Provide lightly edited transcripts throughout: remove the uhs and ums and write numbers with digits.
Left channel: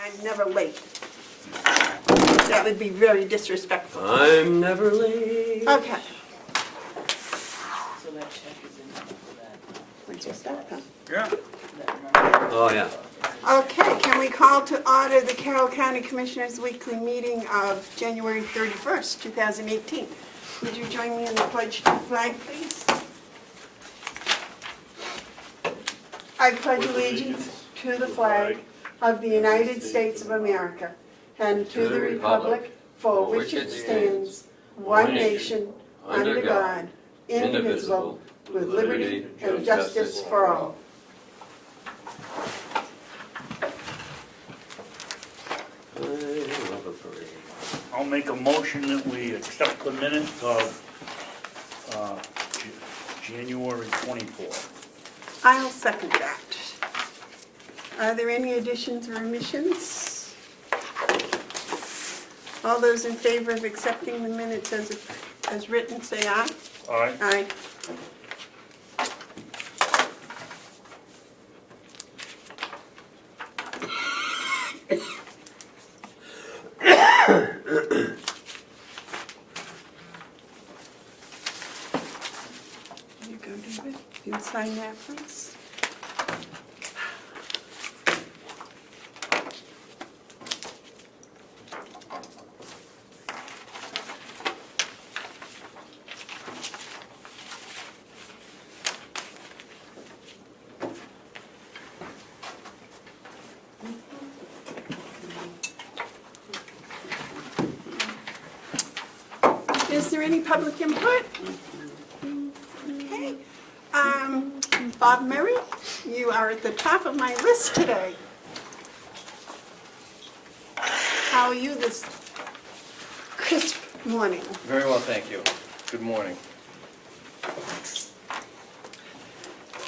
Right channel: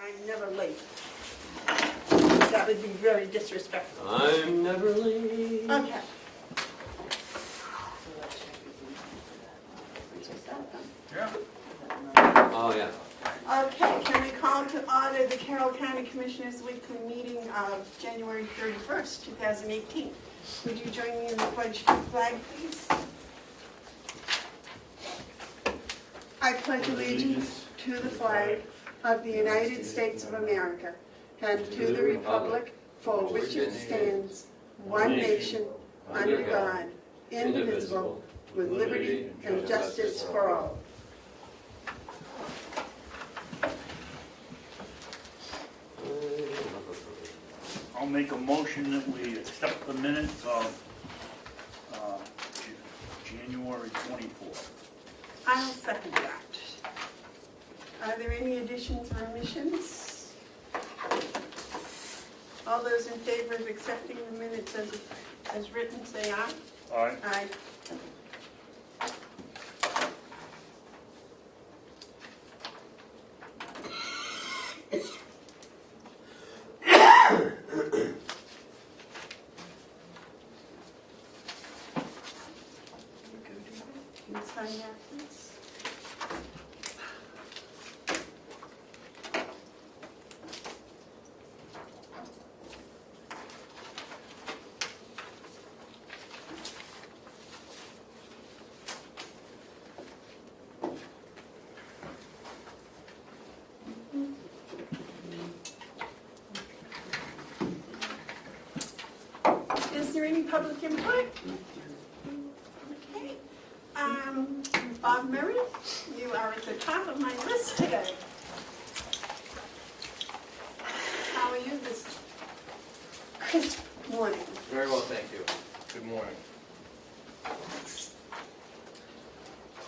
I'm never late. That would be very disrespectful. I'm never late. Okay. So that check is in for that. We just that, huh? Yeah. Oh, yeah. Okay, can we call to order the Carroll County Commissioners' weekly meeting of January 31st, 2018? Would you join me in the pledge to the flag, please? I pledge allegiance to the flag of the United States of America and to the republic for which it stands, one nation, under God, indivisible, with liberty and justice for all. I'll make a motion that we accept the minutes of January 24th. I'll second that. Are there any additions or omissions? All those in favor of accepting the minutes as written, say aye. Aye. Aye. You go, David. You can sign that, please. Is there any public input? Okay. Bob Murray, you are at the top of my list today. How are you this crisp morning? Very well, thank you. Good morning.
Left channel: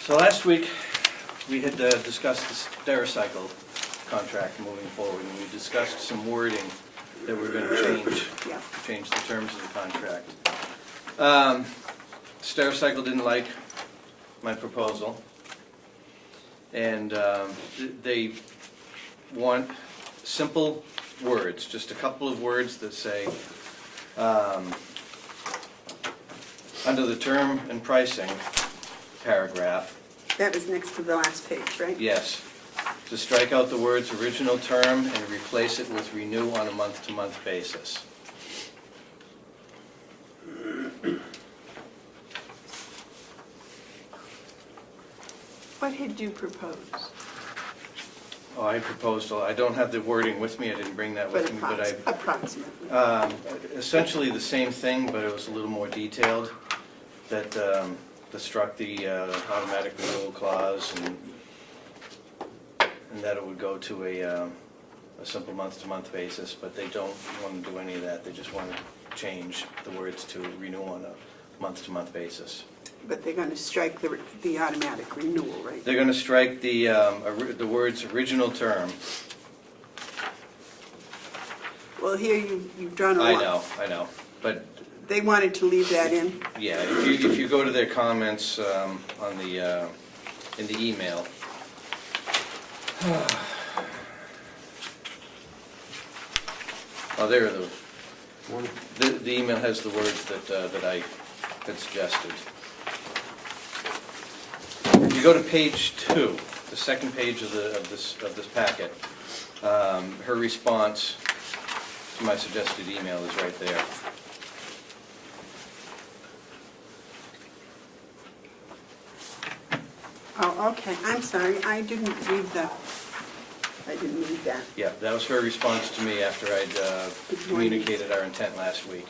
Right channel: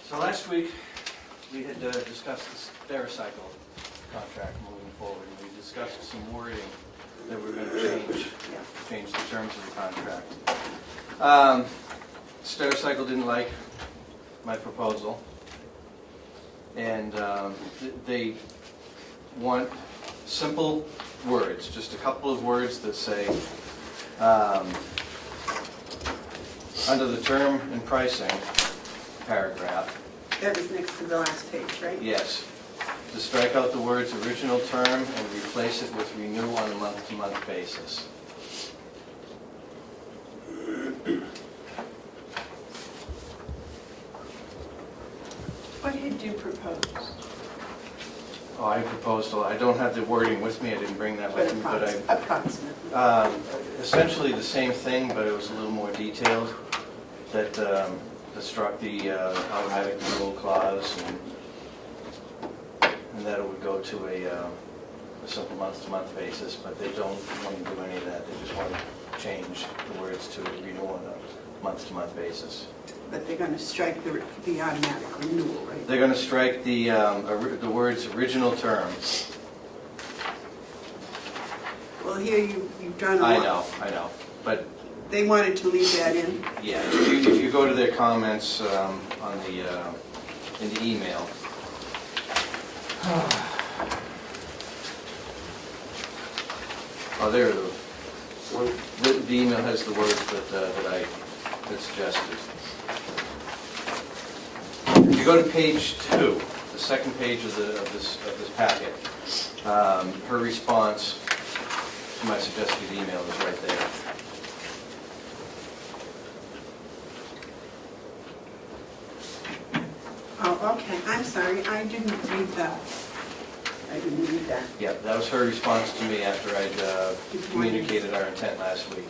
So last week, we had discussed the Stericycle contract moving forward, and we discussed some wording that we were going to change the terms of the contract. Stericycle didn't like my proposal, and they want simple words, just a couple of words that say, under the term and pricing paragraph, That was next to the last page, right? yes, to strike out the words original term and replace it with renew on a month-to-month basis. What had you proposed? Oh, I proposed, well, I don't have the wording with me, I didn't bring that with me, but I, Approximately. essentially the same thing, but it was a little more detailed, that struck the automatic renewal clause, and that it would go to a simple month-to-month basis, but they don't want to do any of that, they just want to change the words to renew on a month-to-month basis. But they're going to strike the automatic renewal, right? They're going to strike the words original term. Well, here you've drawn a line. I know, but They wanted to leave that in. yeah, if you go to their comments on the in the email. Oh, there are the email has the words that I had suggested. If you go to page 2, the second page of this packet, her response to my suggested email is right there. Oh, okay, I'm sorry, I didn't read that. I didn't read that. Yeah, that was her response to me after I'd communicated our intent last week.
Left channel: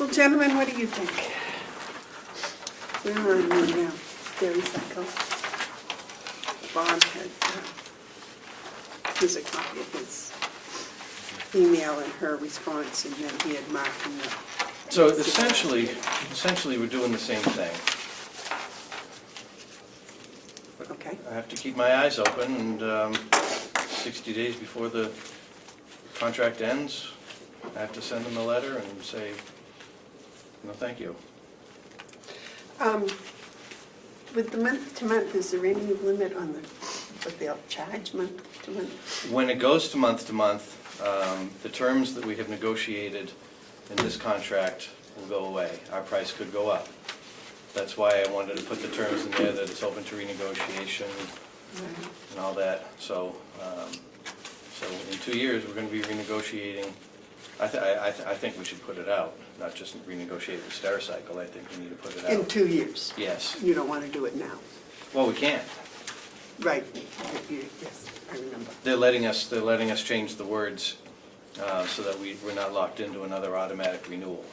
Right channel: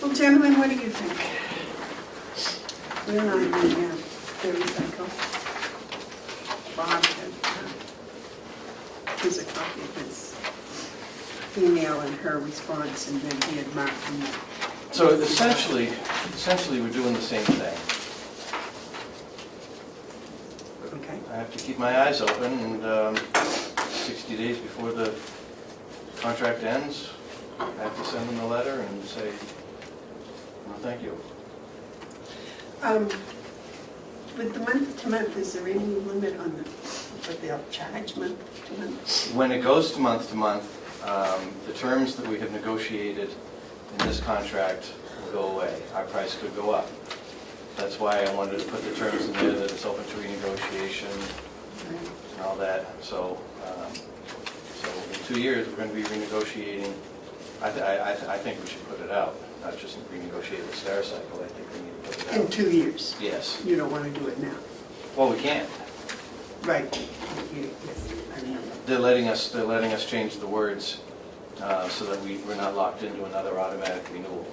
Well, gentlemen, what do you think? Where are we now? There we go. Bob had, here's a copy of his email and her response, and then he had marked them. So essentially we're doing the same thing. Okay. I have to keep my eyes open, and 60 days before the contract ends, I have to send them a letter and say, no, thank you. With the month to month, is there any limit on what they'll charge month to month? When it goes to month, the terms that we have negotiated in this contract will go away. Our price could go up. That's why I wanted to put the terms in there that it's open to renegotiation and all that. So in 2 years, we're going to be renegotiating. I think we should put it out, not just renegotiate the Stericycle. I think we need to put it out. In 2 years? Yes. You don't want to do it now? Well, we can't. Right. Yes, I remember. They're letting us change the words so that we're not locked into another automatic renewal.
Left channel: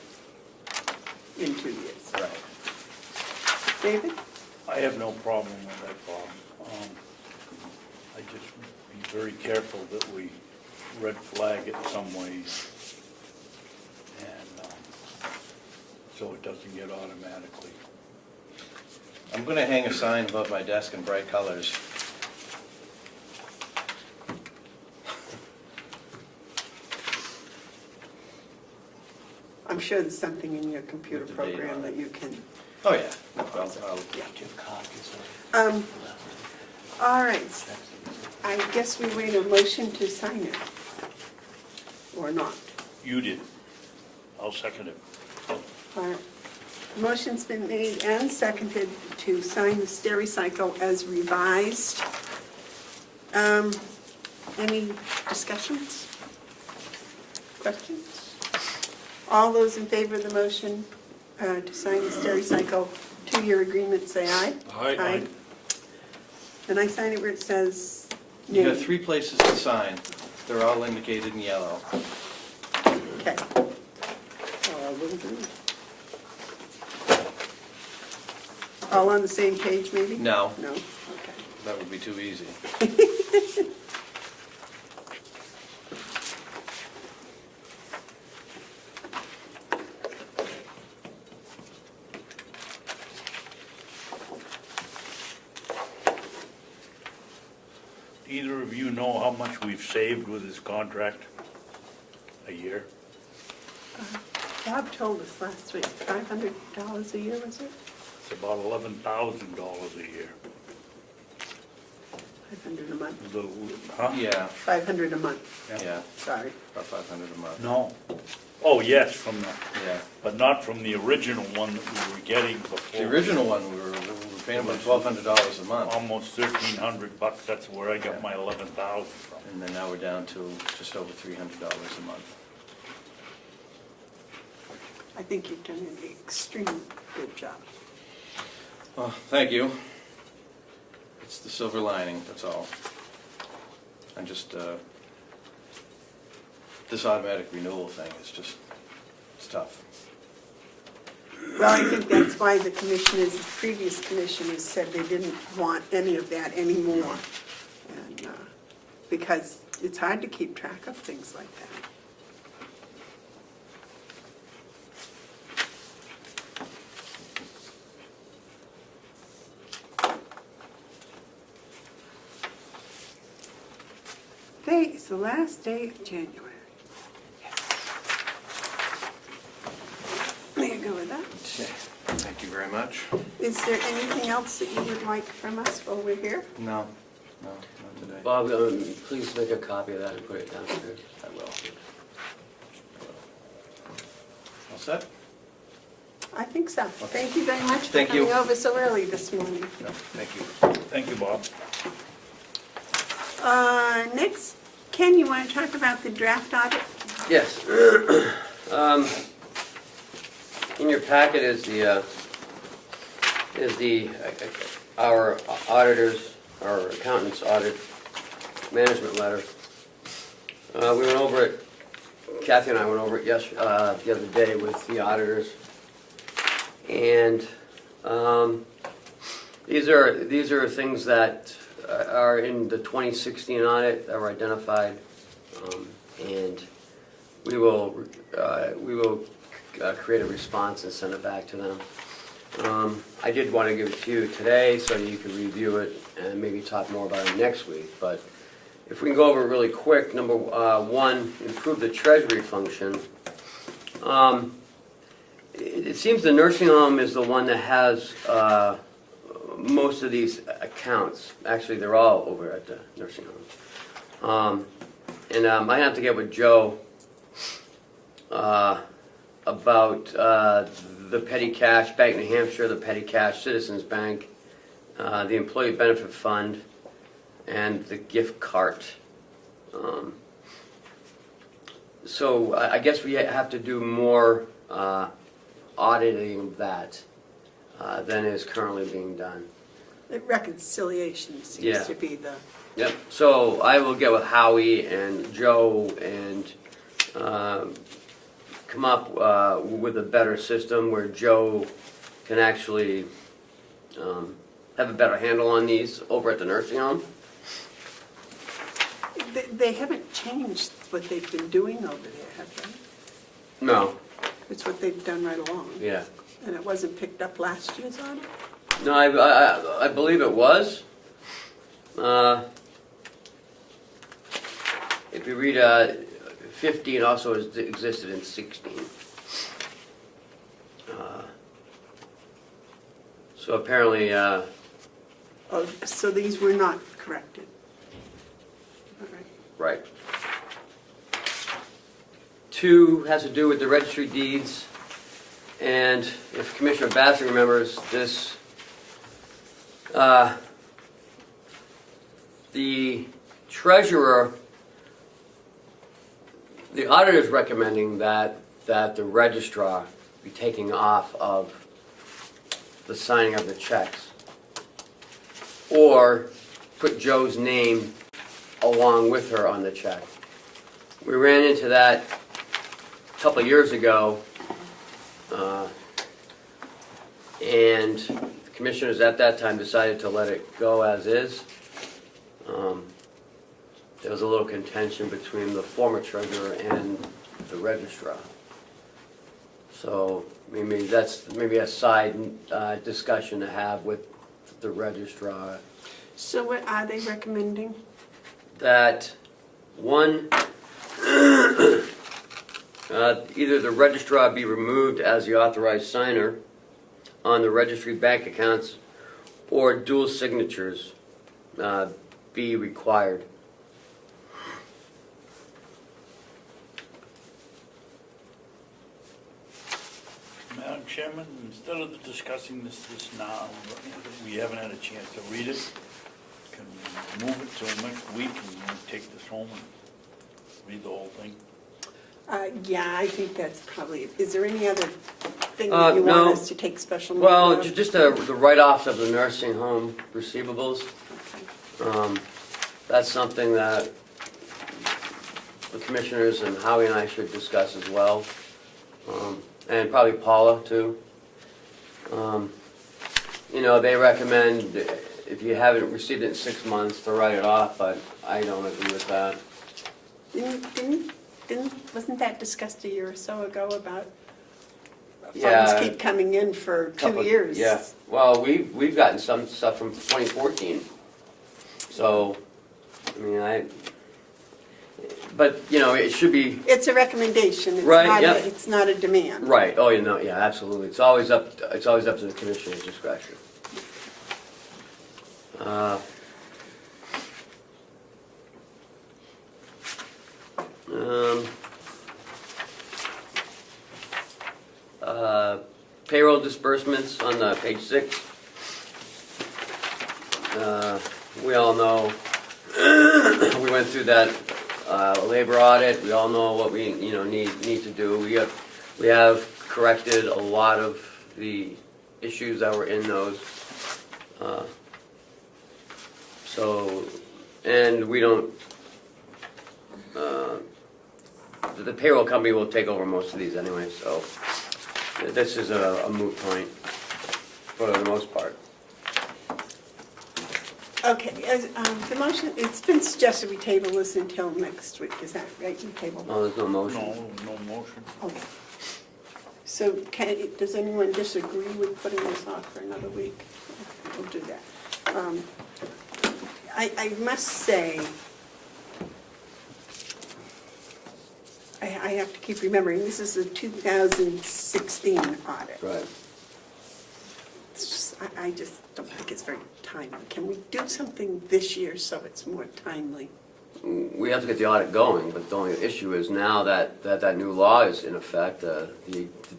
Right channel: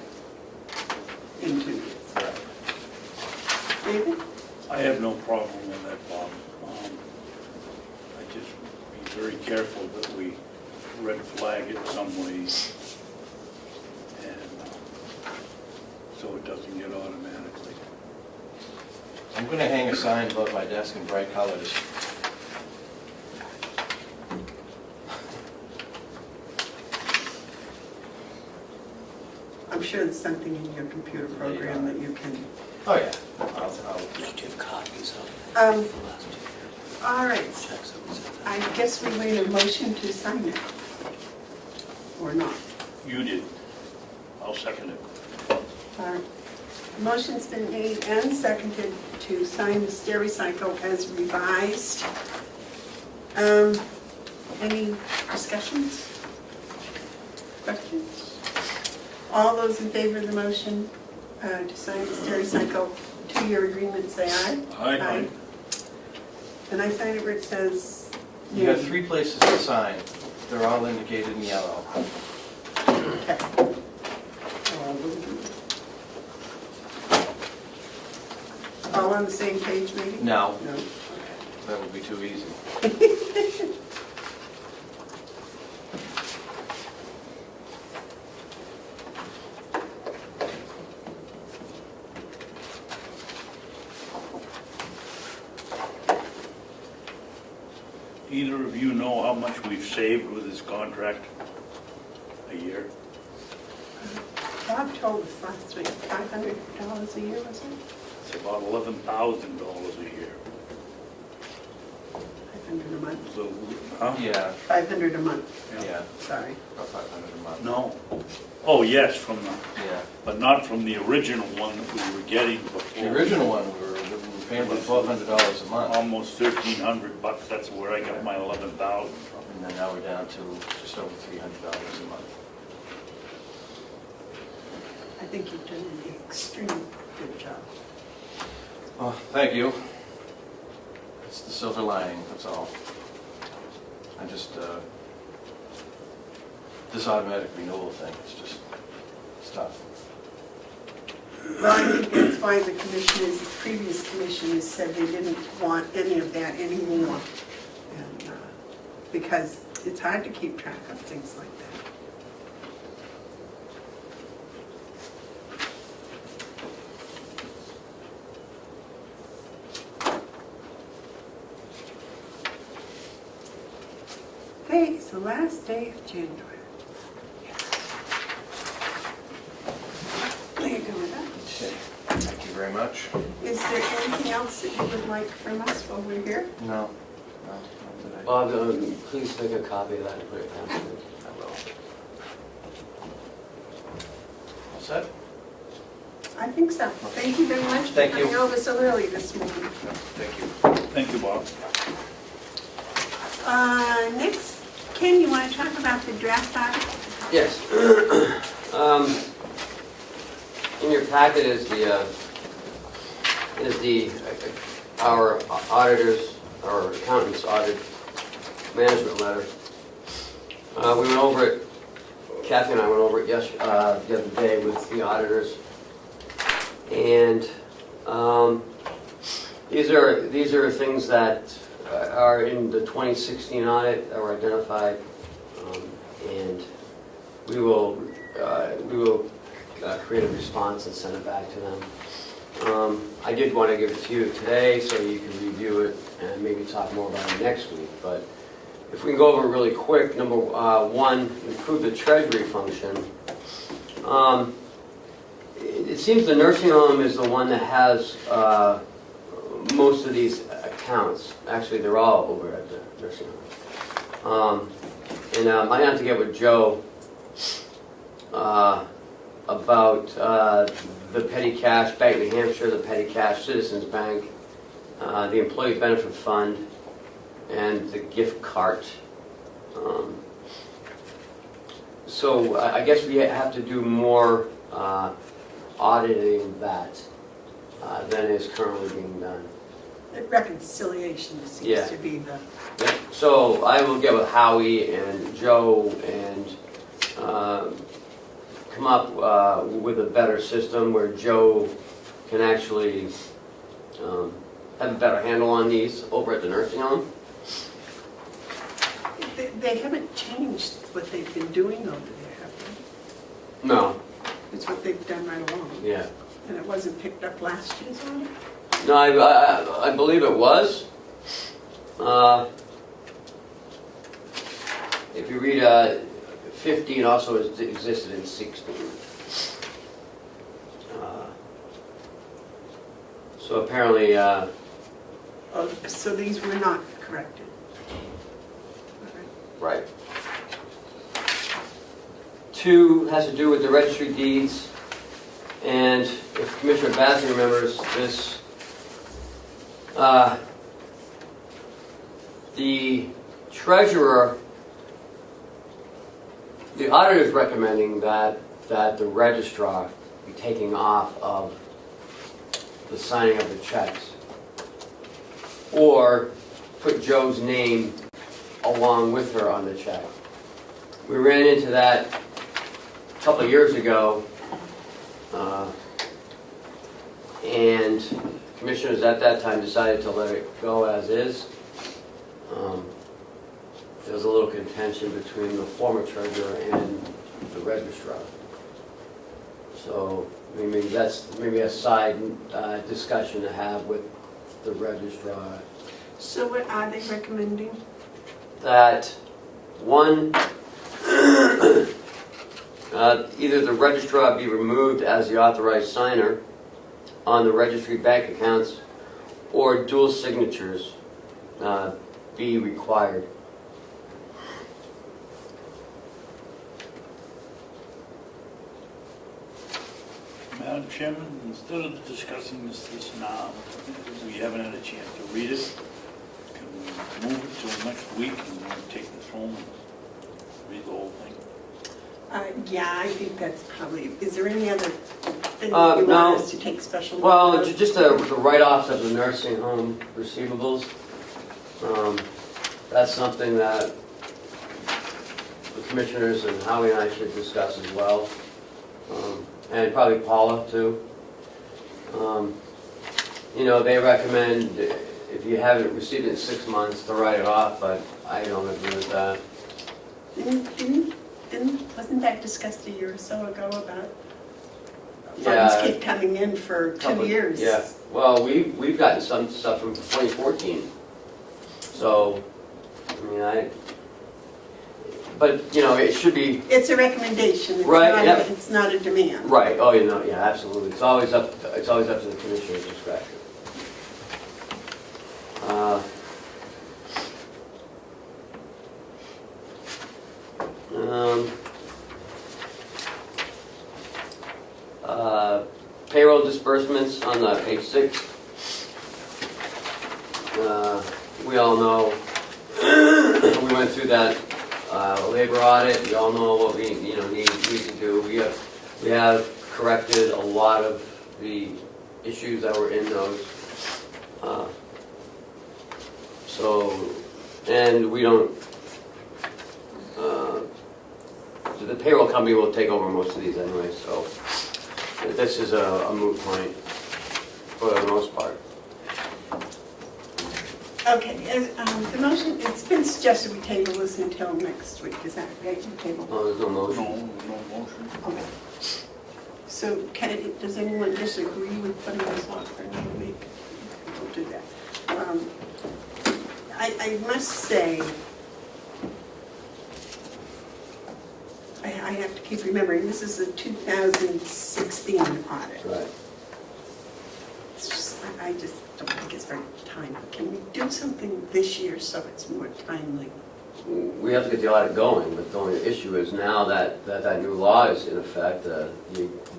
In 2 years. Right. David? I have no problem with that, Bob. I just be very careful that we red flag it some ways, and so it doesn't get automatically. I'm going to hang a sign above my desk in bright colors. I'm sure there's something in your computer program that you can. Oh, yeah. I'll Give copies of All right, checks that we sent. I guess we made a motion to sign it. Or not. You did. I'll second it. All right. Motion's been made and seconded to sign the Stericycle as revised. Any discussions? Questions? All those in favor of the motion to sign the Stericycle 2-year agreement, say aye. Aye. And I sign it where it says You name. have 3 places to sign. They're all indicated in yellow. Okay. All on the same page, maybe? No, No. that would be too easy. Either of you know how much we've saved with this contract a year? Bob told us last week, $500 a year, was it? It's about $11,000 a year. 500 a month. So, huh? Yeah, 500 a month, yeah, sorry. about 500 a month. No. Oh, yes, from the, Yeah. but not from the original one that we were getting before. The original one, we were paying about $1,200 a month. Almost $1,300, that's where I got my 11,000 from. And then now we're down to just over $300 a month. I think you've done an extremely good job. Oh, thank you. It's the silver lining, that's all. And just, this automatic renewal thing, it's tough. Well, I think that's why the commissioners, the previous commissioners said they didn't want any of that anymore. And, because it's hard to keep track of things like that. Today is the last day of January. There you go with that. Okay, thank you very much. Is there anything else that you would like from us while we're here? No, not today. Bob, please make a copy of that and put it down. I will. All set? I think so. Thank you very much for Thank you. coming over so early this morning. Thank you. Thank you, Bob. Next, Ken, you want to talk about the draft audit? Yes. In your packet is our auditors, our accountant's audit management letter. We went over it, Kathy and I went over it the other day with the auditors. And these are things that are in the 2016 audit that were identified, and we will create a response and send it back to them. I did want to give it to you today so you can review it and maybe talk more about it next week. But if we can go over it really quick, number one, improve the treasury function. It seems the nursing home is the one that has most of these accounts. Actually, they're all over at the nursing home. I have to get with Joe about the petty cash, Bank New Hampshire, the petty cash, Citizens Bank, the Employee Benefit Fund, and the gift cart. So I guess we have to do more auditing of that than is currently being done. The reconciliation Yeah. seems to be the, Yeah, so I will get with Howie and Joe and come up with a better system where Joe can actually have a better handle on these over at the nursing home. they haven't changed what they've been doing over there, have they? No, It's what they've done right along. yeah. And it wasn't picked up last year's audit? No, I believe it was. If you read 15 also existed in 16. So apparently, Oh, so these were not corrected? All right. right. 2 has to do with the registry deeds, and if Commissioner Babson remembers this, the treasurer, the auditor is recommending that the registrar be taking off of the signing of the checks, or put Joe's name along with her on the check. We ran into that a couple of years ago, and the commissioners at that time decided to let it go as is. There was a little contention between the former treasurer and the registrar. So maybe that's a side discussion to have with the registrar. So what are they recommending? That one, either the registrar be removed as the authorized signer on the registry bank accounts, or dual signatures be required. Madam Chairman, instead of discussing this now, we haven't had a chance to read it. Can we move it till next week and then take this home and read the whole thing? Yeah, I think that's probably, is there any other thing No. that you want us to take special note Well, of? just the write-offs of the nursing home receivables. That's something that the commissioners and Howie and I should discuss as well. And probably Paula too. They recommend if you haven't received it in 6 months to write it off, but I don't agree with that. Wasn't that discussed a year or so ago about Yeah. funds keep coming in for 2 years? Yeah, well, we've gotten some stuff from 2014. So, but it should be, It's a recommendation, it's Right, not, yep. it's not a demand. right, oh, yeah, absolutely. It's always up to the commissioner's discretion. Payroll disbursements on page 6. We all know, we went through that labor audit. We all know what we need to do. We have corrected a lot of the issues that were in those. And we don't. The payroll company will take over most of these anyway, so this is a moot point for the most part. Okay, the motion, it's been suggested we table this until next week, is that right, you table? Oh, there's no motion. No motion. Okay. So does anyone disagree with putting this off for another week? We'll do that. I must say, I have to keep remembering, this is a 2016 audit. Right. It's just, I just don't think it's very timely. Can we do something this year so it's more timely? We have to get the audit going, but the only issue is now that new law is in effect, the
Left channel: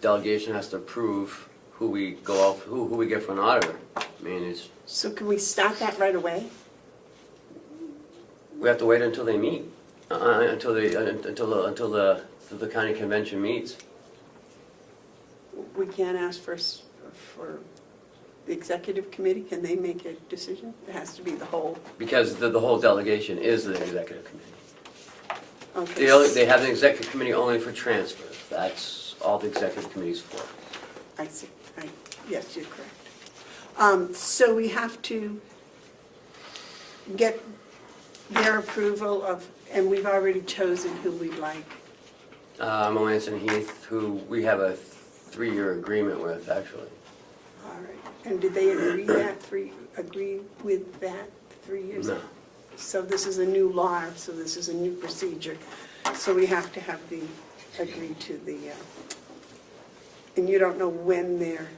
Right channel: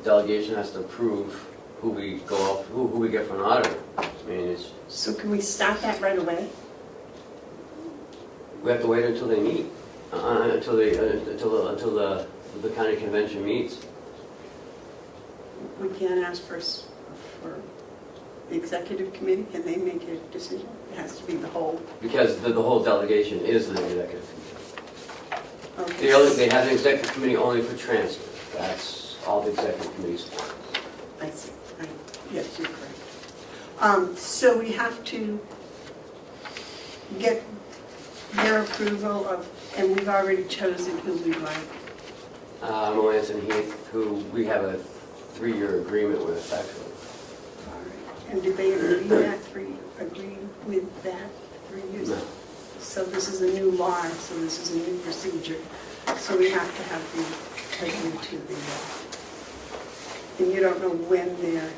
delegation has to approve who we get for an auditor. I mean, So can we start that right away? we have to wait until they meet, until the county convention meets. We can't ask for the executive committee, can they make a decision? It has to be the whole. Because the whole delegation is the executive committee. Okay. They have an executive committee only for transfers. That's all the executive committee's for. I see. Yes, you're correct. So we have to get their approval of, and we've already chosen who we like. Melanson Heath, who we have a 3-year agreement with, actually. All right. And did they agree with that 3 years? No. So this is a new law, so this is a new procedure. So we have to have the, agree to the, and you don't know when they're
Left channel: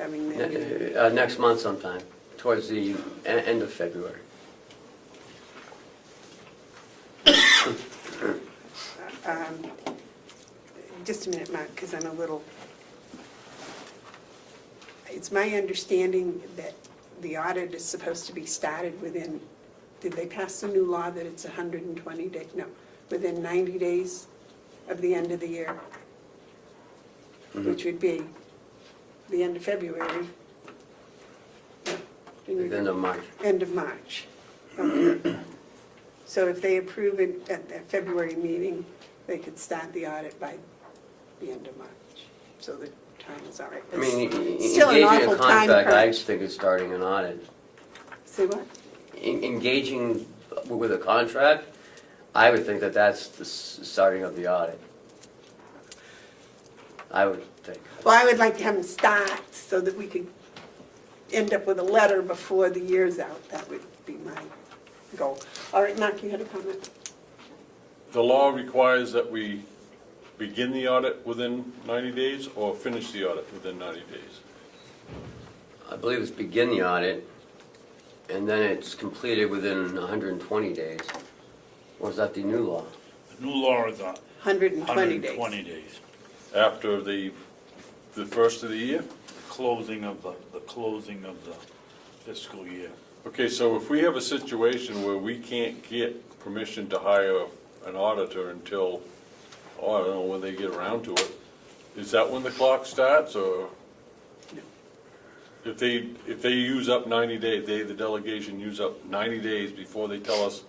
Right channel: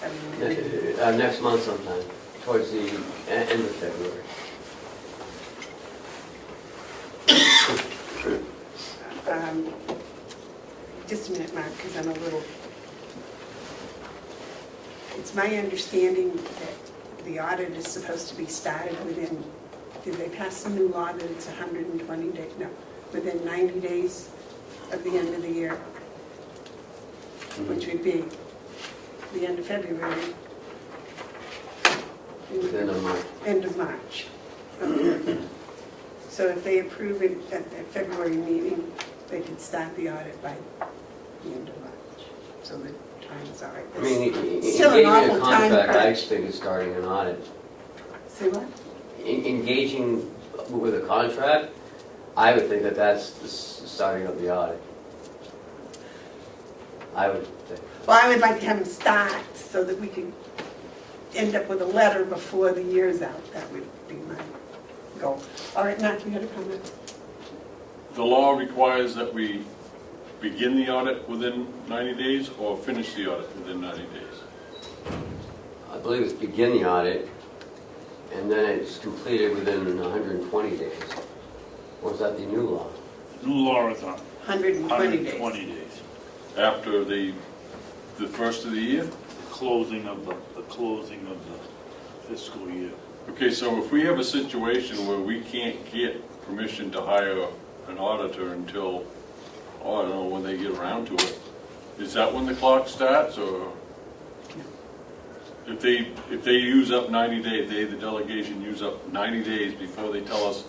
having the meeting? Next month sometime, towards the end of February. Just a minute, Mark, because I'm a little, it's my understanding that the audit is supposed to be started within, did they pass the new law that it's 120 days? No, within 90 days of the end of the year, which would be the end of February. End of March. End of March. Okay. So if they approve it at that February meeting, they could start the audit by the end of March. So the time is all right. I mean, Still an engaging awful a time contract, I crunch. think is starting an audit. See what? Engaging with a contract, I would think that that's the starting of the audit. I would think. Well, I would like to have them start so that we could end up with a letter before the year's out. That would be my goal. All right, Mark, you had a comment? The law requires that we begin the audit within 90 days or finish the audit within 90 days. I believe it's begin the audit, and then it's completed within 120 days. Was that the new law? The new law is on 120 days. 120 days. After the first of the year? The closing of the fiscal year. Okay, so if we have a situation where we can't get permission to hire an auditor until, I don't know when they get around to it, is that when the clock starts, or? If they use up 90 days, the delegation use up 90 days before they tell us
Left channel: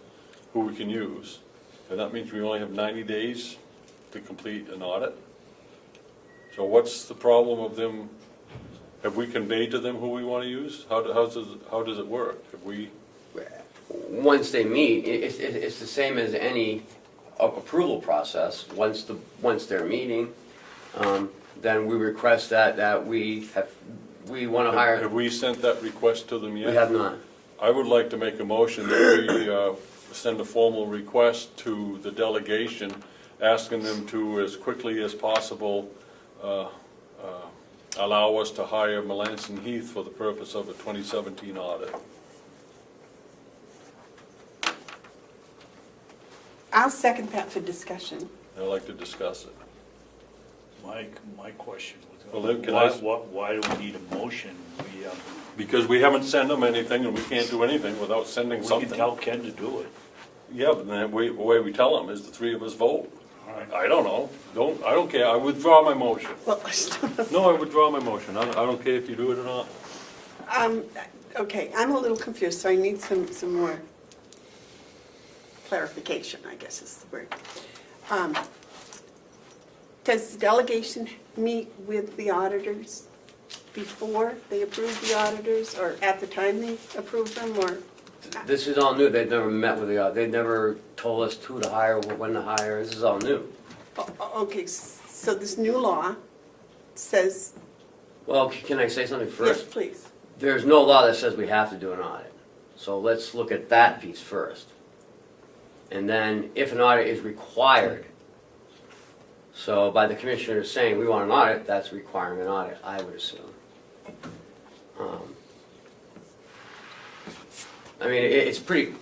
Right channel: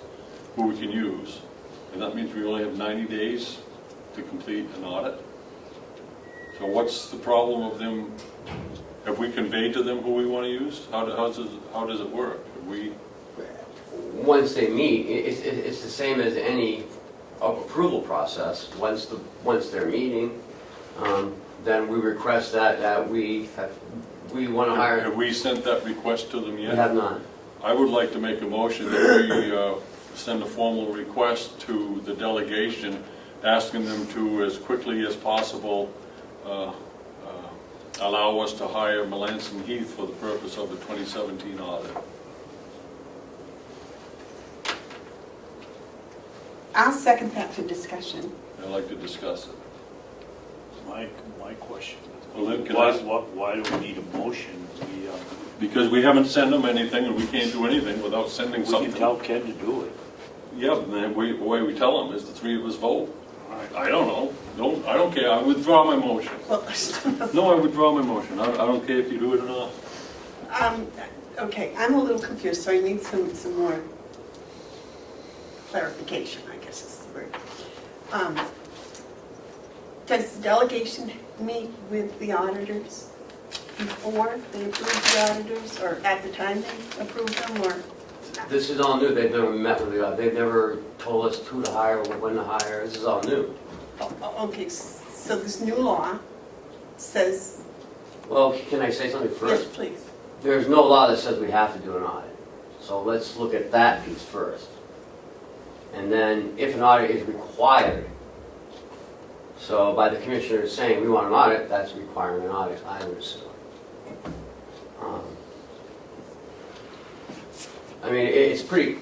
who we can use, then that means we only have 90 days to complete an audit? So what's the problem of them, have we conveyed to them who we want to use? How does it work? Have we? Once they meet, it's the same as any approval process. Once they're meeting, then we request that we want to hire. Have we sent that request to them yet? We have not. I would like to make a motion that we send a formal request to the delegation, asking them to, as quickly as possible, allow us to hire Melanson Heath for the purpose of the 2017 audit. I'll second that for discussion. I'd like to discuss it. My question Well, then is, can I- why do we need a motion? Because we haven't sent them anything, and we can't do anything without sending We something. can tell Ken to do it. Yeah, and then the way we tell them is the three of us vote. All right. I don't know. I don't care. I withdraw my motion. Well, No, I withdraw my motion. I don't care if you do it or not. okay, I'm a little confused, so I need some more clarification, I guess is the word. Does the delegation meet with the auditors before they approve the auditors, or at the time they approve them, or? This is all new. They've never met with the, they've never told us who to hire or when to hire. This is all new. Okay, so this new law says, Well, can I say something yes, first? please. There's no law that says we have to do an audit. So let's look at that piece first. And then if an audit is required, so by the commissioners saying we want an audit, that's requiring an audit, I would assume. I mean, it's pretty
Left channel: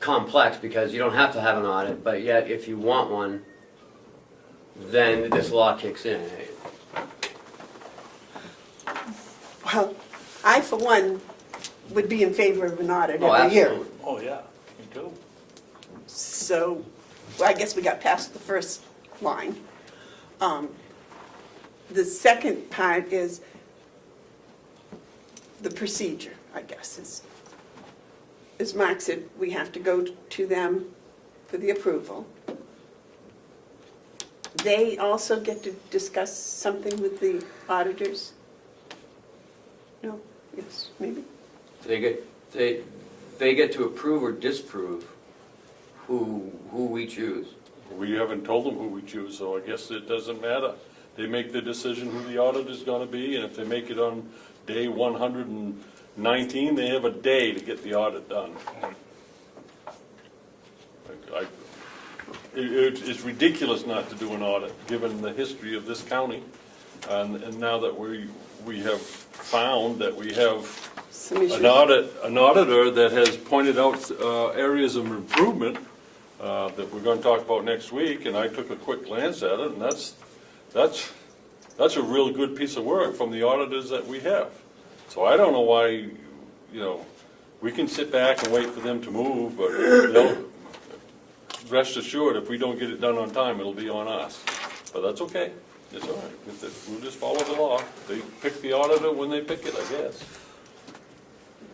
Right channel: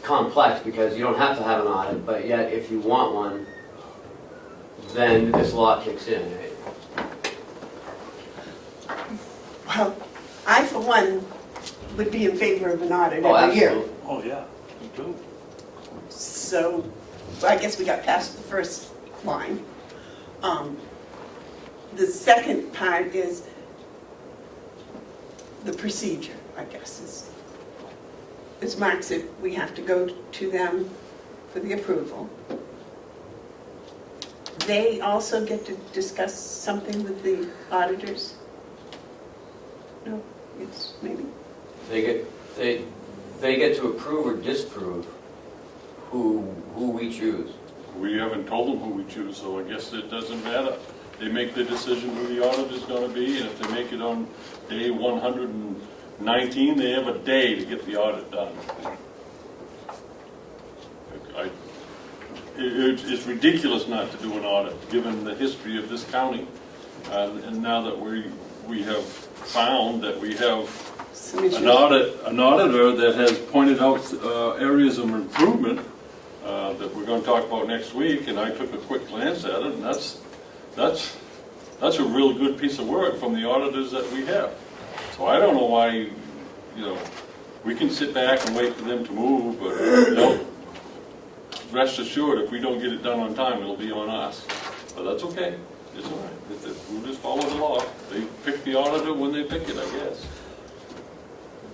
complex because you don't have to have an audit, but yet if you want one, then this law kicks in. Well, I for one would be in favor of an audit Oh, every year. absolutely. Oh, yeah, me too. So, well, I guess we got past the first line. The second part is the procedure, I guess, is, as Mark said, we have to go to them for the approval. They also get to discuss something with the auditors? No, yes, maybe? They get to approve or disapprove who we choose. We haven't told them who we choose, so I guess it doesn't matter. They make the decision who the audit is gonna be, and if they make it on day 119, they have a day to get the audit done. It's ridiculous not to do an audit, given the history of this county. And now that we have found that we have Some issues. an auditor that has pointed out areas of improvement that we're gonna talk about next week, and I took a quick glance at it, and that's a real good piece of work from the auditors that we have. So I don't know why, we can sit back and wait for them to move, but, rest assured, if we don't get it done on time, it'll be on us. But that's okay, it's all right, we'll just follow the law. They pick the auditor when they pick it, I guess.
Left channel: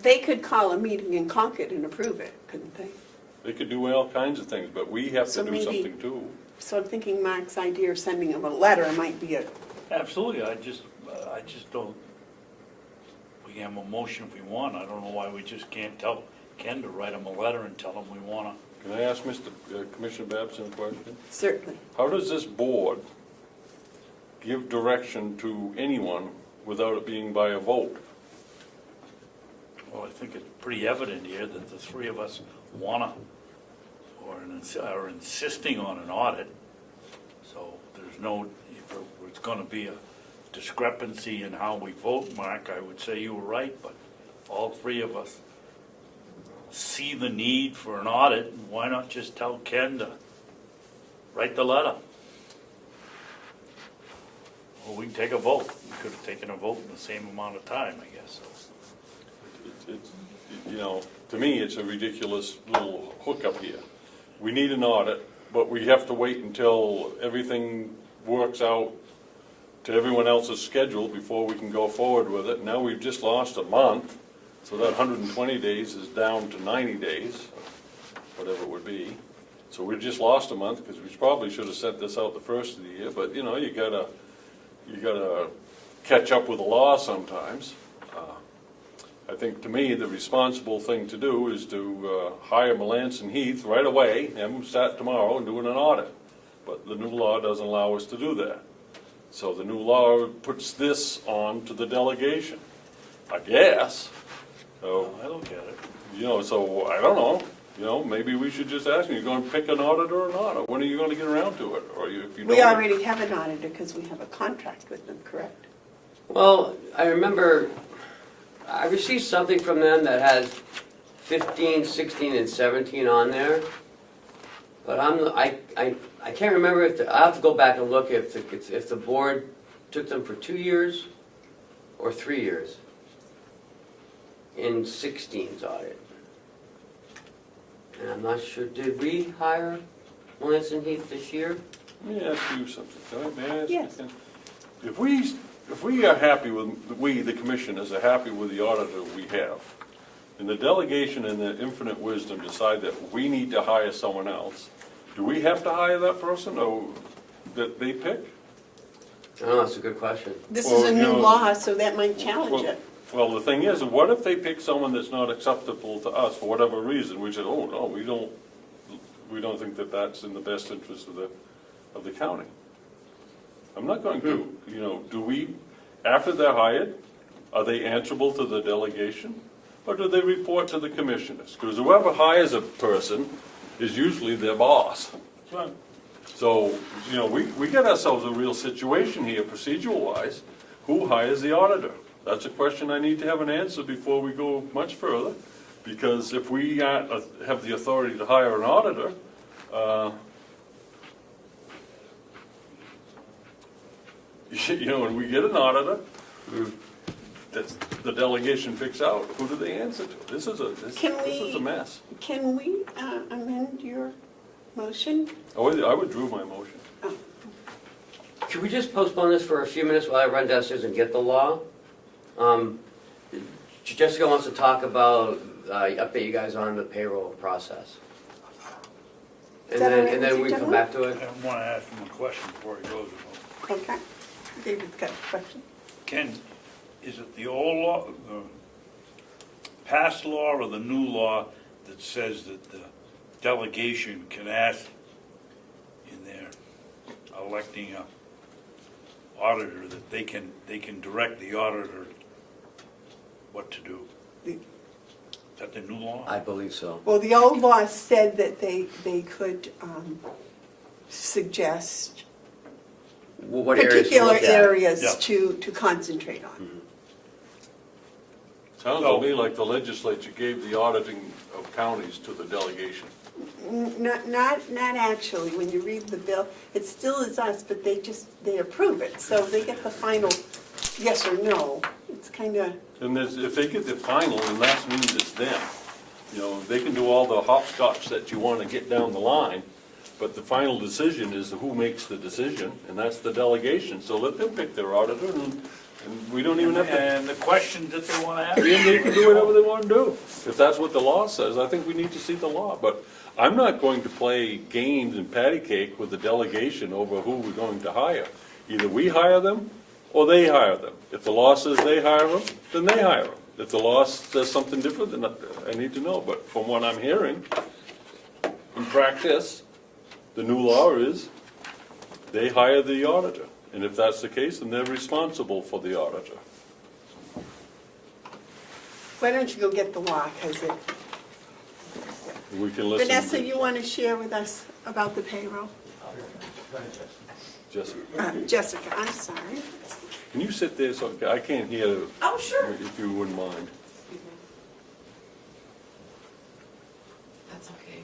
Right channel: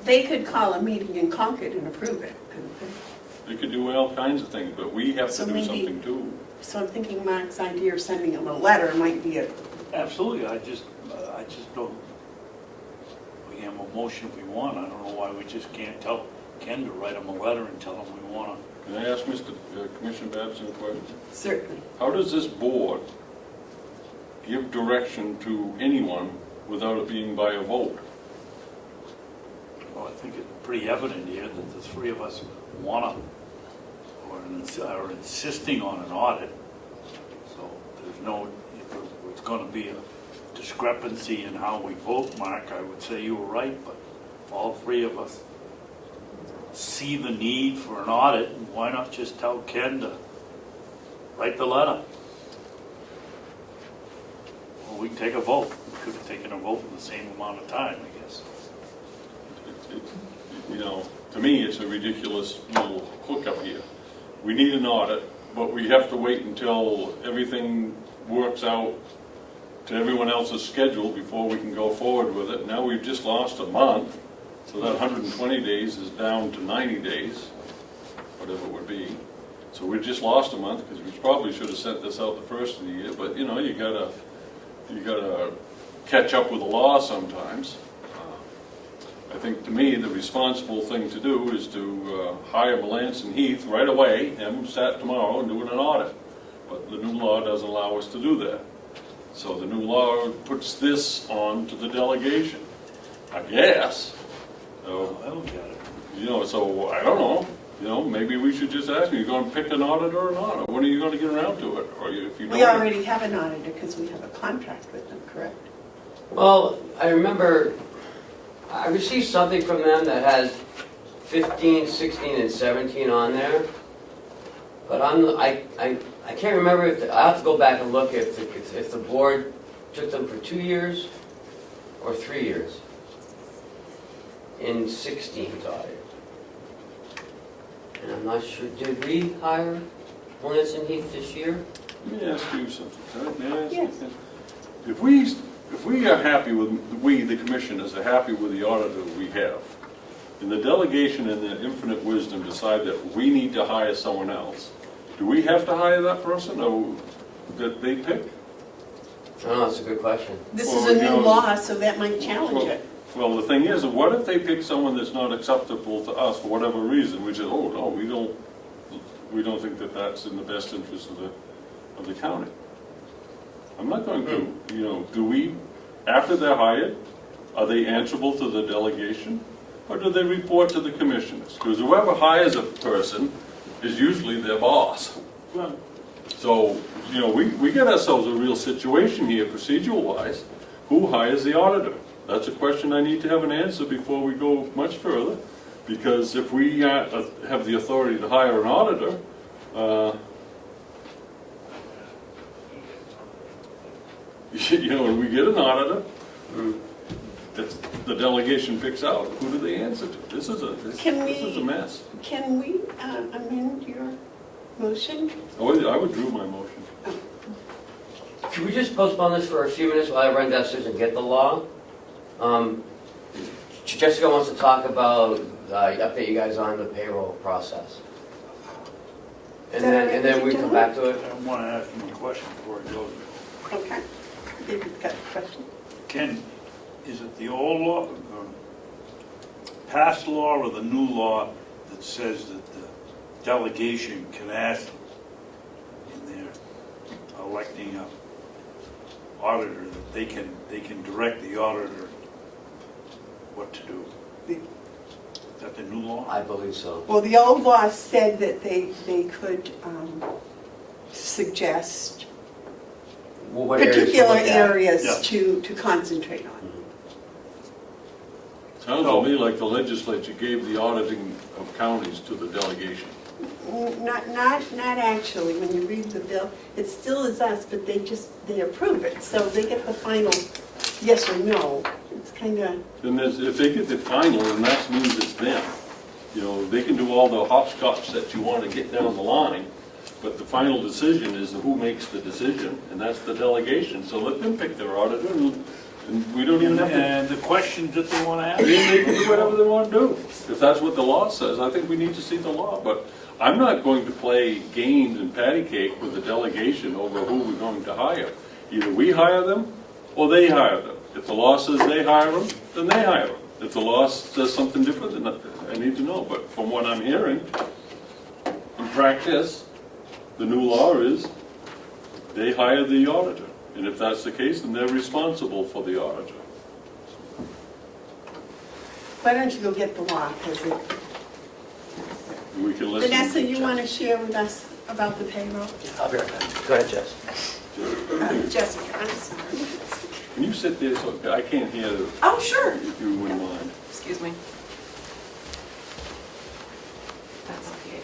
They could call a meeting in Concord and approve it, couldn't they? They could do all kinds of things, but we have So to do maybe- something too. So I'm thinking Mark's idea of sending them a letter might be a, Absolutely, I just don't, we have a motion if we want, I don't know why we just can't tell Ken to write him a letter and tell him we want Can I ask Mr. Commissioner Babson a question? certainly. How does this board give direction to anyone without it being by a vote? to, well, I think it's pretty evident here that the three of us wanna, or are insisting on an audit. So there's no, if it's gonna be a discrepancy in how we vote, Mark, I would say you were right, but all three of us see the need for an audit, why not just tell Ken to write the letter? Or we can take a vote. We could have taken a vote in the same amount of time, I guess. To me, it's a ridiculous little hookup here. We need an audit, but we have to wait until everything works out to everyone else's schedule before we can go forward with it. Now we've just lost a month, so that 120 days is down to 90 days, whatever it would be. So we just lost a month, because we probably should have sent this out the first of the year, but you gotta catch up with the law sometimes. I think, to me, the responsible thing to do is to hire Melanson Heath right away, have them start tomorrow and doing an audit. But the new law doesn't allow us to do that. So the new law puts this on to the delegation, I guess. So, I don't get it. so I don't know, maybe we should just ask them, you gonna pick an auditor or not? Or when are you gonna get around to it? Or if you don't. We already have an auditor because we have a contract with them, correct? Well, I remember I received something from them that has 15, 16, and 17 on there. But I can't remember if, I'll have to go back and look if the board took them for 2 years or 3 years in 16's audit. And I'm not sure, did we hire Melanson Heath this year? Let me ask you something. May I ask you Yes. something? If we are happy with, we, the commissioners, are happy with the auditor we have, and the delegation and the infinite wisdom decide that we need to hire someone else, do we have to hire that person, or that they pick? Oh, that's a good question. This Well, is a new no. law, so that might challenge Well, it. well, the thing is, what if they pick someone that's not acceptable to us for whatever reason? We say, oh, no, we don't think that that's in the best interest of the county. I'm not going to, do we, after they're hired, are they answerable to the delegation? Or do they report to the commissioners? Because whoever hires a person is usually their boss. So, we got ourselves a real situation here, procedural-wise. Who hires the auditor? That's a question I need to have an answer before we go much further, because if we have the authority to hire an auditor, you know, when we get an auditor, the delegation picks out, who do they answer to? This is a mess. Can we amend your motion? I withdrew my motion. Could we just postpone this for a few minutes while I run downstairs and get the law? Jessica wants to talk about, update you guys on the payroll process. And then we come back to it. I want to ask him a question before it goes. Okay. David's got a question. Ken, is it the old law, the past law or the new law that says that the delegation can ask in their electing a auditor that they can direct the auditor what to do? Is that the new law? I believe so. Well, the old law said that they could suggest Well, what areas to particular look at? areas Yeah. to concentrate on. Sounds to me like the legislature gave the auditing of counties to the delegation. Not actually, when you read the bill, it still is us, but they approve it, so they get the final yes or no. It's kind of, And if they get the final, then that means it's them. You know, they can do all the hopscotch that you want to get down the line, but the final decision is who makes the decision, and that's the delegation. So let them pick their auditor, and we don't even have to. And the question that they want to ask. They can do whatever they want to do. If that's what the law says, I think we need to see the law. But I'm not going to play games and patty cake with the delegation over who we're going to hire. Either we hire them, or they hire them. If the law says they hire them, then they hire them. If the law says something different, then I need to know. But from what I'm hearing, in practice, the new law is they hire the auditor. And if that's the case, then they're responsible for the auditor. why don't you go get the law? 'Cause We can listen. Vanessa, you want to share with us about the payroll? I'll be right back. Go ahead, Jess. Jessica, I'm sorry. Can you sit there so I can't hear you, Oh, sure. if you wouldn't mind? Excuse me. That's okay.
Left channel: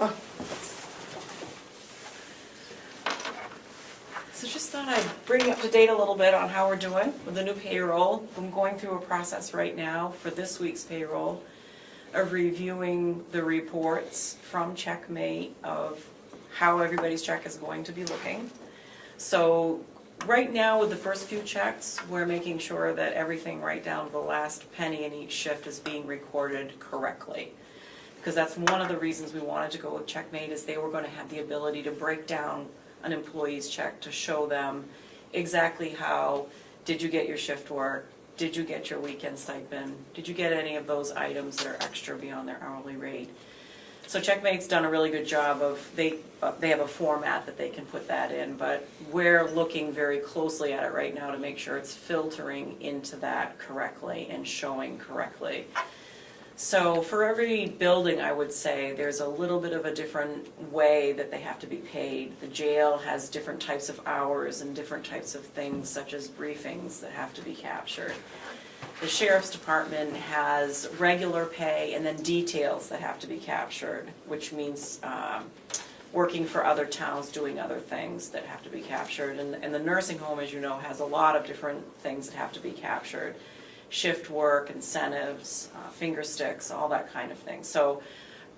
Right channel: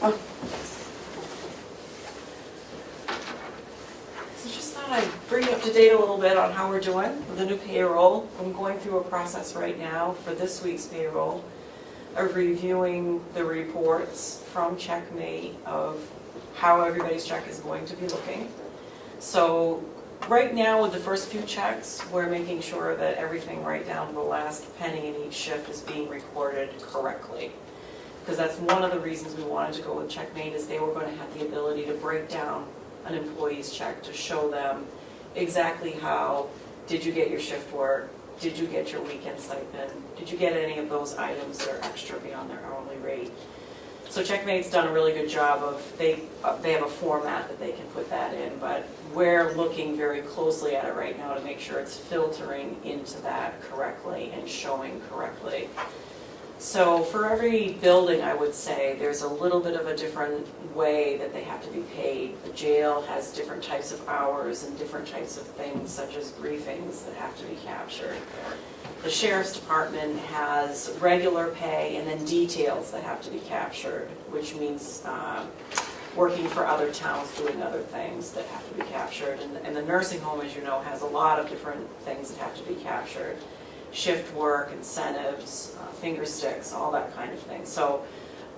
Oh. So just thought I'd bring you up to date a little bit on how we're doing with the new payroll. I'm going through a process right now for this week's payroll of reviewing the reports from Checkmate of how everybody's check is going to be looking. So right now with the first few checks, we're making sure that everything right down to the last penny in each shift is being recorded correctly. Because that's one of the reasons we wanted to go with Checkmate, is they were going to have the ability to break down an employee's check to show them exactly how, did you get your shift work, did you get your weekend stipend, did you get any of those items that are extra beyond their hourly rate. So Checkmate's done a really good job of, they have a format that they can put that in, but we're looking very closely at it right now to make sure it's filtering into that correctly and showing correctly. So for every building, I would say, there's a little bit of a different way that they have to be paid. The jail has different types of hours and different types of things, such as briefings that have to be captured. The sheriff's department has regular pay and then details that have to be captured, which means working for other towns, doing other things that have to be captured. And the nursing home, as you know, has a lot of different things that have to be captured. Shift work, incentives, finger sticks, all that kind of thing. So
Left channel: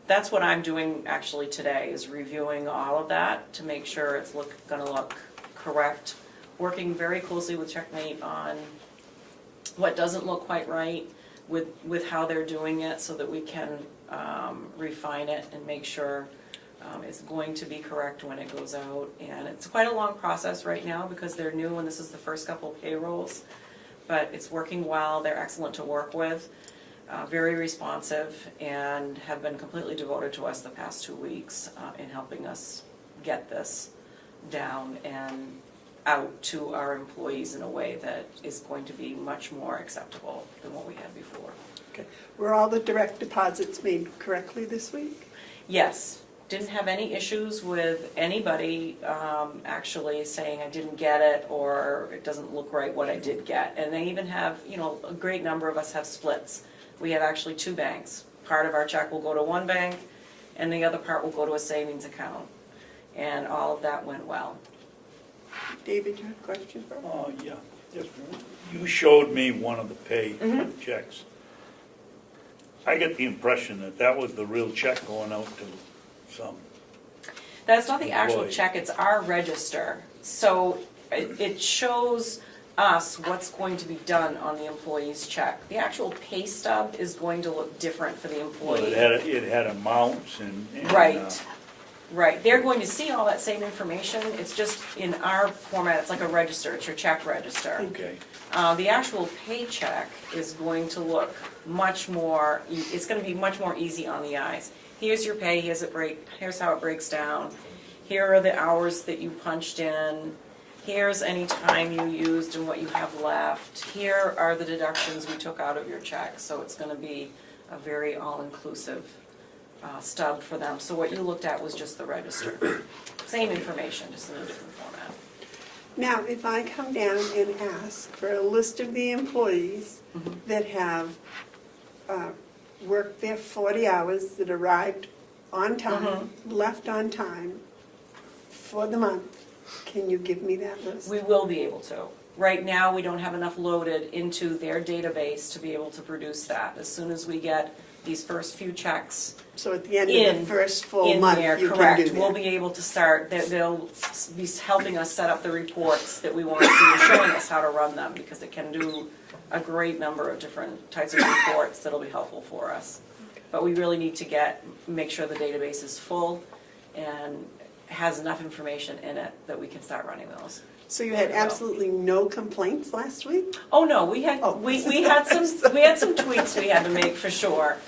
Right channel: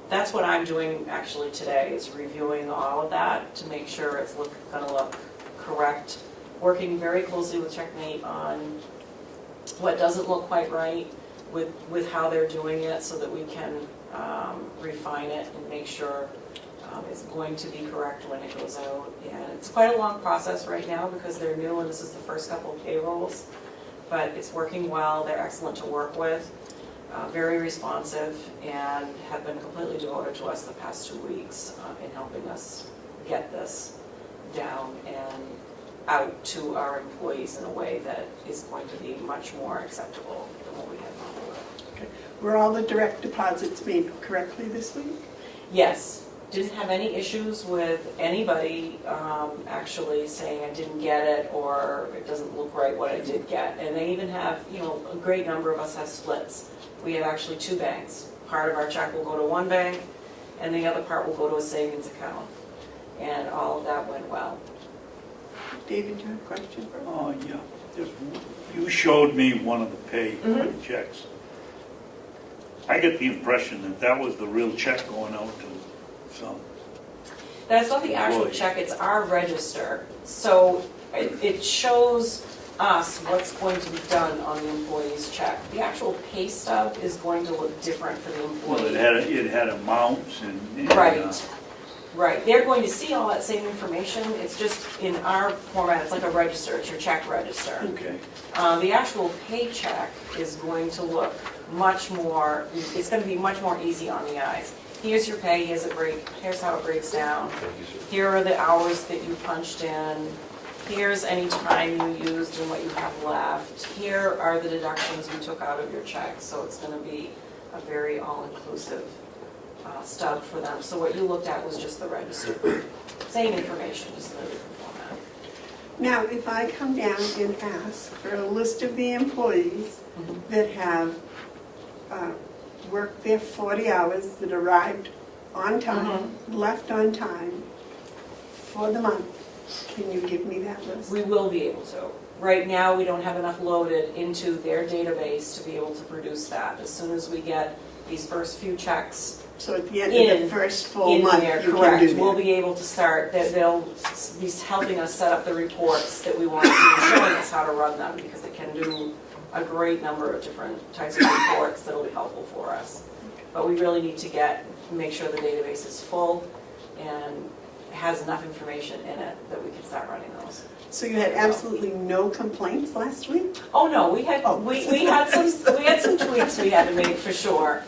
that's what I'm doing actually today, is reviewing all of that to make sure it's gonna look correct. Working very closely with Checkmate on what doesn't look quite right with how they're doing it, so that we can refine it and make sure it's going to be correct when it goes out. And it's quite a long process right now because they're new and this is the first couple of payrolls. But it's working well, they're excellent to work with, very responsive, and have been completely devoted to us the past 2 weeks in helping us get this down and out to our employees in a way that is going to be much more acceptable than what we had before. Okay. Were all the direct deposits made correctly this week? Yes, Didn't have any issues with anybody actually saying I didn't get it or it doesn't look right what I did get. And they even have, a great number of us have splits. We have actually 2 banks. Part of our check will go to one bank and the other part will go to a savings account. And all of that went well. David, you have a question? Oh, yeah. You showed me one of the pay checks. I get the impression that that was the real check going out to some. That's not the actual Employee. check, it's our register. So it shows us what's going to be done on the employee's check. The actual pay stub is going to look different for the Well, employee. it had amounts and. Right, right. They're going to see all that same information. It's just in our format, it's like a register, it's your check register. Okay. The actual paycheck is going to look much more, it's going to be much more easy on the eyes. Here's your pay, here's how it breaks down. Here are the hours that you punched in. Here's any time you used and what you have left. Here are the deductions you took out of your check. So it's going to be a very all-inclusive stub for them. So what you looked at was just the register. Same information, just in a different format. Now, if I come down and ask for a list of the employees that have worked their 40 hours, that arrived on time, left on time for the month, can you give me that list? We will be able to. Right now, we don't have enough loaded into their database to be able to produce that. As soon as we get these first few checks So at the end of the first full in month, there, you can correct, do we'll that. be able to start, that they'll be helping us set up the reports that we want to see, showing us how to run them, because it can do a great number of different types of reports that'll be helpful for us. But we really need to make sure the database is full and has enough information in it that we can start running those. So you had absolutely no complaints last week? Oh, no, we had, Oh. we had some tweaks we had to make for sure.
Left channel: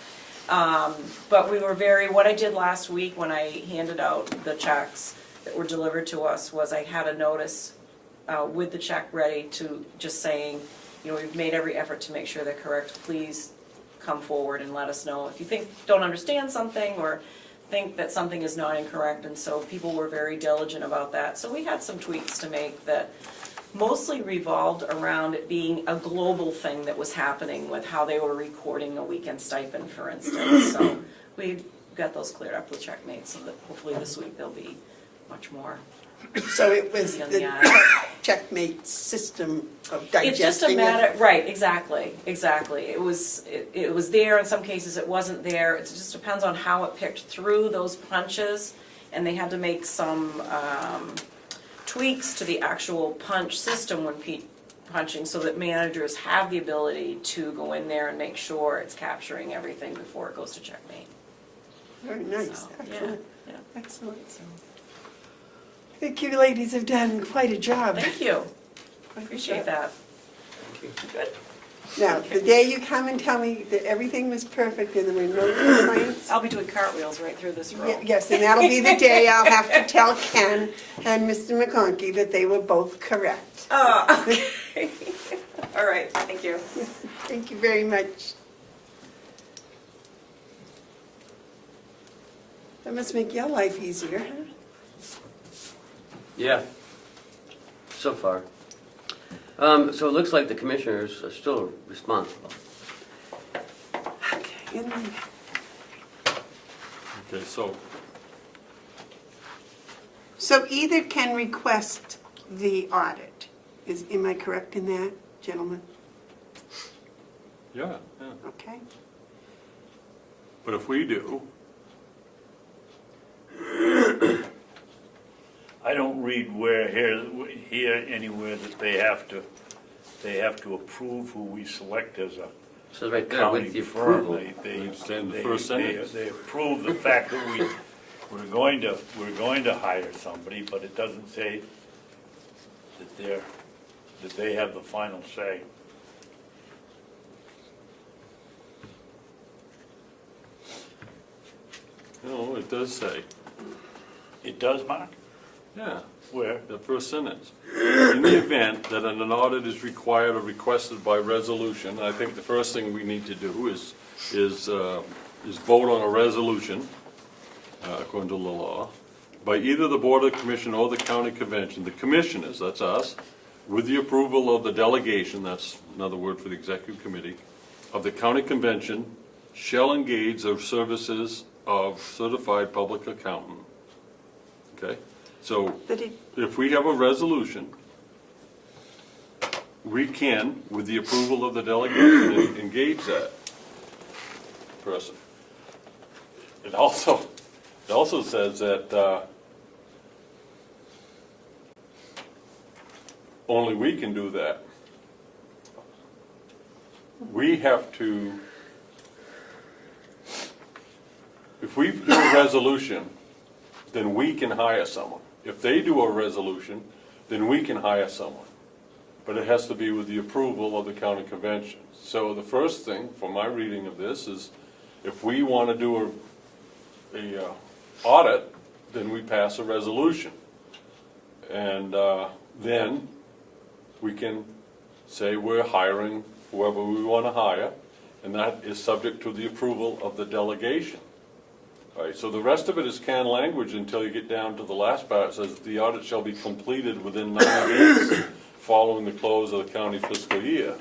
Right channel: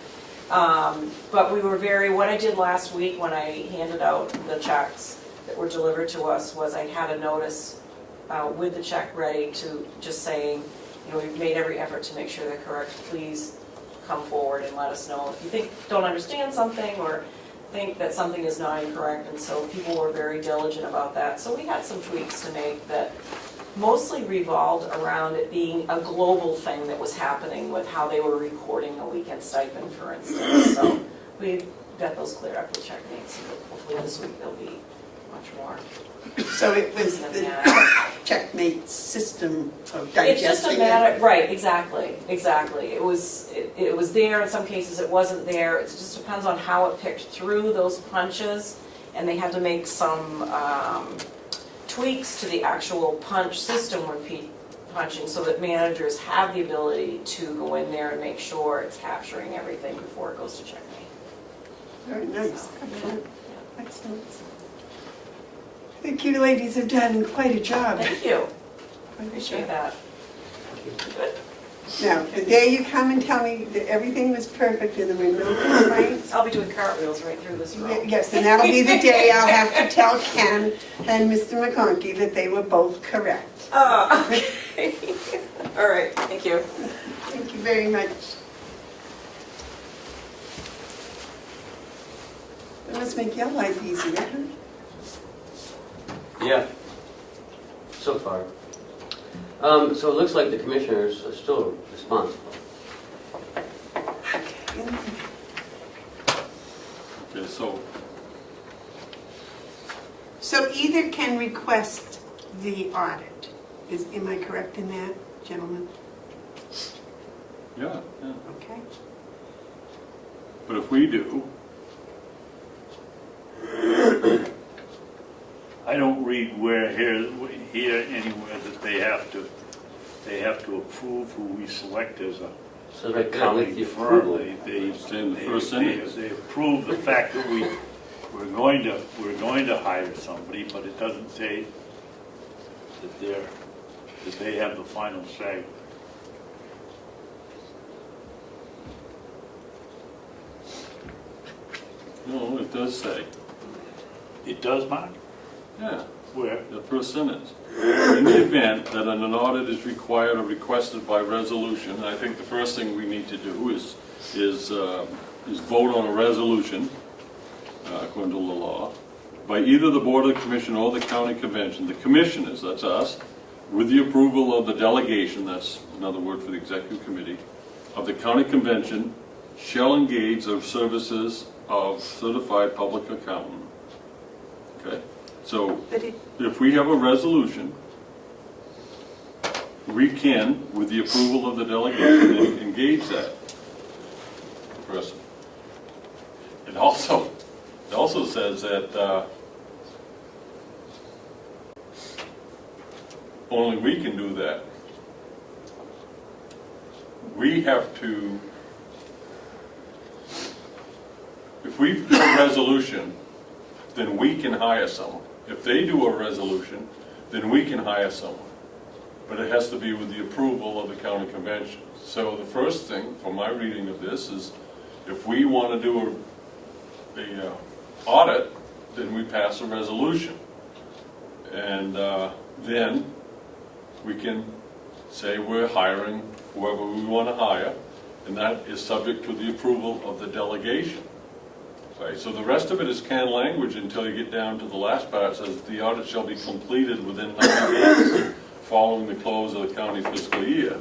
But we were what I did last week when I handed out the checks that were delivered to us was I had a notice with the check ready to just saying, we've made every effort to make sure they're correct. Please come forward and let us know if you don't understand something or think that something is not incorrect. And so people were very diligent about that. So we had some tweaks to make that mostly revolved around it being a global thing that was happening with how they were reporting a weekend stipend, for instance. So we got those cleared up with checkmates. So hopefully this week they'll be much more. So it was Yeah. the checkmate system of digesting it? It's just a matter, right, exactly. It was there, in some cases it wasn't there. It just depends on how it picked through those punches, and they had to make some tweaks to the actual punch system when punching, so that managers have the ability to go in there and make sure it's capturing everything before it goes to checkmate. Very nice. So, Excellent. yeah. Excellent. I think you ladies have done quite a job. Thank you, appreciate that. Good. Now, the day you come and tell me that everything was perfect and there were no complaints, I'll be doing cartwheels right through this room. yes, and that'll be the day I'll have to tell Ken and Mr. McConkey that they were both correct. Oh, okay. All right, thank you. Thank you very much. It must make your life easier, huh? Yeah, so far. So it looks like the commissioners are still responsible. Okay. Okay, so, So either can request the audit. Am I correct in that, gentlemen? yeah, Okay. but if we do, I don't read here anywhere that they have to approve who we select as a So right there county with the approval. affordable. It's in the first sentence. They approve the fact that we're going to hire somebody, but it doesn't say that they have the final say. no, it does say, It does, Mark? yeah, Where? the first sentence. In the event that an audit is required or requested by resolution, I think the first thing we need to do is vote on a resolution according to the law, by either the Board of Commission or the County Convention, the Commissioners, that's us, with the approval of the delegation, that's another word for the Executive Committee, of the County Convention, shall engage the services of certified public accountant. Okay? So, But it, if we have a resolution, we can, with the approval of the delegation, engage that person. It also says that only we can do that. We have to, if we do a resolution, then we can hire someone. If they do a resolution, then we can hire someone. But it has to be with the approval of the county convention. So the first thing, for my reading of this, is if we want to do a audit, then we pass a resolution. And then we can say we're hiring whoever we want to hire, and that is subject to the approval of the delegation. All right, so the rest of it is canned language until you get down to the last part. It says the audit shall be completed within 90 days following the close of the county fiscal year.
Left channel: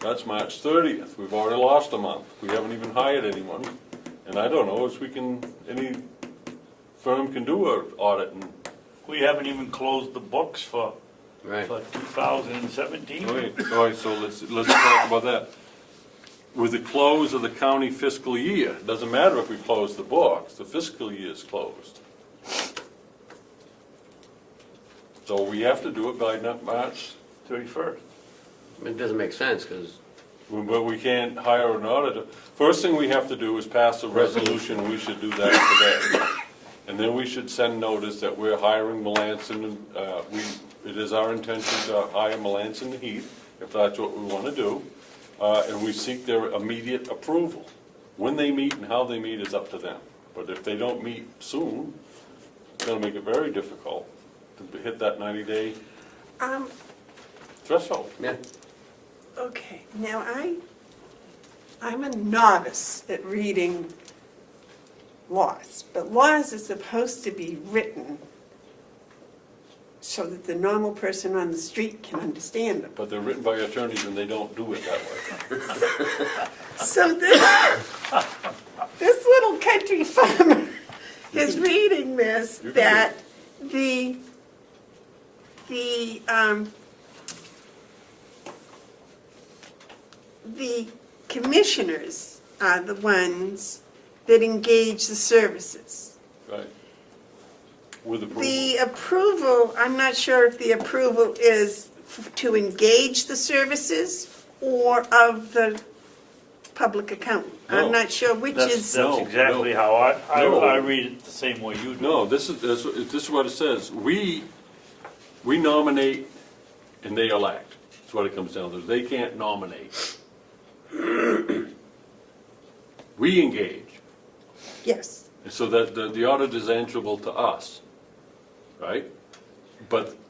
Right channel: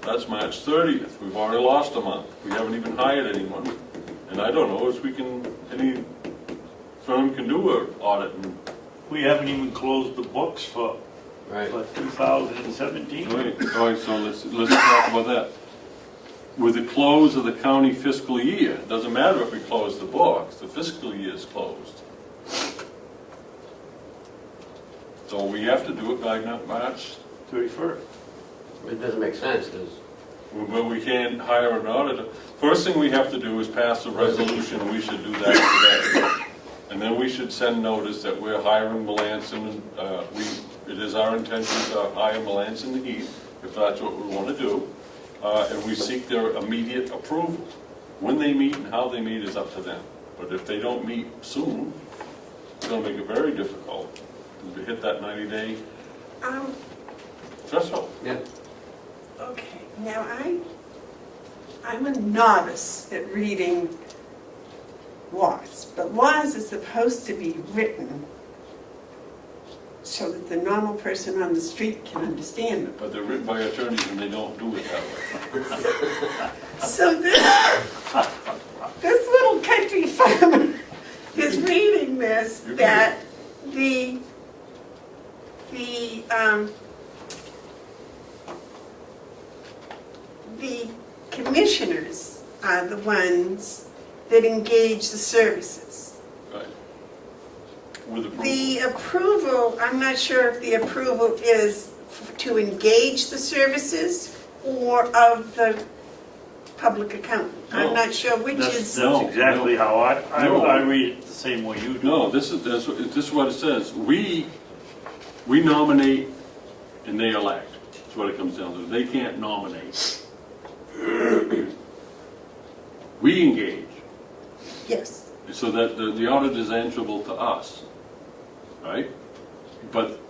That's March 30th. We've already lost a month. We haven't even hired anyone. And I don't know if any firm can do an audit. We haven't even closed the books for Right. 2017. All right, so let's talk about that. With the close of the county fiscal year, doesn't matter if we close the books, the fiscal year is closed. So we have to do it by March 31st. It doesn't make sense, because But we can't hire an auditor. First thing we have to do is pass a resolution, and we should do that today. And then we should send notice that we're hiring Melanson. It is our intention to hire Melanson and Heath, if that's what we want to do. And we seek their immediate approval. When they meet and how they meet is up to them. But if they don't meet soon, it's going to make it very difficult to hit that 90-day threshold. yeah. okay, now I'm a novice at reading laws, but laws are supposed to be written so that the normal person on the street can understand them. But they're written by attorneys and they don't do it that way. So this little country farmer is reading this, that the commissioners are the ones that engage the services. Right. With approval. The approval, I'm not sure if the approval is to engage the services or of the public accountant. No. I'm not sure which is. No, That's exactly how I read it the same way you do. No, this is what it says. We nominate and they elect. That's what it comes down to. They can't nominate. We engage, Yes. so that the audit is answerable to us, right? But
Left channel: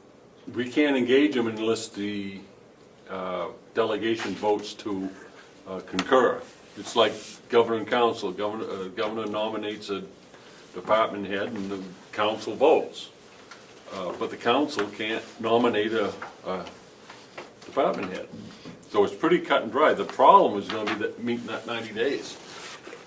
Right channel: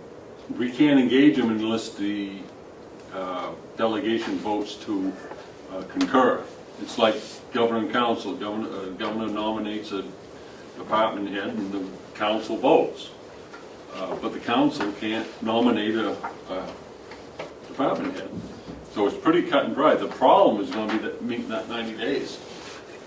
we can't engage them unless the delegation votes to concur. It's like governing council. Governor nominates a department head and the council votes. But the council can't nominate a department head. So it's pretty cut and dry. The problem is going to be that meeting that 90 days.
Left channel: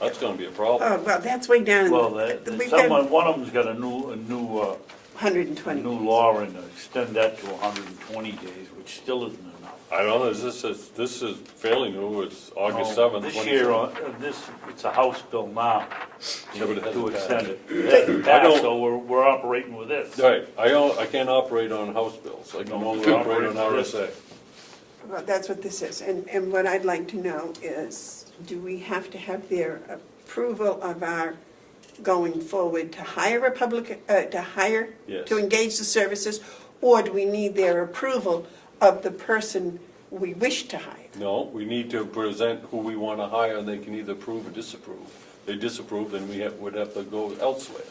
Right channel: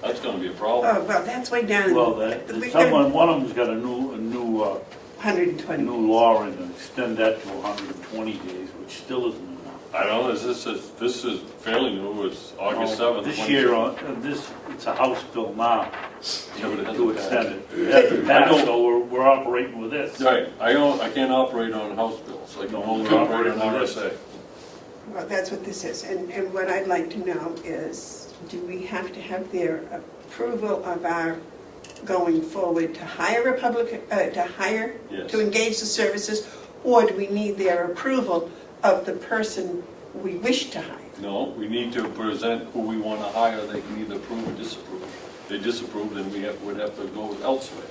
That's going to be a problem. Oh, well, that's way down. Well, We got one of them's got a new 120. new law and extend that to 120 days, which still isn't enough. I don't know, this is fairly new, it's August 7th. This year, it's a House bill now, Yeah, but it hasn't to passed. extend it. It hasn't passed, so we're operating with this. Right, I can't operate on House bills, I can only operate on RSA. Well, that's what this is, and what I'd like to know is, do we have to have their approval of our going forward to hire a public, Yes. to engage the services, or do we need their approval of the person we wish to hire? No, we need to present who we want to hire, they can either approve or disapprove. If they disapprove, then would have to go elsewhere.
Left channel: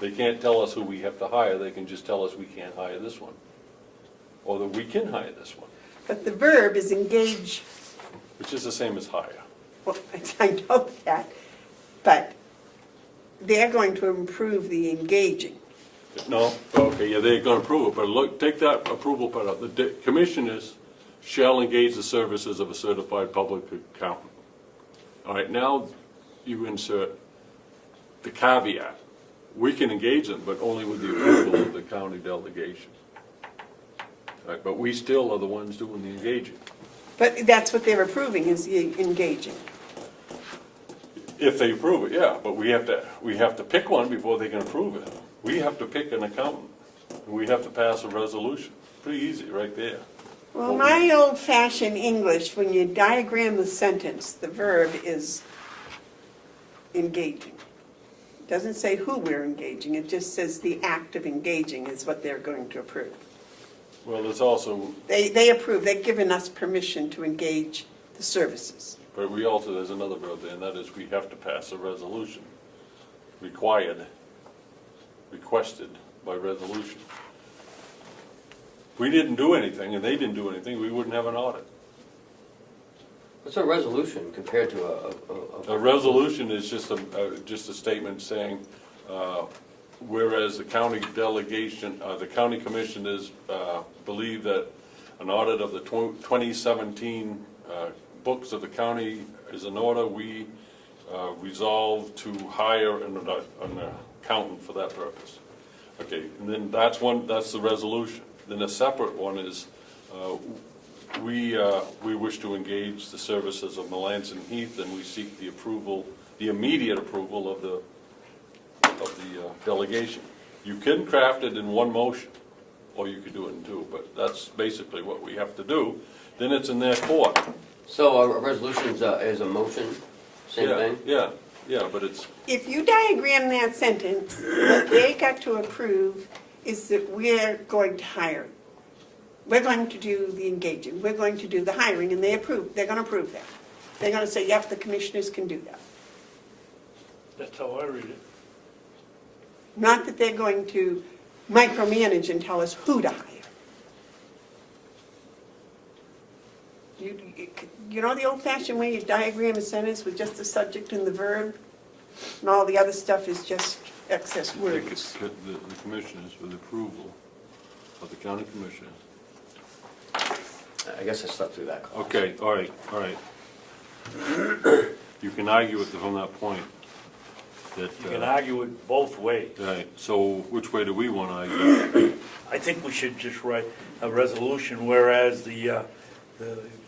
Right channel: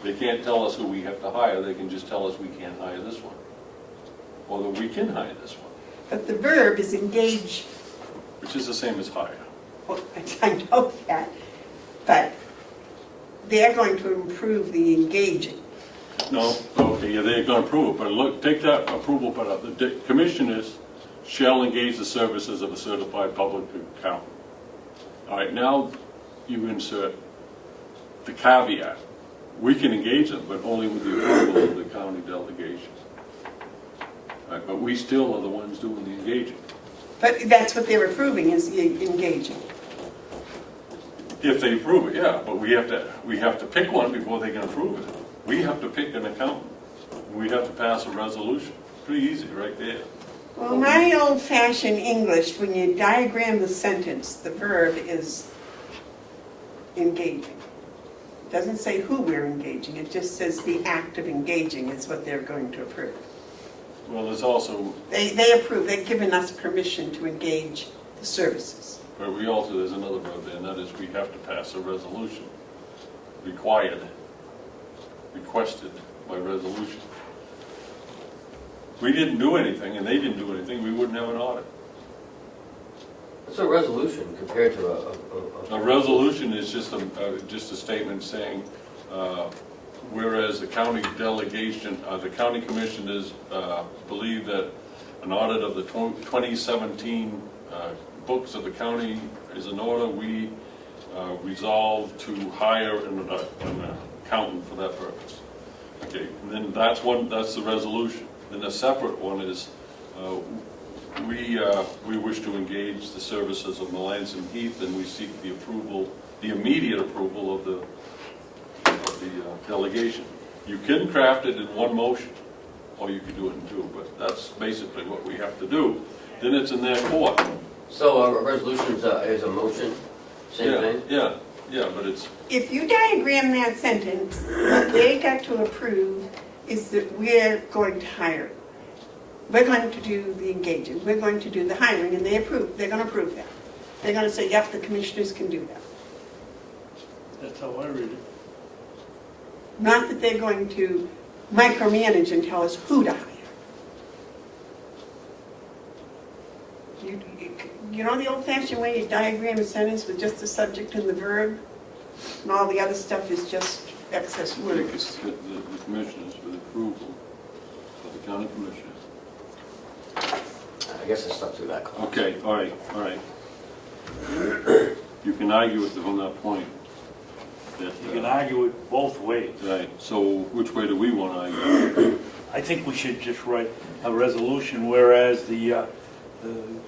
They can't tell us who we have to hire, they can just tell us we can't hire this one. Or that we can hire this one, But the verb is engage, which is the same as hire. well, I know that, but they're going to improve the engaging. No, okay, yeah, they're gonna approve it, but look, take that approval part out. The commissioners shall engage the services of a certified public accountant. All right, now you insert the caveat. We can engage them, but only with the approval of the county delegation. All right, but we still are the ones doing the engaging. But that's what they're approving, is the engaging. If they approve it, yeah, but we have to pick one before they can approve it. We have to pick an accountant. We have to pass a resolution. Pretty easy, right there. Well, my old-fashioned English, when you diagram the sentence, the verb is engaging. Doesn't say who we're engaging, it just says the act of engaging is what they're going to approve. Well, there's also, They approve, they've given us permission to engage the services. but we also, there's another verb there, and that is we have to pass a resolution. Required, requested by resolution. If we didn't do anything, and they didn't do anything, we wouldn't have an audit. What's a resolution compared to A resolution is just a statement saying, whereas the county delegation, the county commissioners believe that an audit of the 2017 books of the county is in order, we resolve to hire an accountant for that purpose. Okay, and then that's the resolution. Then a separate one is, we wish to engage the services of Melanson Heath, and we seek the approval, the immediate approval of the delegation. You can craft it in one motion, or you can do it in two, but that's basically what we have to do. Then it's in their court. So a resolution is a motion, same thing? Yeah, but it's, If you diagram that sentence, what they got to approve is that we're going to hire. We're going to do the engaging, we're going to do the hiring, and they're going to approve that. They're going to say, yep, the commissioners can do that. That's how I read it. Not that they're going to micromanage and tell us who to hire. You know the old-fashioned way you diagram a sentence with just the subject and the verb? And all the other stuff is just excess words. the commissioners with approval of the county commissioners. I guess I slept through that call. Okay, all right. You can argue it from that point. That, You can argue it both ways. Right, so which way do we want to argue? I think we should just write a resolution, whereas the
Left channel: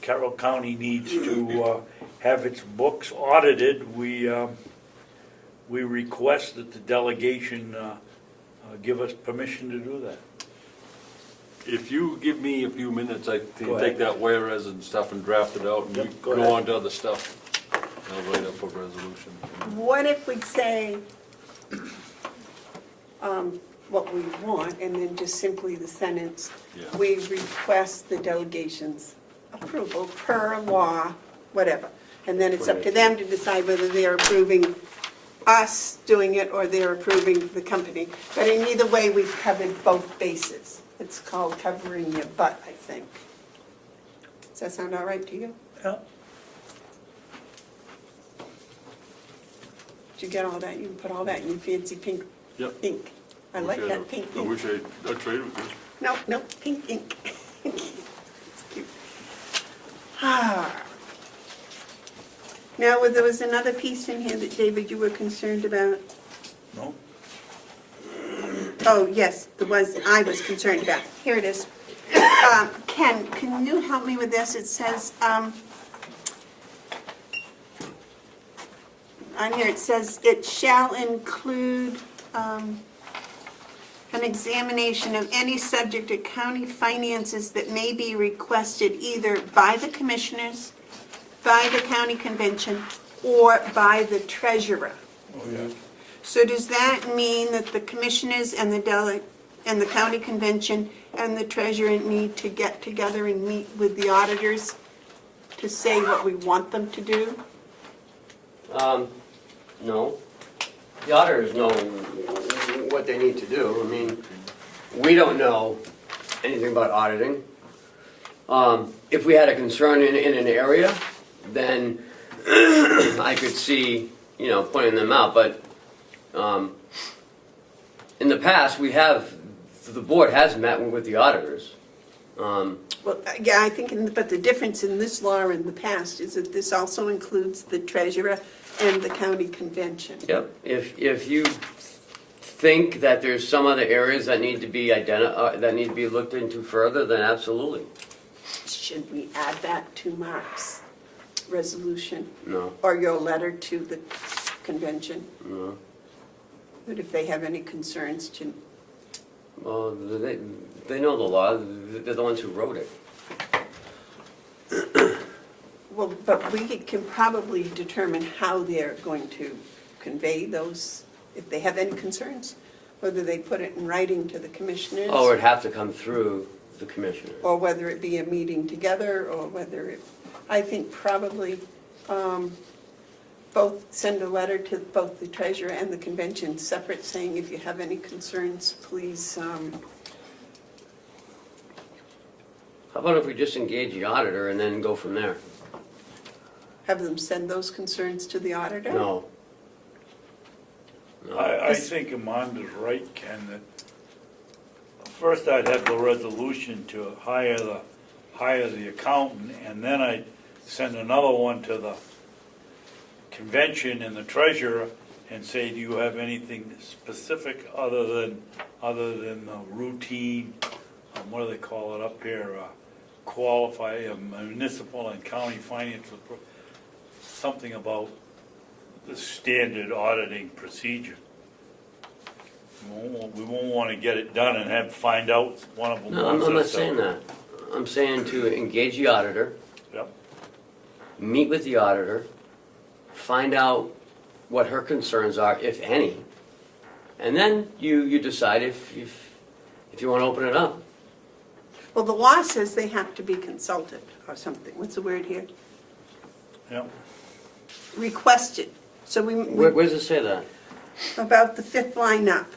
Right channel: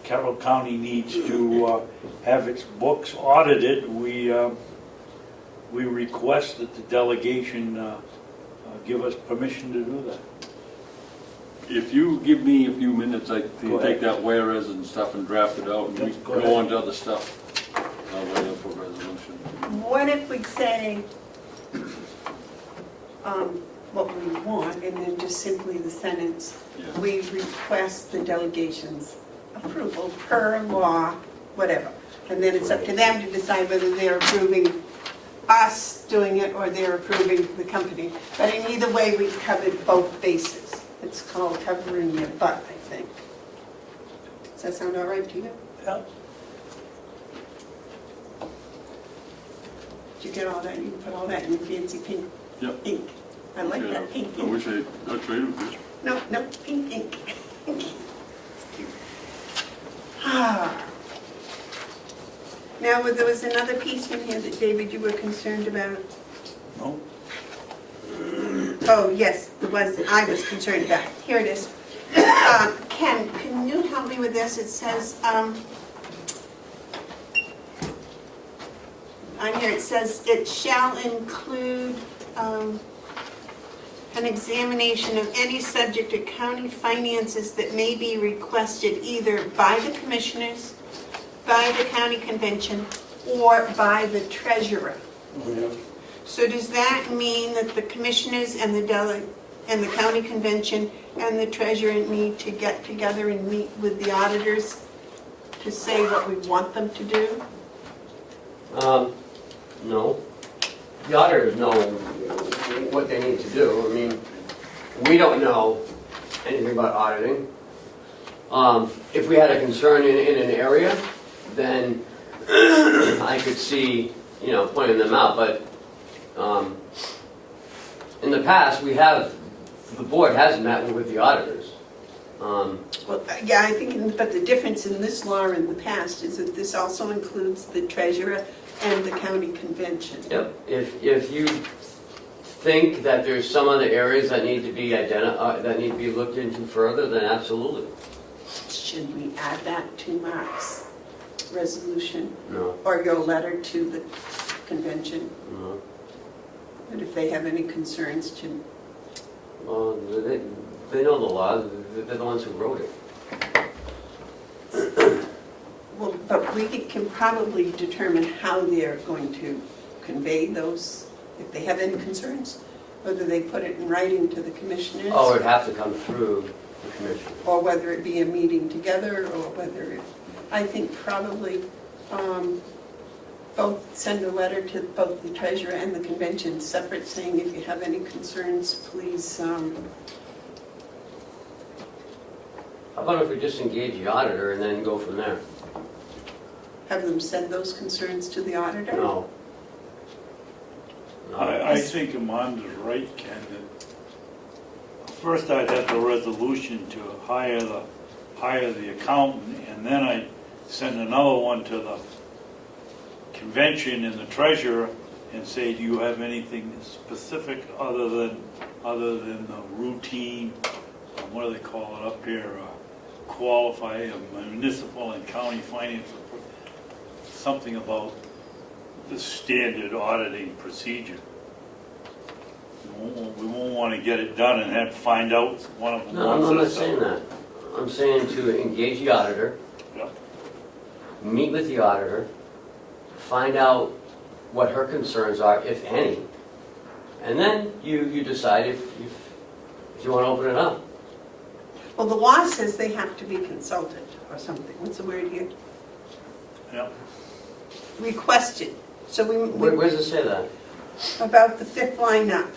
Carroll County needs to have its books audited. We request that the delegation give us permission to do that. If you give me a few minutes, I can Go ahead. take that whereas and stuff and draft it out, and you Go go ahead. on to other stuff. I'll write up a resolution. What if we say what we want, and then just simply the sentence, Yeah. we request the delegation's approval per law, whatever. And then it's up to them to decide whether they're approving us doing it or they're approving the company. But in either way, we've covered both bases. It's called covering your butt, I think. Does that sound all right to you? Yeah. Did you get all that? You can put all that in your fancy pink Yeah. ink. I like Okay, that pink I ink. wish I'd traded with you. No, pink ink. Ah. Now, there was another piece in here that, David, you were concerned about. No? Oh, yes, the ones I was concerned about. Here it is. Ken, can you help me with this? It says, on here it says, it shall include an examination of any subject of county finances that may be requested either by the commissioners, by the county convention, or by the treasurer. So does that mean that the commissioners and the county convention and the treasurer need to get together and meet with the auditors to say what we want them to do? No. The auditors know what they need to do. I mean, we don't know anything about auditing. If we had a concern in an area, then I could see you know, pointing them out, but in the past, the board has met with the auditors. Well, yeah, I think, but the difference in this law in the past is that this also includes the treasurer and the county convention. Yep, if you think that there's some other areas that need to be that need to be looked into further, then absolutely. Should we add that to Mark's resolution No, or your letter to the convention? no. But if they have any concerns to, Well, they know the law, they're the ones who wrote it. well, but we can probably determine how they're going to convey those, if they have any concerns, whether they put it in writing to the commissioners. Oh, it'd have to come through the commission. Or whether it be a meeting together, or whether it, I think probably both send a letter to both the treasurer and the convention separate, saying if you have any concerns, please, How about if we just engage the auditor and then go from there? have them send those concerns to the auditor? No. No. I think Amanda's right, Ken, that first I'd have the resolution to hire the accountant, and then I'd send another one to the convention and the treasurer and say, do you have anything specific other than the routine, what do they call it up here, qualify municipal and county finance, something about the standard auditing procedure. We won't want to get it done and have to find out one of them. No, I'm not saying that. I'm saying to engage the auditor, Yep. meet with the auditor, find out what her concerns are, if any, and then you decide if you want to open it up. Well, the law says they have to be consulted or something. What's the word here? Yep. Requested. So Where does it say that? about the fifth line up.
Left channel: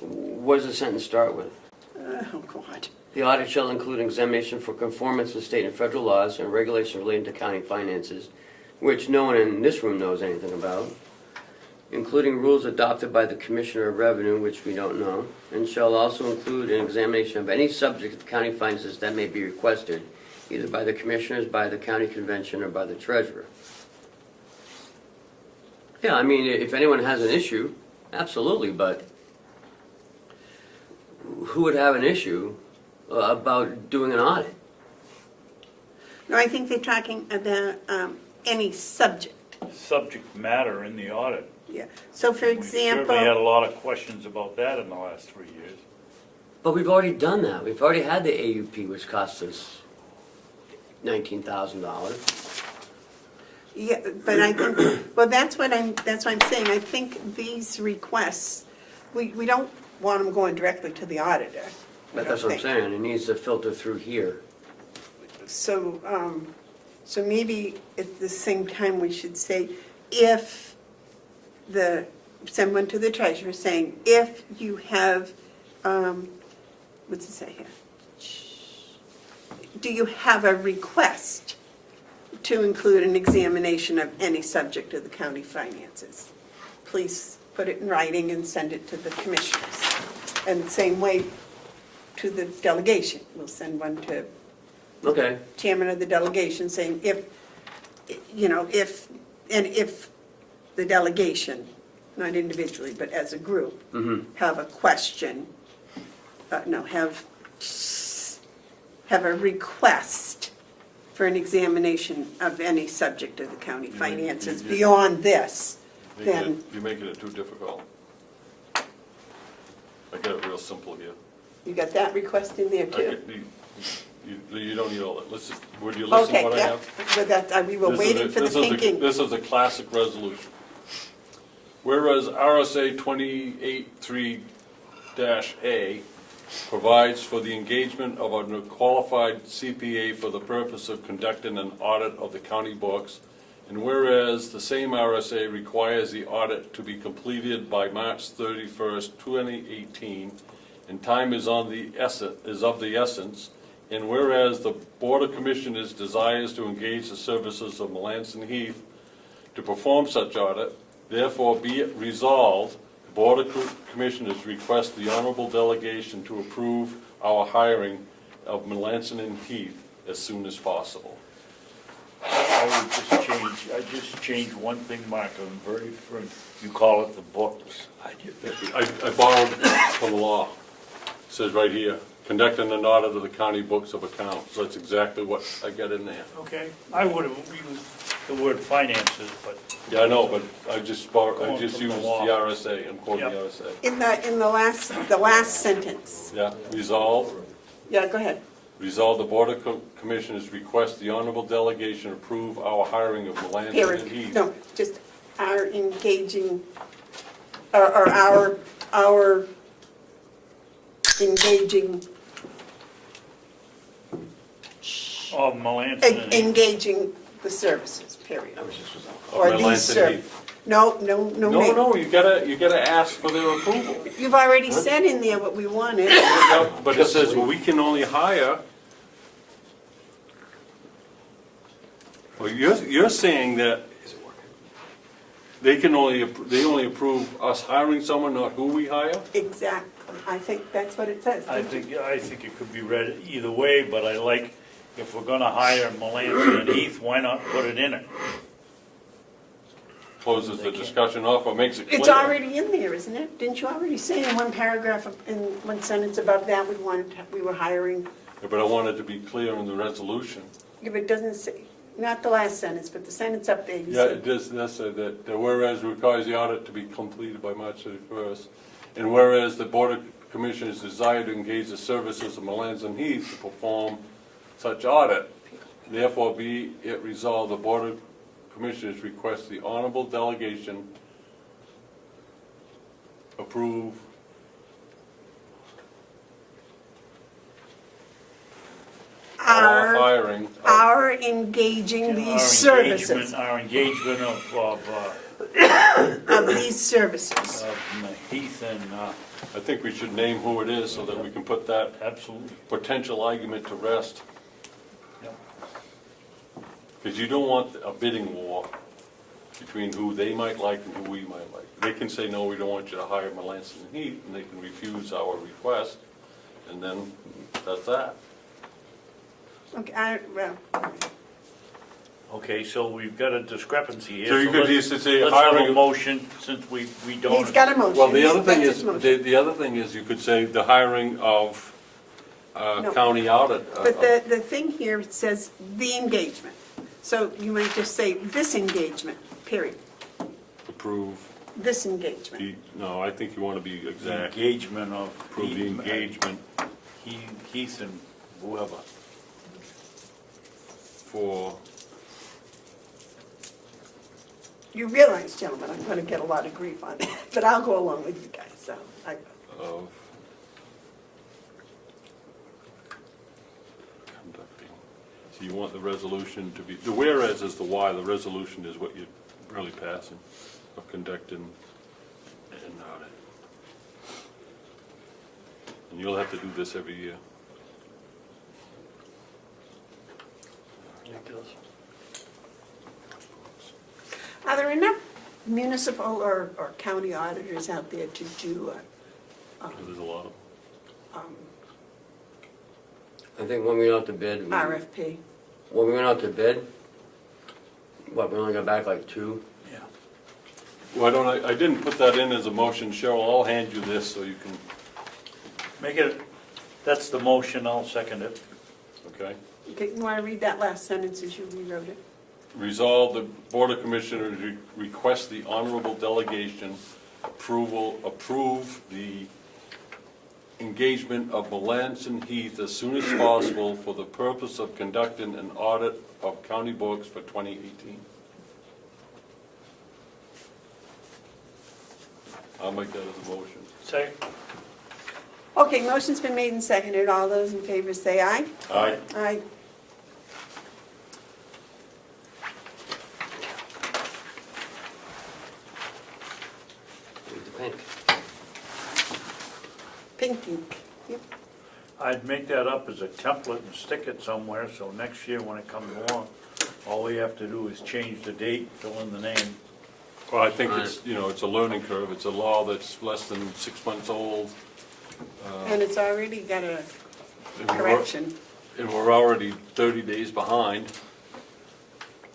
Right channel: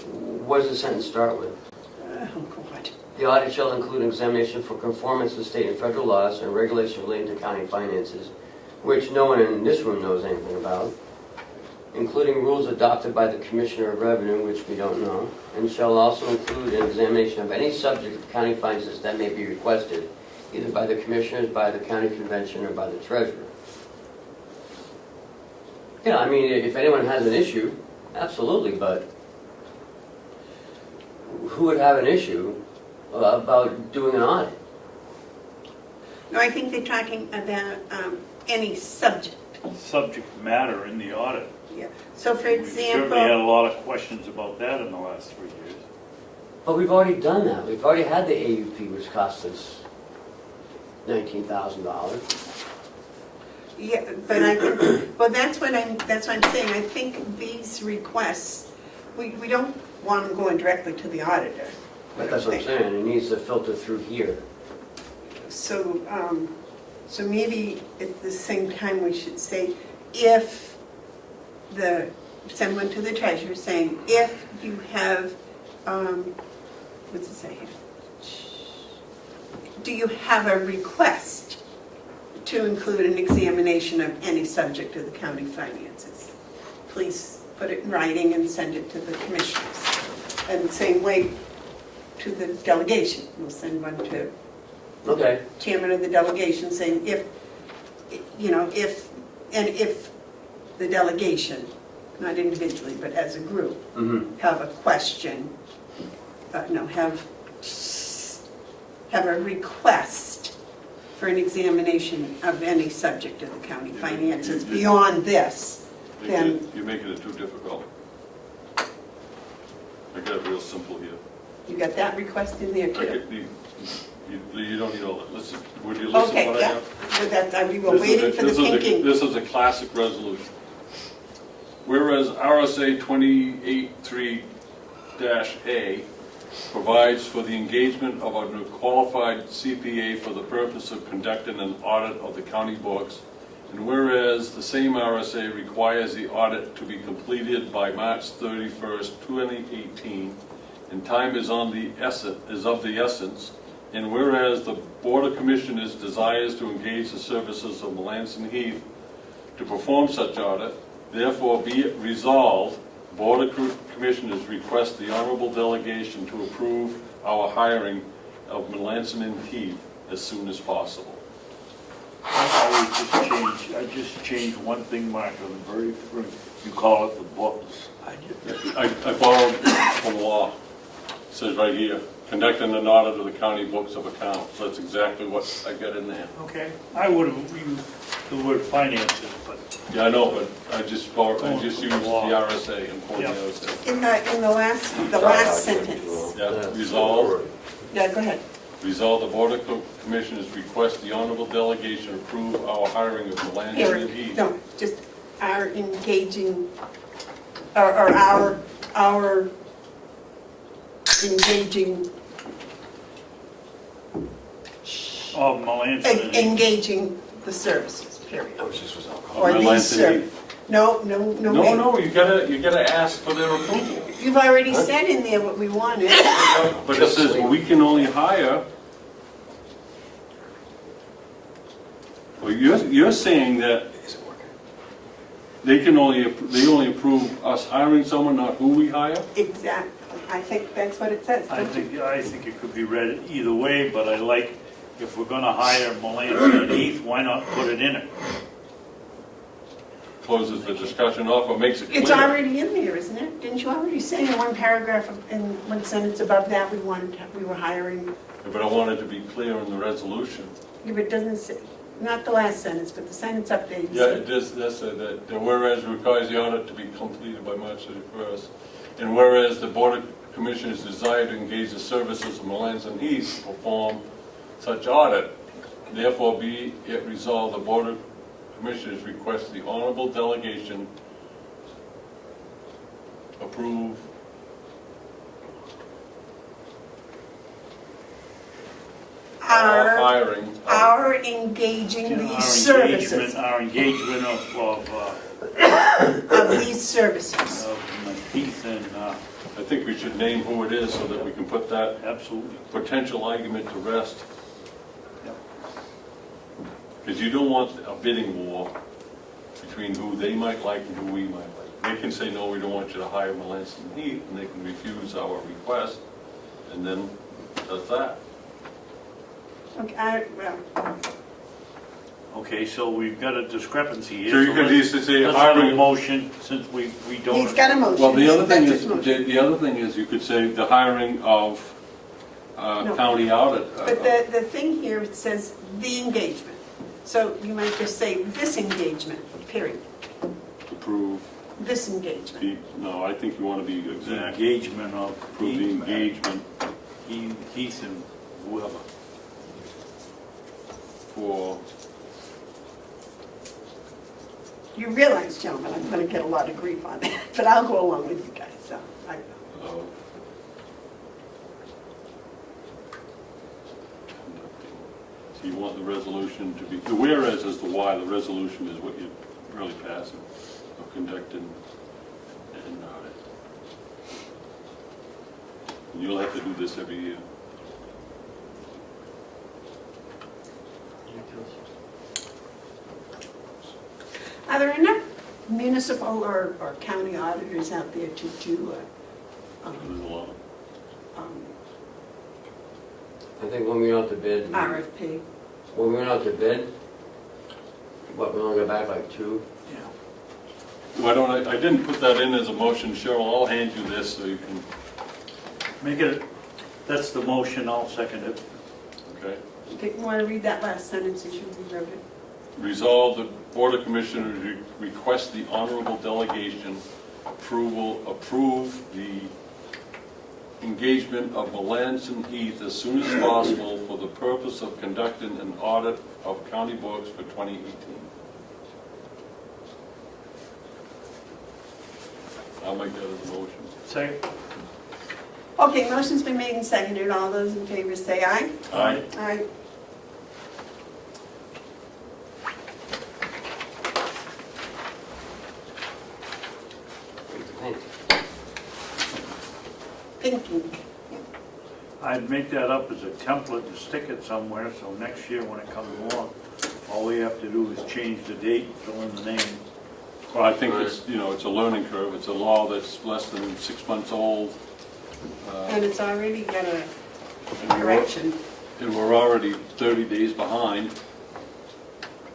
What does the sentence start with? Oh, God. The audit shall include examination for conformance with state and federal laws and regulations relating to county finances, which no one in this room knows anything about, including rules adopted by the Commissioner of Revenue, which we don't know, and shall also include an examination of any subject of county finances that may be requested, either by the Commissioners, by the County Convention, or by the Treasurer. Yeah, I mean, if anyone has an issue, absolutely, but who would have an issue about doing an audit? No, I think they're talking about any subject. Subject matter in the audit. Yeah. So for We certainly had example, a lot of questions about that in the last 3 years. But we've already done that. We've already had the AUP, which cost us $19,000. yeah, but well, that's what I'm saying. I think these requests, we don't want them going directly to the auditor. But that's what I'm saying, it needs to filter through here. So, so maybe at the same time, we should say, if send one to the treasurer saying, if you have, what's it say here? Do you have a request to include an examination of any subject of the county finances? Please put it in writing and send it to the commissioners. And the same way to the delegation, we'll send one to Okay, chairman of the delegation saying if the delegation, not individually, but as a group, have a question, have a request for an examination of any subject of the county finances beyond this, then, You're making it too difficult. I got it real simple here. you got that request in there too? You don't need all that. Listen, would you listen to Okay, what I yeah, have? so that, we were waiting for the thinking. This is a classic resolution. Whereas RSA 28(3)(A) provides for the engagement of a qualified CPA for the purpose of conducting an audit of the county books, and whereas the same RSA requires the audit to be completed by March 31st, 2018, and time is of the essence, and whereas the Board of Commissioners desires to engage the services of Melanson Heath to perform such audit. Therefore, be it resolved, Board of Commissioners request the honorable delegation to approve our hiring of Melanson and Heath as soon as possible. I just changed one thing, Mark, on the very first, you call it the books. I borrowed from law. It says right here, conducting an audit of the county books of accounts. That's exactly what I got in there. Okay, I would have used the word finances, but Yeah, I know, but I just used the RSA and quoted the other stuff. In the last sentence. Yeah, resolve. Yeah, go ahead. Resolve the Board of Commissioners request the honorable delegation approve our hiring of Melanson and Eric, Heath. no, just our engaging, or our engaging, of Melanson. engaging the services, period. Or Melanson these and services. Heath. No, No, you gotta ask for their approval. You've already said in there what we wanted. But it says, well, we can only hire. Well, you're saying that they only approve us hiring someone, not who we hire? Exactly. I think that's what it says. I think it could be read either way, but I like, if we're gonna hire Melanson and Heath, why not put it in it? Closes the discussion off or makes it clear. It's already in there, isn't it? Didn't you already say in one paragraph, in one sentence about that, we were hiring? Yeah, but I wanted to be clear in the resolution. If it doesn't say, not the last sentence, but the sentence up there, you Yeah, said. it does say that, the whereas requires the audit to be completed by March 31st. And whereas the Board of Commissioners desire to engage the services of Melanson and Heath to perform such audit, therefore be it resolved, the Board of Commissioners request the honorable delegation approve our hiring of Our engaging these Our services, Our engagement of these services. Heath and, I think we should name who it is so that we can put that absolutely. potential argument to rest. Because you don't want a bidding war between who they might like and who we might like. They can say, no, we don't want you to hire Melanson and Heath, and they can refuse our request, and then that's that. Okay, well, Okay, so we've got a discrepancy here. So you could use to say Let's have a hiring. motion, since we don't. he's got a motion. Well, the other That's thing his is, motion. the other thing is, you could say the hiring of No. county audit. But the thing here, it says the engagement. So you might just say this engagement, period. Approve This engagement. the, no, I think you want to be The exact. engagement of Approve the engagement Heath and whoever. for, You realize, gentlemen, I'm gonna get a lot of grief on it, but I'll go along with you guys, so. of conducting. So you want the resolution to be, the whereas is the why, the resolution is what you're really passing, of conducting an audit. And you'll have to do this every year. Are there enough municipal or county auditors out there to do There's a lot. I think when we went out to bid, RFP? when we went out to bid, but we only got back like 2. Why don't I didn't put that in as a motion, Cheryl, I'll hand you this so you can, Make it, that's the motion, I'll second it. okay? Okay, you wanna read that last sentence as you rewrote it? Resolve the Board of Commissioners request the honorable delegation approve the engagement of Melanson Heath as soon as possible for the purpose of conducting an audit of county books for 2018. I'll make that as a motion. Second. Okay, motion's been made and seconded. All those in favor say aye. Aye. Aye. Pink ink. I'd make that up as a template and stick it somewhere, so next year when it comes along, All we have to do is change the date, fill in the name. Well, I think it's, it's a learning curve. It's a law that's less than 6 months old. And it's already got a And we're- correction. And we're already 30 days behind,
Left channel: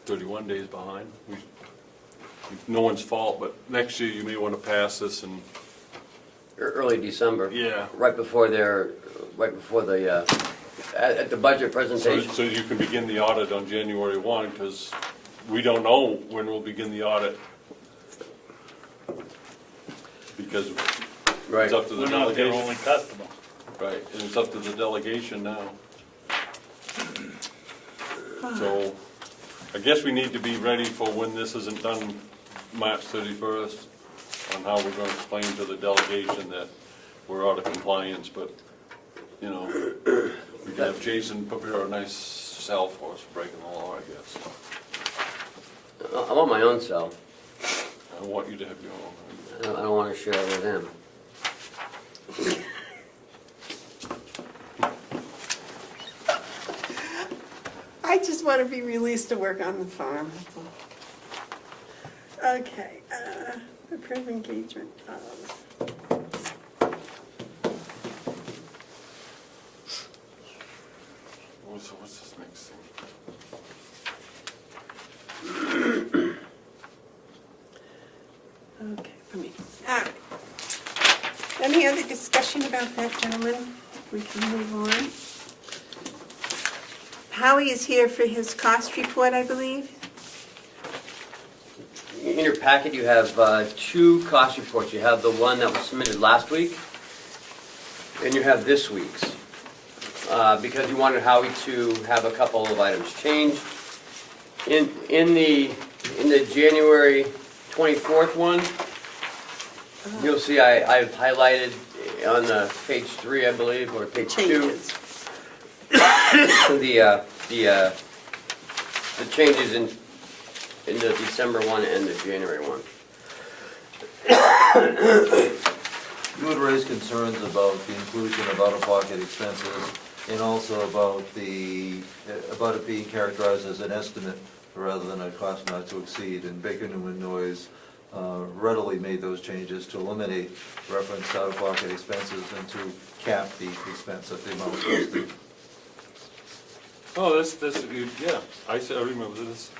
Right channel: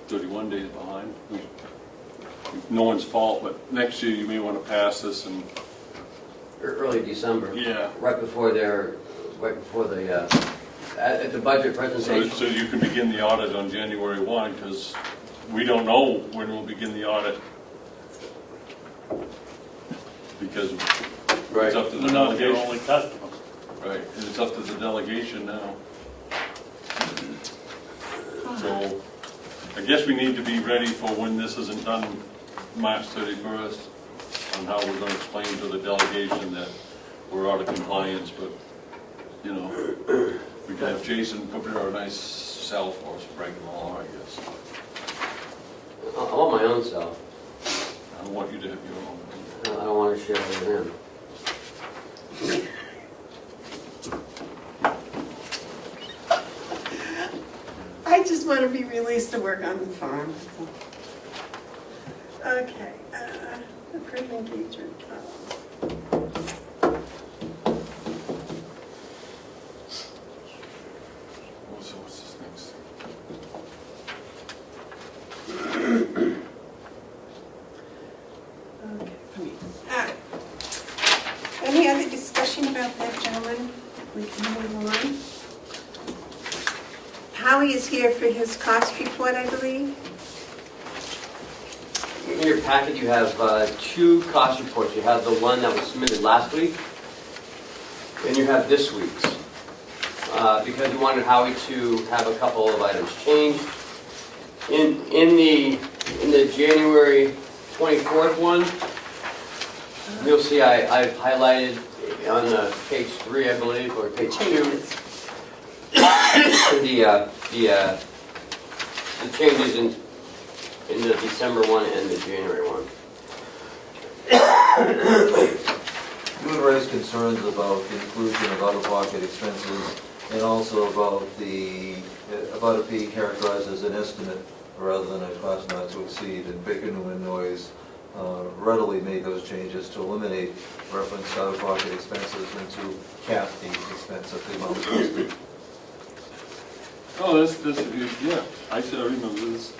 31 days behind. No one's fault, but next year you may want to pass this and, Early December, yeah, right before the, at the budget so presentation. you can begin the audit on January 1, because we don't know when we'll begin the audit. Because Right. it's up to the We're not their delegation. only customer. Right, and it's up to the delegation now. So, I guess we need to be ready for when this isn't done March 31st, on how we're gonna explain to the delegation that we're out of compliance, but, we can have Jason prepare a nice cell for us, breaking the law, I guess. I want my own cell. I don't want you to have your own. I don't want to share with them. I just want to be released to work on the farm. Okay, approved engagement. What's this next thing? Okay, for me. Any other discussion about that, gentlemen? We can move on. Howie is here for his cost report, I believe. In your packet, you have two cost reports. You have the one that was submitted last week, and you have this week's. Because you wanted Howie to have a couple of items changed. In the January 24th one, you'll see I've highlighted on the page 3, I believe, or page 2. Changes. The changes in the December one and the January one. You would raise concerns about the inclusion of out-of-pocket expenses and also about it being characterized as an estimate rather than a cost not to exceed. And Baker Newman Noyes readily made those changes to eliminate reference to out-of-pocket expenses and to cap the expense at the amount listed. Oh, yeah, I remember this,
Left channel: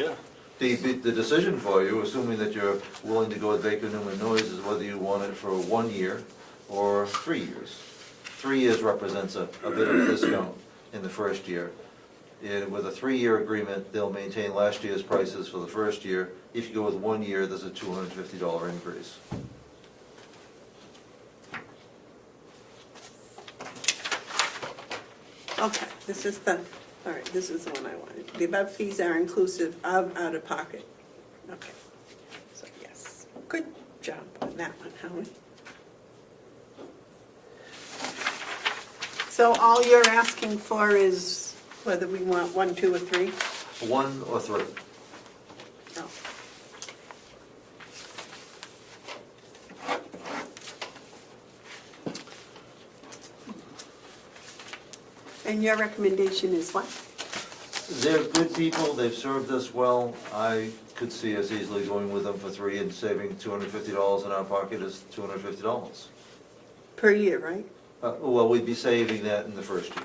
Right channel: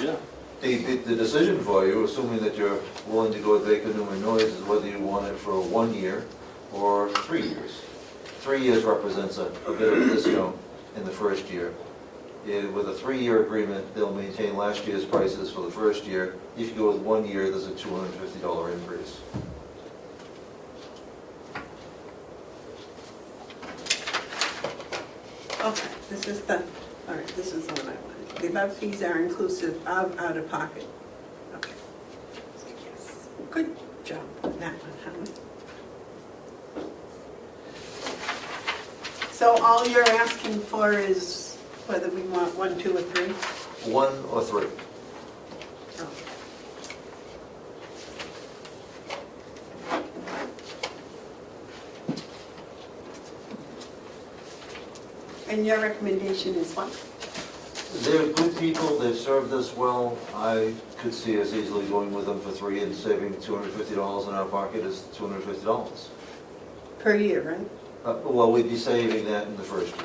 yeah. The decision for you, assuming that you're willing to go with Baker Newman Noyes, is whether you want it for 1 year or 3 years. 3 years represents a bit of a discount in the first year. With a 3-year agreement, they'll maintain last year's prices for the first year. If you go with 1 year, there's a $250 increase. Okay, this is the one I wanted. The above fees are inclusive of out-of-pocket. Okay. So yes, good job on that one, Howard. So all you're asking for is whether we want 1, 2, or 3? 1 or 3. Oh. And your recommendation is what? They're good people, they've served us well. I could see us easily going with them for 3 and saving $250 in our pocket is $250. Per year, right? Well, we'd be saving that in the first year.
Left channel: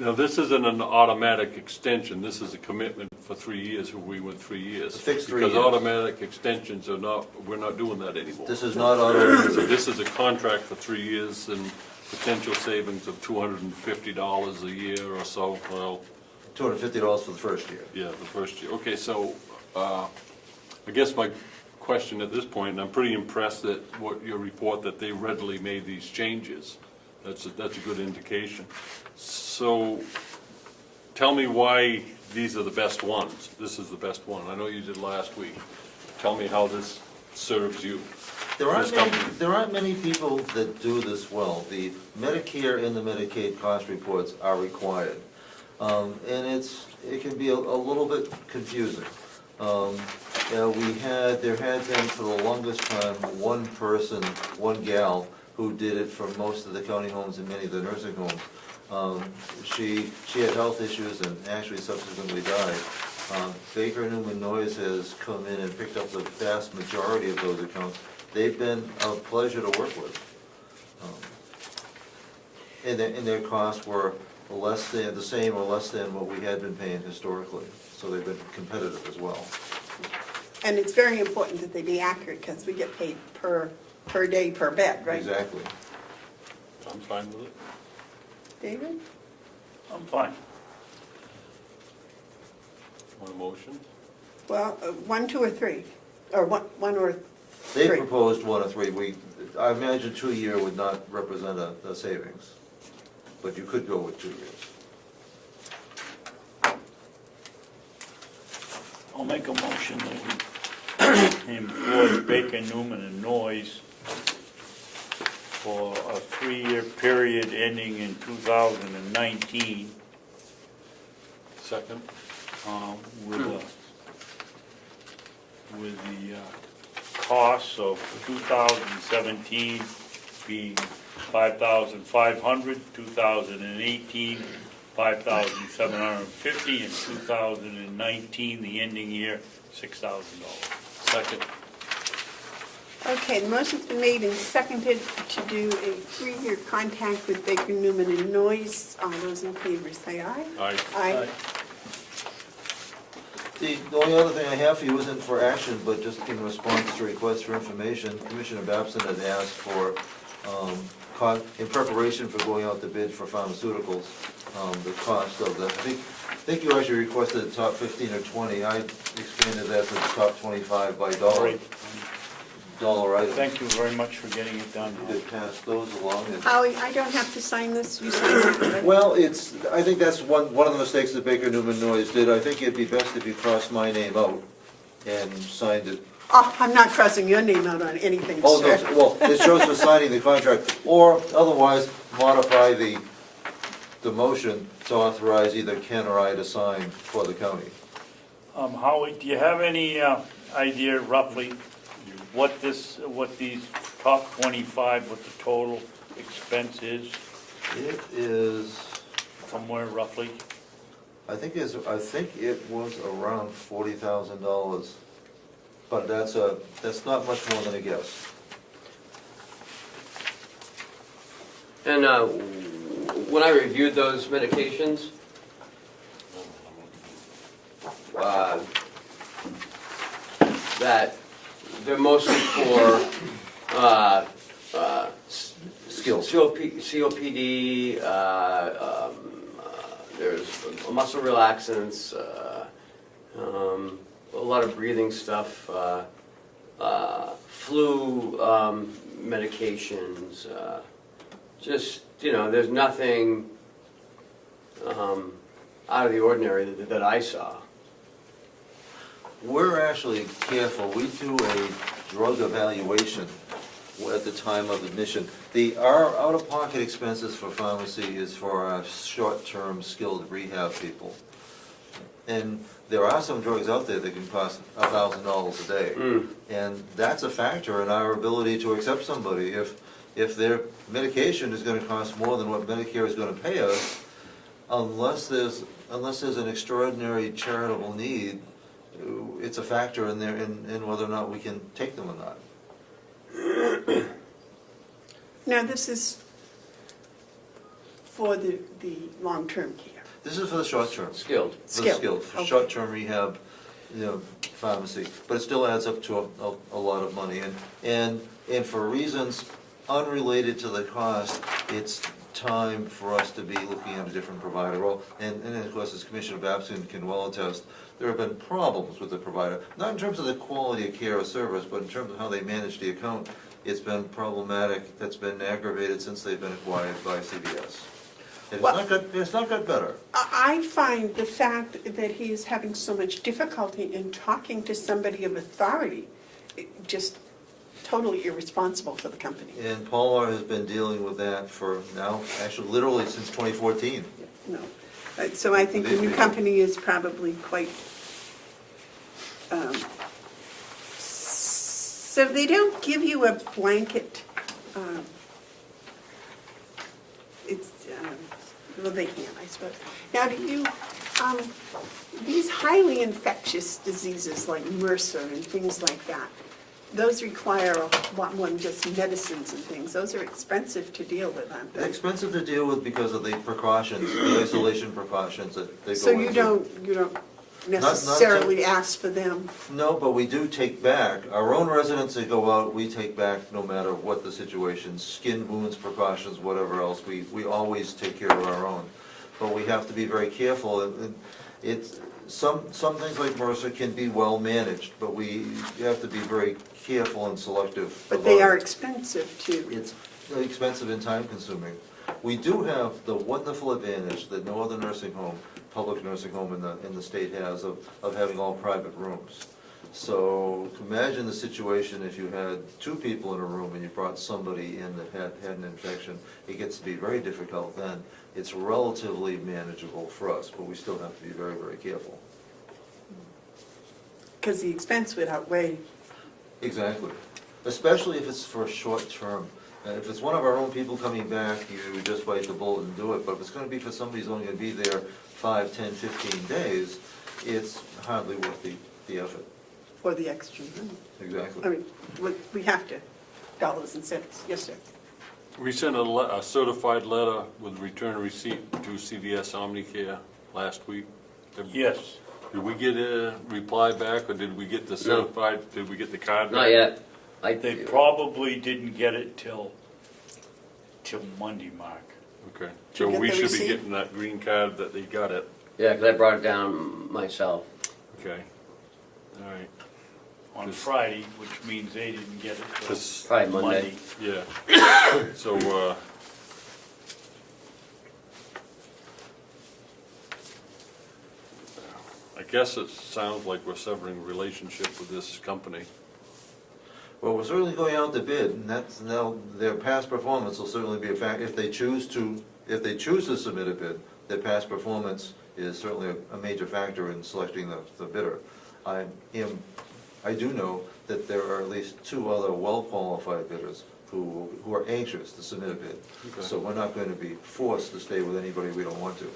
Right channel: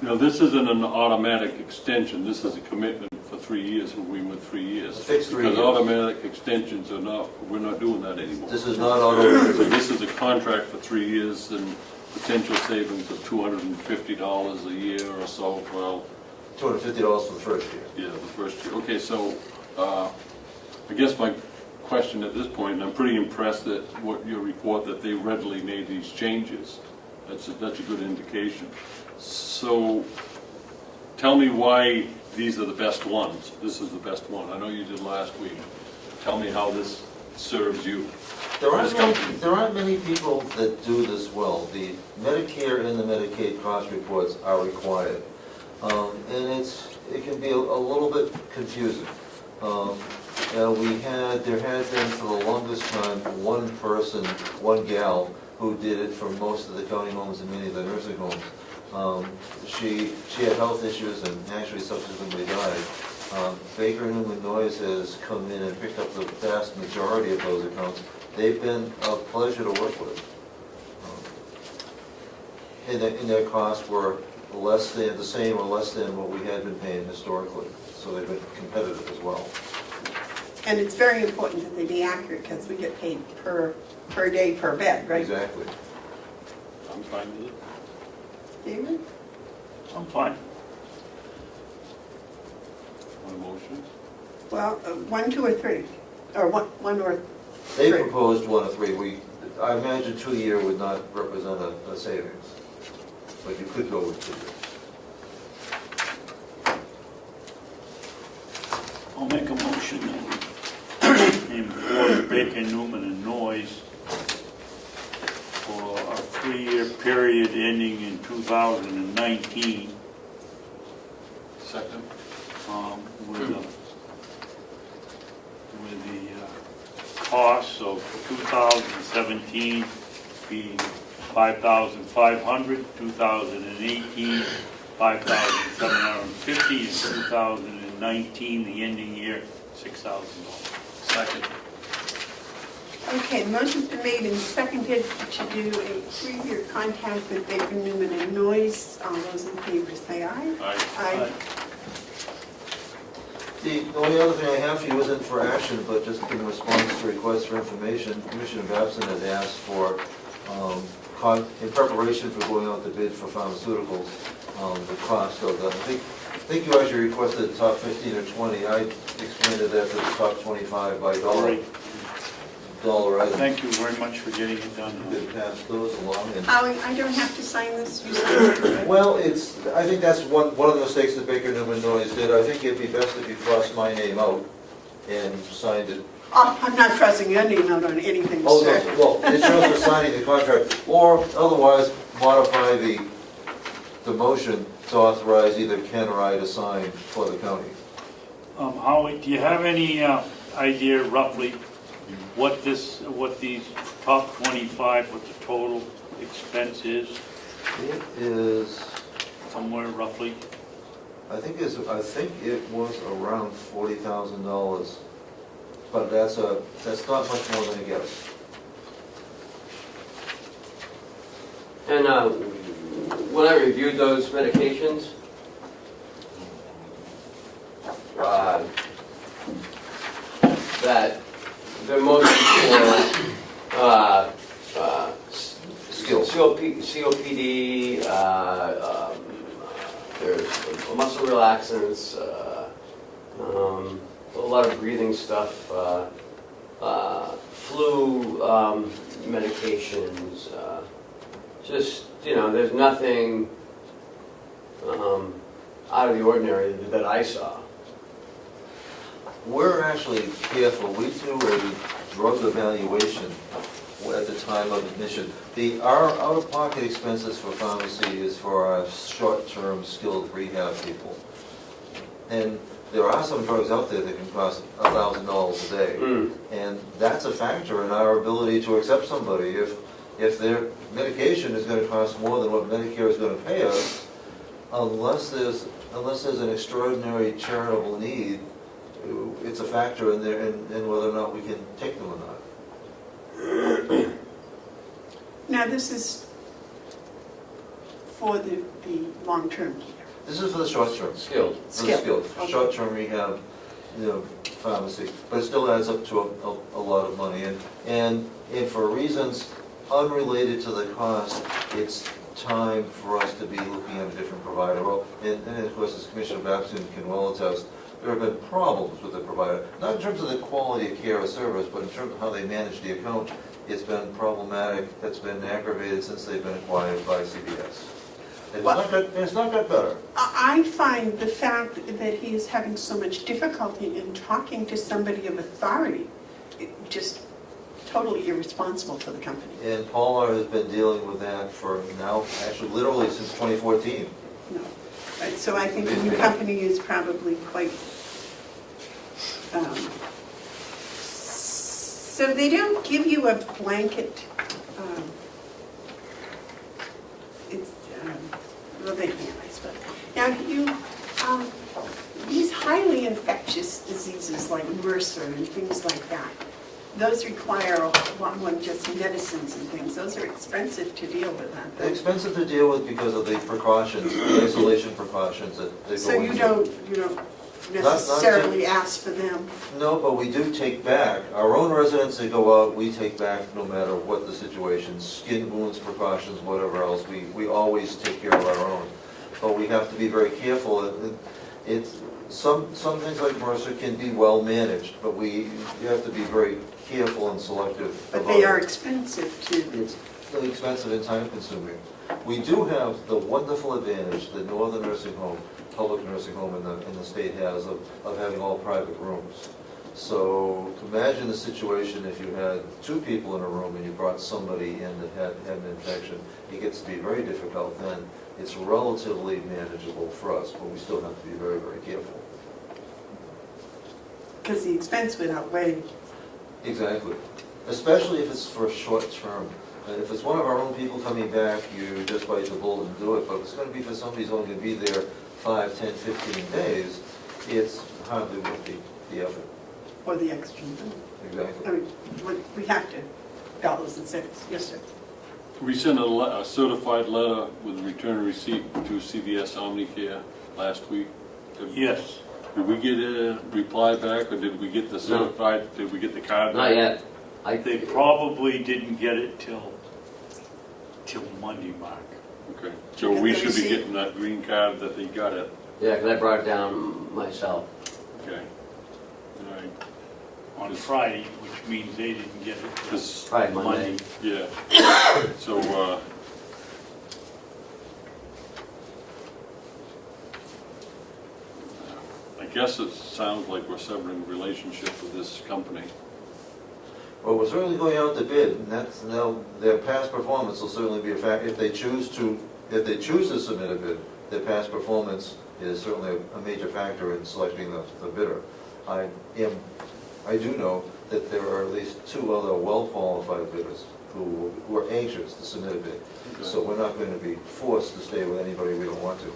Now, this isn't an automatic extension, this is a commitment for 3 years, and we went 3 years. Fixed 3 Because years. automatic extensions are not, we're not doing that anymore. This is not auto. So this is a contract for 3 years and potential savings of $250 a year or so, well, $250 for the first year. yeah, the first year. Okay, so, I guess my question at this point, and I'm pretty impressed that what your report, that they readily made these changes. That's a good indication. So, tell me why these are the best ones. This is the best one. I know you did last week. Tell me how this serves you. There aren't many people that do this well. The Medicare and the Medicaid cost reports are required. And it can be a little bit confusing. There had been for the longest time, one person, one gal, who did it for most of the county homes and many of the nursing homes. She had health issues and actually subsequently died. Baker Newman Noyes has come in and picked up the vast majority of those accounts. They've been a pleasure to work with. And their costs were less than, the same or less than what we had been paying historically. So they've been competitive as well. And it's very important that they be accurate, because we get paid per day, per bed, right? Exactly. I'm fine with it. David? I'm fine. One motion? Well, 1, 2, or 3, or one or They 3. proposed 1 or 3. I imagine 2 year would not represent a savings, but you could go with 2 years. I'll make a motion that we employ Baker, Newman, and Noyes for a 3-year period ending in 2019, Second? with the costs of 2017 being $5,500, 2018 $5,750, and 2019, the ending year, $6,000. Second. Okay, the motion's been made and seconded to do a 3-year contract with Baker, Newman, and Noyes. All those in favor say aye. Aye. Aye. The only other thing I have for you isn't for action, but just in response to requests for information, Commissioner Babson had asked for, in preparation for going out to bid for pharmaceuticals, the cost of them. I think you actually requested the top 15 or 20. I expanded that to the top 25 by dollar item. Thank you very much for getting it done. You could pass those along. And Howie, I don't have to sign this, you sign it, right? well, I think that's one of the mistakes that Baker Newman Noyes did. I think it'd be best if you crossed my name out and signed it. Oh, I'm not crossing your name out on anything, Oh, sir. no, well, it shows for signing the contract, or otherwise modify the motion to authorize either Ken or I to sign for the county. Howie, do you have any idea roughly what these top 25, what the total expense is, It is, somewhere roughly? I think it was around $40,000, but that's not much more than a guess. And when I reviewed those medications, that they're mostly for Skills. COPD, there's muscle relaxants, a lot of breathing stuff, flu medications, just, there's nothing out of the ordinary that I saw. We're actually careful. We do a drug evaluation at the time of admission. Our out-of-pocket expenses for pharmacy is for our short-term skilled rehab people. And there are some drugs out there that can cost $1,000 a day. And that's a factor in our ability to accept somebody. If their medication is going to cost more than what Medicare is going to pay us, unless there's an extraordinary charitable need, it's a factor in there in whether or not we can take them or not. Now, this is for the long-term care. This is for the short term. Skilled. For the skilled, Okay. short-term rehab, pharmacy, but it still adds up to a lot of money. And for reasons unrelated to the cost, it's time for us to be looking at a different provider. Well, and of course, as Commissioner Babson can well attest, there have been problems with the provider, not in terms of the quality of care or service, but in terms of how they manage the account. It's been problematic, that's been aggravated since they've been acquired by CBS. It's not got better. I find the fact that he is having so much difficulty in talking to somebody of authority just totally irresponsible for the company. And Palmer has been dealing with that for now, actually literally since 2014. No. Right, so I think the new company is probably quite So they don't give you a blanket, it's, well, they can't, I suppose. Now, these highly infectious diseases like MRSA and things like that, those require a lot more than just medicines and things. Those are expensive to deal with, aren't They're they? expensive to deal with because of the precautions, the isolation precautions that they go So you into. don't necessarily ask for them? No, but we do take back, our own residents that go out, we take back no matter what the situation, skin wounds, precautions, whatever else, we always take care of our own. But we have to be very careful, and it's, some things like MRSA can be well managed, but we have to be very careful and selective. But they about are it. expensive too. It's really expensive and time consuming. We do have the wonderful advantage that no other nursing home, public nursing home in the state has of having all private rooms. So imagine the situation if you had two people in a room and you brought somebody in that had an infection. It gets to be very difficult then. It's relatively manageable for us, but we still have to be very, very careful. Because the expense would outweigh. Exactly. Especially if it's for a short term. And if it's one of our own people coming back, you just bite the bullet and do it. But if it's going to be for somebody who's only going to be there 5, 10, 15 days, it's hardly worth the effort. For the extra money. Exactly. I mean, we have to, dollars and cents, yes, sir. We sent a certified letter with return receipt to CVS Omnicare last week. Yes. Did we get a reply back, or did we get the certified, did we get the card back? Not yet. They probably didn't get it till Monday, Mark. Okay, so we should be getting that green card that they got it. Yeah, because I brought it down myself. Okay. All right. On Friday, which means they didn't get it till This- Friday, Monday. Yeah. So, I guess it sounds like we're severing relationship with this company. Well, we're certainly going out to bid, and that's now, their past performance will certainly be a factor. If they choose to submit a bid, their past performance is certainly a major factor in selecting the bidder. I do know that there are at least 2 other well-qualified bidders who are anxious to submit a bid. So we're not going to be forced to stay with anybody we don't want to.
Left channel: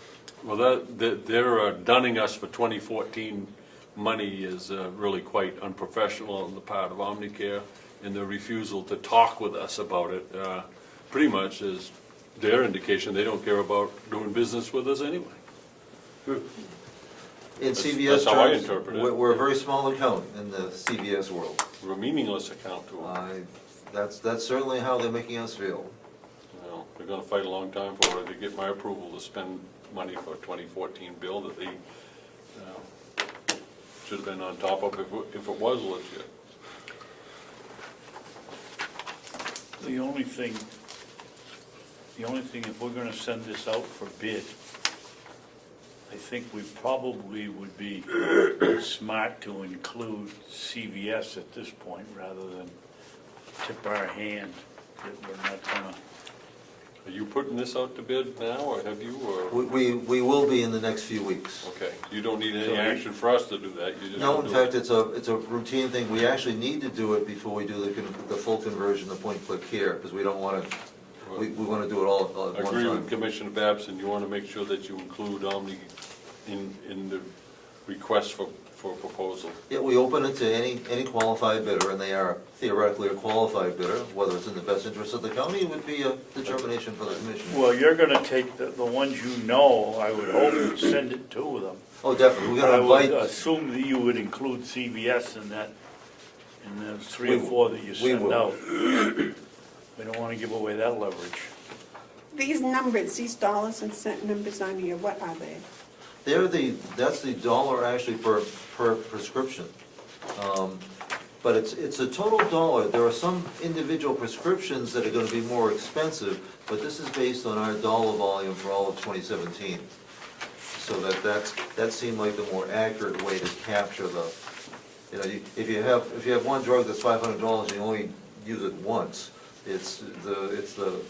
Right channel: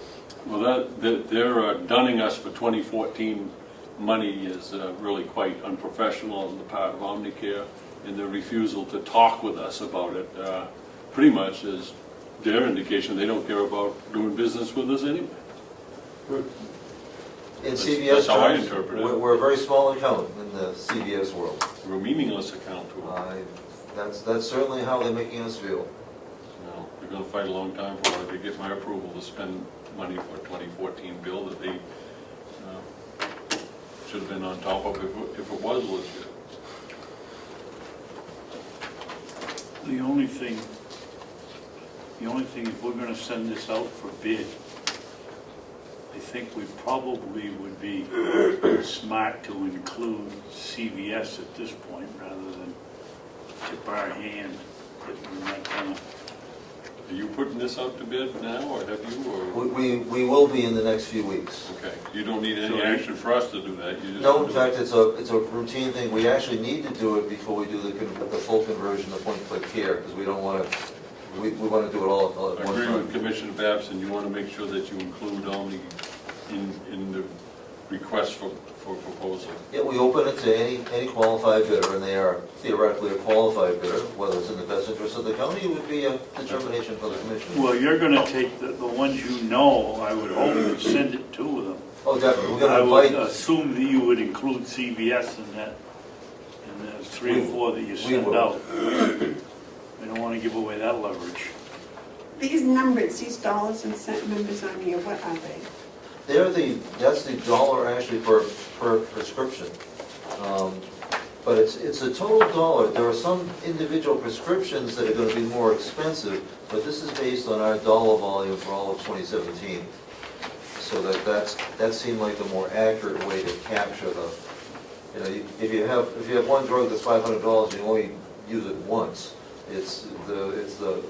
Well, they're dunning us for 2014 money is really quite unprofessional on the part of Omnicare, and the refusal to talk with us about it pretty much is their indication they don't care about doing business with us anyway. In That's CVS how I terms, interpret it. we're a very small account in the CVS world. We're a meaningless account to them. That's certainly how they're making us feel. Well, they're gonna fight a long time for it to get my approval to spend money for a 2014 bill that they should have been on top of if it was legit. The only thing, if we're gonna send this out for bid, I think we probably would be smart to include CVS at this point, rather than tip our hand that we're not gonna. Are you putting this out to bid now, or have you, or? We will be in the next few weeks. Okay, you don't need any action for us to do that? You just No, in do fact, it. it's a routine thing. We actually need to do it before we do the full conversion to point-click care, because we don't want to, we want to do it all I at one agree with time. Commissioner Babson, you want to make sure that you include only in the request for proposal. Yeah, we open it to any qualified bidder, and they are theoretically a qualified bidder. Whether it's in the best interest of the county would be a determination for the commission. Well, you're gonna take the ones you know, I would hope, and send it to them. Oh, definitely. We're I going to would invite, assume that you would include CVS in that, and there's 3 or 4 that you send will. out. We don't wanna give away that leverage. These numbers, these dollars and cent numbers on here, what are they? that's the dollar actually per prescription. But it's a total dollar. There are some individual prescriptions that are going to be more expensive, but this is based on our dollar volume for all of 2017. So that seemed like the more accurate way to capture if you have one drug that's $500 and you only use it once, it's the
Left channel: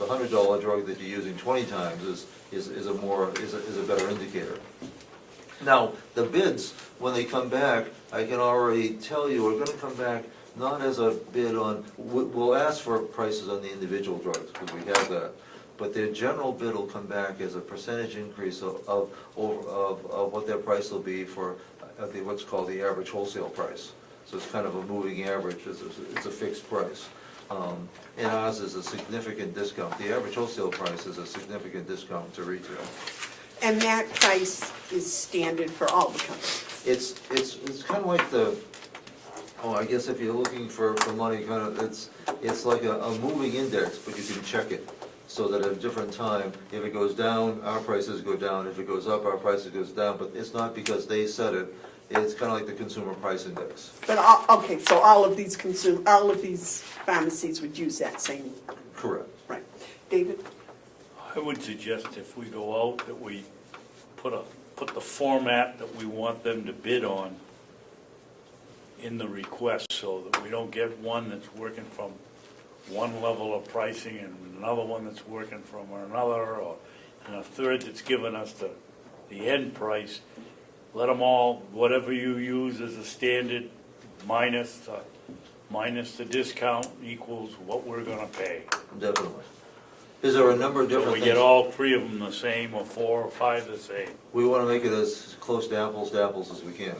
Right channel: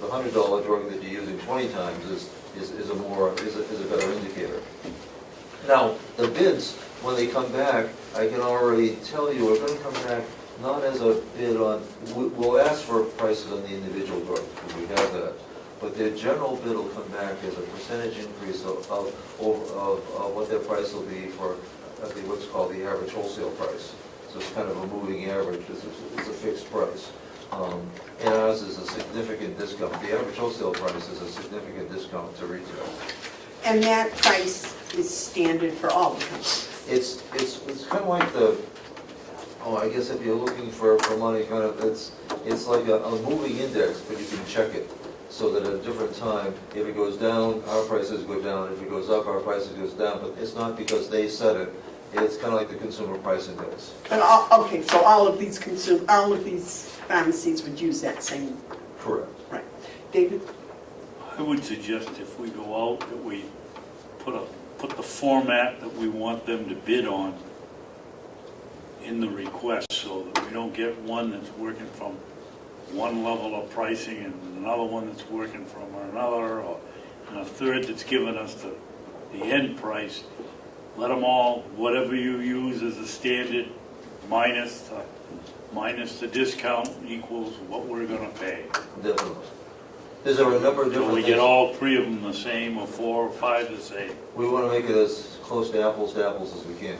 $100 drug that you're using 20 times is a better indicator. Now, the bids, when they come back, I can already tell you, are going to come back not as a bid on, we'll ask for prices on the individual drugs, because we have that. But their general bid will come back as a percentage increase of what their price will be for, I think, what's called the average wholesale price. So it's kind of a moving average, it's a fixed price. And ours is a significant discount. The average wholesale price is a significant discount to retail. And that price is standard for all the companies. It's kind of like I guess if you're looking for money, kind of, it's like a moving index, but you can check it. So that at a different time, if it goes down, our prices go down. If it goes up, our prices goes down. But it's not because they set it. It's kind of like the consumer price index. But, okay, so all of these pharmacies would use that same, Correct. right. David? I would suggest if we go out, that we put the format that we want them to bid on in the request, so that we don't get one that's working from one level of pricing and another one that's working from another, and a third that's giving us the end price. Let them all, whatever you use as a standard, minus the discount equals what we're gonna pay. Definitely. Is there a number of So different we things? get all three of them the same, or 4 or 5 the same. We want to make it as close to apples as we can.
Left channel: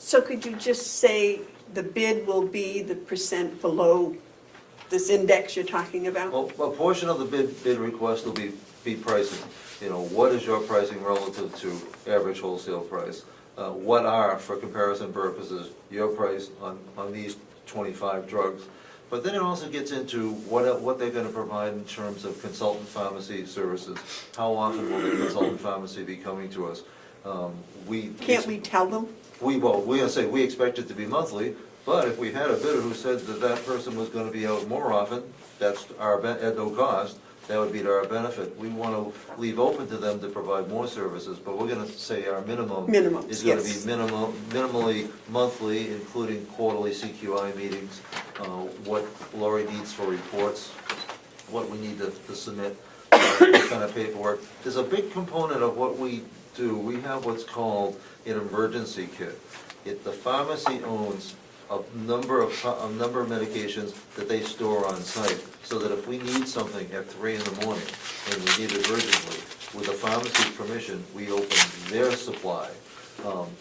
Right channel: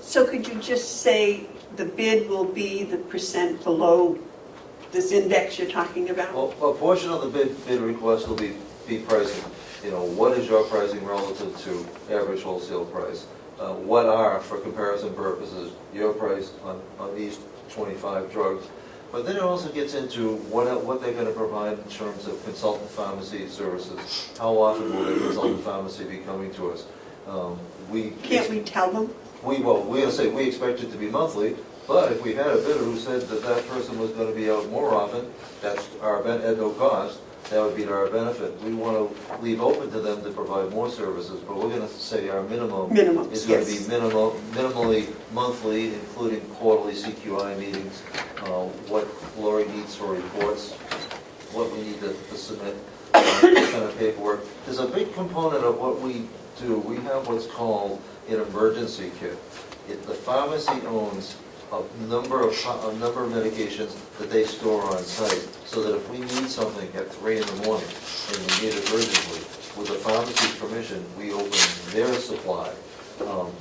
So could you just say the bid will be the percent below this index you're talking about? Well, a portion of the bid request will be pricing. You know, what is your pricing relative to average wholesale price? What are, for comparison purposes, your price on these 25 drugs? But then it also gets into what they're going to provide in terms of consultant pharmacy services. How often will the consultant pharmacy be coming to us? Can't we tell them? We're going to say we expect it to be monthly, but if we had a bidder who said that person was going to be out more often, that's at no cost, that would be to our benefit. We want to leave open to them to provide more services, but we're going to say our minimum is going to be minimally monthly, including quarterly CQI meetings, what Lori needs for reports, what we need to submit, what kind of paperwork. There's a big component of what we do. We have what's called an emergency kit. The pharmacy owns a number of medications that they store on site, so that if we need something at 3 in the morning and we need it urgently, with the pharmacy's permission, we open their supply,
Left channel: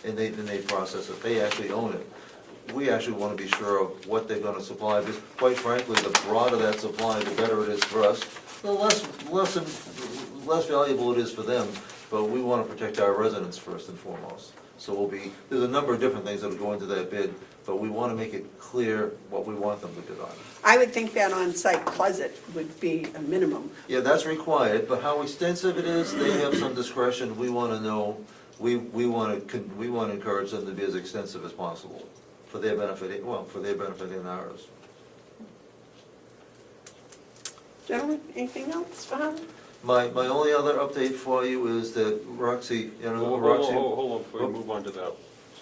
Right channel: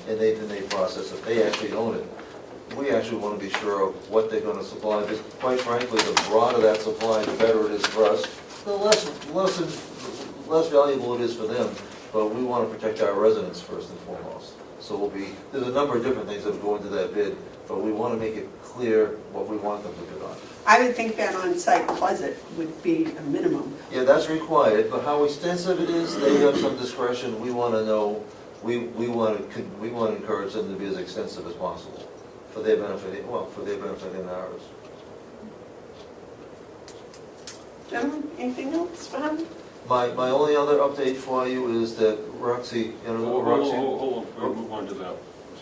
and they process it. They actually own it. We actually want to be sure of what they're going to supply, because quite frankly, the broader that supply, the better it is for us, the less valuable it is for them, but we want to protect our residents first and foremost. So there's a number of different things that will go into that bid, but we want to make it clear what we want them to bid on. I would think that on-site closet would be a minimum. Yeah, that's required, but how extensive it is, they have some discretion. We want to know, we want to encourage them to be as extensive as possible for their benefit, for their benefit and ours. Gentlemen, anything else, Bob? My only other update for you is that Roxy, Hold on, before we move on to that.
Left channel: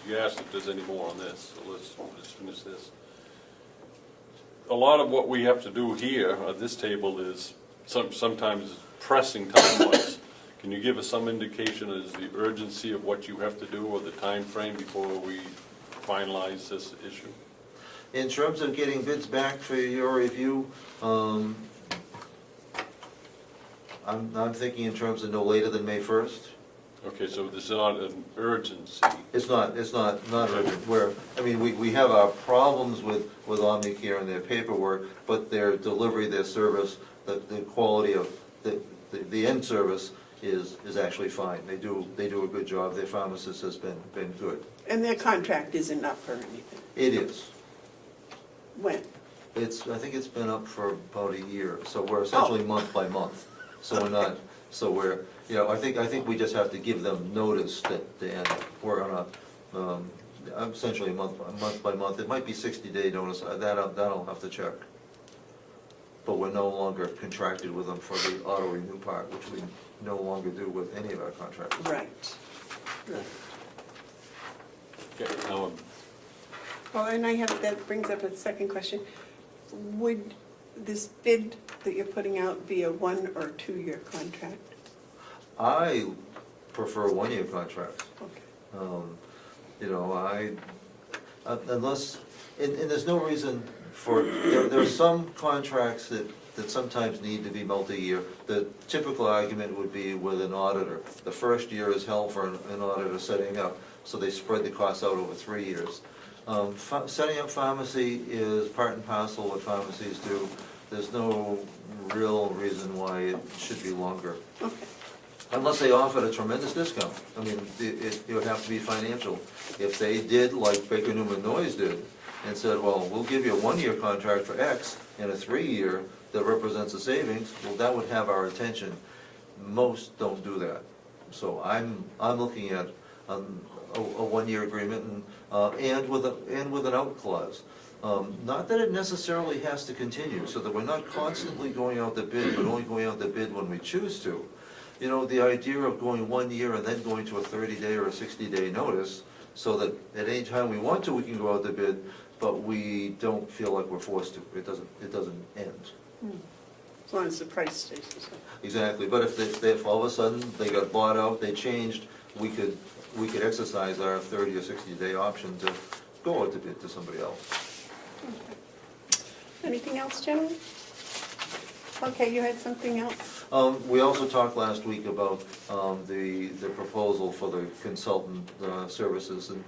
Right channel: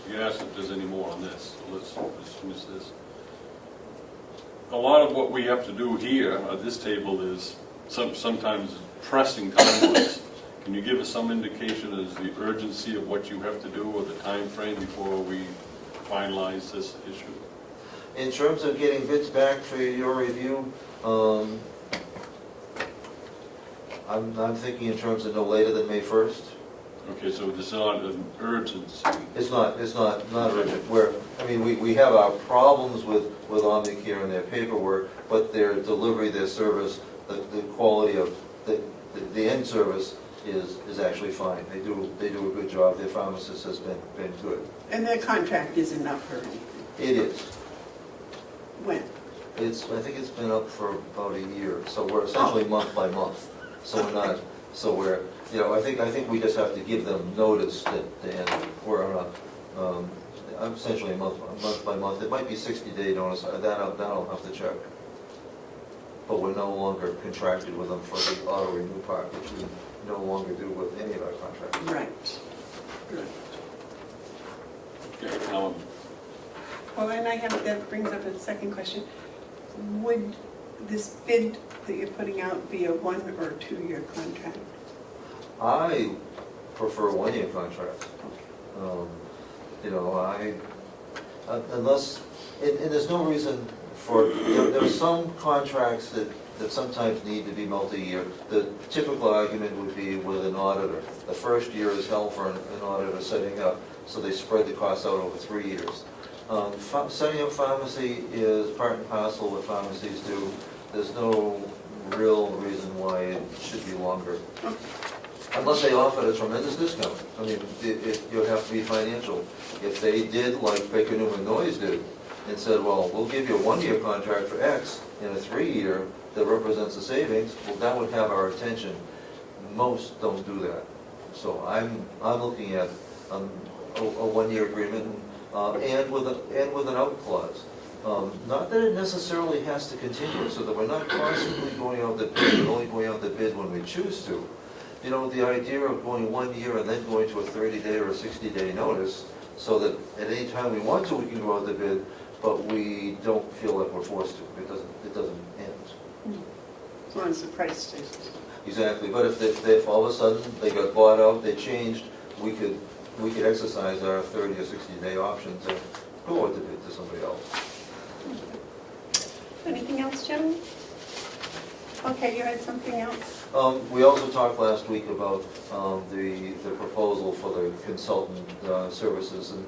You asked if there's any more on this, let's use this. A lot of what we have to do here at this table is sometimes pressing timelines. Can you give us some indication as the urgency of what you have to do or the time frame before we finalize this issue? in terms of getting bids back for your review, I'm thinking in terms of no later than May 1st. Okay, so this is not an urgency. It's not urgent, we have our problems with Omnicare and their paperwork, but their delivery, their service, the quality of the end service is actually fine. They do a good job. Their pharmacist has been good. And their contract isn't up for anything. It is. When? I think it's been up for about a year, so we're essentially month by month. So we're not, I think we just have to give them notice that we're on a, essentially month by month. It might be 60-day notice, that'll have to check. But we're no longer contracted with them for the auto renew part, which we no longer do with any of our contracts. Right. Okay, Well, then that brings up a second question. Would this bid that you're putting out be a 1 or 2 year contract? I prefer a one-year contract. Unless And there's no reason for, there are some contracts that sometimes need to be multi-year. The typical argument would be with an auditor. The first year is hell for an auditor setting up, so they spread the costs out over 3 years. Setting up pharmacy is part and parcel what pharmacies do. There's no real reason why it should be longer. Unless they offered a tremendous discount. I mean, it would have to be financial. If they did like Baker Newman Noyes did, and said, well, we'll give you a 1-year contract for X and a 3-year that represents a savings, well, that would have our attention. Most don't do that. So I'm looking at a 1-year agreement and with an out clause. Not that it necessarily has to continue, so that we're not constantly going out the bid, and only going out the bid when we choose to. You know, the idea of going 1 year and then going to a 30-day or a 60-day notice, so that at any time we want to, we can go out the bid, but we don't feel like we're forced to. It doesn't end. As long as the price stays. Exactly, but if all of a sudden they got bought out, they changed, we could exercise our 30 or 60-day option to go out the bid to somebody else. Anything else, Jim? Okay, you had something else? We also talked last week about the proposal for the consultant services, and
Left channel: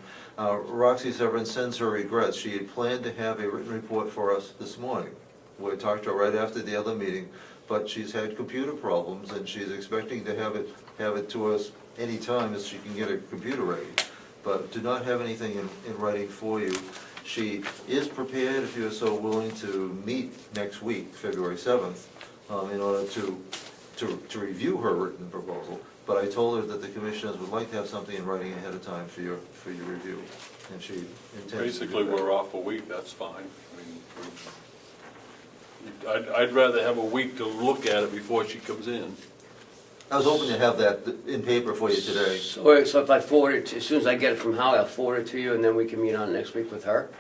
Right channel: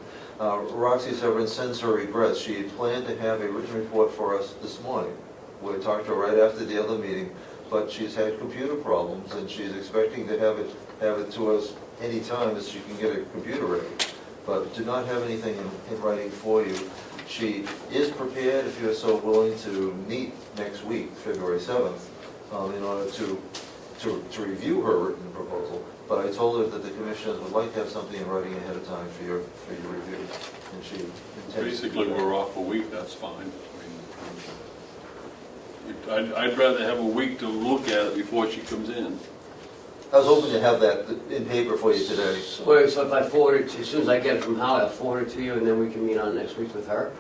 Roxy Severin sends her regrets. She had planned to have a written report for us this morning. We talked to her right after the other meeting, but she's had computer problems, and she's expecting to have it to us any time as she can get a computer ready. But to not have anything in writing for you. She is prepared, if you're so willing, to meet next week, February 7th, in order to review her written proposal. But I told her that the commissioners would like to have something in writing ahead of time for your review. And she intends to do Basically, that. we're off a week, that's fine. I mean, I'd rather have a week to look at it before she comes in. I was hoping to have that in paper for you today. So if I forward it, as soon as I get it from Holly, I'll forward it to you, and then we can meet on next week with her?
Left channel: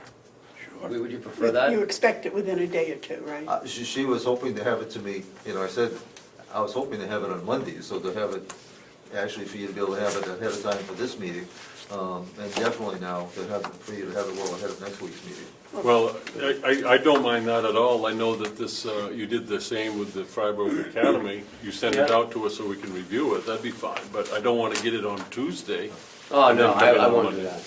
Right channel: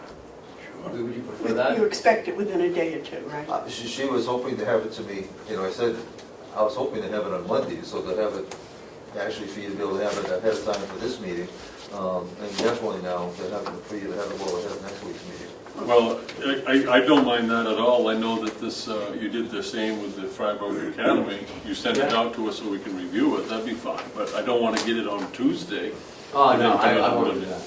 Sure. Would you prefer that? You expect it within a day or two, right? She was hoping to have it to me, I said, I was hoping to have it on Monday, so to have it, actually for you to be able to have it ahead of time for this meeting, and definitely now, for you to have it well ahead of next week's meeting. Well, I don't mind that at all. I know that this, you did the same with the Freiburg Academy. You sent it out to us so we can review it, that'd be fine. But I don't want to get it on Tuesday. Oh, no, I won't do that.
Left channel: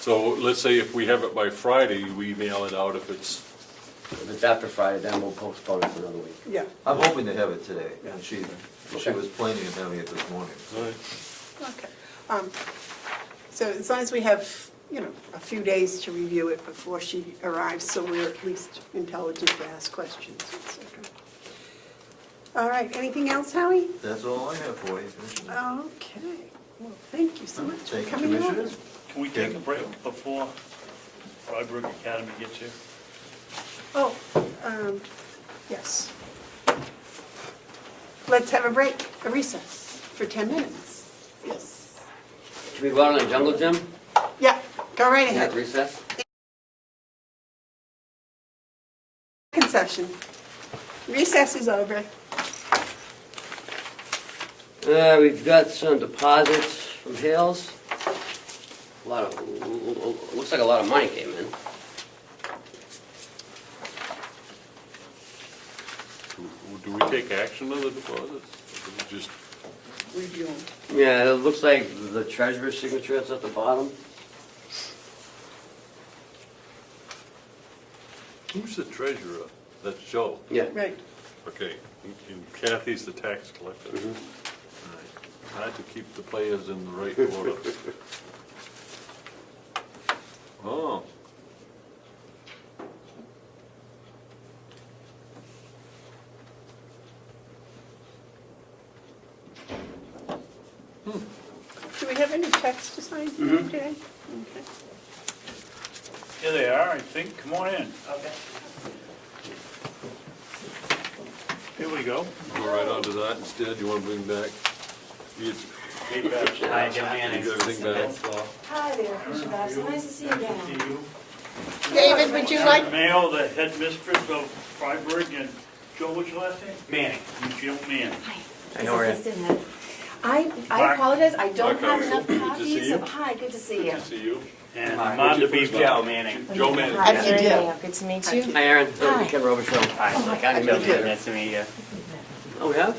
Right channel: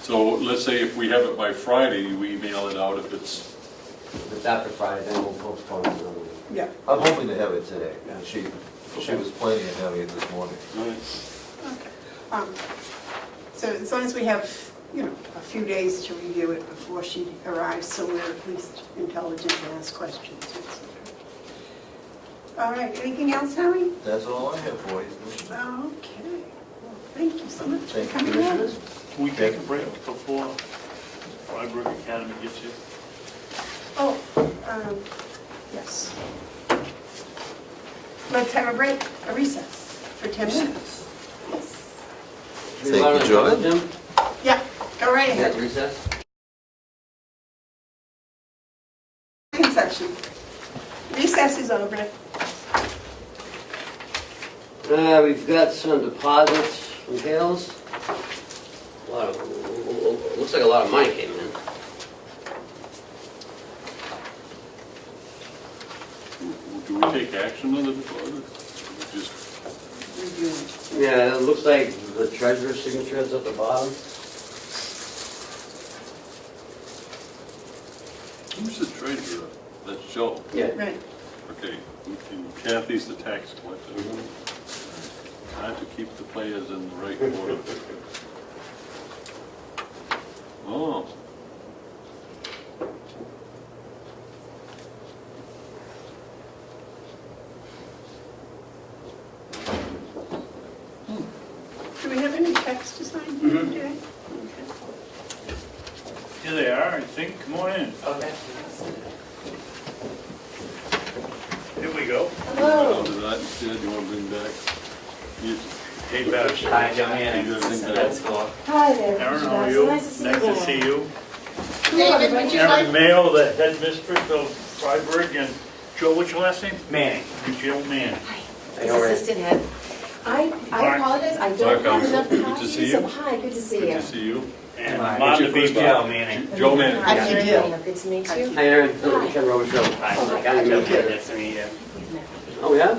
So let's say if we have it by Friday, we mail it out if it's, If it's after Friday, then we'll postpone it another week. Yeah. I'm hoping to have it today, and she was planning on having it this morning. Okay. So as long as we have, a few days to review it before she arrives, so we're at least intelligent to ask questions, etc. All right, anything else, Howie? That's all I have for you. Okay. Well, thank you so much for Thank you, coming in. Commissioners. Can we take a break before Freiburg Academy gets here? Oh, yes. Let's have a break, a recess for 10 minutes. Yes. Should we go on a jump, Jim? Yeah, go right ahead. Yeah, recess? Session. Recess is over. We've got some deposits from Hills. Looks like a lot of money came in. do we take action on the deposits? Just, Reviewing. Yeah, it looks like the treasurer's signature is at the bottom. who's the treasurer? That's Joe. Yeah. Right. Okay, and Kathy's the tax collector. Trying to keep the players in the right order. Oh. Do we have any checks to sign? Mhm. Okay. Here they are, I think. Come on in. Okay. Here we go. Right onto that, instead, you want to bring back? these- Hey, Babson. Hi, Joanne. You gotta bring that That's up. cool. Hi there, Aaron, Mr. how are Babson. you? Nice to see you Nice to again. see you. David, would you like? Aaron Mail, the headmistress of Freiburg, and Joe, what's your last name? Manning. Joe Manning. His assistant head. I apologize, I don't Mark have enough Hounsell, good to see copies you. of, hi, good to see Good you. to see you. And What's Mark your first name? Manning. Joe Manning. How do you do? Yeah. Good to meet you. Hi, Aaron. Hi. Ken Robichaud. Hi. County Administrator. Nice to meet you. Oh, yeah?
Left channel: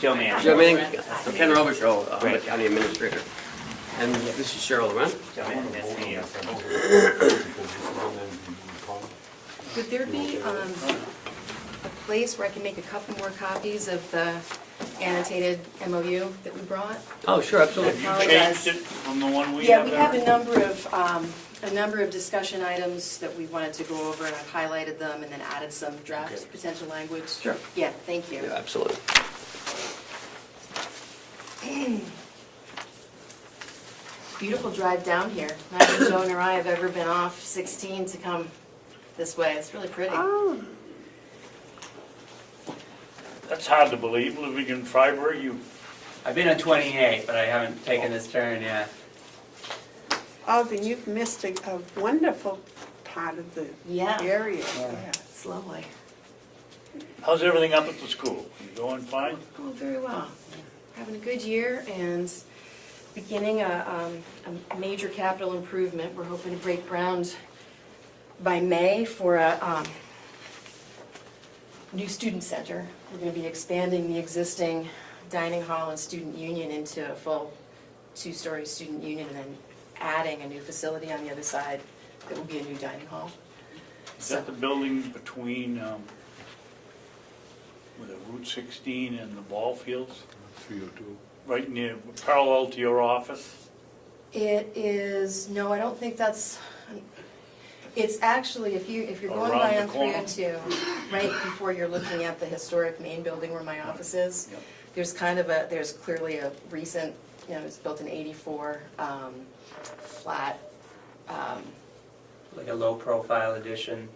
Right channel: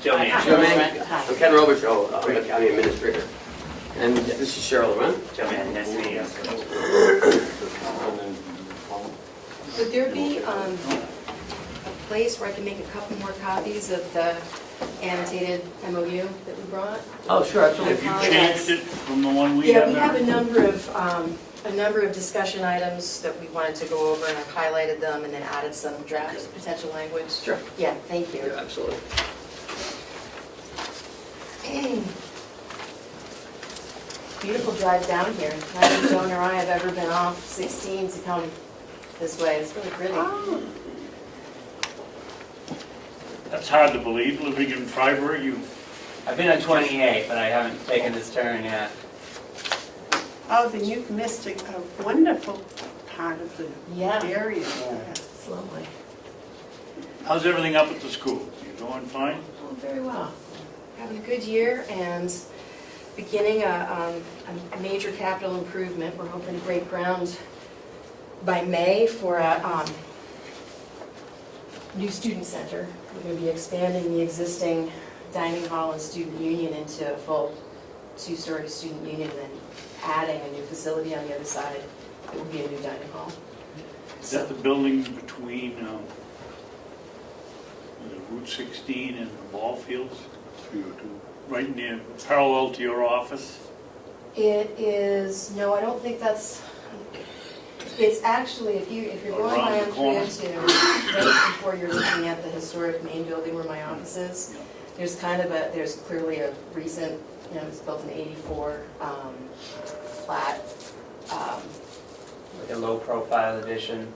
Joe Manning. Joe Manning. I'm Ken Robichaud, I'm the County Administrator. And this is Cheryl, right? Joe Manning, nice to meet you. Would there be a place where I can make a couple more copies of the annotated MOU that we brought? Oh, sure, absolutely. Have you changed it from the one we Yeah, had we there? have a number of discussion items that we wanted to go over, and I've highlighted them and then added some draft potential language. Sure. Yeah, thank you. Yeah, absolutely. Beautiful drive down here. I don't think Joan or I have ever been off 16 to come this way. It's really pretty. Oh, That's hard to believe, living in Freiburg, you, I've been on 28, but I haven't taken this turn yet. oh, then you've missed a wonderful part of the Yeah, area. it's lovely. how's everything up at the school? You doing fine? Going very well. Having a good year and beginning a major capital improvement. We're hoping to break ground by May for a new student center. We're going to be expanding the existing dining hall and student union into a full two-story student union and adding a new facility on the other side that will be a new dining hall. Is that the building between the Route 16 and the ball fields? Right near, parallel to your office? It is, no, I don't think that's, it's actually, if you're going by Around the corner. M302, right before you're looking at the historic main building where my office is, Yeah. there's clearly a recent, it was built in '84, flat, Like a low profile edition.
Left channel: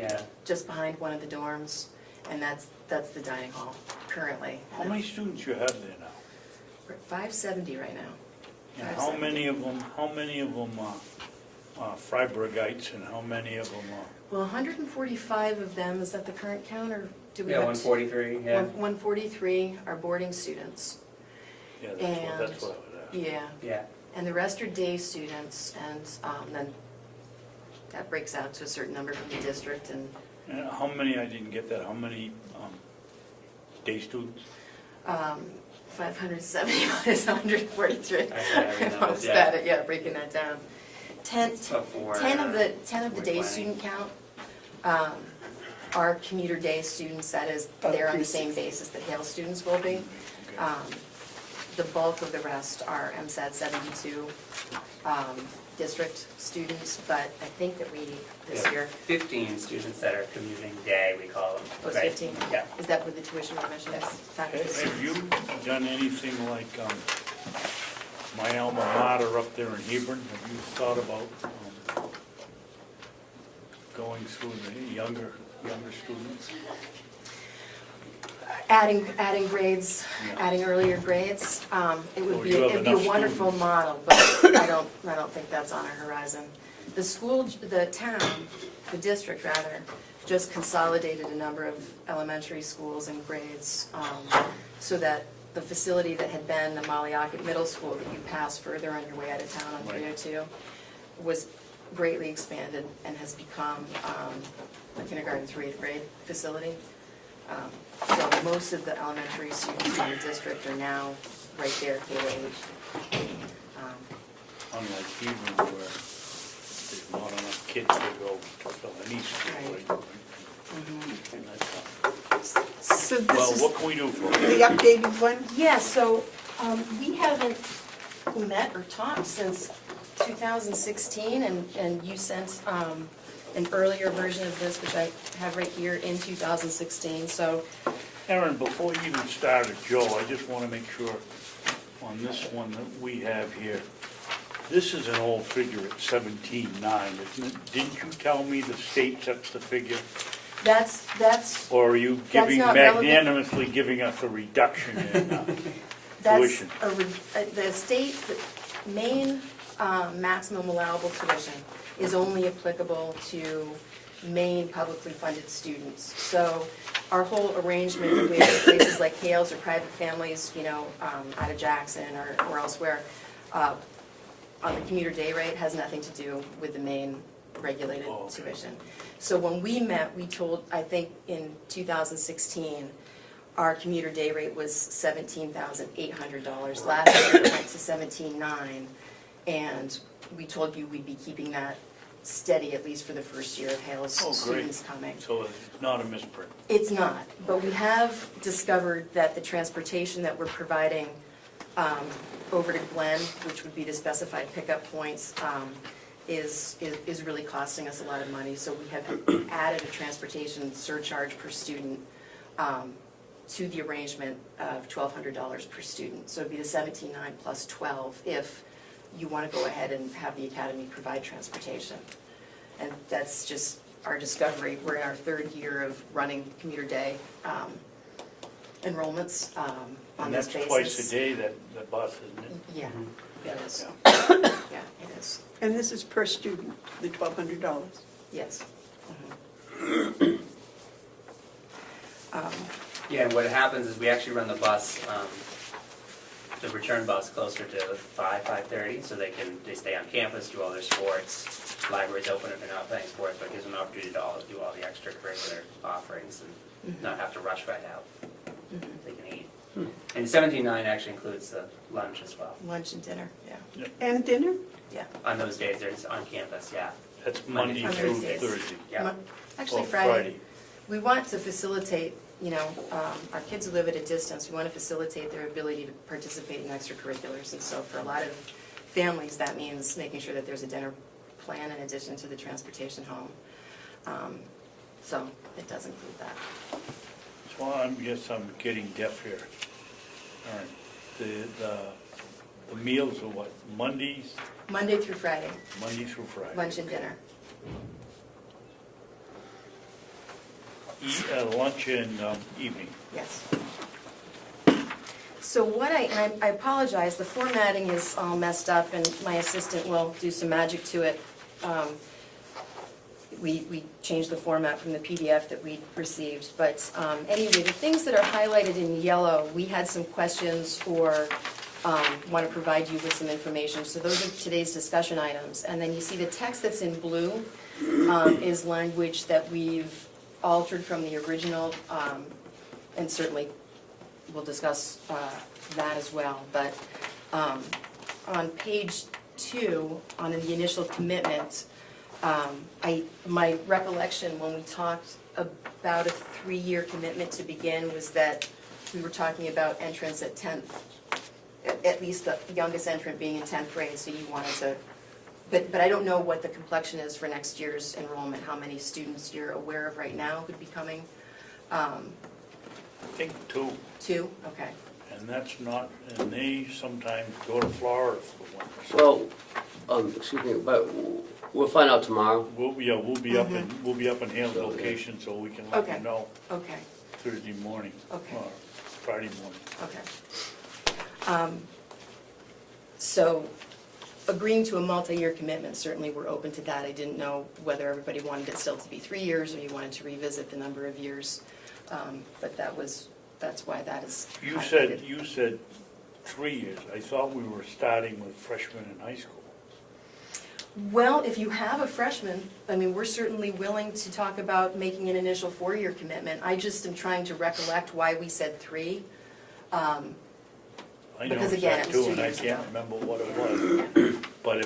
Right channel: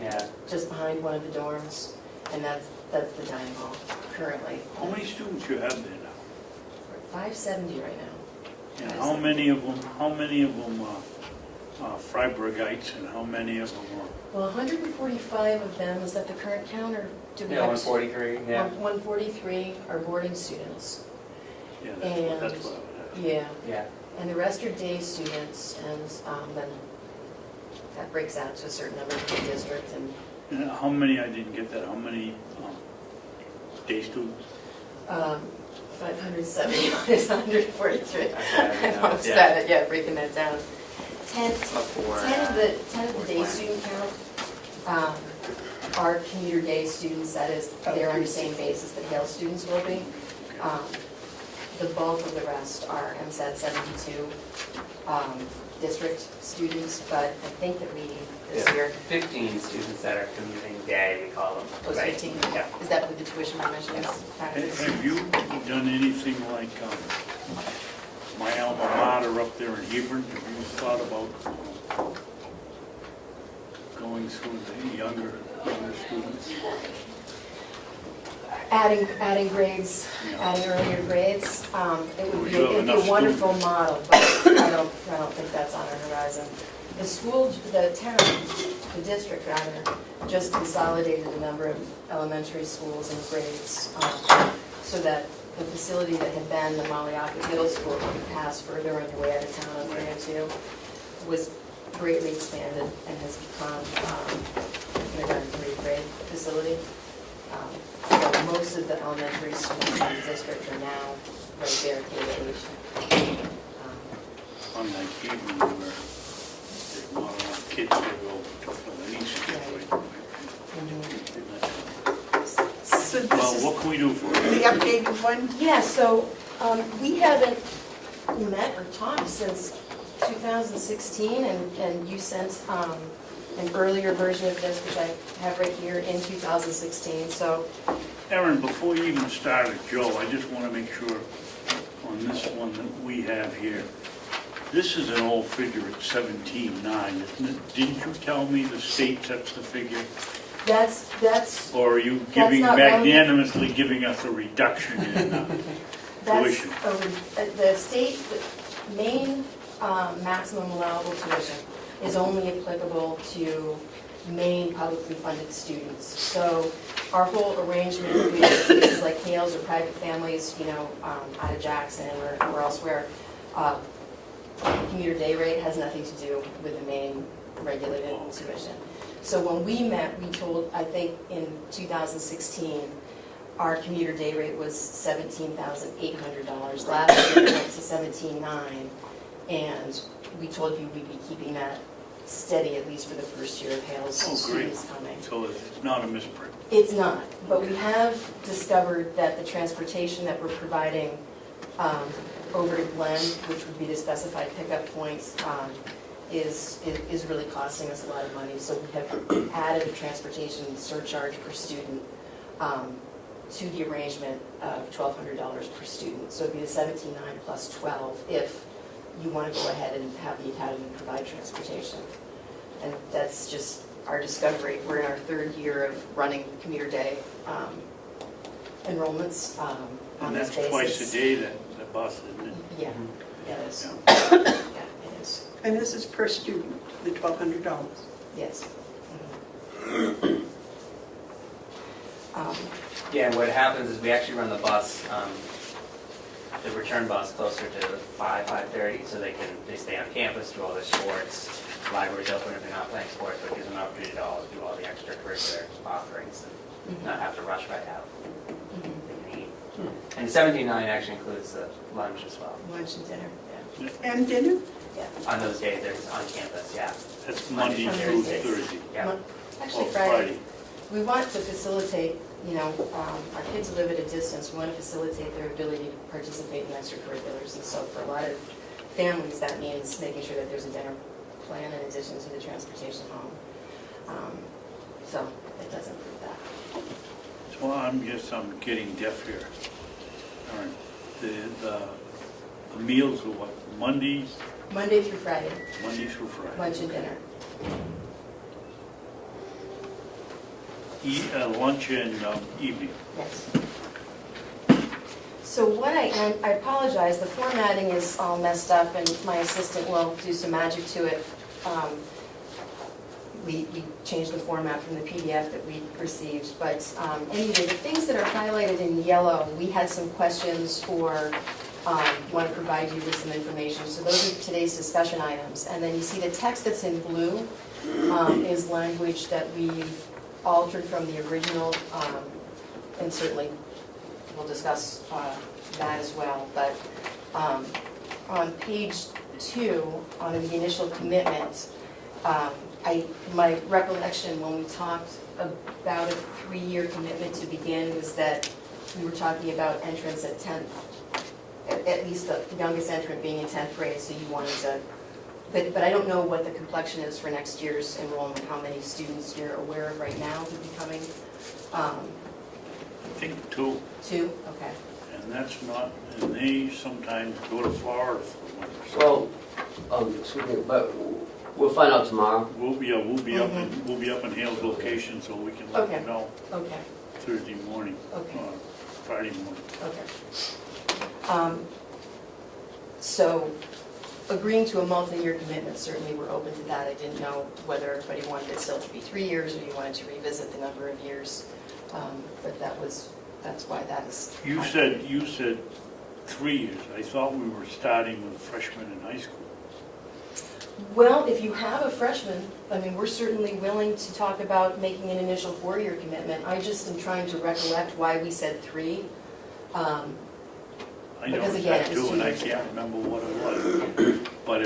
Yeah. just behind one of the dorms, and that's the dining hall currently. How many students you have there now? We're at 570 right now. And how many of them are Freiburgites and how many of them Well, 145 of them, is that the current count, or do we Yeah, have 143, yeah. 143 are boarding students. are, yeah, that's what I would Yeah, Yeah. and the rest are day students, and then that breaks out to a certain number for the district, and ask. And how many, I didn't get that, how many day students? 570 is 143. Okay, I almost yeah. got it, yeah, breaking that down. 10 About four. of the day student count are commuter day students, that is, they're on the same basis that Hale students will be. The bulk of the rest are MSAT 72 district students, but I think that we, this year, 15 students that are commuting day, we call them. was right? 15. Yeah. Is that what the tuition remission is? Factors? Have you done anything like my alma mater up there in Hebron? Have you thought about going through the younger students? Adding grades, adding earlier grades, it would be You have a enough wonderful model, but I don't think that's on our horizon. The school, the town, the district rather, just consolidated a number of elementary schools and grades, so that the facility that had been the Maliaka Middle School, that we passed further on your way out of town on 302, was greatly expanded and has become a kindergarten through 8th grade facility. So most of the elementary students in the district are now right there at K-8. On that evening where they want enough kids to go to the east. So Well, this is what can we do for you? the updated one? Yeah, so we haven't met or talked since 2016, and you sent an earlier version of this, which I have right here, in 2016, so. Aaron, before you even started, Joe, I just want to make sure on this one that we have here, this is an old figure at 17.9, isn't it? Didn't you tell me the state sets the figure? That's, Or are you That's giving, not relevant. magnanimously giving us a reduction in tuition? the state, the main maximum allowable tuition is only applicable to Maine publicly funded students. So our whole arrangement with places like Hales or private families, you know, out of Jackson or elsewhere, commuter day rate has nothing to do with the Maine regulated tuition. So when we met, we told, I think in 2016, our commuter day rate was $17,800. Last year it went to $17,900, and we told you we'd be keeping that steady at least for the first year of Hale's students coming. So it's not a misprint. It's not, but we have discovered that the transportation that we're providing over to Glen, which would be to specified pickup points, is really costing us a lot of money. So we have added a transportation surcharge per student to the arrangement of $1,200 per student. So it'd be the $17,900 plus $12 if you want to go ahead and have the academy provide transportation. And that's just our discovery. We're in our third year of running commuter day enrollments on this basis. And that's twice a day that bus, isn't it? Yeah, it is. Yeah. Yeah, it is. And this is per student, the $1,200. Yes. Yeah, and what happens is we actually run the bus, the return bus closer to 5:30, so they stay on campus, do all their sports, libraries open everything up, thanks sports, so it gives them an opportunity to do all the extracurricular offerings and not have to rush right out. They can eat. And 79 actually includes the lunch as well. Lunch and dinner, yeah. And dinner? On those days, there's on campus, yeah. That's Monday On through Thursdays. Thursday. Yeah. Actually, Or Friday. We want to facilitate, you know, our kids who live at a distance, we want to facilitate their ability to participate in extracurriculars. And so for a lot of families, that means making sure that there's a dinner plan in addition to the transportation home. So it does include that. So I'm getting deaf here. All right. The meals are what, Monday Monday through Friday, through Friday? lunch and dinner. Lunch and evening. Yes. So what I apologize, the formatting is all messed up and my assistant will do some magic to it. We changed the format from the PDF that we received, but anyway, the things that are highlighted in yellow, we had some questions or want to provide you with some information. So those are today's discussion items. And then you see the text that's in blue is language that we've altered from the original, and certainly we'll discuss that as well. But on page 2, on the initial commitment, my recollection when we talked about a 3-year commitment to begin was that we were talking about entrance at 10th, at least the youngest entrant being in 10th grade, so you wanted to, but I don't know what the complexion is for next year's enrollment, how many students you're aware of right now would be coming? I think 2, 2, okay. and that's not, and they sometimes go to Florida for one. Well, excuse me, but we'll find out tomorrow. We'll be up in Hale's location, so we can let Okay. you know Okay, Thursday morning, okay. Friday morning. Okay. So agreeing to a multi-year commitment, certainly we're open to that. I didn't know whether everybody wanted it still to be 3 years or you wanted to revisit the number of years. But that's why that is. You said 3 years. I thought we were starting with freshmen in high school. Well, if you have a freshman, I mean, we're certainly willing to talk about making an initial 4-year commitment. I just am trying to recollect why we said 3. I know Because it's again, that too, and I can't remember what it was. But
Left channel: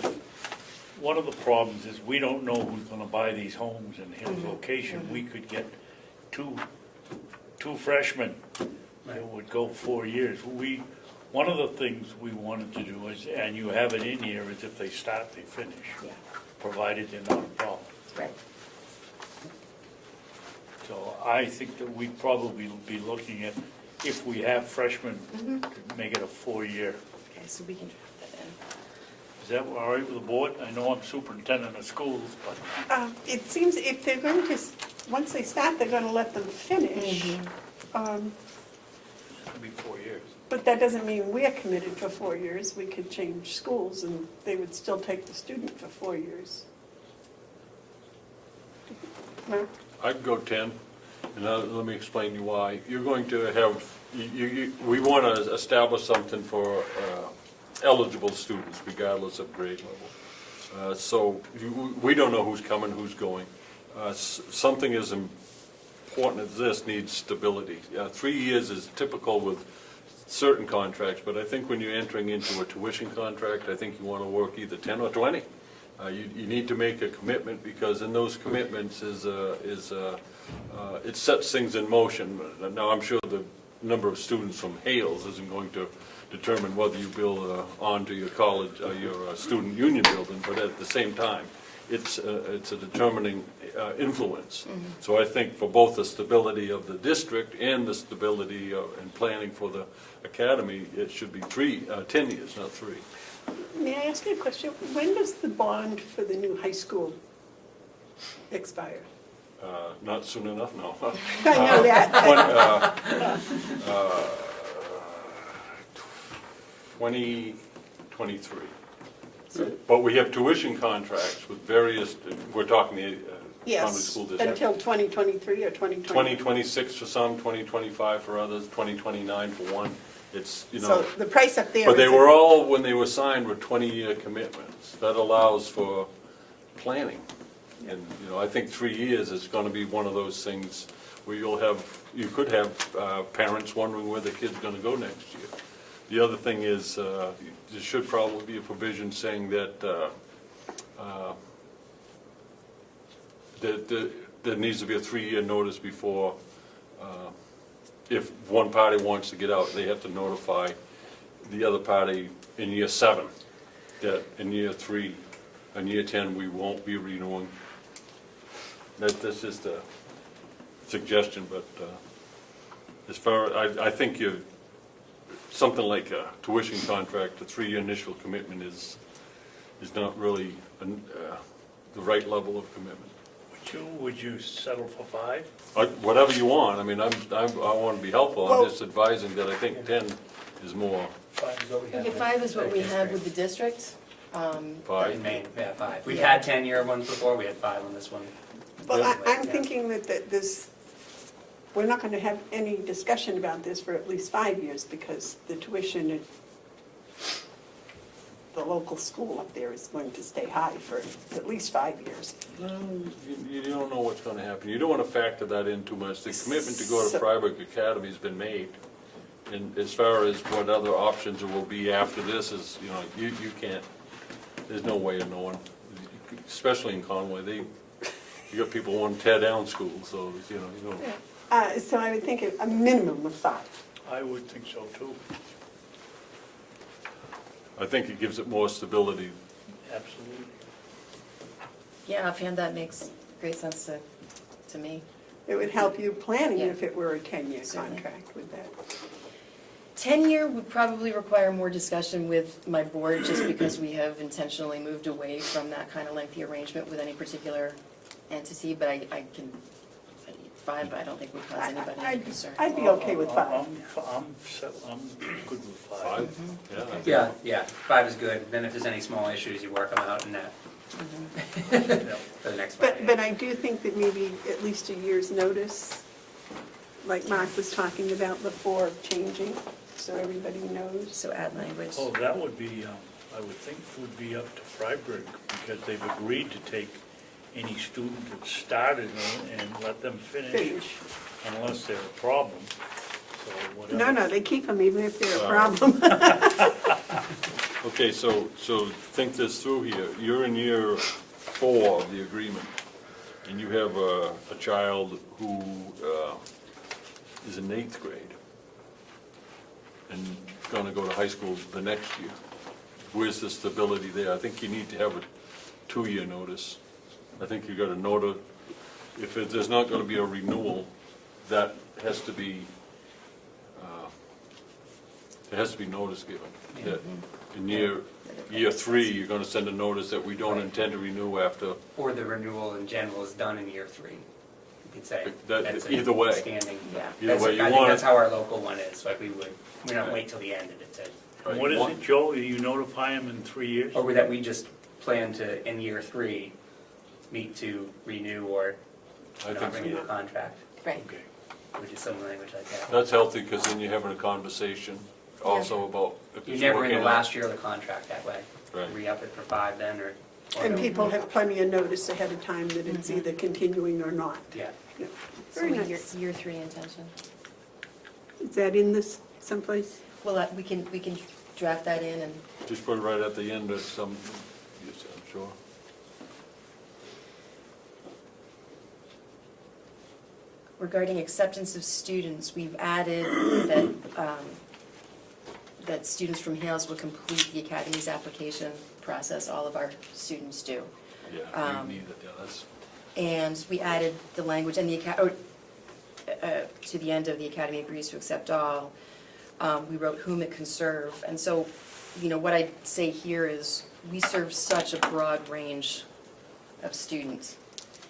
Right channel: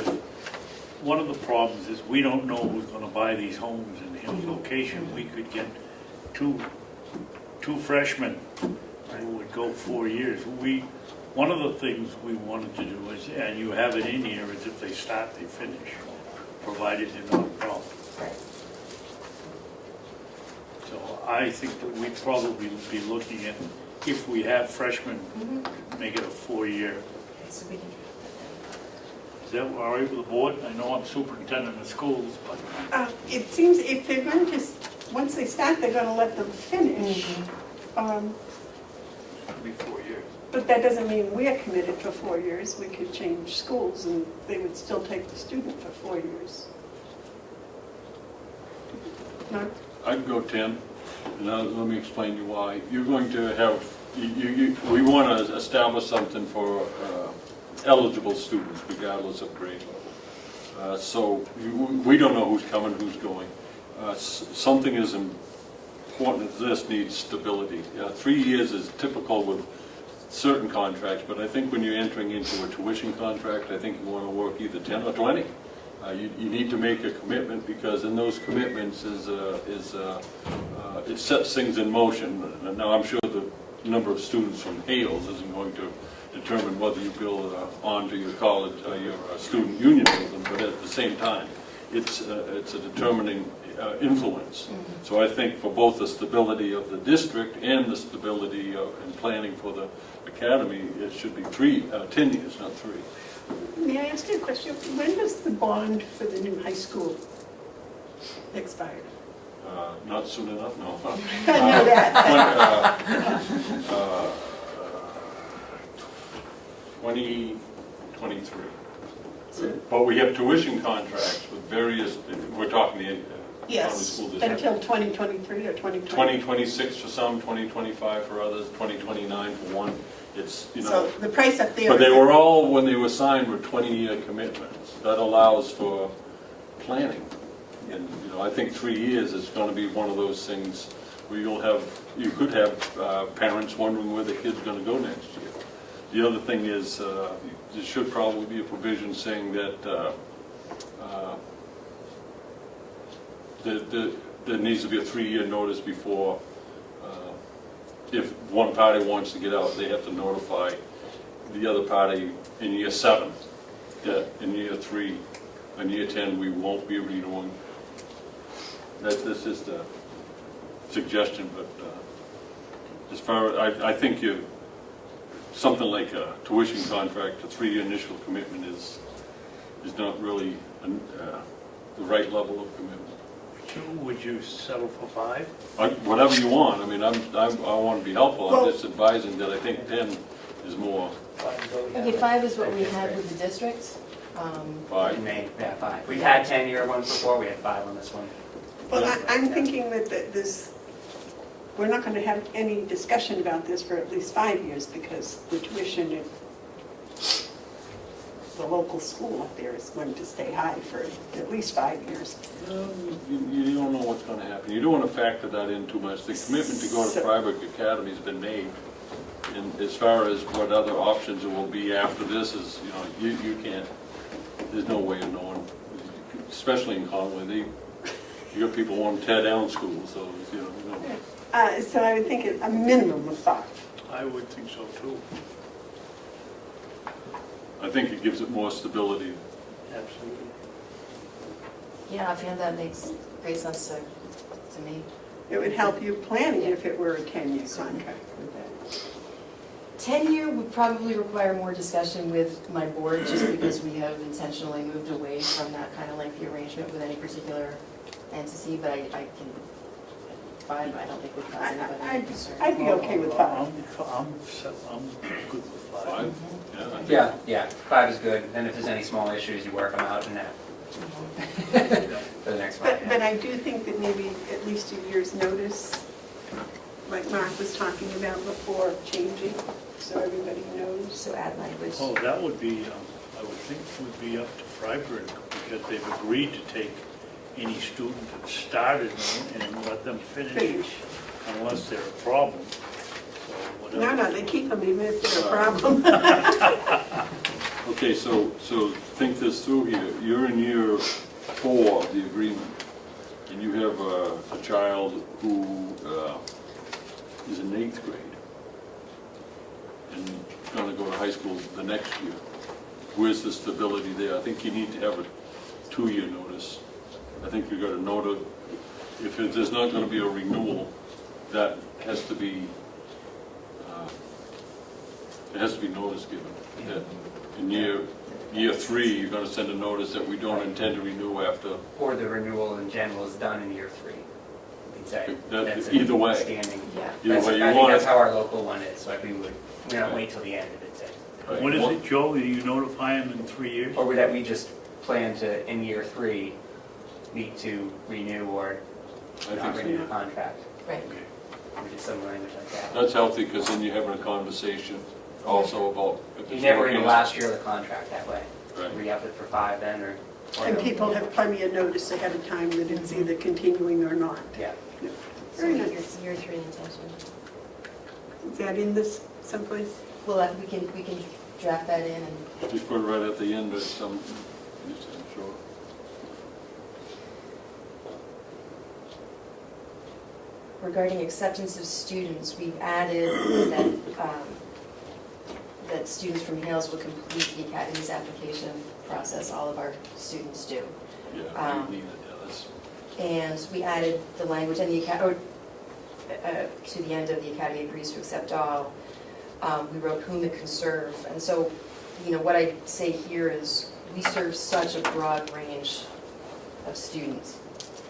one of the problems is we don't know who's gonna buy these homes in Hill's location. We could get two freshmen who would go 4 years. One of the things we wanted to do is, and you have it in here, is if they start, they finish, provided they're not a problem. Right. So I think that we'd probably be looking at, if we have freshmen, make it a 4-year. Okay, so we can. Is that all right with the board? I know I'm superintendent of schools, but It seems if they're going to, once they start, they're going to let them finish. it'll be 4 years. But that doesn't mean we're committed for 4 years. We could change schools and they would still take the student for 4 years. I'd go 10, and now let me explain to you why. You're going to have, we want to establish something for eligible students regardless of grade. So we don't know who's coming, who's going. Something as important as this needs stability. 3 years is typical with certain contracts, but I think when you're entering into a tuition contract, I think you want to work either 10 or 20. You need to make a commitment, because in those commitments it sets things in motion. Now, I'm sure the number of students from Hales isn't going to determine whether you build onto your college, your student union building, but at the same time, it's a determining influence. So I think for both the stability of the district and the stability and planning for the academy, it should be 10 years, not 3. May I ask you a question? When does the bond for the new high school expire? Not soon enough, no. I know that. 2023. But we have tuition contracts with various, we're talking the county Yes, school district. until 2023 or 2020? 2026 for some, 2025 for others, 2029 for one. It's, you know. So the price up there. But they is- were all, when they were signed, were 20-year commitments. That allows for planning. And, you know, I think 3 years is going to be one of those things where you could have parents wondering where their kid's going to go next year. The other thing is, there should probably be a provision saying that there needs to be a 3-year notice before, if one party wants to get out, they have to notify the other party in year 7 that in year 3 and year 10 we won't be renewing. That's just a suggestion, but as far as I think something like a tuition contract, a 3-year initial commitment is not really the right level of commitment. Would you settle for 5? Whatever you want. I mean, I want to be helpful. I'm Well- just advising that I think 10 is more. Okay, 5 is what we had with the district. Five. In May, yeah, 5. We've had 10-year ones before, we had 5 on this one. Well, I'm thinking that we're not going to have any discussion about this for at least 5 years, because the tuition at the local school up there is going to stay high for at least 5 years. You don't know what's going to happen. You don't want to factor that in too much. The commitment to go to private academy has been made. And as far as what other options there will be after this is, you know, you can't, there's no way of knowing. Especially in Conway, you got people wanting to tear down schools, so, you know. So I would think a minimum of 5. I would think so too. I think it gives it more stability. Absolutely. Yeah, offhand, that makes great sense to me. It would help you planning if it were a 10-year contract with that. 10-year would probably require more discussion with my board, just because we have intentionally moved away from that kind of lengthy arrangement with any particular entity, but I can, 5, I don't think would cause anybody any concern. I'd be okay with 5. I'm good with 5. 5? Yeah, 5 is good. Then if there's any small issues, you work them out and for the next 5 years. But I do think that maybe at least a year's notice, like Mark was talking about before, changing, so everybody knows. So add language. Oh, that would be, I would think would be up to Freiburg, because they've agreed to take any student that started and let them finish unless there's a problem. So No, they keep them even if they're a problem. Okay, so think this through here. You're in year 4 of the agreement, and you have a child who is in 8th grade and going to go to high school the next year. Where's the stability there? I think you need to have a 2-year notice. I think you've got to note if there's not going to be a renewal, that has to be, there has to be notice given. That in year 3, you're going to send a notice that we don't intend to renew after. Or the renewal in general is done in year 3. You could say. That's Either way. Standing. Yeah. Either way, you I think want that's it. how our local one is, so we don't wait till the end of it. Right. What is it, Joe? Do you notify them in 3 years? Or that we just plan to, in year 3, meet to renew or I not think renew the contract, Right. which is some language like that. that's healthy, because then you're having a conversation also about if You it's never working renew out. last year of the contract that way. Right. Re-up it for 5 then, or. And people have plenty of notice ahead of time that it's either continuing or not. Yeah. So Very it's nice. year 3 intention. Is that in this someplace? Well, we can draft that in and Just put it right at the end of some, I'm sure. regarding acceptance of students, we've added that students from Hales will complete the Academy's application process. All of our students do. Yeah, we need it, yeah, that's. And we added the language and to the end of the Academy agrees to accept all. We wrote whom it can serve. And so, what I say here is we serve such a broad range of students.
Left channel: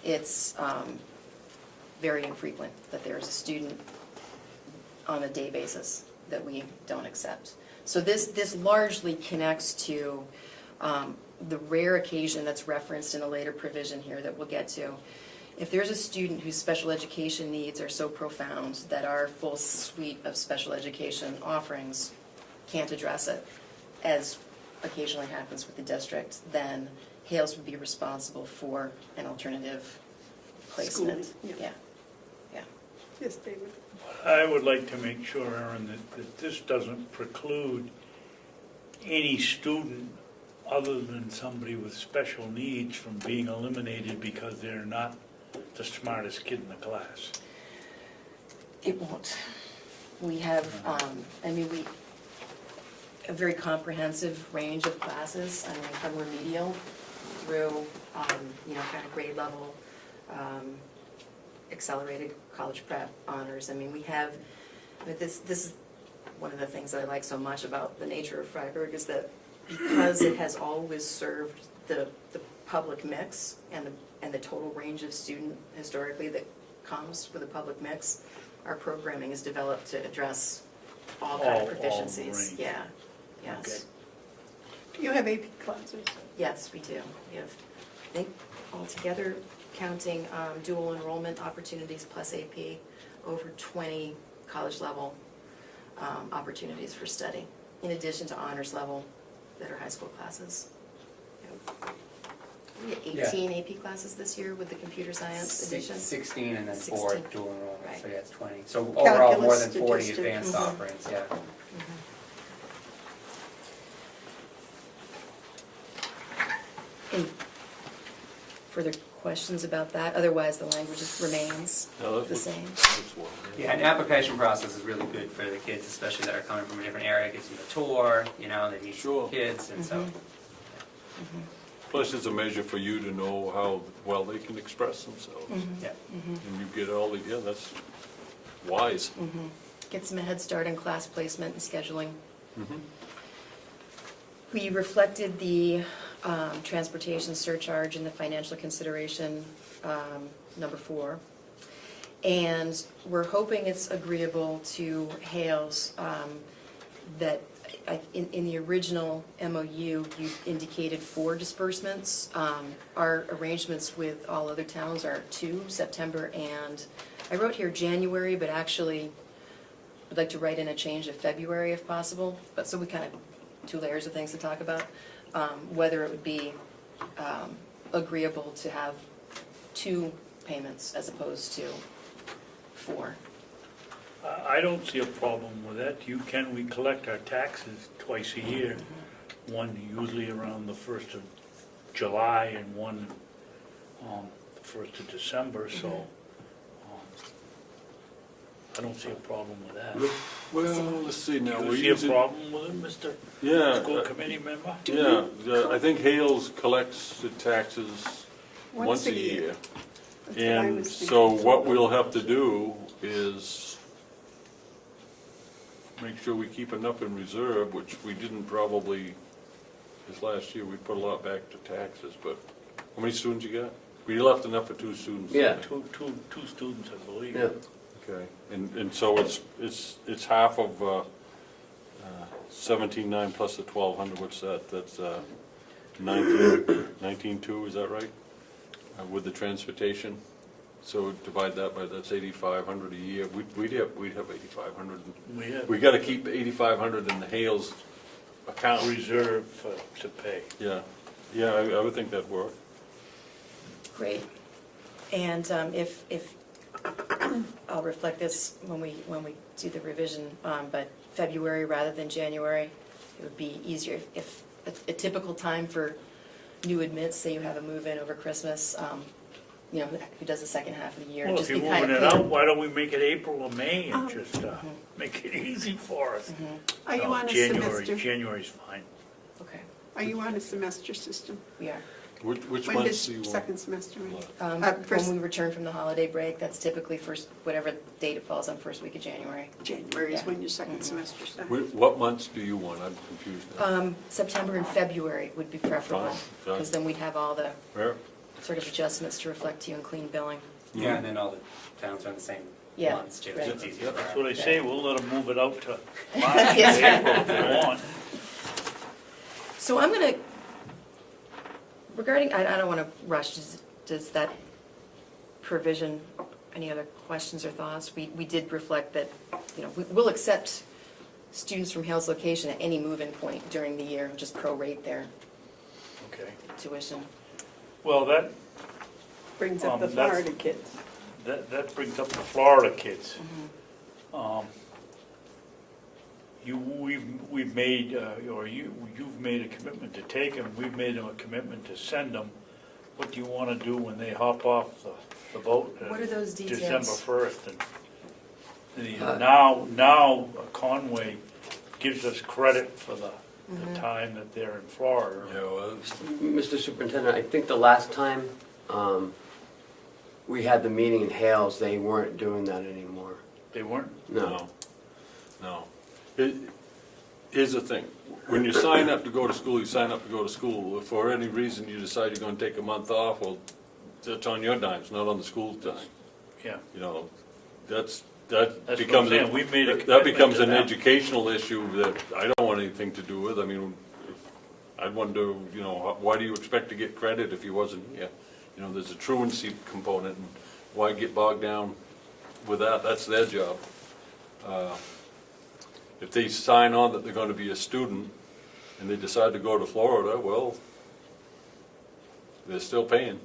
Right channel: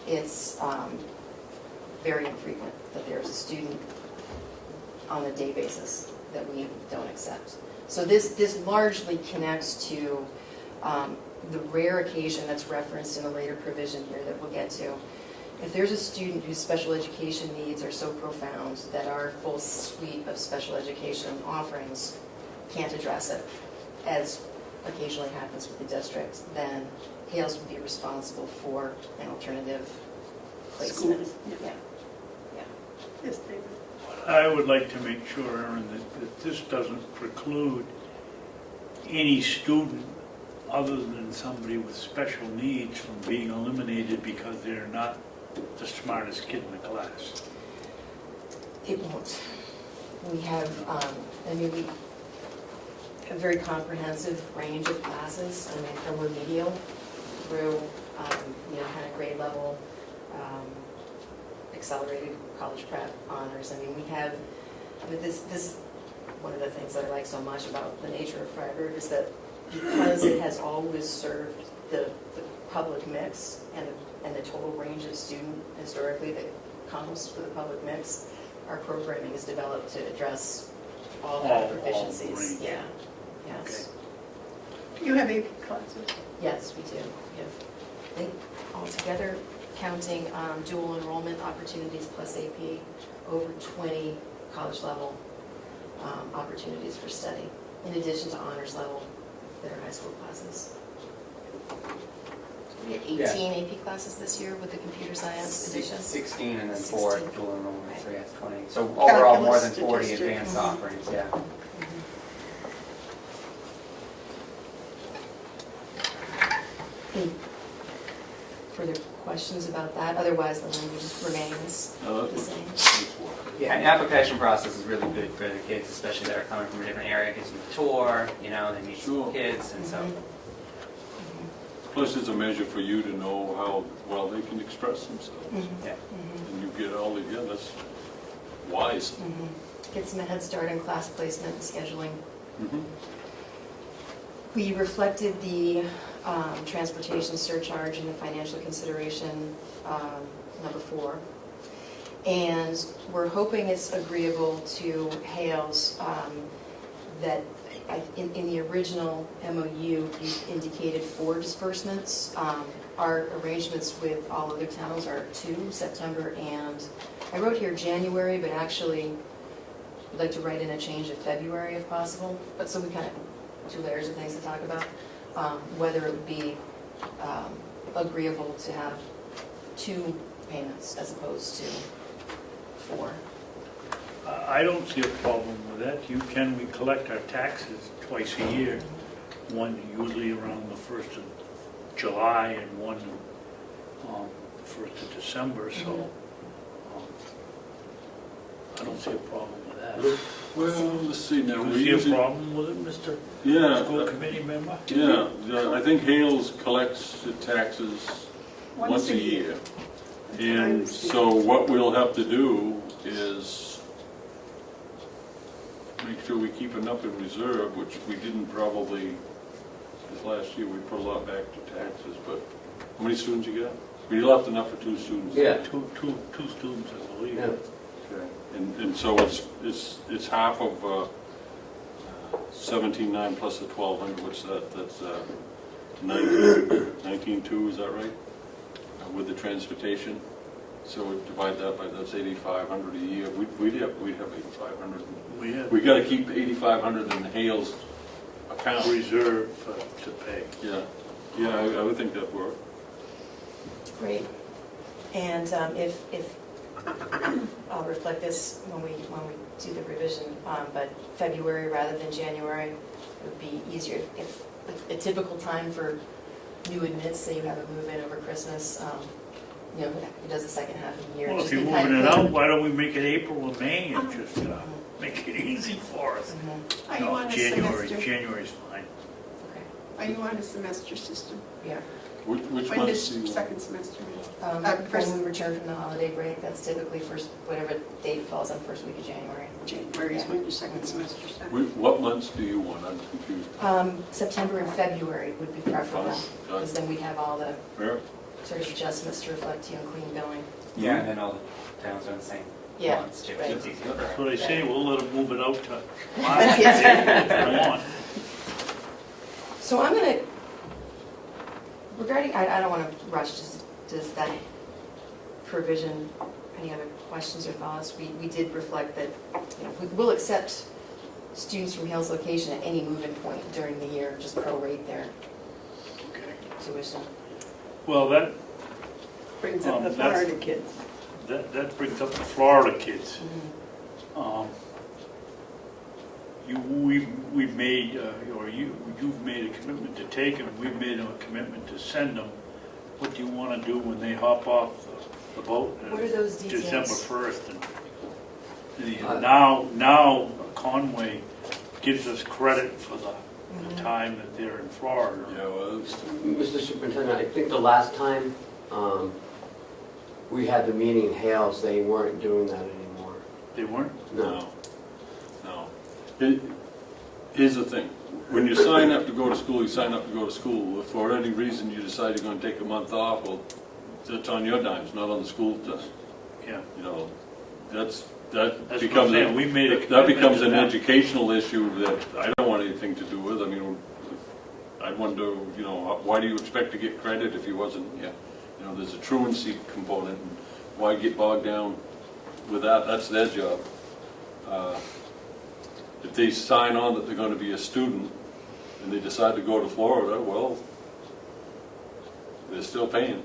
It's very infrequent that there's a student on a day basis that we don't accept. So this largely connects to the rare occasion that's referenced in a later provision here that we'll get to. If there's a student whose special education needs are so profound that our full suite of special education offerings can't address it, as occasionally happens with the district, then Hales would be responsible for an alternative placement. School, Yeah. Yes, David. I would like to make sure, Aaron, that this doesn't preclude any student other than somebody with special needs from being eliminated because they're not the smartest kid in the class. It won't. We have, a very comprehensive range of classes, from remedial through, kind of grade level, accelerated college prep honors. We have, this, one of the things that I like so much about the nature of Freiburg is that because it has always served the public mix and the total range of student historically that comes with the public mix, our programming is developed to address all kind of All proficiencies. range. Yeah, yes. Do you have AP classes? Yes, we do. We have, I think altogether, counting dual enrollment opportunities plus AP, over 20 college level opportunities for study, in addition to honors level that are high school classes. We had 18 AP classes this year with the computer science edition. 16 and then 4 16. dual enrollment, so yeah, it's 20. So overall, more than Calculus, 40 statistics. advanced offerings, yeah. Any further questions about that? Otherwise, the language remains the same. Yeah, and the application process is really good for the kids, especially that are coming from a different area. It gives them a tour, they meet Sure. some kids, and so. Plus, it's a measure for you to know how well they can express themselves. Yeah. And you get all the, yeah, that's wise. Gets them a head start in class placement and scheduling. Mhm. We reflected the transportation surcharge in the financial consideration, number 4. And we're hoping it's agreeable to Hales that in the original MOU, you indicated 4 disbursements. Our arrangements with all other towns are 2, September and, I wrote here January, but actually I'd like to write in a change of February if possible. But so we kind of 2 layers of things to talk about. Whether it would be agreeable to have 2 payments as opposed to 4. I don't see a problem with that. We collect our taxes twice a year, one usually around the 1st of July and one 1st of December, so I don't see a problem with that. Well, let's see now. Do we're you see a using- problem with it, Mr. Yeah, School Committee member? yeah, I think Hales collects the taxes once a year. That's what I And understand. so what we'll have to do is make sure we keep enough in reserve, which we didn't probably, this last year, we put a lot back to taxes, but how many students you got? We left enough for 2 students. Yeah. Two students, I believe. Yeah. Okay, and so it's half of 17,900 plus the 1,200, what's that? That's 19,200, is that right? With the transportation, So divide that by, that's 8,500 a year, we'd have 8,500. We have We gotta keep the 8,500 in the Hales account. reserve to pay. Yeah, I would think that'd work. Great. And if, I'll reflect this when we do the revision, but February rather than January, it would be easier. If a typical time for new admits, say you have a move-in over Christmas, you know, who does the second half of the year. Well, just if you're be kind moving of it clear. out, why don't we make it April or May and just make it easy for us? Mhm. Are you No, on a January, semester? January's fine. Okay, Are you on a semester system? we are. Which When months does do you want? second semester end? When we return from the holiday break, that's typically first, whatever date it falls on, first week of January. January is when your second semester starts. What months do you want? I'm confused. September and February would be preferable, Fine, done. because then we'd have all the Fair? sort of adjustments to reflect you and clean billing. Yeah, and then all the towns on the same Yeah, months too. right. So it's easier for That's what I say, we'll let them move it out to March, Yes. April if they want. So I'm gonna, regarding, I don't wanna rush, does that provision, any other questions or thoughts? We did reflect that, you know, we'll accept students from Hales location at any move-in point during the year, just prorate their Okay. tuition. Well, that Brings up the that's- Florida kids. that brings up the Florida kids. We've made, or you've made a commitment to take them, we've made a commitment to send them. What do you want to do when they hop off the boat? What are those details? December 1st. And now Conway gives us credit for the time that they're in Florida. Yeah, well, Mr. Superintendent, I think the last time we had the meeting in Hales, they weren't doing that anymore. They weren't? No. Here's the thing, when you sign up to go to school, you sign up to go to school. If for any reason you decide you're gonna take a month off, well, that's on your dime, it's not on the school dime. Yeah. You know, that That's what I'm becomes, saying, we made a that becomes commitment to an that. educational issue that I don't want anything to do with. I mean, I wonder, you know, why do you expect to get credit if you wasn't, you know, there's a truancy component, and why get bogged down with that? That's their job. If they sign on that they're gonna be a student and they decide to go to Florida, well, they're still paying.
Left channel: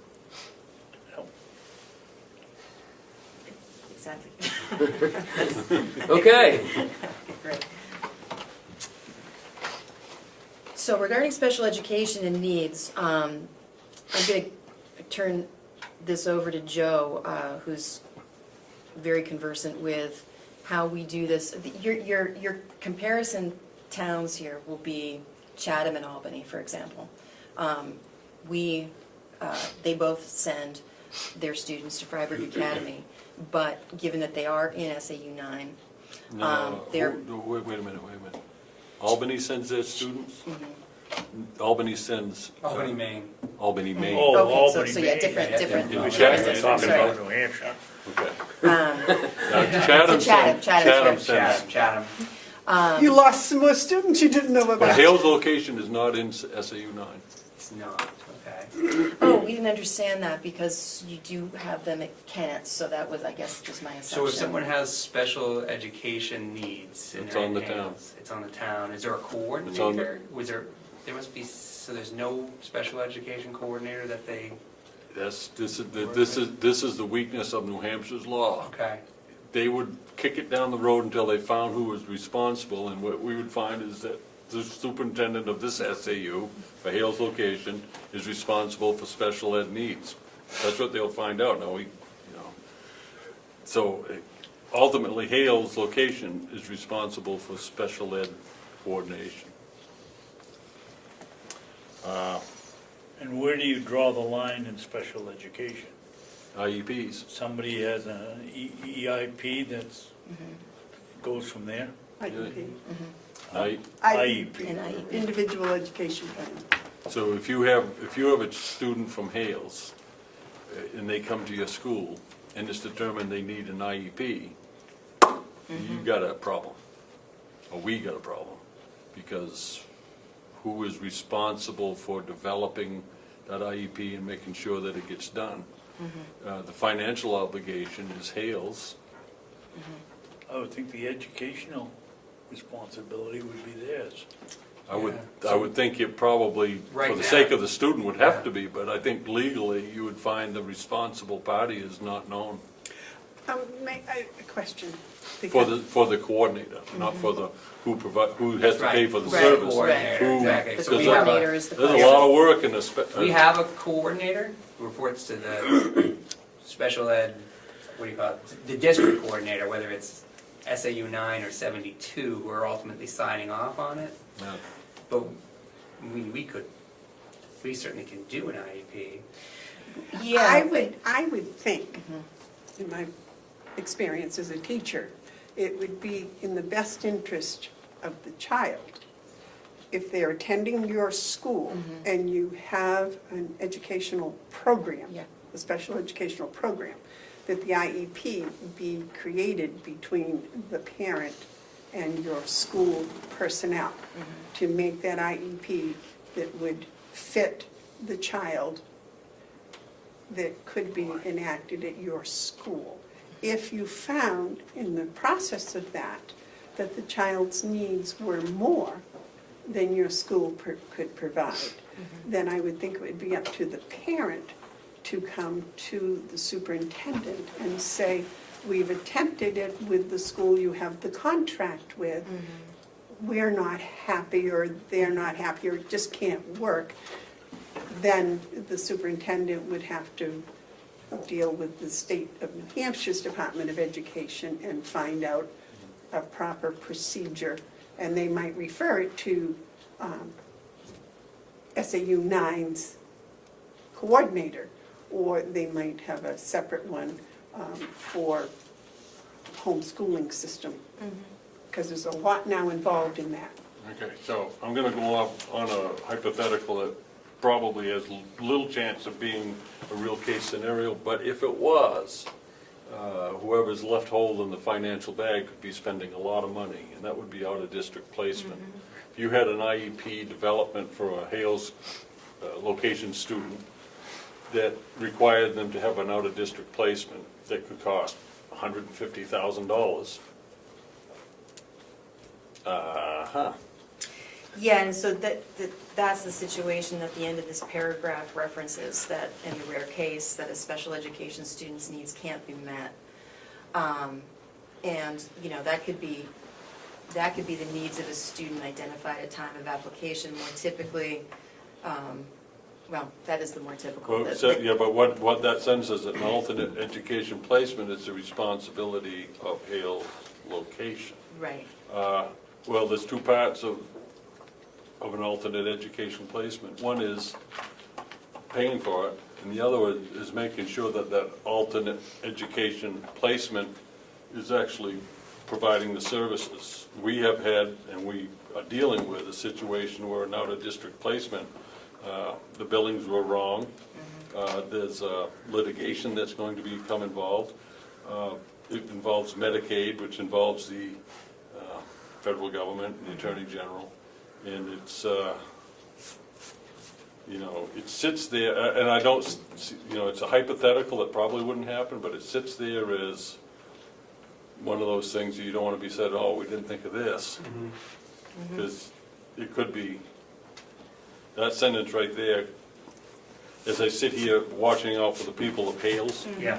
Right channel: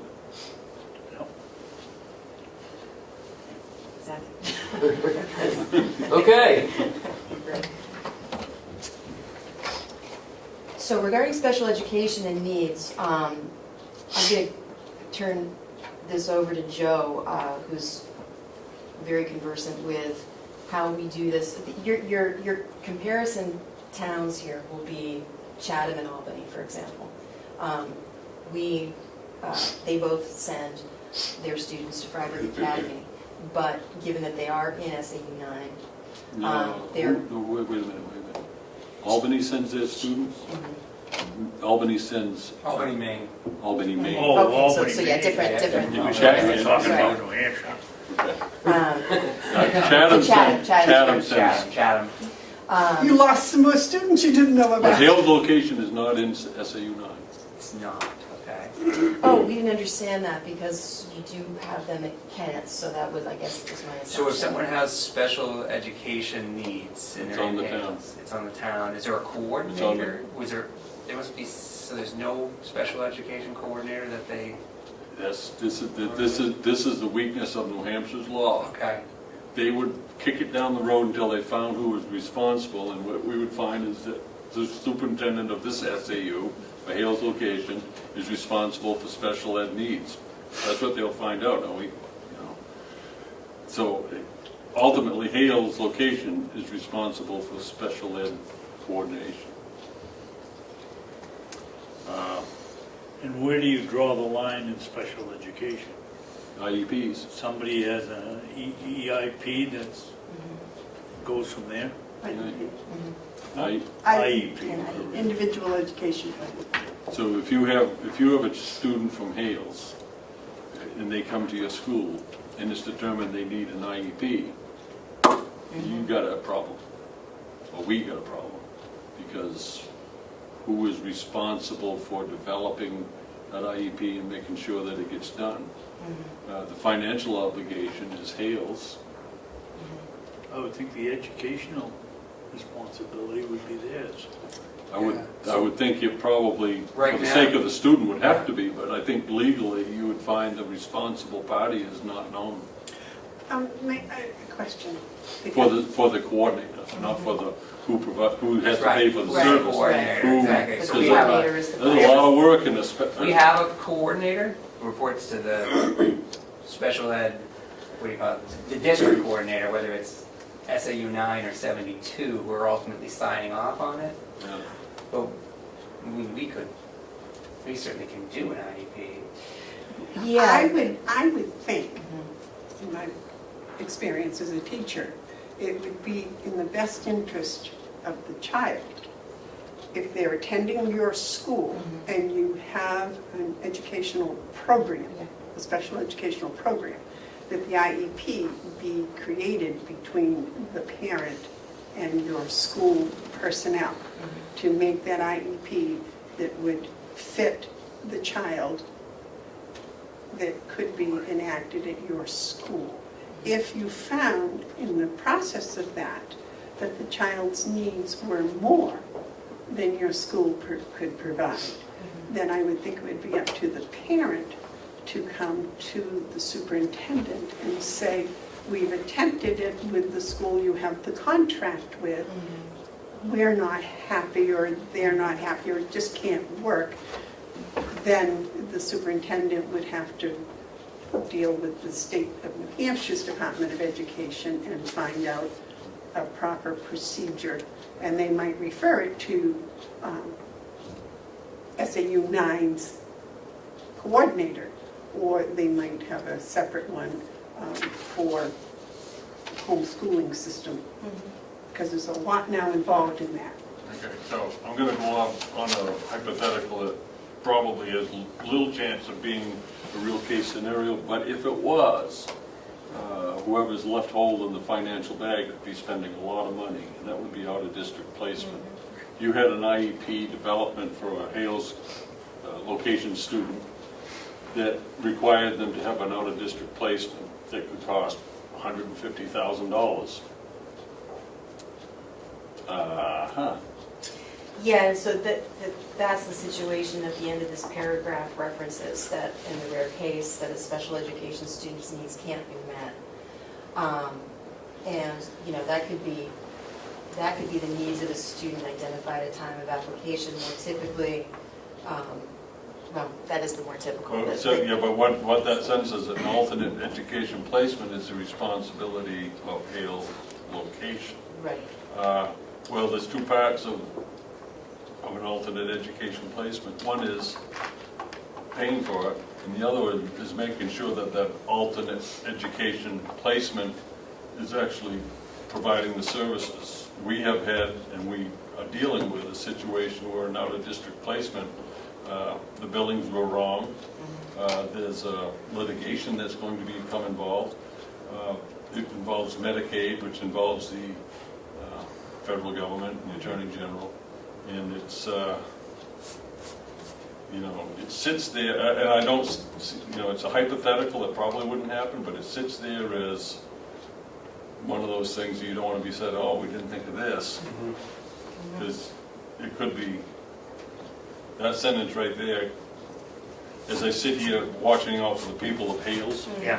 Okay. Great. So regarding special education and needs, I'm going to turn this over to Joe, who's very conversant with how we do this. Your comparison towns here will be Chatham and Albany, for example. They both send their students to Freiburg Academy, but given that they are in SAU 9, No, they're- wait a minute. Albany sends their students? Albany sends Albany, Maine. Albany, Maine. Oh, Okay, Albany, so yeah, Maine. different. Yeah, Chatham, yeah, you're talking Sorry. about New Hampshire. Chatham Chatham sends. Chatham. You lost some more students you didn't know But about. Hales location is not in SAU 9. It's not, okay. Oh, we didn't understand that because you do have them at Kent, so that was, I guess, just my assumption. So if someone has special education needs in It's their on the hands, town. it's on the town. Is there a coordinator? There must be, so there's no special education coordinator that they, This is the weakness of New Hampshire's law. okay. They would kick it down the road until they found who was responsible, and what we would find is that the superintendent of this SAU, for Hales location, is responsible for special ed needs. That's what they'll find out. Now, so ultimately, Hales location is responsible for special ed coordination. And where do you draw the line in special education? IEPs. Somebody has an EIP that's, goes from there? Mhm. IEP. And Individual education plan. So if you have a student from Hales, and they come to your school, and it's determined they need an IEP, you got a problem, or we got a problem, because who is responsible for developing that IEP and making sure that it gets done. The financial obligation is Hale's. I would think the educational responsibility would be theirs. I would think it probably, for Right the now- sake of the student, would have to be, but I think legally, you would find the responsible party is not known. A question. For the coordinator, not for the, who has to pay for the Right, service. coordinator, Who- exactly. The So we have a- coordinator is the. There's a lot of work in We have a coordinator who reports to the special ed, what do you call it, the district coordinator, whether it's SAU 9 or 72, who are ultimately signing off on it. Yeah. But, I mean, we certainly can do an IEP. I would think, in my experience as a teacher, it would be in the best interest of the child if they're attending your school and you have an educational program, a special educational program, that the IEP be created between the parent and your school personnel to make that IEP that would fit the child that could be enacted at your school. If you found in the process of that the child's needs were more than your school could provide, then I would think it would be up to the parent to come to the superintendent and say, we've attempted it with the school you have the contract with, we're not happy, or they're not happy, or it just can't work. Then the superintendent would have to deal with the state of New Hampshire's Department of Education and find out a proper procedure. And they might refer it to SAU 9's coordinator, or they might have a separate one for homeschooling system, because there's a lot now involved in that. Okay, so I'm gonna go off on a hypothetical that probably has little chance of being a real case scenario, but if it was, whoever's left holding the financial bag could be spending a lot of money, and that would be out-of-district placement. You had an IEP development for a Hales location student that required them to have an out-of-district placement that could cost $150,000. Yeah, and so that's the situation at the end of this paragraph references, that in the rare case that a special education student's needs can't be met. And, you know, that could be the needs of a student identified at time of application. More typically, well, that is the more typical. Well, so, yeah, but what that sentence is, an alternate education placement is the responsibility of Hale's location. Right. Well, there's two parts of an alternate education placement. One is paying for it, and the other one is making sure that that alternate education placement is actually providing the services. We have had, and we are dealing with a situation where an out-of-district placement, the billings were wrong. There's litigation that's going to become involved. It involves Medicaid, which involves the federal government, the Attorney General. And it's, you know, it sits there, and I don't, you know, it's a hypothetical that probably wouldn't happen, but it sits there as one of those things you don't want to be said, oh, we didn't think of this. Because it could be, that sentence right there, as I sit here watching out for the people of Hales, Yeah.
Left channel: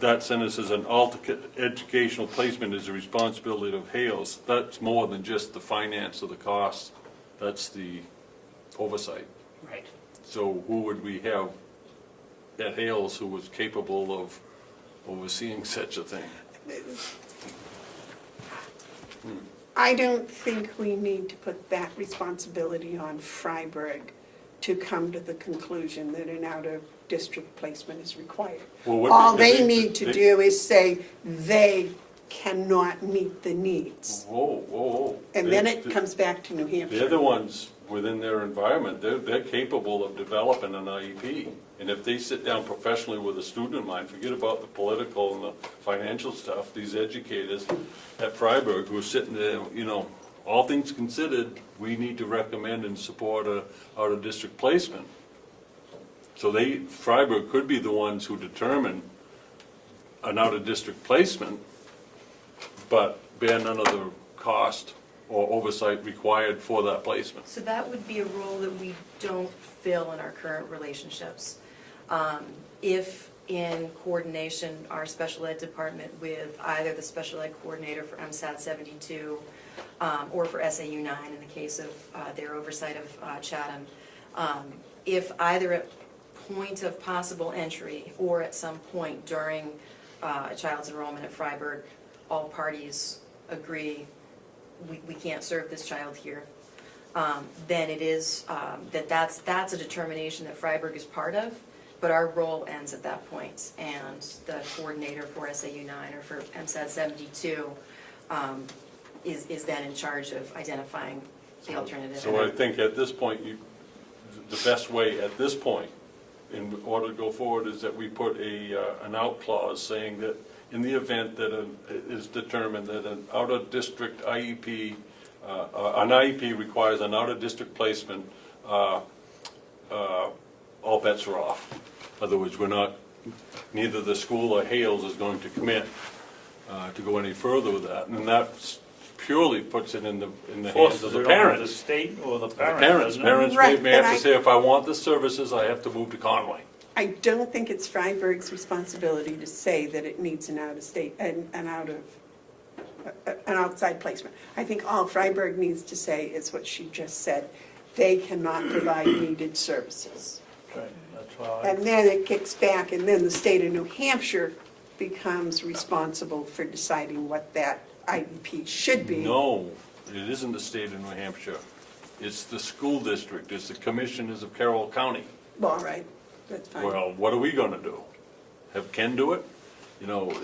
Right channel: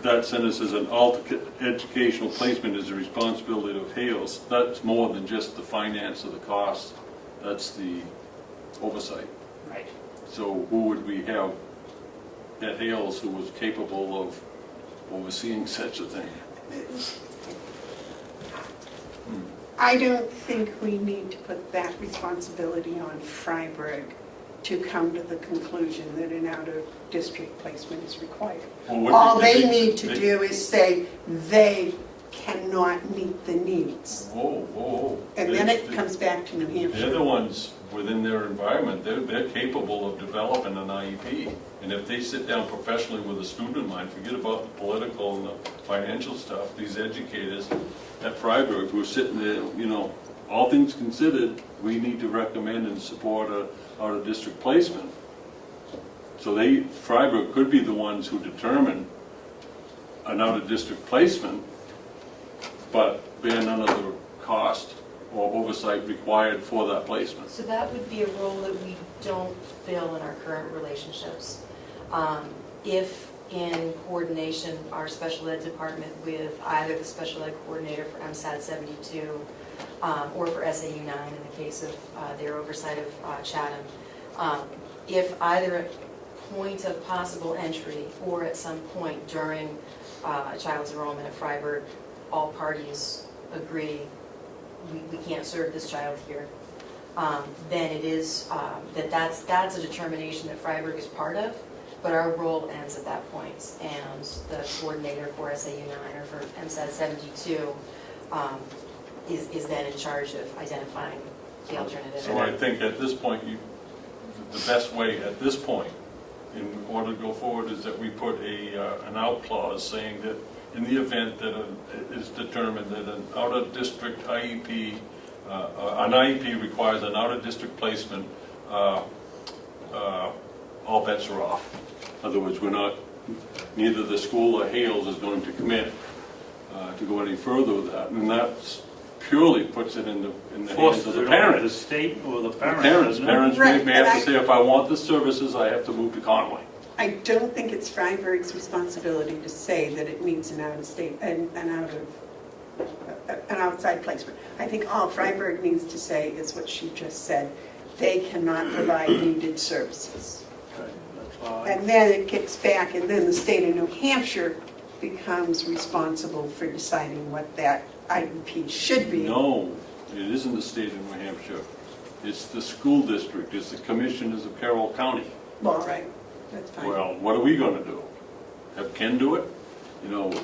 that sentence is an alternate educational placement is the responsibility of Hales. That's more than just the finance of the cost, that's the oversight. Right. So who would we have at Hales who was capable of overseeing such a thing? I don't think we need to put that responsibility on Freiburg to come to the conclusion that an out-of-district placement is required. Well, All they need to do is say they cannot meet the needs. Whoa, whoa, whoa. And then it comes back to New They're Hampshire. the ones within their environment, they're capable of developing an IEP. And if they sit down professionally with a student of mine, forget about the political and the financial stuff, these educators at Freiburg who are sitting there, you know, all things considered, we need to recommend and support a out-of-district placement. So Freiburg could be the ones who determine an out-of-district placement, but bear none of the cost or oversight required for that placement. So that would be a role that we don't fill in our current relationships. If in coordination, our special ed department with either the special ed coordinator for MSAT 72 or for SAU 9 in the case of their oversight of Chatham, if either at point of possible entry or at some point during a child's enrollment at Freiburg, all parties agree we can't serve this child here, then it is, that's a determination that Freiburg is part of, but our role ends at that point, and the coordinator for SAU 9 or for MSAT 72 is then in charge of identifying the alternative. So I think at this point, the best way at this point, in order to go forward, is that we put an out clause saying that in the event that it is determined that an out-of-district IEP, an IEP requires an out-of-district placement, all bets are off. In other words, neither the school or Hales is going to commit to go any further with that, and that purely puts it in the hands of the The parents. state or the parents. Parents Right, may have but to say, if I want the services, I have to move to Conway. I don't think it's Freiburg's responsibility to say that it needs an out-of-state, an outside placement. I think all Freiburg needs to say is what she just said. They cannot provide needed services. Okay, that's why And then it gets back, and then the state of New Hampshire becomes responsible for deciding what that IEP should be. No, it isn't the state of New Hampshire. It's the school district, it's the commissioners of Carroll County. Well, all right, that's fine. Well, what are we gonna do? Have Ken do it? We, No, we're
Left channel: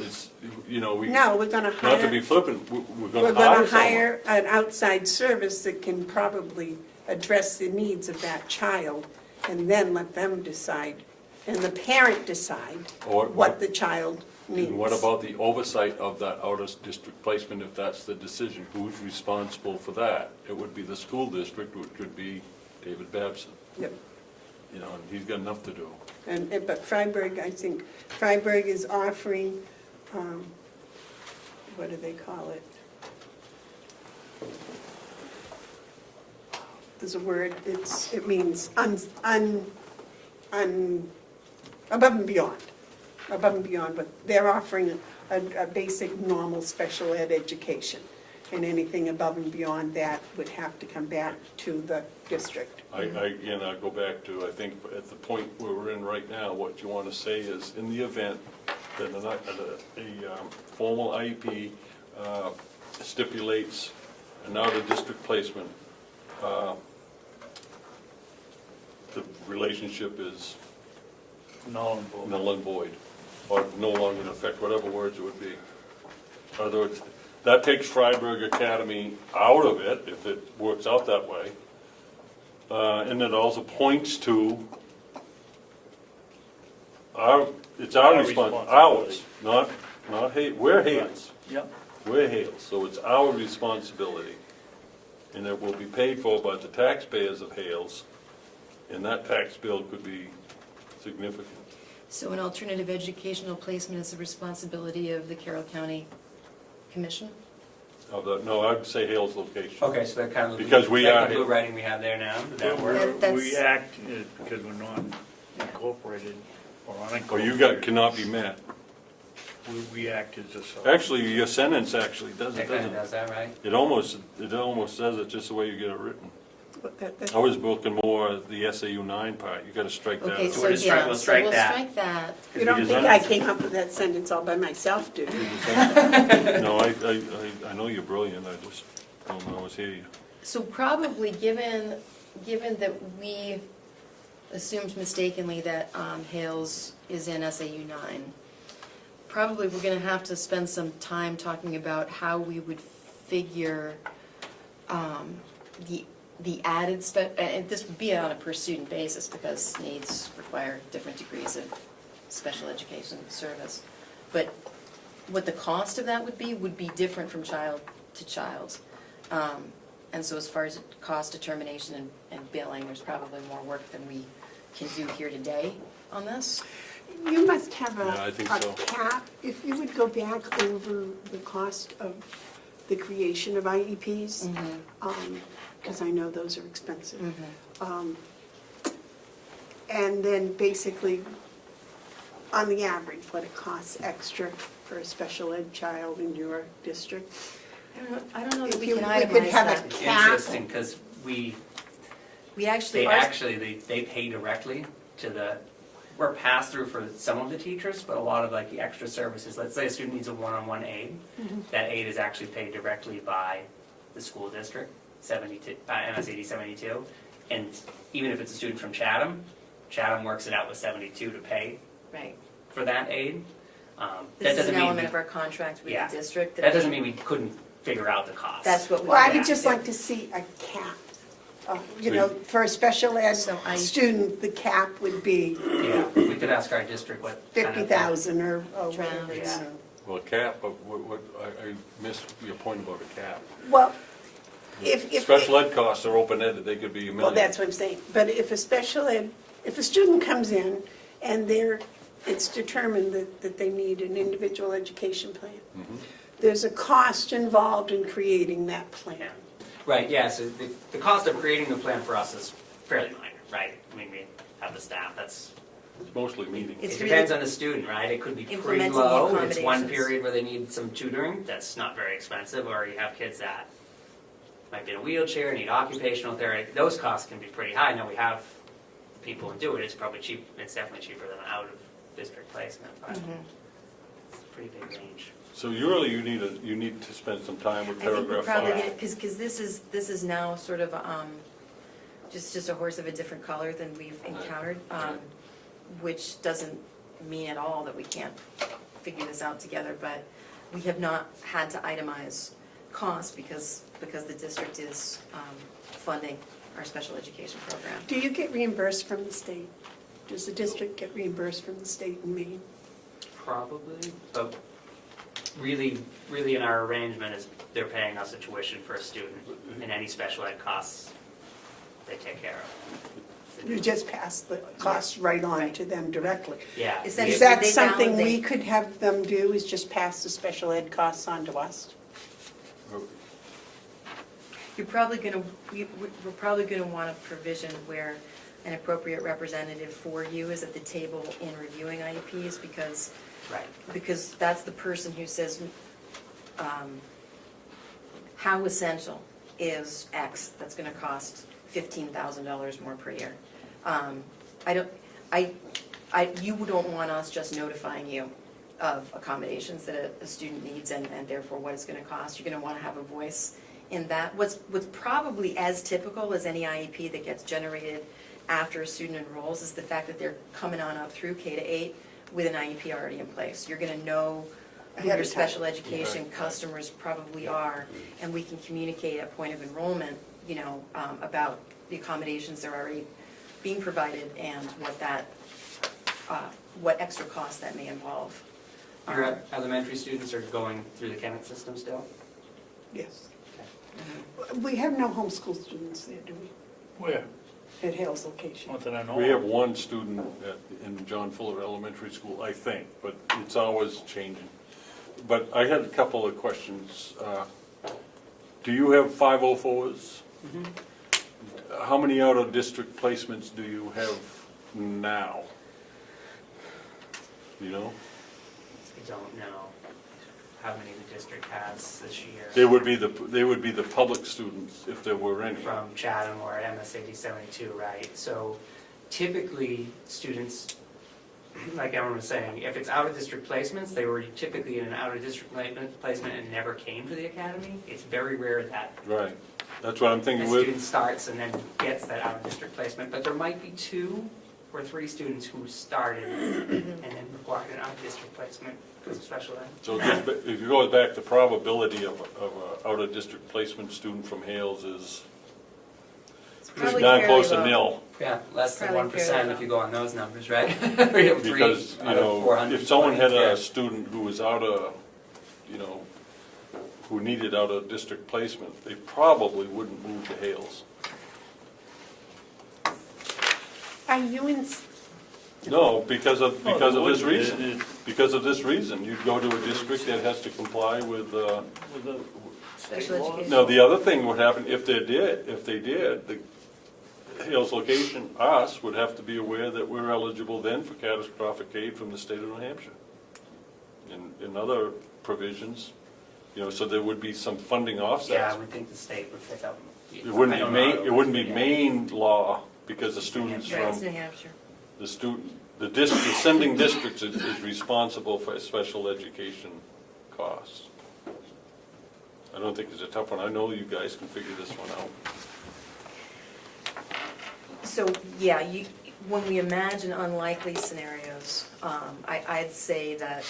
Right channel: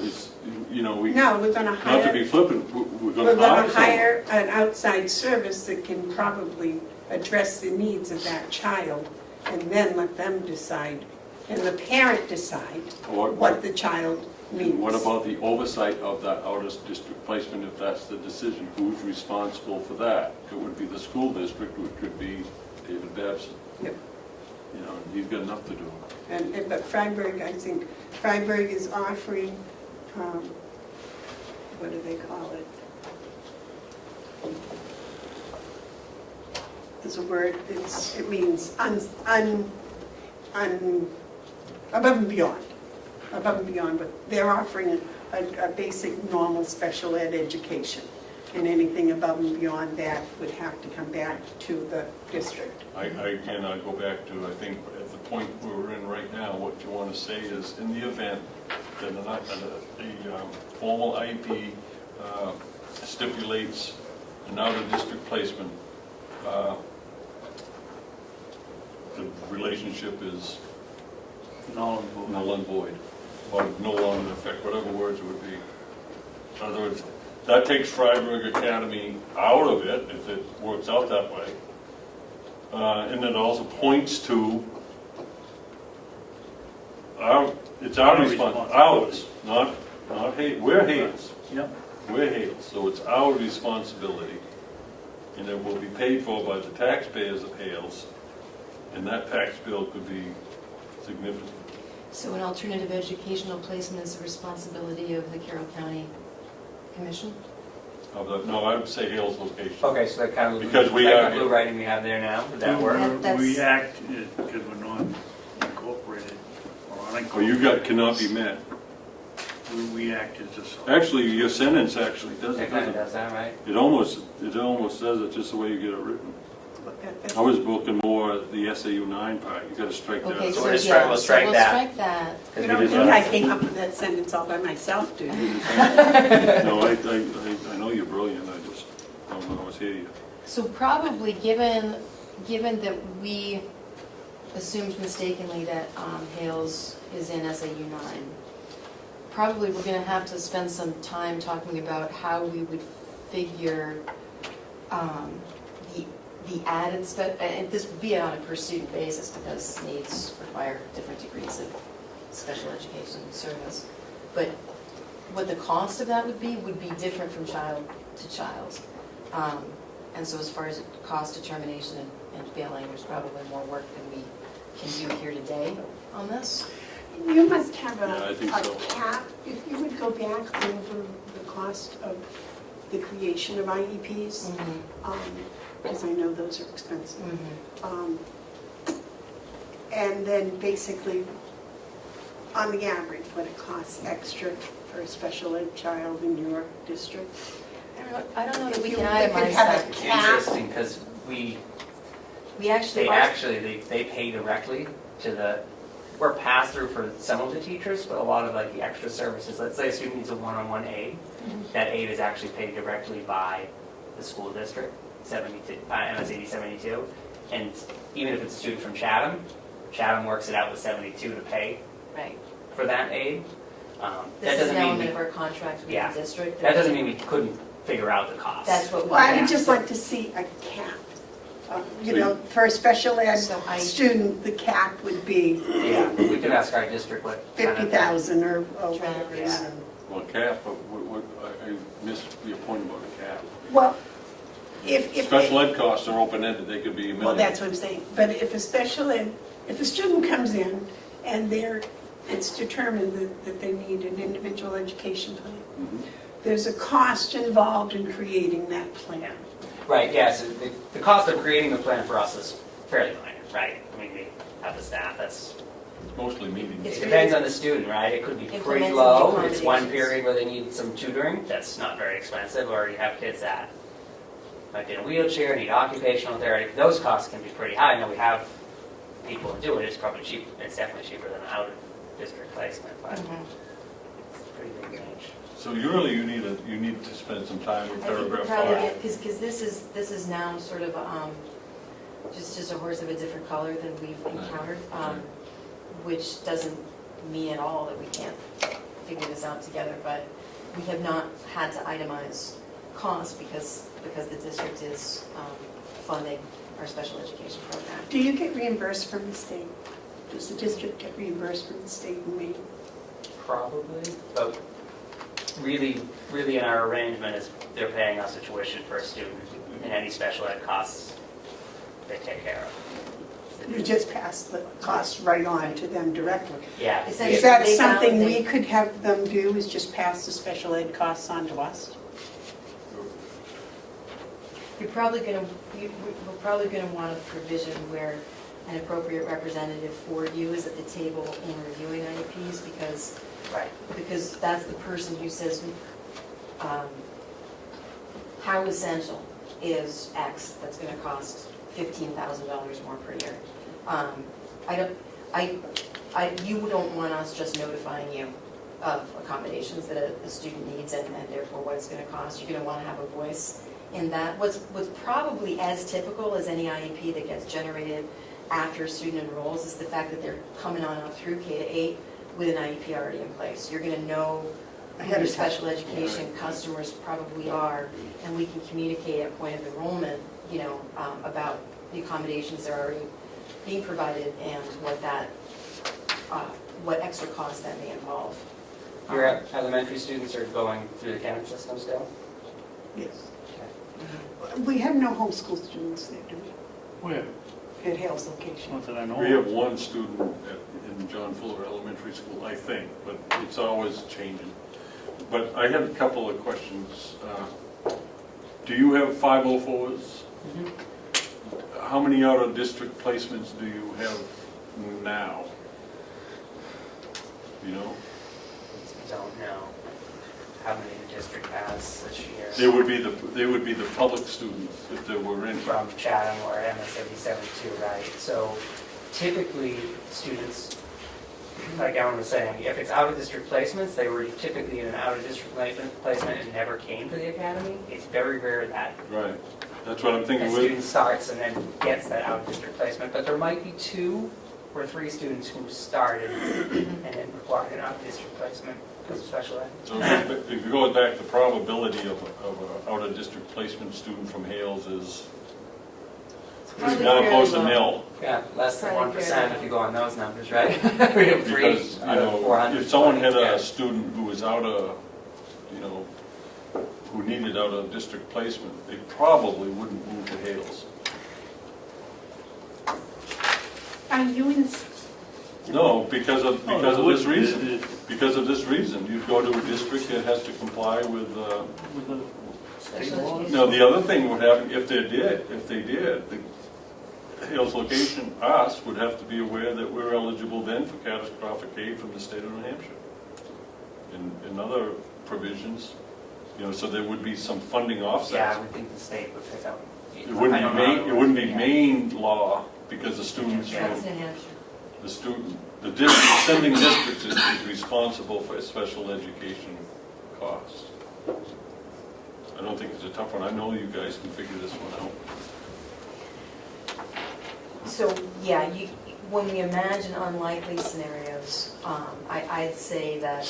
gonna not to be hire, flippant, we're we're gonna gonna hire someone. hire an outside service that can probably address the needs of that child, and then let them decide, and the parent decide Or- what the child needs. And what about the oversight of that out-of-district placement, if that's the decision? Who's responsible for that? It would be the school district, which would be David Babson. Yep. He's got enough to do. But Freiburg, I think, Freiburg is offering, what do they call it? There's a word, it means above and beyond. Above and beyond, but they're offering a basic, normal special ed education. And anything above and beyond that would have to come back to the district. Again, I go back to, I think, at the point where we're in right now, what you want to say is, in the event that a formal IEP stipulates an out-of-district placement, the relationship is null and void. or no longer in effect, whatever words it would be. In other words, that takes Freiburg Academy out of it, if it works out that way. And it also points to it's our responsibility, ours, not we're Hales. Yep. We're Hales, so it's our responsibility, and it will be paid for by the taxpayers of Hales, and that tax bill could be significant. So an alternative educational placement is the responsibility of the Carroll County Commission? No, I'd say Hales location. Okay, so that kind of, Because we like are- the blue writing we have there now, does that work? We act because we're not incorporated or Oh, unincorporated. cannot be met. We act as a. Actually, your sentence actually does That it, kind of doesn't does that, right? it? It almost says it just the way you get it written. I was looking more at the SAU 9 part, you gotta strike that. Okay, So so we'll just yeah, strike- we'll so strike we'll that. strike that. You don't Because think I came up with that sentence all by myself, do you? No, I know you're brilliant, I just don't always hear you. So probably, given that we assumed mistakenly that Hales is in SAU 9, probably we're gonna have to spend some time talking about how we would figure the added and this would be on a per student basis because needs require different degrees of special education service. But what the cost of that would be different from child to child. And so as far as cost determination and billing, there's probably more work than we can do here today on this. You must have Yeah, I think so. a cap, if you would go back over the cost of the creation of IEPs, because I know those are expensive. And then basically, on the average, what it costs extra for a special ed child in your district. I don't know if If we you can could itemize have that. a cap. Interesting, because We they actually, they pay directly to the, we're pass through for some of the teachers, but a lot of like the extra services, let's say a student needs a one-on-one aid, that aid is actually paid directly by the school district, MSAD 72, and even if it's a student from Chatham works it out with 72 to pay right. for that aid. That This is doesn't an mean, element of our contract with Yeah. the district. that doesn't mean we couldn't figure out the cost. That's what we. Well, I would just like to see a cap. You know, for a special ed So I- student, the cap would be Yeah, we could ask our district what kind of. 50,000 or whatever. Yeah. Well, cap, but I missed your point about a cap. Well, if. Special ed costs are open-ended, they could be a Well, million. that's what I'm saying, but if a special ed, if a student comes in and it's determined that they need an individual education plan, Mhm. there's a cost involved in creating that plan. Right, yeah, so the cost of creating the plan for us is fairly minor, right? I mean, we have the staff, that's, Mostly meetings. It's it depends on the student, right? It could be pretty Implementing the low, it's one accommodations. period where they need some tutoring, that's not very expensive, or you have kids that might be in a wheelchair, need occupational therapy, those costs can be pretty high. Now, we have people who do it, it's probably cheap, it's definitely cheaper than out-of-district placement, but it's a pretty big range. So you need to spend some time with I think we paragraph probably 5. get, because this is now sort of, just a horse of a different color than we've encountered, which doesn't mean at all that we can't figure this out together, but we have not had to itemize costs because the district is funding our special education program. Do you get reimbursed from the state? Does the district get reimbursed from the state in Maine? Probably, but really in our arrangement is they're paying us a tuition for a student, and any special ed costs, they take care of. You just pass the cost right on to them directly. Yeah. Essentially, Is that they something validate- we could have them do, is just pass the special ed costs on to us? we're probably gonna want a provision where an appropriate representative for you is at the table in reviewing IEPs, Right. because that's the person who says, how essential is X that's gonna cost $15,000 more per year. You don't want us just notifying you of accommodations that a student needs and therefore what it's gonna cost. You're gonna wanna have a voice in that. What's probably as typical as any IEP that gets generated after a student enrolls is the fact that they're coming on up through K-8 with an IEP already in place. You're gonna know who your special education customers probably are, and we can communicate at point of enrollment, about the accommodations that are already being provided and what extra costs that may involve. Your elementary students are going through the Kemet system still? Yes. We have no homeschool students there, do Where? we? At Hale's location. Not that I know. We have one student in John Fuller Elementary School, I think, but it's always changing. But I have a couple of questions. Do you have 504s? How many out-of-district placements do you have now? You know? Don't know how many the district has this year. They would be the public students, if there were any. From Chatham or MSAD 72, right? So typically, students, like Evan was saying, if it's out-of-district placements, they were typically in an out-of-district placement and never came to the academy. It's very rare that Right. That's what I'm a thinking student with. starts and then gets that out-of-district placement. But there might be 2 or 3 students who started and then required an out-of-district placement because of special ed. So if you go back, the probability of a out-of-district placement student from Hales is Probably down fairly close to low. nil. Yeah, less than Probably 1% fair. if you go on those numbers, right? We have 3 Because, you out of know, 400. if someone had Yeah. a student who was who needed out-of-district placement, they probably wouldn't move to Hales. are you in, No, because of this reason. It- Because of this reason. You go to a district that has to comply with, with the state Special law. education. no, the other thing would happen, if they did, the Hales location, us, would have to be aware that we're eligible then for catastrophic aid from the state of New Hampshire. In other provisions, so there would be some funding Yeah, offsets. I would think the state would pick up. It wouldn't be Maine law, because the students Yeah, from, it's New Hampshire. the district, sending districts is responsible for special education costs. I don't think it's a tough one. I know you guys can figure this one out. So, yeah, when we imagine unlikely scenarios, I'd say that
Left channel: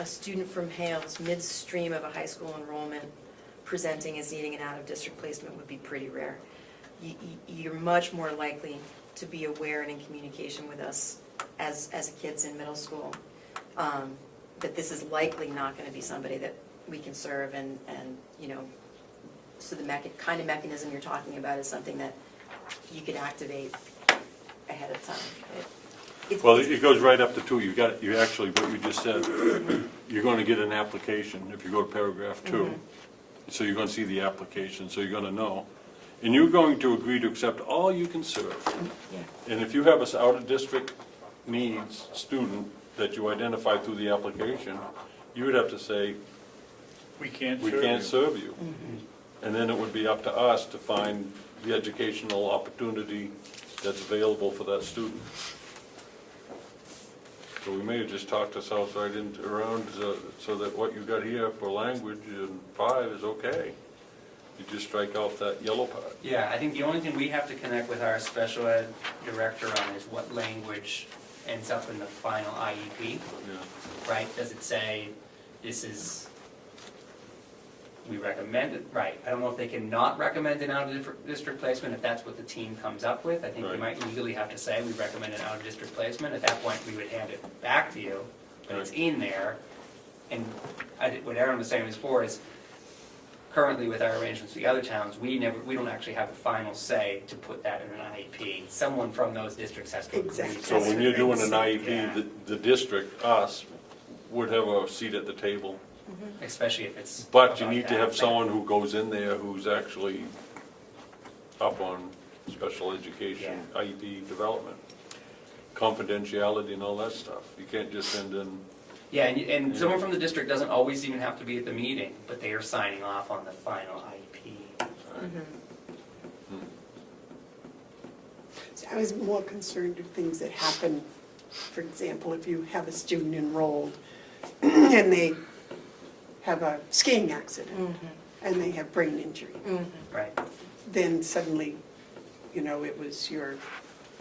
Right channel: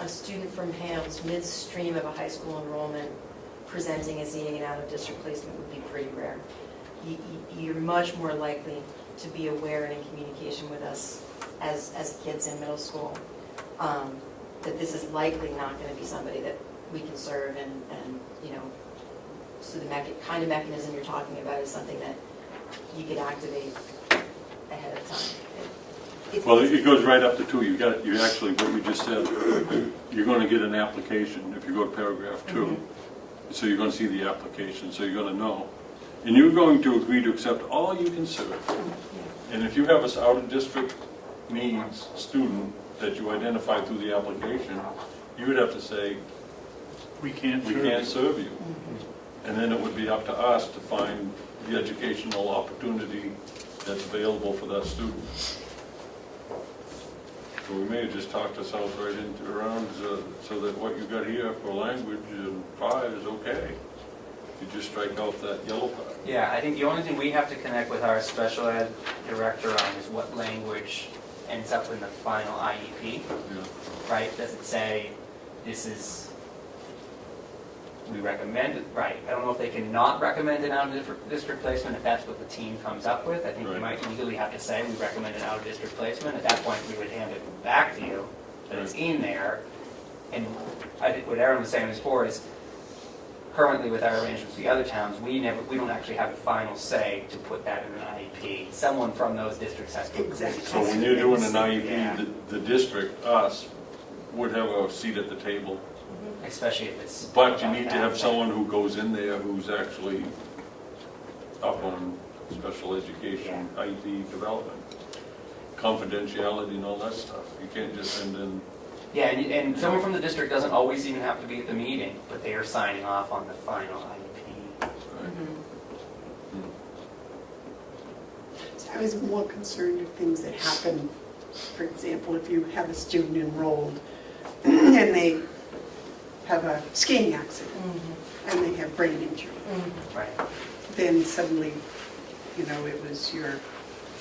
a student from Hales midstream of a high school enrollment presenting as needing an out-of-district placement would be pretty rare. You're much more likely to be aware and in communication with us as kids in middle school, that this is likely not going to be somebody that we can serve and so the kind of mechanism you're talking about is something that you could activate ahead of time. Well, it goes right up to two. You actually, what you just said, you're going to get an application if you go to paragraph 2. So you're going to see the application, so you're going to know. And you're going to agree to accept all you can serve. And if you have this out-of-district needs student that you identify through the application, you would have to say, We can't we serve can't you. serve you. And then it would be up to us to find the educational opportunity that's available for that student. So we may have just talked ourselves right around so that what you got here for language in 5 is okay. You just strike out that yellow part. Yeah, I think the only thing we have to connect with our special ed director on is what language ends up in the final IEP, right? Does it say, this is, we recommend it, right? I don't know if they can not recommend an out-of-district placement if that's what the team comes up with. I think we Right. might legally have to say, we recommend an out-of-district placement. At that point, we would hand it back to you, and it's in there. And I think what Aaron was saying before is, currently with our arrangements with the other towns, we don't actually have the final say to put that in an IEP. Someone from those districts has to agree. Exactly. So when you're doing an Yeah. IEP, the district, us, would have a seat at the table. Especially if it's. But you need to have someone who goes in there who's actually up on special education, IEP development, confidentiality and all that stuff. You can't just send in, Yeah, and someone from the district doesn't always even have to be at the meeting, but they are signing off on the final IEP. I was more concerned with things that happen. For example, if you have a student enrolled and they have a skiing accident and they have brain injury, Right. then suddenly, it was your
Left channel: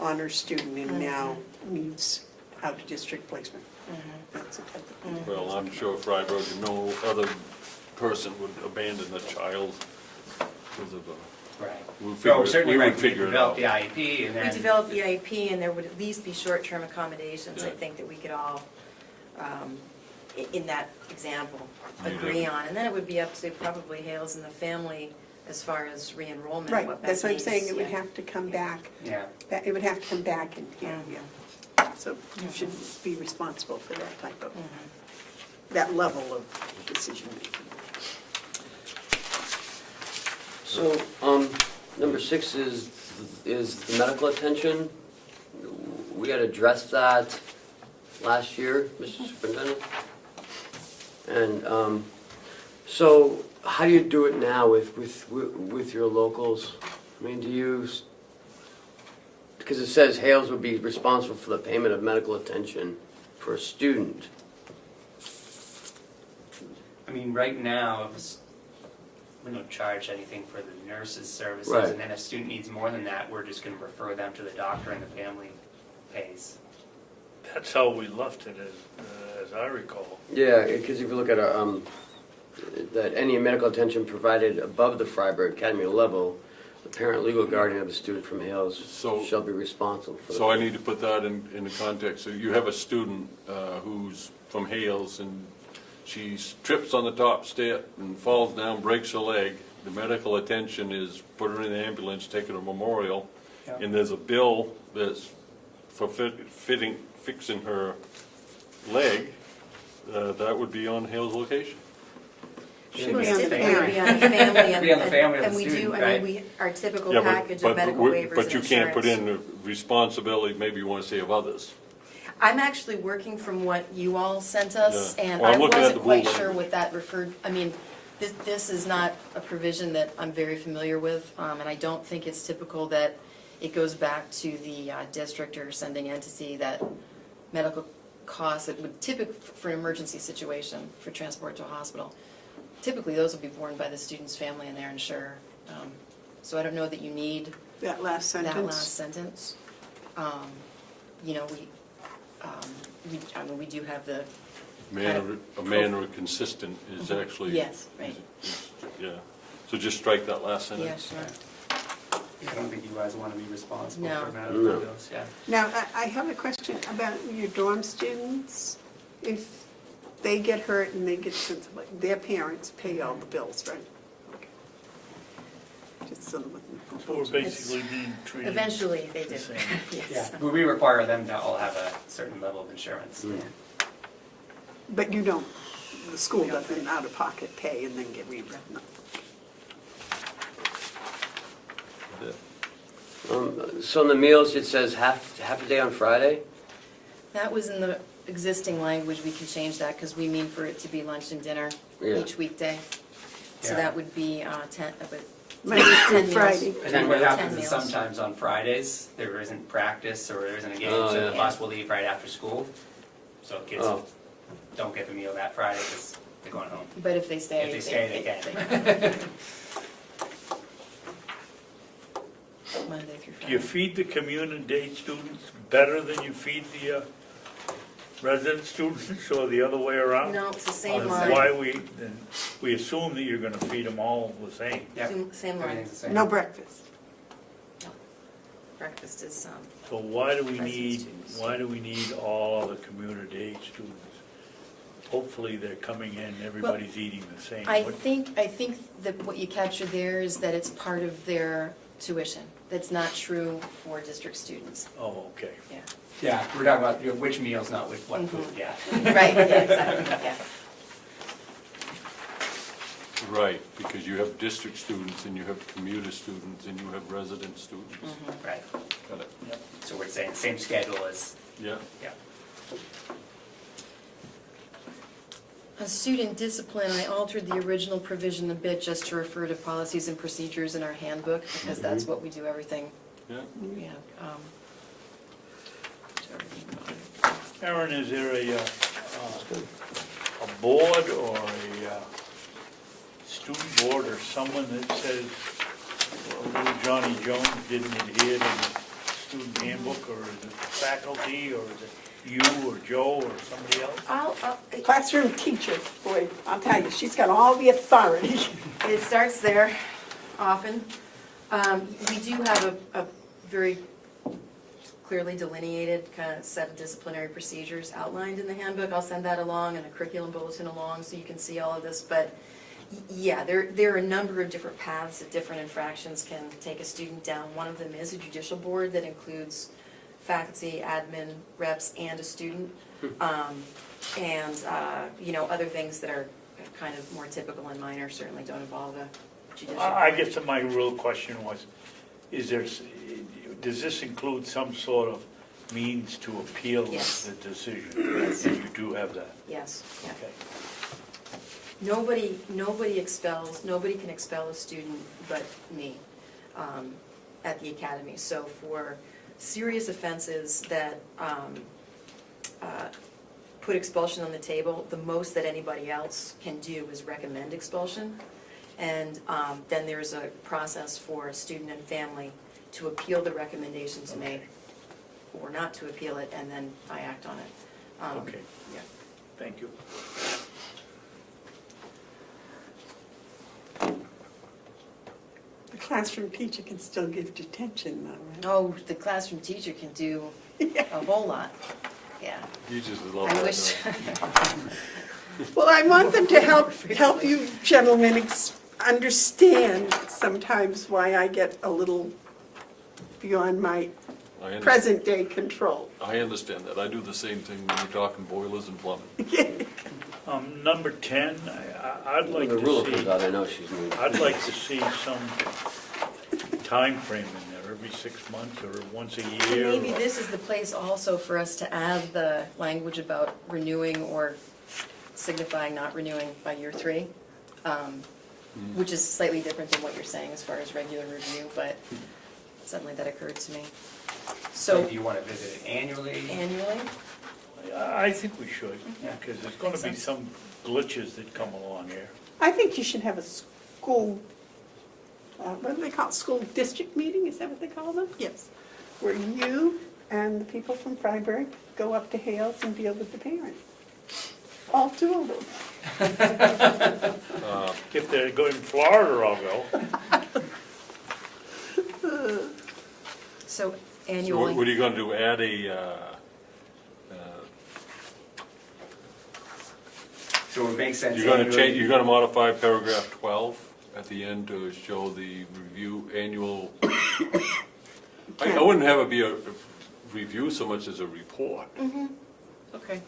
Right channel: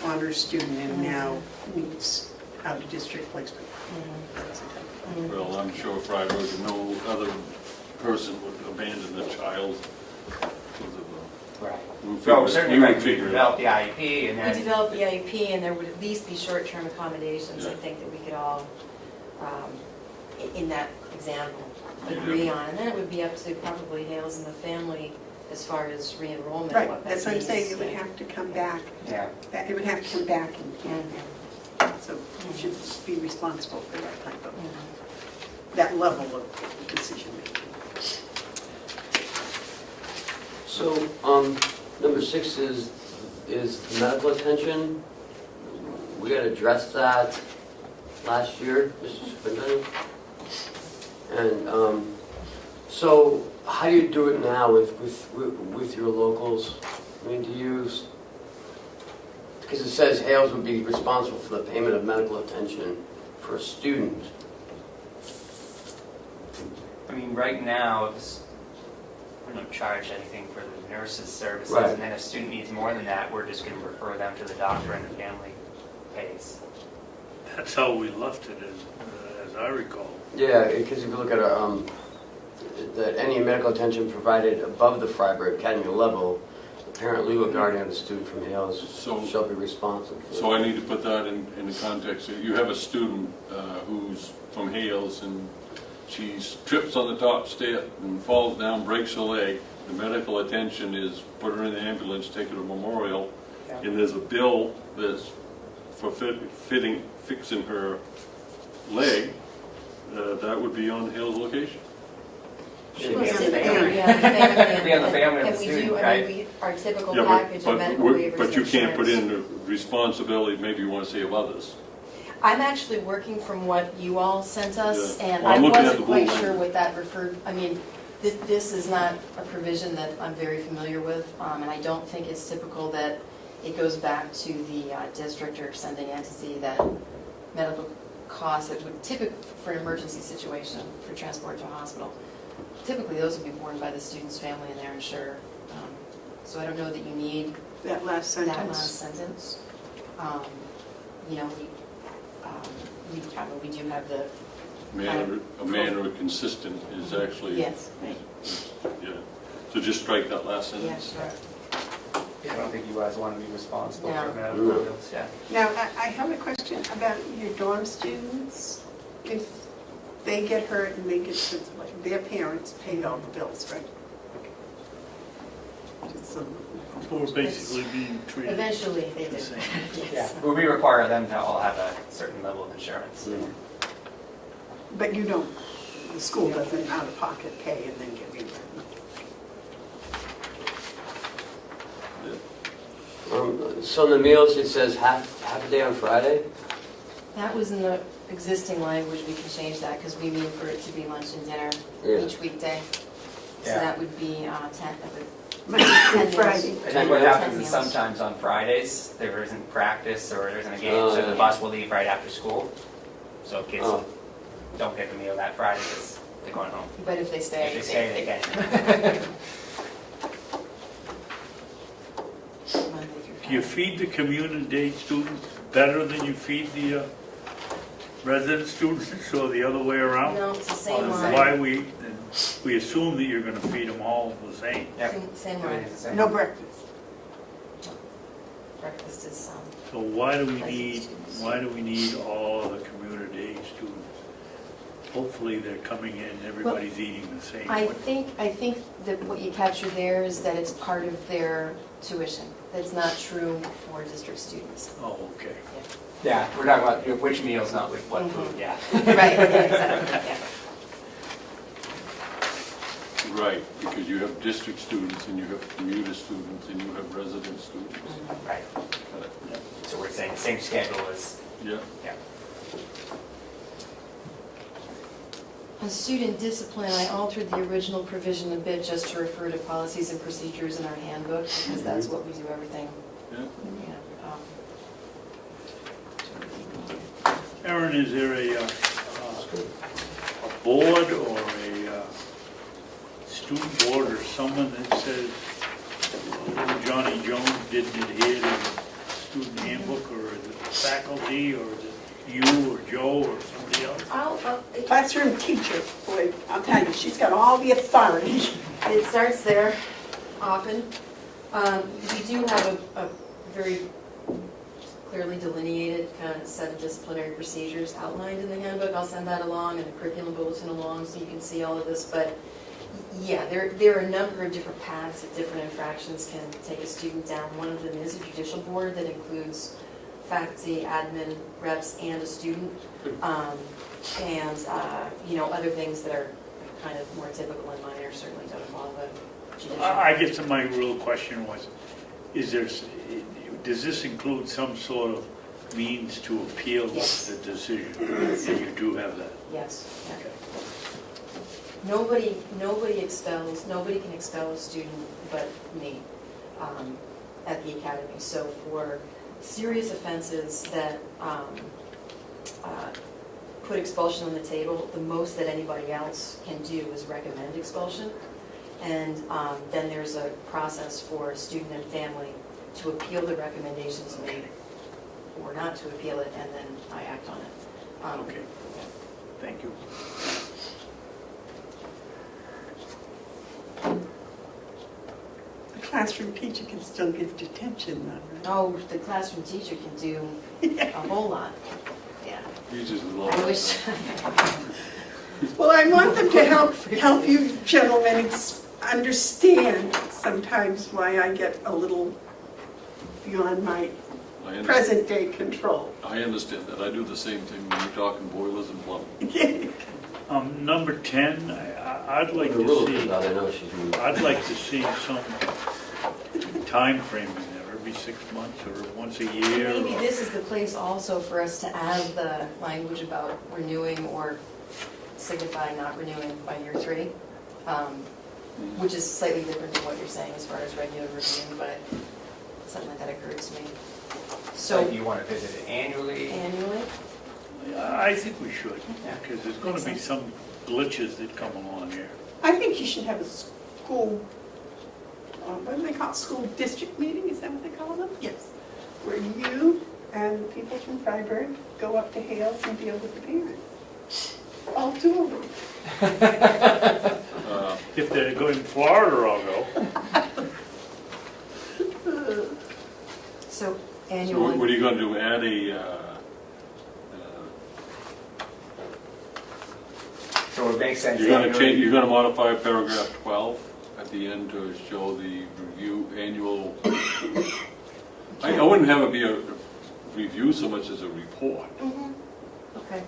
honor student and now needs out-of-district placement. That's the type of thing. well, I'm sure if I was, no other person would abandon the child because of Right. we'll So figure- certainly we right, would we figure it develop out. the IEP and We then. develop the IEP and there would at least be short-term accommodations, I Yeah. think, that we could all, in that example, agree on. And then it would be up to probably Hales and the family as far as re-enrollment. Right, what that's that what I'm saying, means. it would have to come back, Yeah. it would have to come back and, so you should be responsible for that type of, that level of decision making. So, number 6 is the medical attention. We had addressed that last year, Mr. Superintendent. And, so how do you do it now with your locals? I mean, do you, because it says Hales would be responsible for the payment of medical attention for a student. I mean, right now, we don't charge anything for the nurses' services. Right. And then if a student needs more than that, we're just going to refer them to the doctor and the family pays. That's how we left it, as I recall. Yeah, because if you look at our, that any medical attention provided above the Freiburg Academy level, the parent legal guardian of a student from Hales So- shall be responsible for. So I need to put that in the context. So you have a student who's from Hales and she trips on the top step and falls down, breaks her leg. The medical attention is put her in the ambulance, take her to Memorial, and there's a bill that's for fixing her leg, that would be on Hale's location. She was Yeah. typically, yeah, family and. Be on the family of the and we do, student, I right? mean, our typical Yeah, package of medical waivers but you and can't put insurance. in the responsibility, maybe you want to say of others. I'm actually working from what you all sent us, Yeah. and Well, I'm I looking at wasn't the quite blue sure line. what that referred, I mean, this is not a provision that I'm very familiar with, and I don't think it's typical that it goes back to the district or sending entity that medical costs that would typically, for an emergency situation, for transport to a hospital, typically those would be borne by the student's family and their insurer. So I don't know that you need That last that sentence. last sentence. You know, I mean, we do have the, A manner of consistent is actually, yeah. yes, right, So just strike that last yeah, sentence. sure. I don't think you guys want to be responsible No. for medical bills, yeah. Now, I have a question about your dorm students. If they get hurt and they get, their parents pay all the bills, right? So, So we're basically being treated Eventually, they the do, same. yes. Well, we require them to all have a certain level of insurance. but you don't, the school doesn't out of pocket pay and then get reimbursed. So in the meals, it says half a day on Friday? That was in the existing language, we could change that, because we mean for it to be lunch and dinner Yeah. each weekday. So Yeah. that would be 10, Monday through 10 Friday. meals. And then what 10 happens is meals. sometimes on Fridays, there isn't practice or there isn't a game, Oh, so yeah. the bus will leave right after school. So kids Oh. don't get the meal that Friday because they're going home. But if they stay. If they stay, they can. Monday through Do you Friday. feed the community students better than you feed the resident students, or the other way around? No, it's the same Then line. why we assume that you're gonna feed them all the same. Yeah. Same line. No breakfast. Breakfast is, So why do we need all of the community age students? Hopefully they're coming in, everybody's eating the same I way. think that what you captured there is that it's part of their tuition. That's not true for district students. Oh, okay. Yeah, we're talking about which meals, not with what food, yeah. Right, exactly, yeah. Right, because you have district students and you have commuter students and you have resident students. Right. So we're saying same schedule as, Yeah, yeah. On student discipline, I altered the original provision a bit just to refer to policies and procedures in our handbook, because that's what we do everything, yeah. yeah. Aaron, is there a board or a student board or someone that says little Johnny Jones didn't adhere to the student handbook, or is it faculty, or is it you or Joe or somebody else? Classroom teacher, boy, I'll tell you, she's got all the authority. It starts there often. We do have a very clearly delineated kind of set of disciplinary procedures outlined in the handbook. I'll send that along and a curriculum bulletin along so you can see all of this. But yeah, there are a number of different paths that different infractions can take a student down. One of them is a judicial board that includes faculty, admin, reps, and a student. You know, other things that are kind of more typical and minor certainly don't involve a judicial. I guess that my real question was, does this include some sort of means to appeal Yes. the decision? Yes. And you do have that? Yes, yeah. Okay. Nobody can expel a student but me at the academy. So for serious offenses that put expulsion on the table, the most that anybody else can do is recommend expulsion. And then there's a process for student and family to appeal the recommendations made or not to appeal it, and then I act on it. Okay, yeah. thank you. The classroom teacher can still give detention, though, Oh, the classroom teacher can do a whole lot, yeah. Jesus is all. I wish, right? Well, I want them to help you gentlemen understand sometimes why I get a little beyond my present-day control. I understand that. I do the same thing when you're talking boilers and plumbing. Number 10, I'd like The to rules see, about it, I know she's moved. I'd like to see some time frame in there, every 6 months or once a year. Maybe or- this is the place also for us to add the language about renewing or signifying not renewing by year 3, which is slightly different than what you're saying as far as regular review, but something that occurred to me. So So do you want to visit it annually? annually, I think we should, Yeah. because there's gonna be Makes some glitches that come along here. I think you should have a school, what do they call it, school district meeting, is that what they call them? Yes. Where you and people from Freiburg go up to Hales and deal with the parents. All 2 of them. If they're going to Florida, I'll go. so So what annually, are you gonna do, add So it makes sense. you're gonna annually. change, you're gonna modify paragraph 12 at the end to show the review annual, I wouldn't have it be a review so much as a report. okay.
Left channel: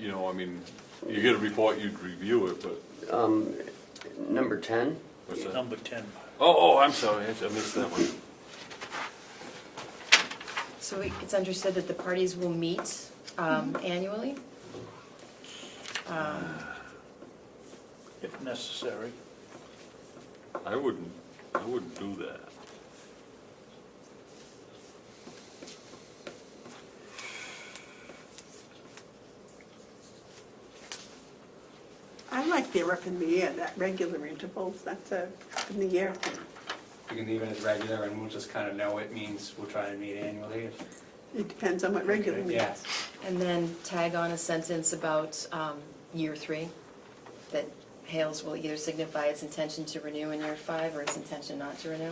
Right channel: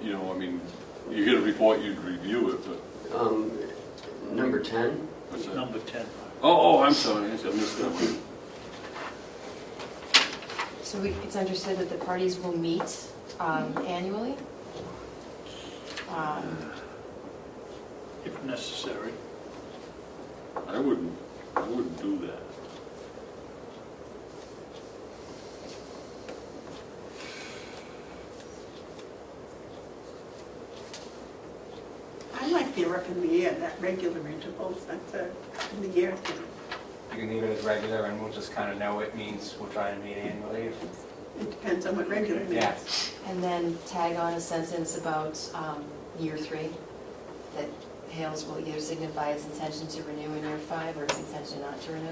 You know, I mean, you get a report, you'd review it, but, Number 10, what's that? Number 10. Oh, I'm sorry, I missed that one. So it's understood that the parties will meet annually? If necessary. I wouldn't do that. I like the up in the air, that regular intervals, that's a in the air thing. You can leave it as regular and we'll just kind of know it means we'll try and meet annually. It depends on what regular means. Yes. And then tag on a sentence about year 3, that Hales will either signify its intention to renew in year 5 or its intention not to renew.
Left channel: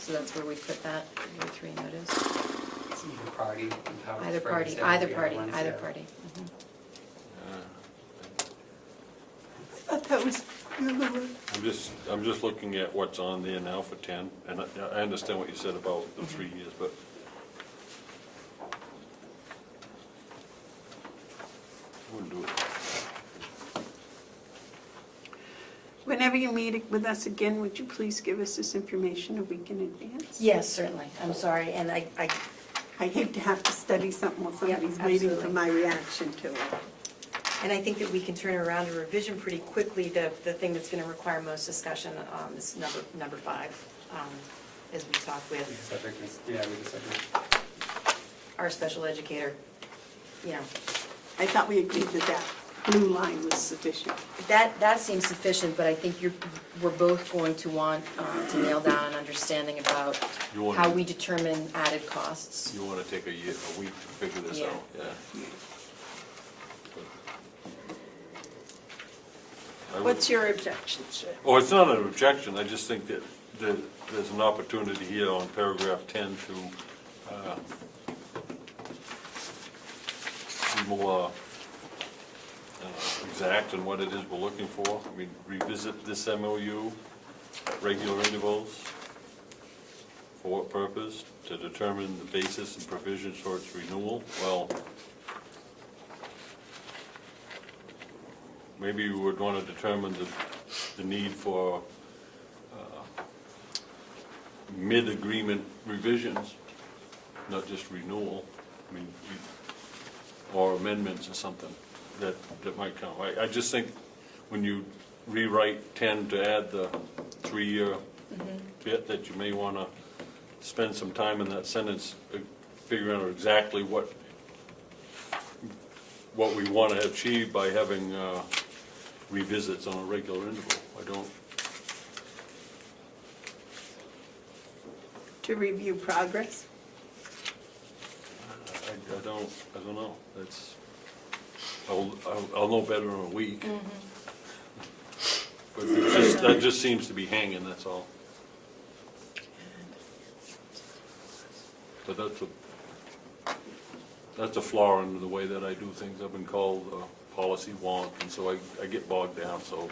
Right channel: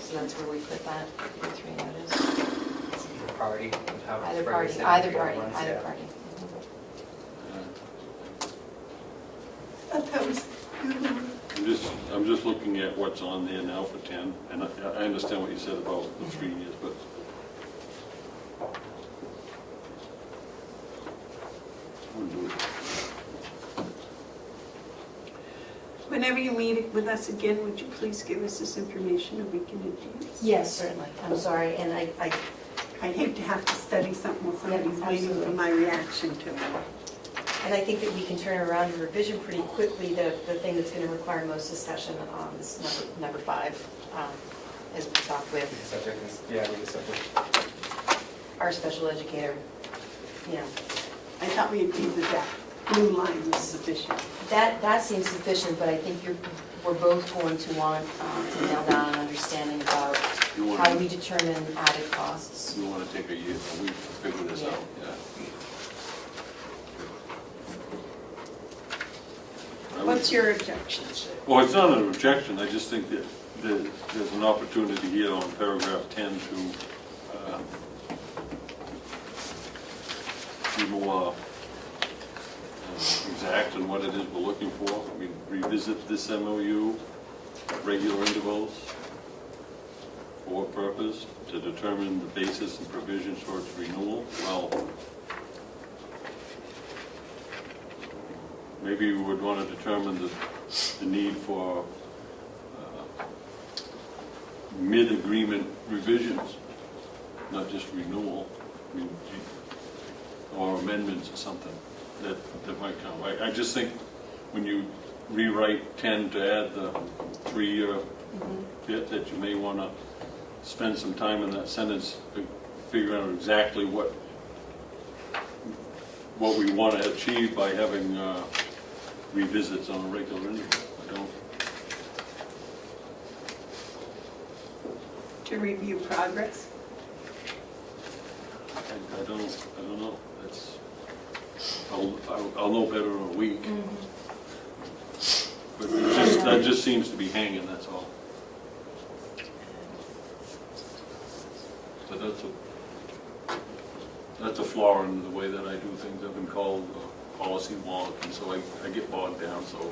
So that's where we put that year 3 notice. Either party. how it's Either party, phrased in either the party, ones, either yeah. party. Uh, That was, I'm just looking at what's on there now for 10, and I understand what you said about the 3 years, but I wouldn't do it. whenever you meet with us again, would you please give us this information a week in advance? Yes, certainly. I'm sorry, and I I hate to have to study something while somebody's Yeah, waiting for absolutely. my reaction to it. And I think that we can turn around a revision pretty quickly. The thing that's going to require most discussion is number 5, as we talked with Subject is, yeah, we can subject. our special educator. You know, I thought we agreed that blue line was sufficient. that seems sufficient, but I think we're both going to want to nail down an understanding about You wanna- how we determine added costs. You want to take a week to figure this Yeah. out, yeah. I would- What's your objection? Oh, it's not an objection, I just think that there's an opportunity here on paragraph 10 to be more exact in what it is we're looking for. I mean, revisit this MOU at regular intervals. For what purpose? To determine the basis and provisions for its renewal. Well, maybe we would want to determine the need for mid-agreement revisions, not just renewal, I mean, or amendments or something that might come. I just think when you rewrite 10 to add the 3-year bit, that you may want to spend some time in that sentence figuring out exactly what we want to achieve by having revisits on a regular interval. I don't. To review progress? I don't know. That's, I'll know better in a week. But that just seems to be hanging, that's all. So that's a flaw in the way that I do things. I've been called policy wonk, and so I get bogged down, so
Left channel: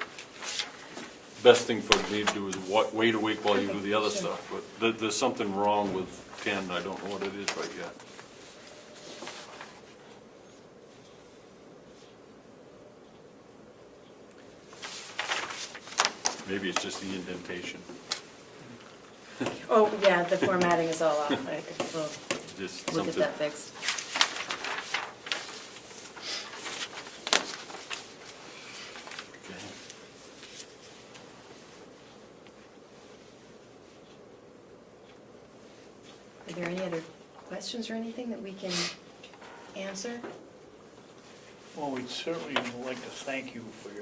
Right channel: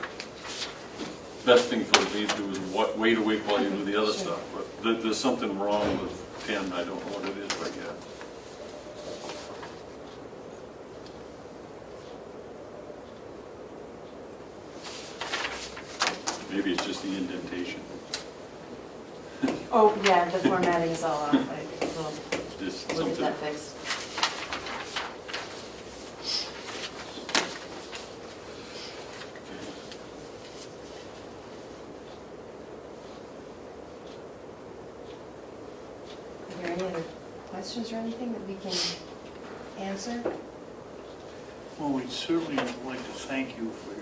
best thing for me to do is wait a week while you do the other stuff. But there's something wrong with 10, I don't know what it is right yet. Maybe it's just the indentation. Oh, yeah, the formatting is all off, we'll Just get something. that fixed. Are there any other questions or anything that we can answer? Well, we'd certainly like to thank you for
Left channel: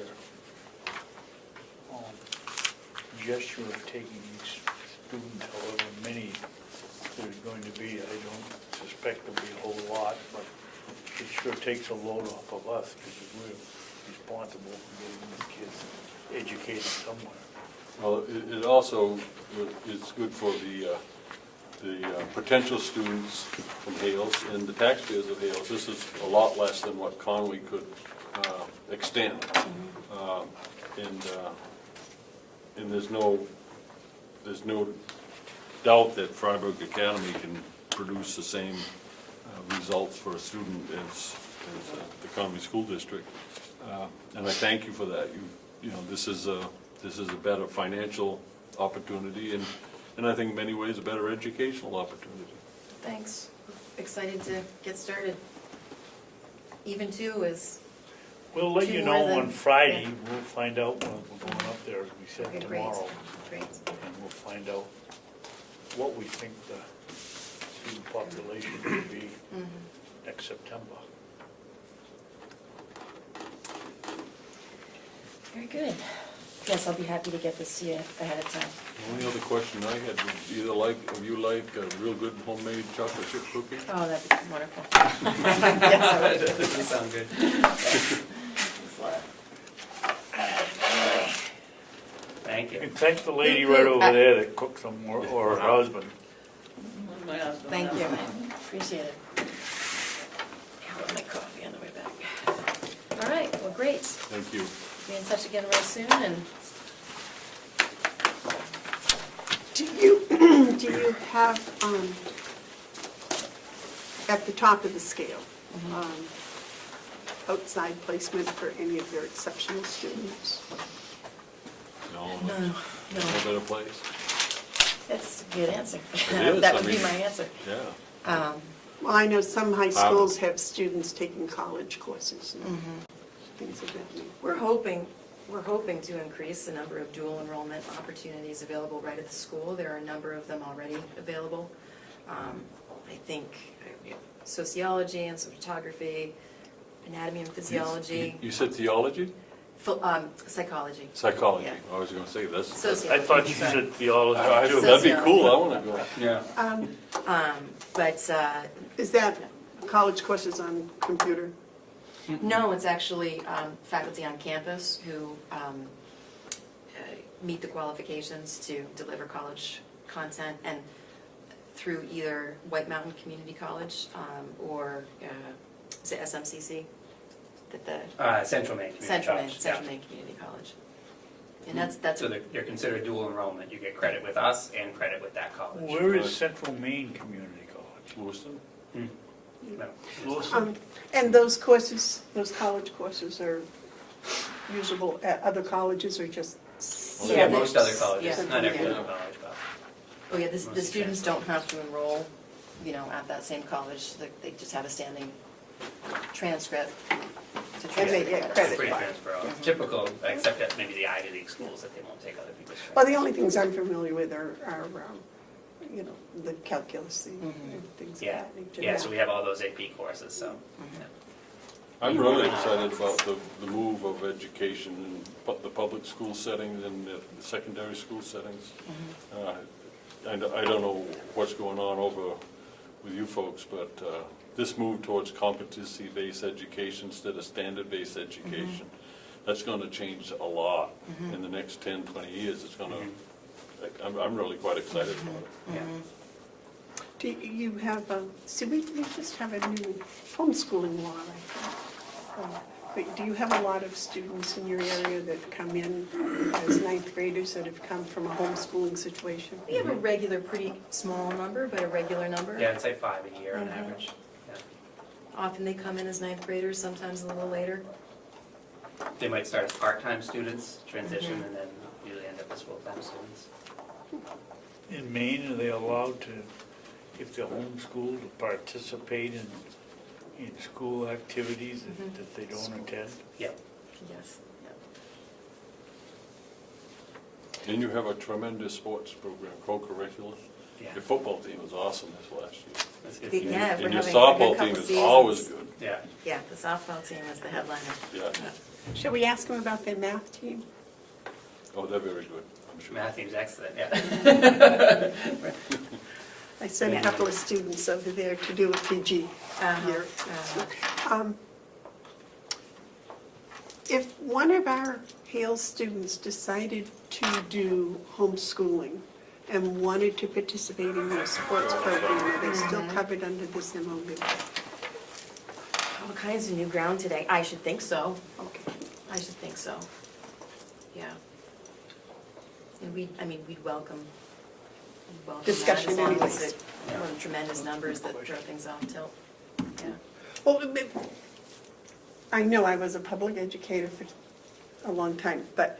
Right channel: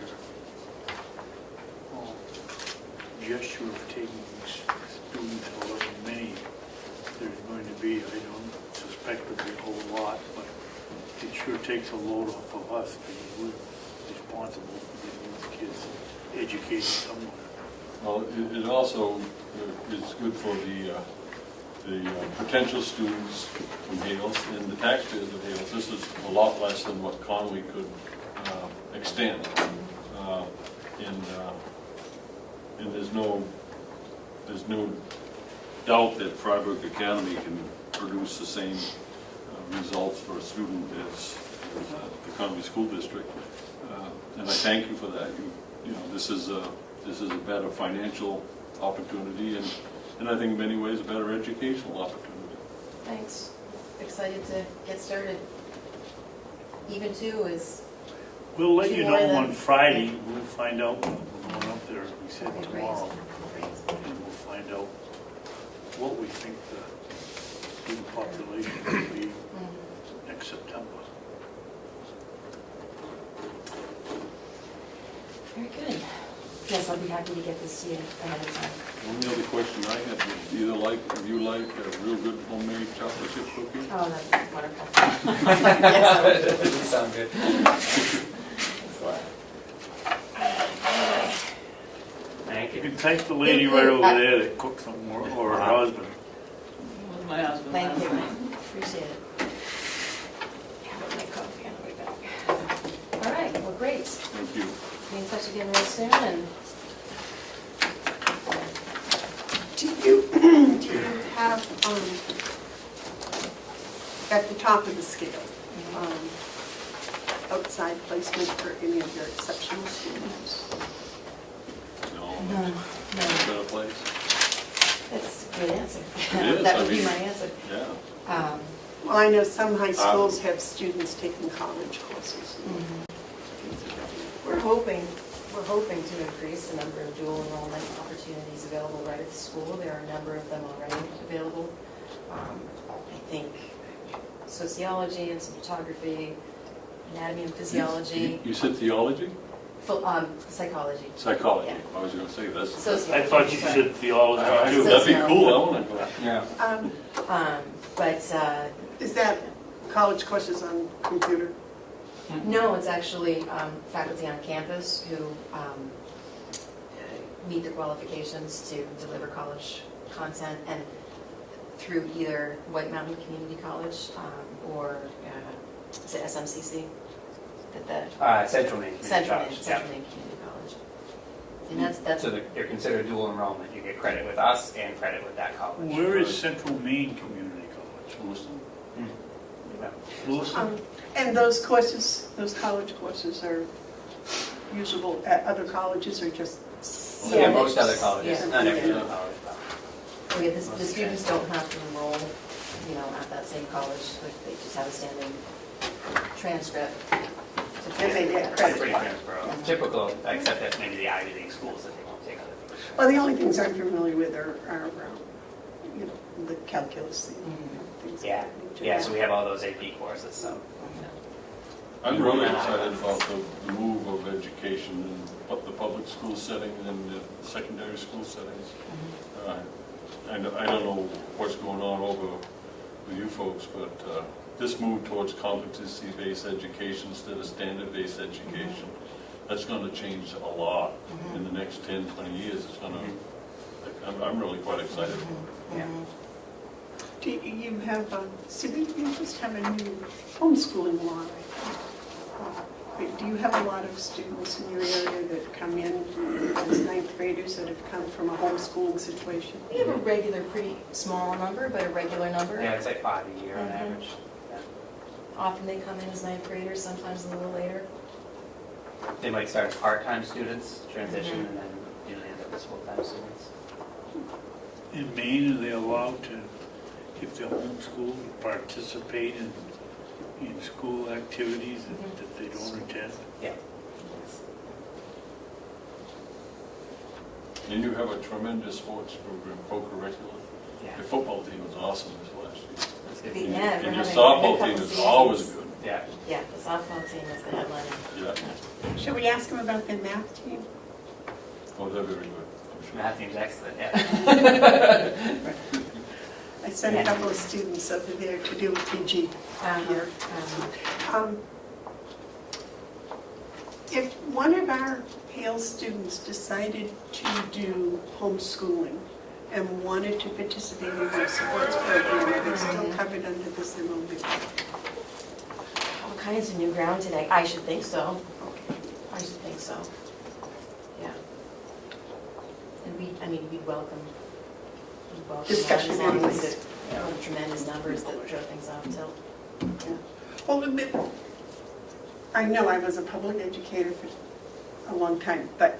your gesture of taking these students, however many there's going to be. I don't suspect there'll be a whole lot, but it sure takes a load off of us because we're responsible for getting these kids educated somewhere. Well, it also is good for the potential students from Hales and the taxpayers of Hales. This is a lot less than what Conway could extend. And there's no doubt that Freiburg Academy can produce the same results for a student as the Conway School District. And I thank you for that. You know, this is a better financial opportunity and I think in many ways a better educational opportunity. Thanks. Excited to get started. Even two is, We'll let you know More than- on Friday. We'll find out when we're going up there. We said okay, great, tomorrow. great. And we'll find out what we think the student population will be next September. Very good. Yes, I'll be happy to get this to you ahead of time. The only other question I had was do you like a real good homemade chocolate chip cookie? Oh, that'd be wonderful. Yes, That doesn't sound good. Thank you. And thank the lady right over there that cooks them, or her husband. My husband. thank you. Appreciate it. Have my coffee on the way back. All right, well, great. Thank you. Be in touch again real soon, and Do you have, at the top of the scale, outside placement for any of your exceptional students? No, no, no no, better place. that's a good answer. It is, That I would be mean- my answer. Yeah. Well, I know some high schools have students taking college courses and things like that. We're hoping to increase the number of dual enrollment opportunities available right at the school. There are a number of them already available. I think sociology and some photography, anatomy and physiology, You said theology? psychology. Psychology. Yeah. I was gonna say, that's, Sociology. I thought you said theology. that'd be cool, I wanna go. Yeah. But Is that college courses on computer? no, it's actually faculty on campus who meet the qualifications to deliver college content, and through either White Mountain Community College or is it SMCC? Central Maine Community Central College. Maine Community College. And that's So you're considered dual enrollment, you get credit with us and credit with that college. Where is Central Maine Community College? Lewiston? Lewiston? And those courses, those college courses are usable at other colleges or just? Yeah, most other colleges, Yeah. not every Yeah. other college. okay, the students don't have to enroll, at that same college. They just have a standing transcript to And they get It's credit. pretty transferable, typical, except that maybe the Ivy League schools that they won't take other people's. Well, the only things I'm familiar with are the calculus, things Yeah, like that. yeah, so we have all those AP courses, so. I'm really excited about the move of education in the public school setting and the secondary school settings. I don't know what's going on over with you folks, but this move towards competency-based education instead of standard-based education, that's gonna change a lot in the next 10, 20 years. It's gonna, I'm really quite excited about it. Do you have, you just have a new homeschooling law, right? do you have a lot of students in your area that come in as ninth graders that have come from a homeschooling situation? We have a regular, pretty small number, but a regular number. Yeah, I'd say 5 a year on Mhm. average. Often they come in as ninth graders, sometimes a little later. They might start as part-time students, transition, and then usually end up as full-time students. In Maine, are they allowed to, if they're homeschooled, participate in school activities that they don't attend? Yeah. Yes. And you have a tremendous sports program, co-curricular. Yeah. Your football team was awesome this last year. That's good. The end, And we're your having a softball couple team is seasons. always good. Yeah. Yeah, the softball team is the headliner. Yeah. Should we ask them about their math team? Oh, they're very good, I'm sure. Math team's excellent, yeah. I sent a couple of students over there to do a PG here. If one of our Hale students decided to do homeschooling and wanted to participate in our sports program, are they still covered under this MOB? All kinds of new ground today. I should think so. Okay. I should think so. Yeah. And we welcome that, Discussion as long anyway. as it, tremendous numbers that throw things off till. Well, I know I was a public educator for a long time, but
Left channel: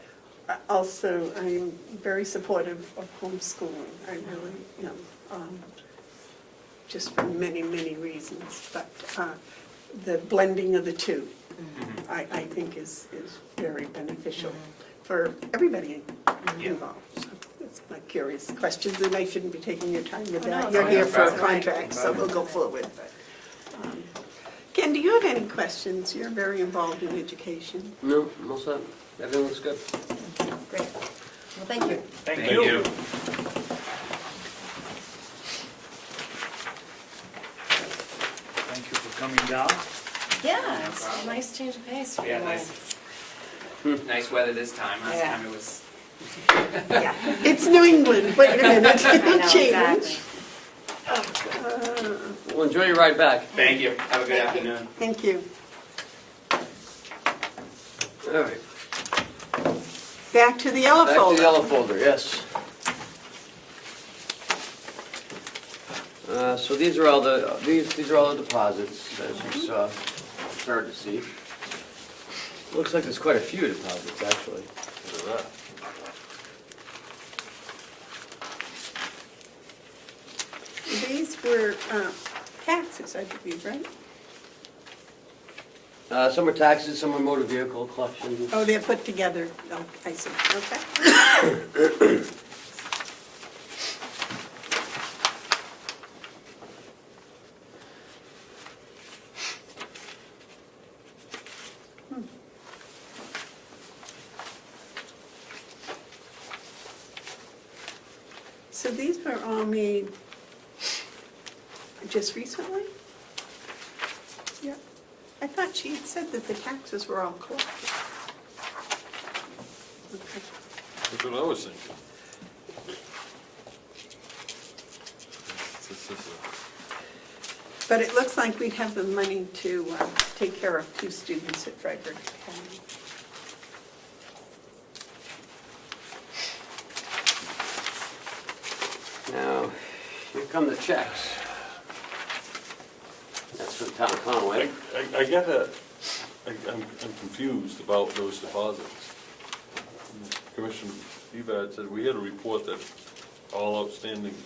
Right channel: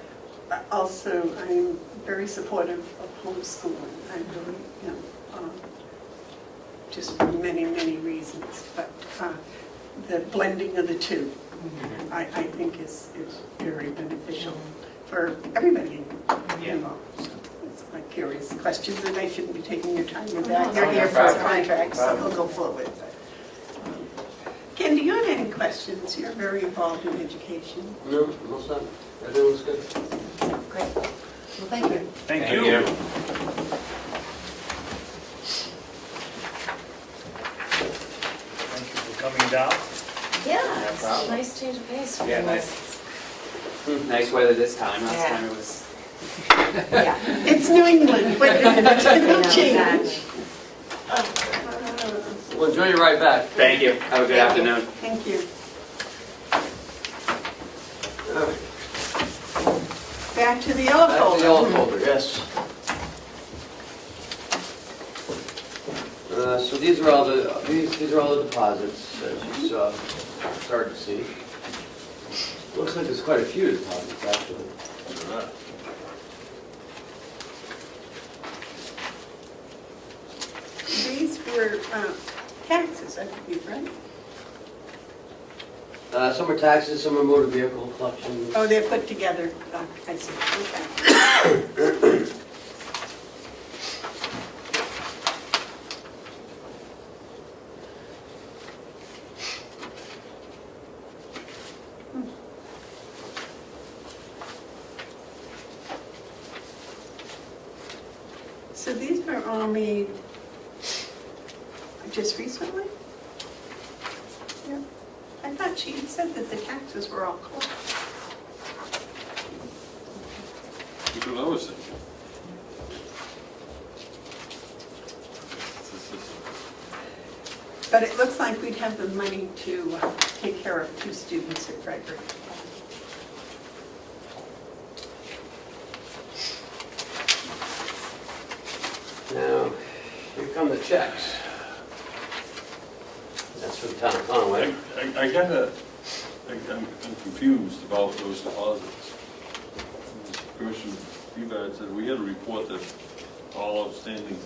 also I'm very supportive of homeschooling. I really, just for many, many reasons. But the blending of the two, I think is very beneficial for everybody involved. So that's my curious questions, and I shouldn't be taking your time. They're here for a contract, so we'll go forward. Ken, do you have any questions? You're very involved in education. No, all set. Everything looks good. Great. Well, thank you. Thank you. Thank you for coming down. Yeah, it's a problem. nice change of pace. for Yeah, you. nice. Nice weather this time, last Yeah. time it was. Yeah. It's New England, wait a minute, it's I gonna know, change. exactly. Well, enjoy your ride back. Thank you, have a good Thank you. afternoon. Thank you. All right. Back to the yellow Back to the folder. yellow folder, yes. So these are all the deposits, as you saw, started to see. Looks like there's quite a few deposits, actually. These were taxes, I believe, right? Some are taxes, some are motor vehicle collection. Oh, they're put together. Oh, I see, okay. So these were all made just recently? Yeah. I thought she had said that the taxes were all closed. That's what I was thinking. But it looks like we'd have the money to take care of 2 students at Frederick. Now, here come the checks. That's from town of Conway. I'm confused about those deposits. Commissioner Bevard said we had a report that all outstanding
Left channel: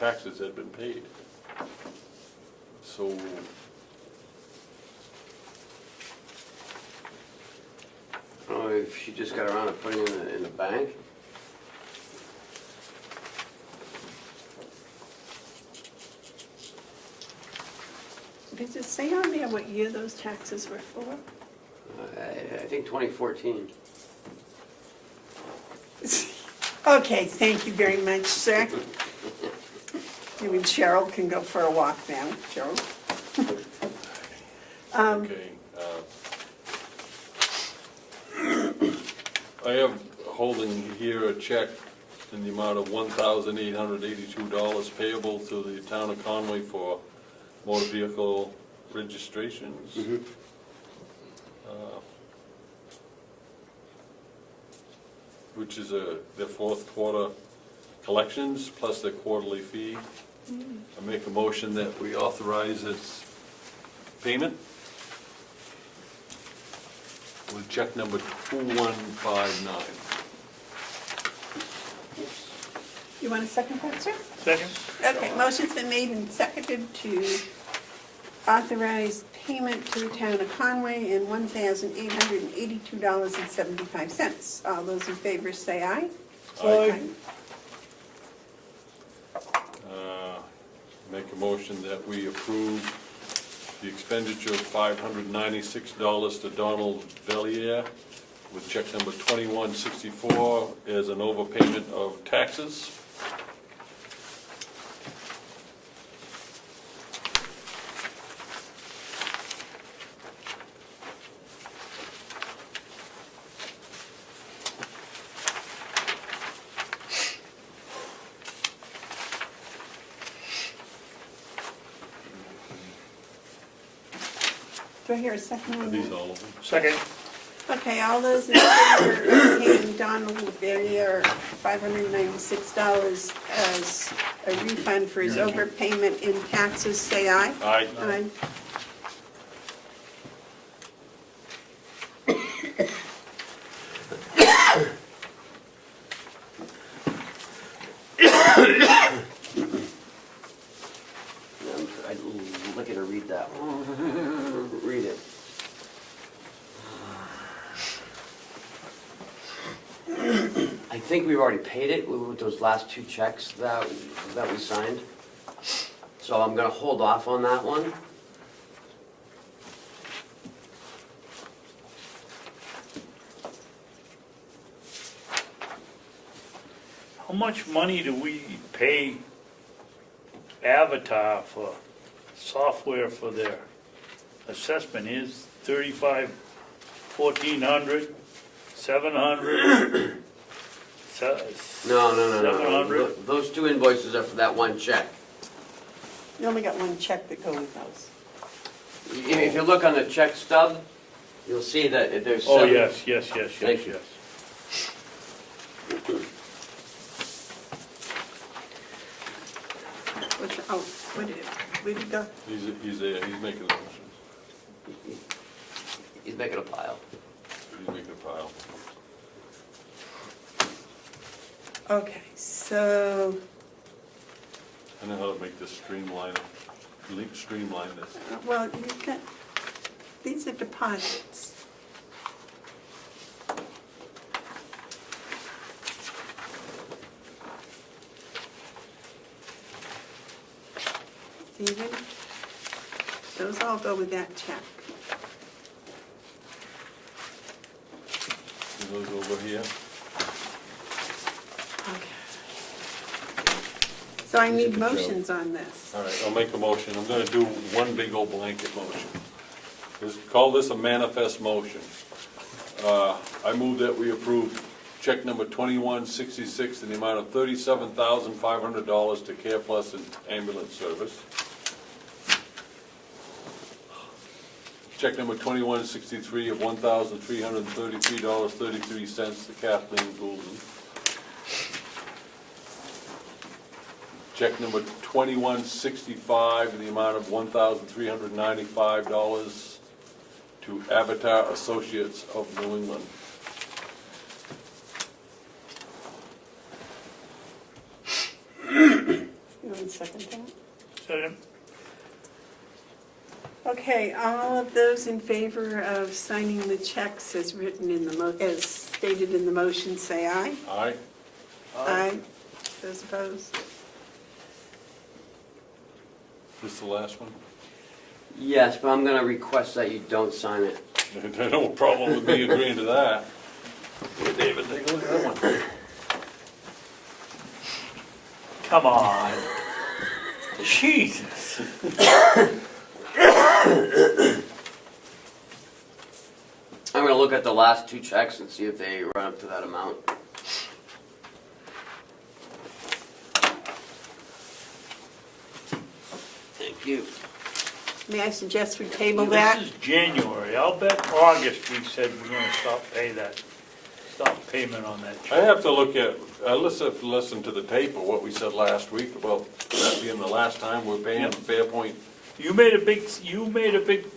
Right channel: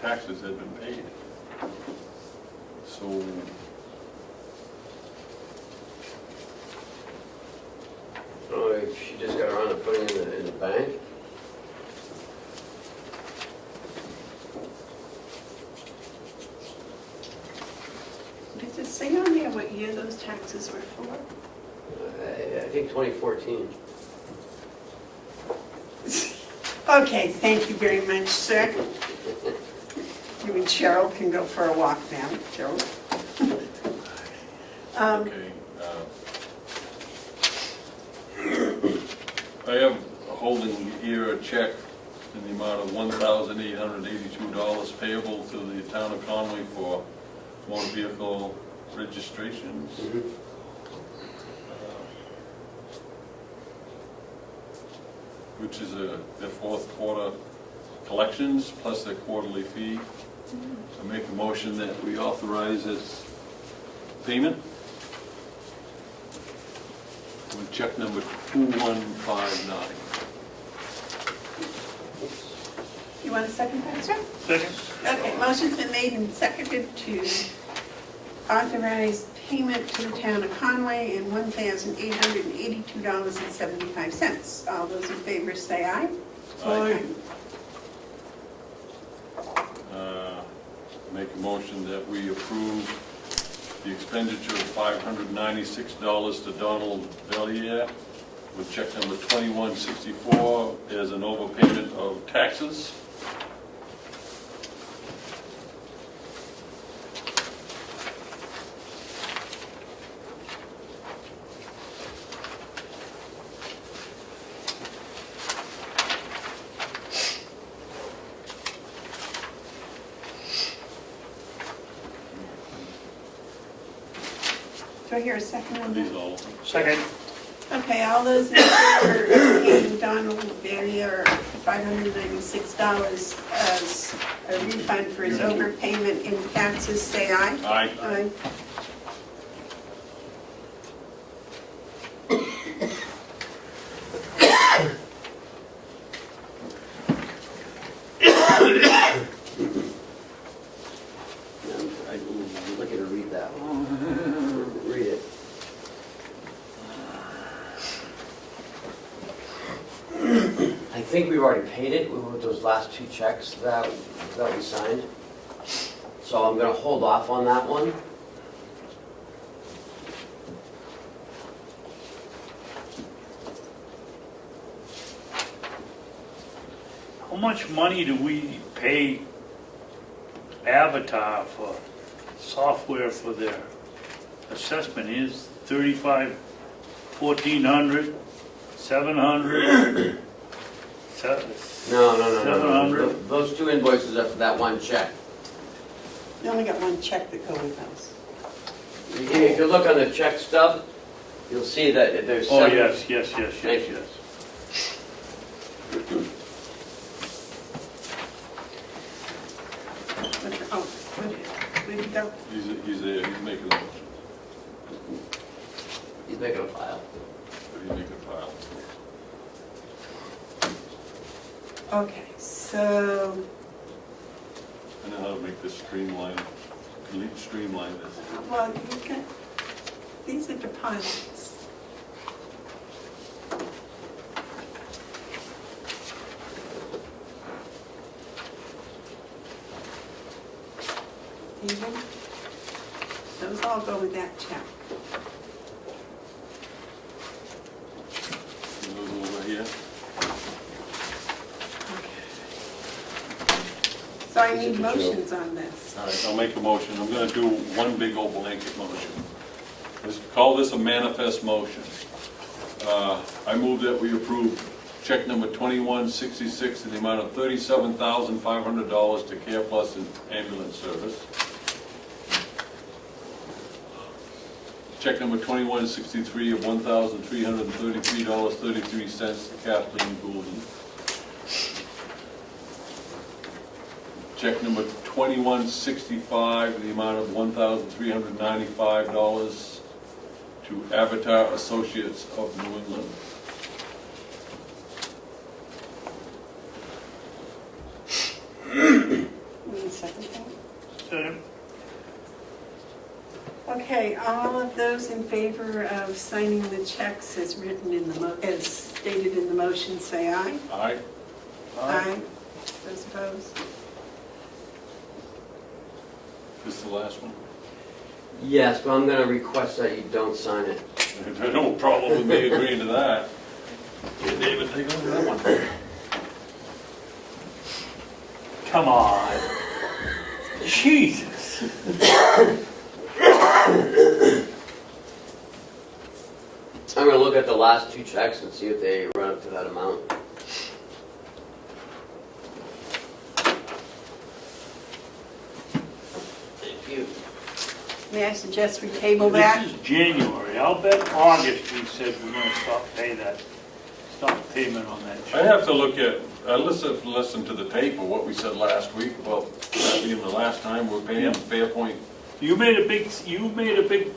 taxes had been paid. So, Oh, if she just got around to putting it in the bank. Does it say on there what year those taxes were for? I think 2014. Okay, thank you very much, sir. You and Cheryl can go for a walk now, Cheryl. okay. I am holding here a check in the amount of $1,882 payable to the town of Conway for motor vehicle registrations. which is their fourth quarter collections plus their quarterly fee. I make a motion that we authorize its payment with check number 2159. You want a second, that, sir? Second? Okay, motion's been made and seconded to authorize payment to the town of Conway in $1,882.75. All those in favor say aye. Aye. Make a motion that we approve the expenditure of $596 to Donald Bellier with check number 2164 as an overpayment of taxes. Do I hear a second on These that? all. Second. Okay, all those in favor of paying Donald Barrier $596 as a refund for his overpayment in taxes, say aye. Aye. Aye. I'm looking to read that one. Read it. I think we've already paid it with those last two checks that we signed. So I'm gonna hold off on that one. How much money do we pay Avatar for software for their assessment? Is 35, 1,400, 700? No. 700? Those two invoices are for that one check. You only got one check that goes in those. If you look on the check stub, you'll see that there's Oh, seven. yes. Thank you. Oh, where did it go? He's making a motion. He's making a pile. He's making a pile. Okay, so, I know how to make this streamline this. well, you can, these are deposits. Even, those all go with that check. Those over here. So I need motions on this. All right, I'll make a motion. I'm gonna do one big old blanket motion. Let's call this a manifest motion. I move that we approve check number 2166 in the amount of $37,500 to Care Plus Ambulance Service. Check number 2163 of $1,333.33 to Kathleen Goulden. Check number 2165 in the amount of $1,395 to Avatar Associates of New England. You want a second thing? Second. Okay, all of those in favor of signing the checks as written in the, as stated in the motion, say aye. Aye? Aye. Those opposed? This is the last one? Yes, but I'm gonna request that you don't sign it. No problem with me agreeing to that. Hey, David, take a look at that one. Come on. Jesus. I'm gonna look at the last two checks and see if they run up to that amount. Thank you. May I suggest we table that? This is January, I'll bet August we said we're gonna stop payment on that. I have to look at, listen to the tape of what we said last week about that being the last time we're paying Fairpoint. You made a big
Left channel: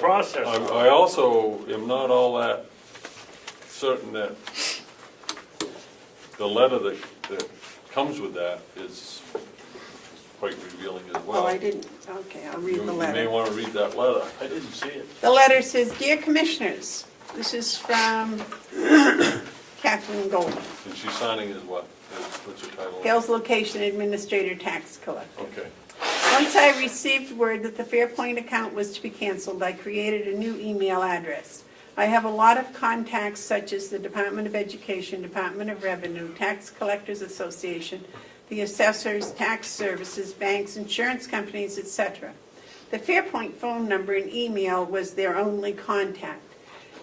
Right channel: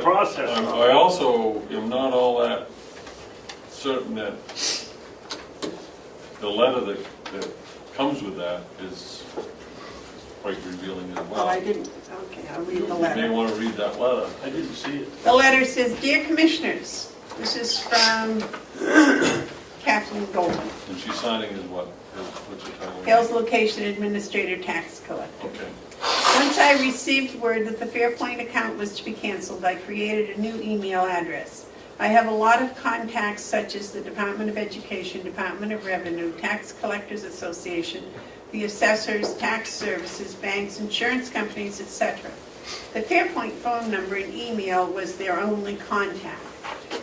process. I also am not all that certain that the letter that comes with that is quite revealing as well. Oh, I didn't, okay, I'll read the You may letter. want to read that letter. I didn't see it. The letter says, "Dear Commissioners," this is from Kathleen Goldman, And she's signing as what? What's her title? Hales Location Administrator Tax Collector. Okay. Once I received word that the Fairpoint account was to be canceled, I created a new email address. I have a lot of contacts such as the Department of Education, Department of Revenue, Tax Collectors Association, the assessors, tax services, banks, insurance companies, etc. The Fairpoint phone number and email was their only contact.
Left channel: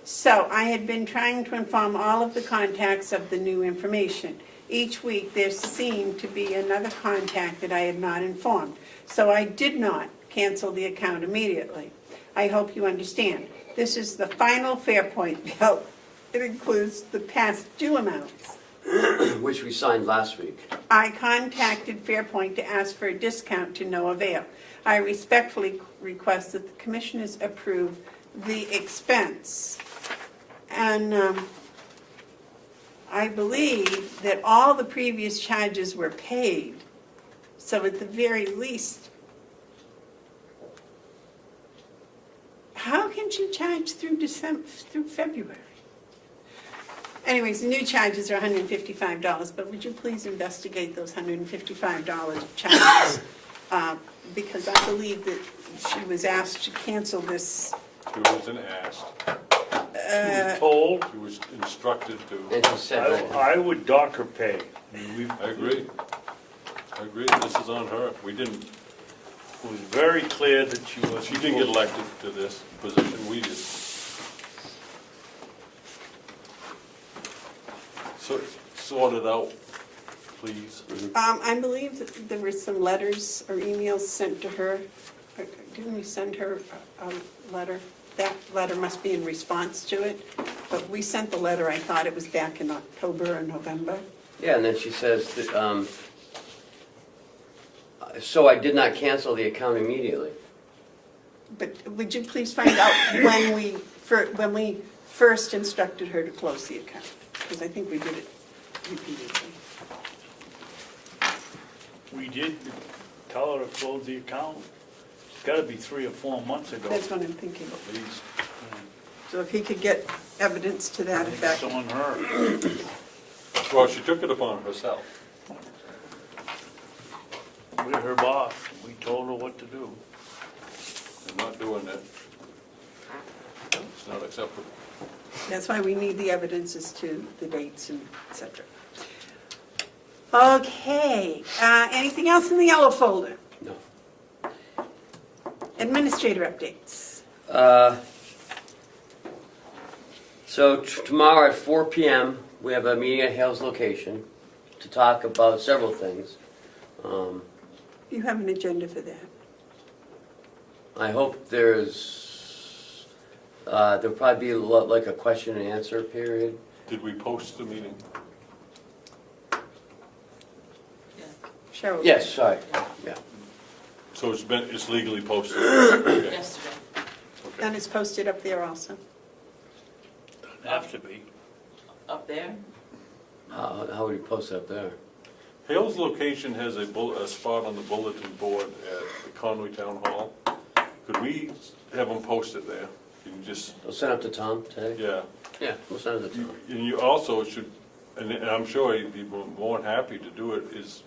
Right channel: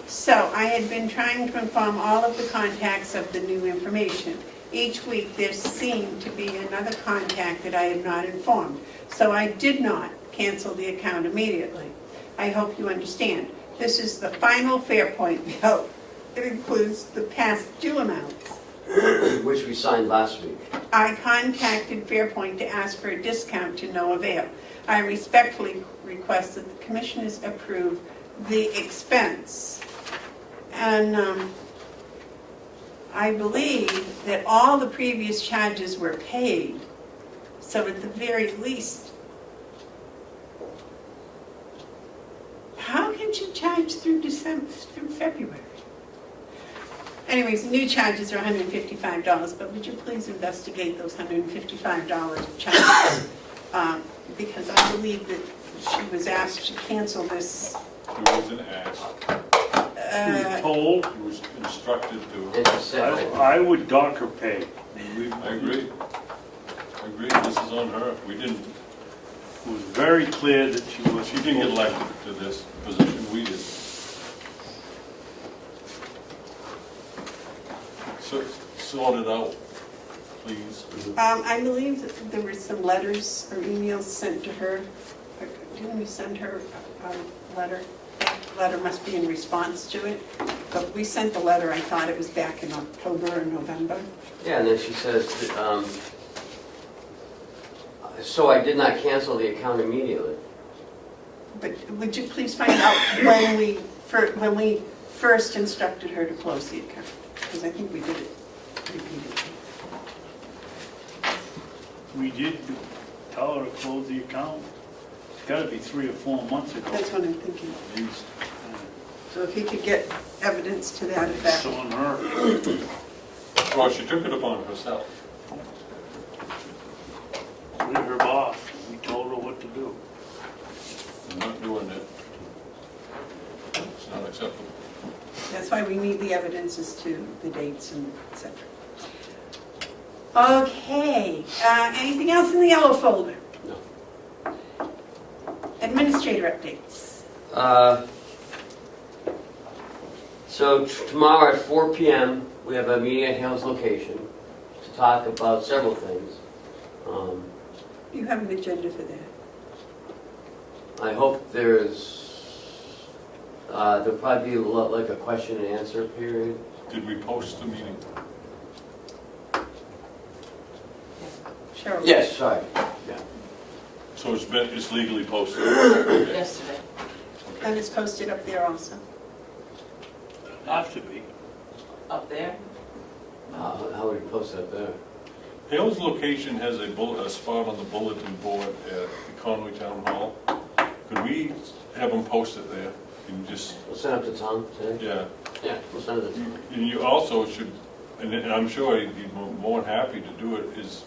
So I had been trying to inform all of the contacts of the new information. Each week there seemed to be another contact that I had not informed. So I did not cancel the account immediately. I hope you understand. This is the final Fairpoint bill. It includes the past due amounts. Which we signed last week. I contacted Fairpoint to ask for a discount to no avail. I respectfully request that the Commissioners approve the expense. And I believe that all the previous charges were paid. So at the very least, how can you charge through February? Anyways, the new charges are $155, but would you please investigate those $155 charges? Because I believe that she was asked to cancel this. He wasn't asked. Told, He was instructed to. And she said that I would dock her pay. I agree. I agree. This is on her. We didn't, It was very clear that she was. she didn't get elected to this position. We did. So, sort it out, please. I believe that there were some letters or emails sent to her. Didn't we send her a letter? That letter must be in response to it. But we sent the letter, I thought it was back in October or November. yeah, and then she says, that, so I did not cancel the account immediately. But would you please find out when we first instructed her to close the account? Because I think we did it repeatedly. We did tell her to close the account. It's gotta be 3 or 4 months ago. That's what I'm thinking. At least. So if he could get evidence to that effect. It's on her. Well, she took it upon herself. We're her boss. We told her what to do. We're not doing it. It's not acceptable. That's why we need the evidence as to the dates and et cetera. Okay, anything else in the yellow folder? No. Administrator updates. So tomorrow at 4 p.m., we have a meeting at Hales Location to talk about several things. You have an agenda for that. I hope there'll probably be like a question and answer period. Did we post the meeting? Cheryl? Yes, sorry, yeah. So it's legally posted? Yesterday. And it's posted up there also. Have to be. Up there? How would you post that there? Hales Location has a spot on the bulletin board at the Conway Town Hall. Could we have them posted there? And just, We'll send it to Tom today? yeah. Yeah, we'll send it to Tom. And you also should, and I'm sure he'd be more than happy to do it, is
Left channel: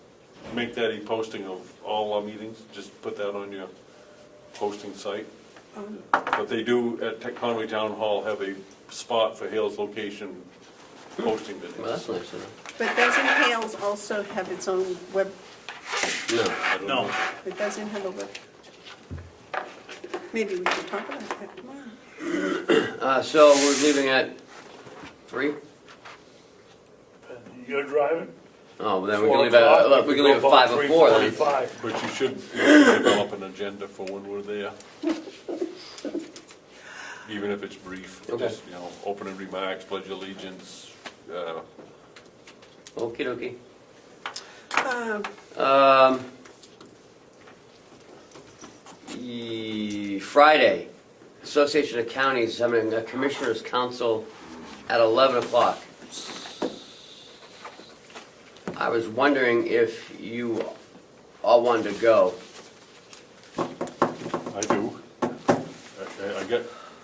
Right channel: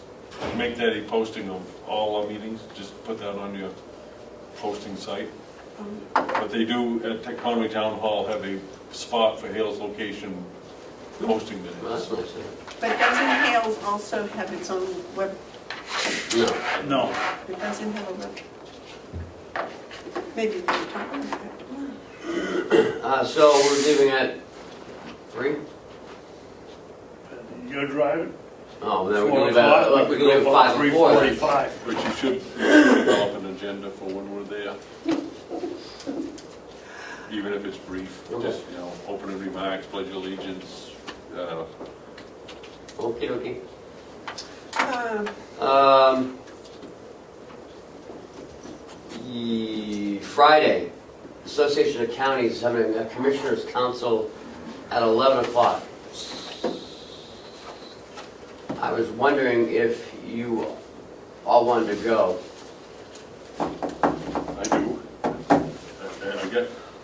make that a posting of all our meetings. Just put that on your posting site. But they do at Conway Town Hall have a spot for Hales Location posting Well, that's meetings. nice, But doesn't Hales also have its own web? No. No. It doesn't have a web? Maybe we can talk about that tomorrow. So we're leaving at 3? You're driving? Oh, then we can leave at 5 or 4 then. 3:45. But you should develop an agenda for when we're there. Even if it's brief, Okay. just, opening remarks, pledge allegiance, Okay, okay. Um, Friday, Association of Counties having a Commissioners Council at 11 o'clock. I was wondering if you all wanted to go. I do.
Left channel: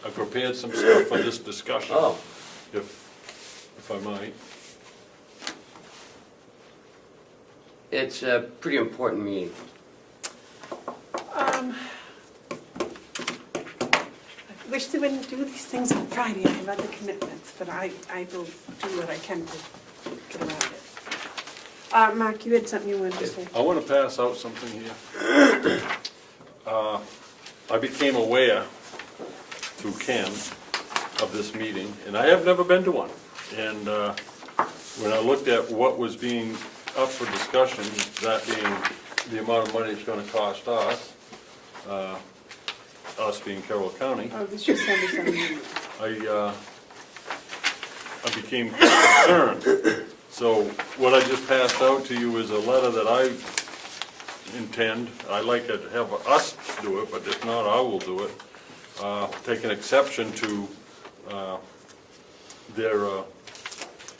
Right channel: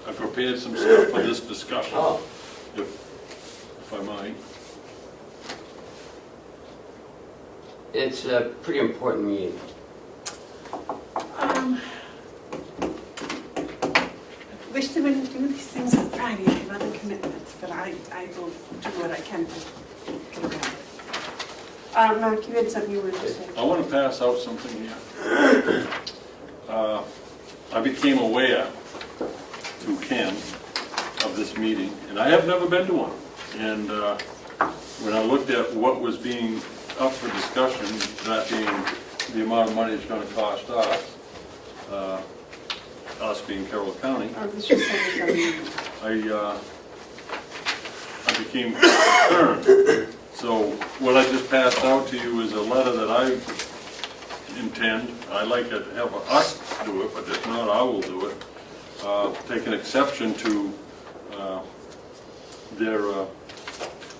I prepared some stuff for this discussion, Oh, if I might. it's a pretty important meeting. I wish to do these things on Friday, I have other commitments, but I will do what I can to. Mark, you had something you wanted to say? I want to pass out something here. I became aware through Ken of this meeting, and I have never been to one. And when I looked at what was being up for discussion, that being the amount of money it's going to cost us being Carroll County, Oh, this was something. I became concerned. So what I just passed out to you is a letter that I intend, I like to have us do it, but if not, I will do it. Take an exception to their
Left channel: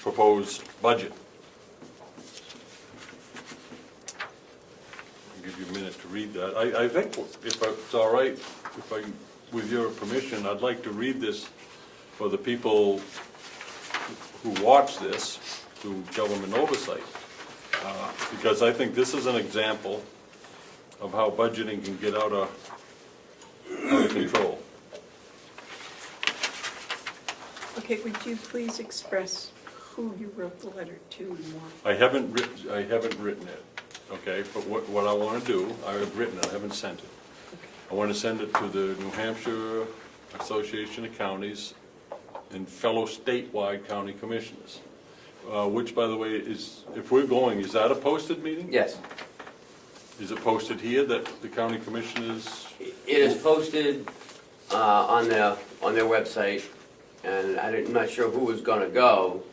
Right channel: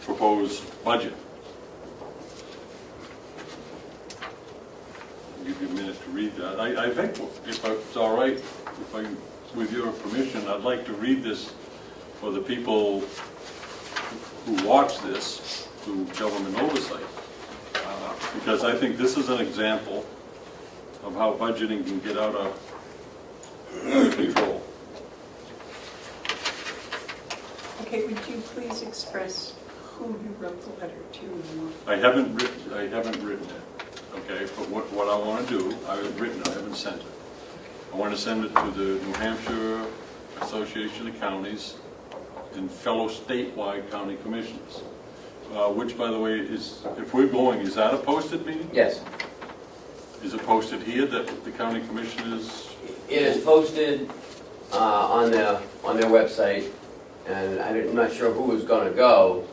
proposed budget. I'll give you a minute to read that. I think, if it's all right, with your permission, I'd like to read this for the people who watch this through government oversight. Because I think this is an example of how budgeting can get out of control. Okay, would you please express who you wrote the letter to and what? I haven't written it, okay, but what I want to do, I have written it, I haven't sent it. I want to send it to the New Hampshire Association of Counties and fellow statewide county commissioners, which, by the way, is, if we're going, is that a posted meeting? Yes, Is it posted here that the county commissioners? it is posted on their website, and I'm not sure who is going to go.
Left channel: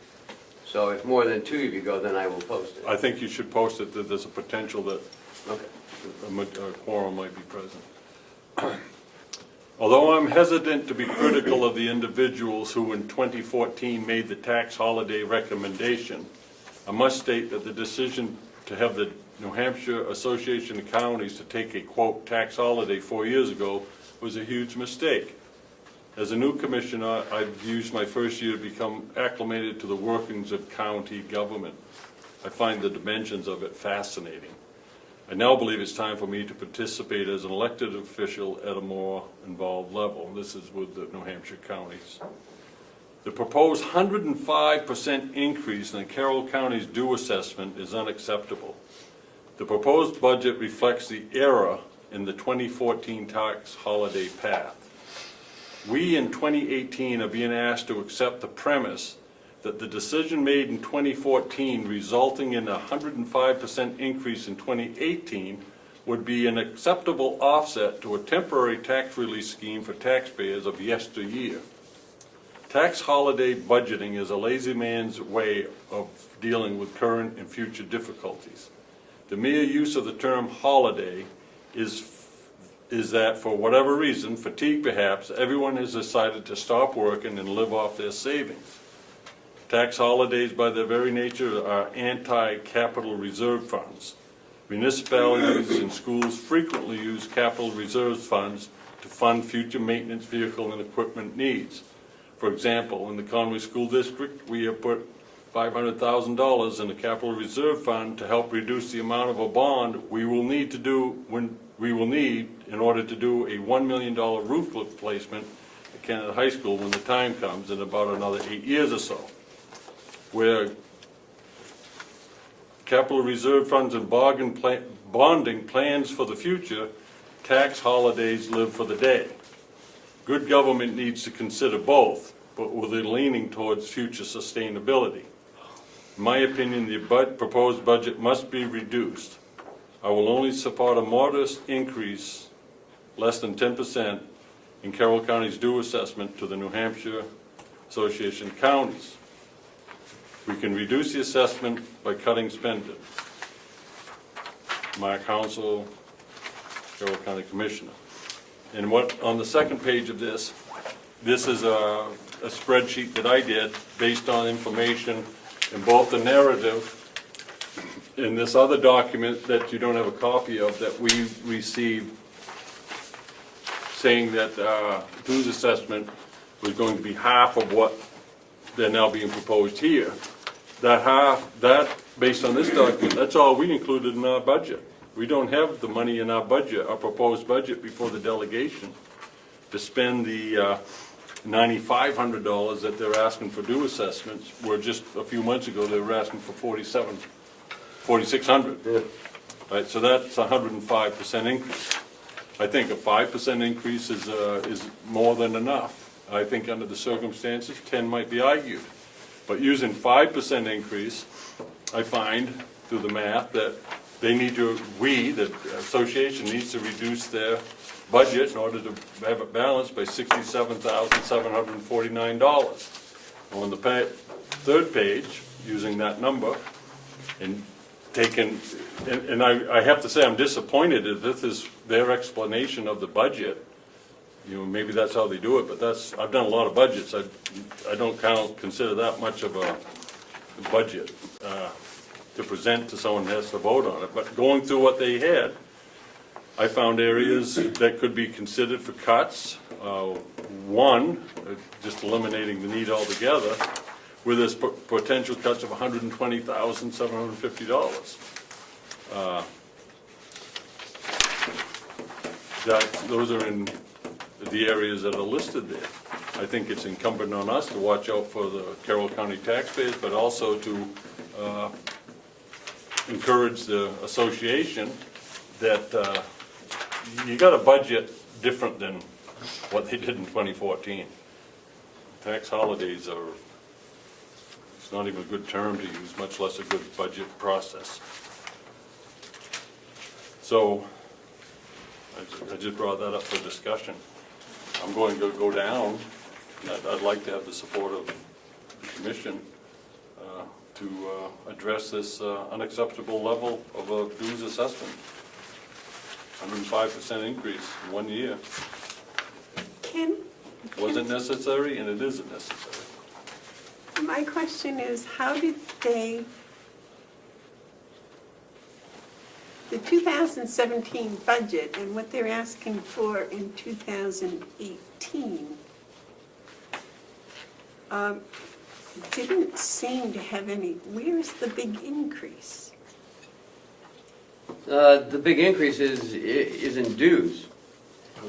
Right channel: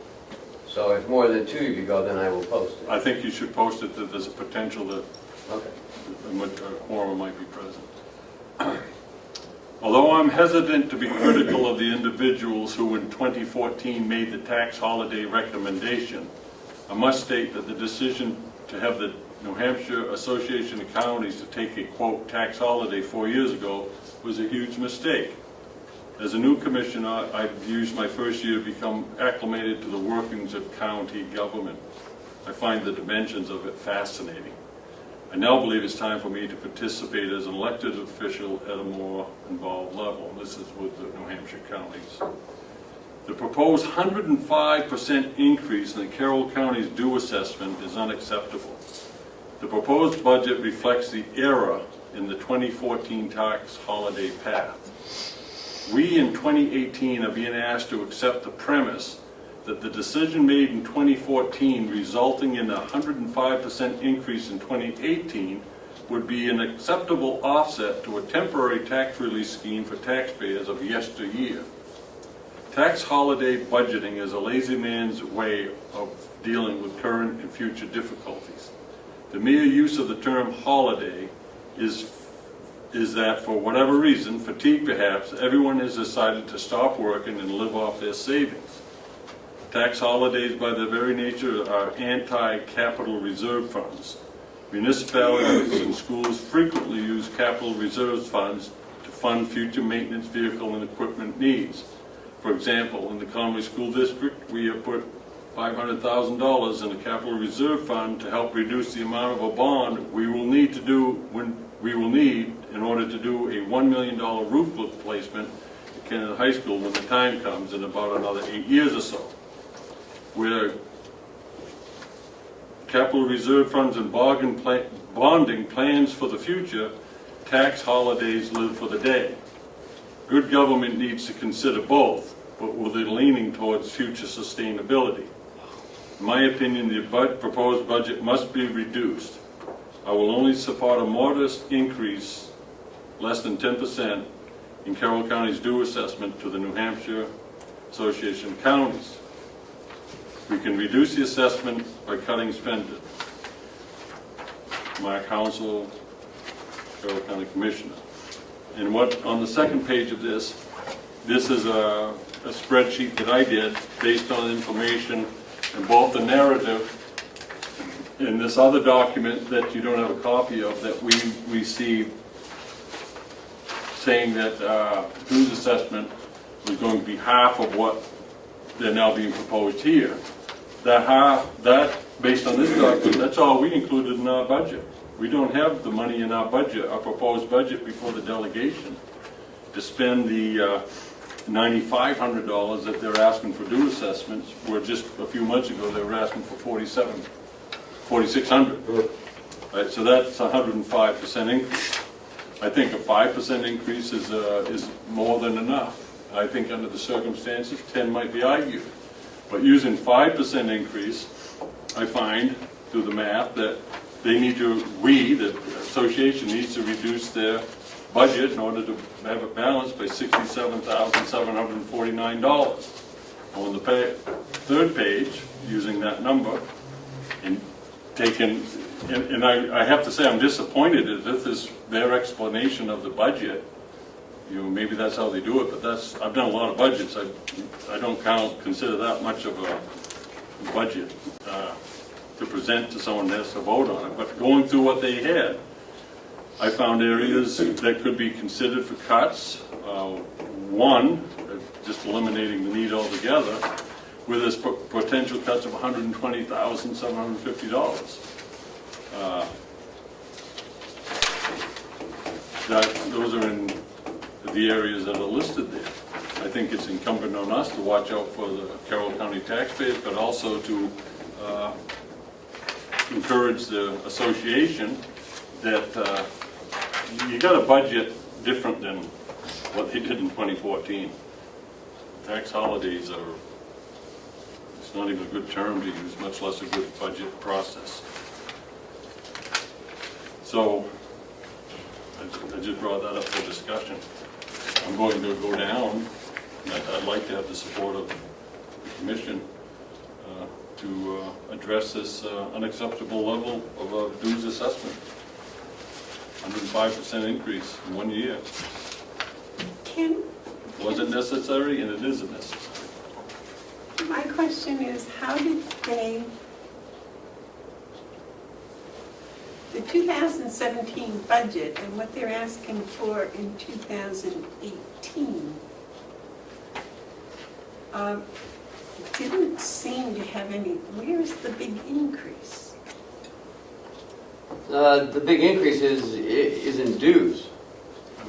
So if more than 2 of you go, then I will post it. I think you should post it, that there's a potential that Okay. a quorum might be present. Although I'm hesitant to be critical of the individuals who in 2014 made the tax holiday recommendation, I must state that the decision to have the New Hampshire Association of Counties to take a, quote, tax holiday 4 years ago was a huge mistake. As a new commissioner, I've used my first year to become acclimated to the workings of county government. I find the dimensions of it fascinating. I now believe it's time for me to participate as an elected official at a more involved level. This is with the New Hampshire counties. The proposed 105% increase in the Carroll County's due assessment is unacceptable. The proposed budget reflects the error in the 2014 tax holiday path. We in 2018 are being asked to accept the premise that the decision made in 2014 resulting in a 105% increase in 2018 would be an acceptable offset to a temporary tax relief scheme for taxpayers of yesteryear. Tax holiday budgeting is a lazy man's way of dealing with current and future difficulties. The mere use of the term holiday is that, for whatever reason, fatigue perhaps, everyone has decided to stop working and live off their savings. Tax holidays, by their very nature, are anti-capital reserve funds. Municipalities and schools frequently use capital reserve funds to fund future maintenance, vehicle, and equipment needs. For example, in the Comeau School District, we have put $500,000 in the capital reserve fund to help reduce the amount of a bond we will need in order to do a $1 million roof replacement at Canada High School when the time comes in about another 8 years or so. Where capital reserve funds and bonding plans for the future, tax holidays live for the day. Good government needs to consider both, but with a leaning towards future sustainability. In my opinion, the proposed budget must be reduced. I will only support a modest increase less than 10% in Carroll County's due assessment to the New Hampshire Association of Counties. We can reduce the assessment by cutting spending. Mark Hounsell, Carroll County Commissioner. And what, on the second page of this is a spreadsheet that I did based on information in both the narrative in this other document that you don't have a copy of that we received saying that dues assessment was going to be half of what they're now being proposed here. That half, based on this document, that's all we included in our budget. We don't have the money in our budget, our proposed budget before the delegation to spend the $9,500 that they're asking for due assessments, where just a few months ago they were asking for $4,600. Right, so that's a 105% increase. I think a 5% increase is more than enough. I think under the circumstances, 10 might be argued. But using 5% increase, I find through the math that they need to, the association needs to reduce their budget in order to have it balanced by $67,749. On the third page, using that number, and taking, and I have to say I'm disappointed that this is their explanation of the budget. You know, maybe that's how they do it, but I've done a lot of budgets. I don't consider that much of a budget to present to someone that has to vote on it. But going through what they had, I found areas that could be considered for cuts. One, just eliminating the need altogether, where there's potential cuts of $120,750. Those are in the areas that are listed there. I think it's incumbent on us to watch out for the Carroll County taxpayers, but also to encourage the association that you got a budget different than what they did in 2014. Tax holidays are, it's not even a good term to use, much less a good budget process. So I just brought that up for discussion. I'm going to go down. I'd like to have the support of the commission to address this unacceptable level of a dues assessment. 105% increase in 1 year. Wasn't necessary, and it isn't necessary. My question is, how did they, the 2017 budget and what they're asking for in 2018 didn't seem to have any, where's the big increase? The big increase is in dues.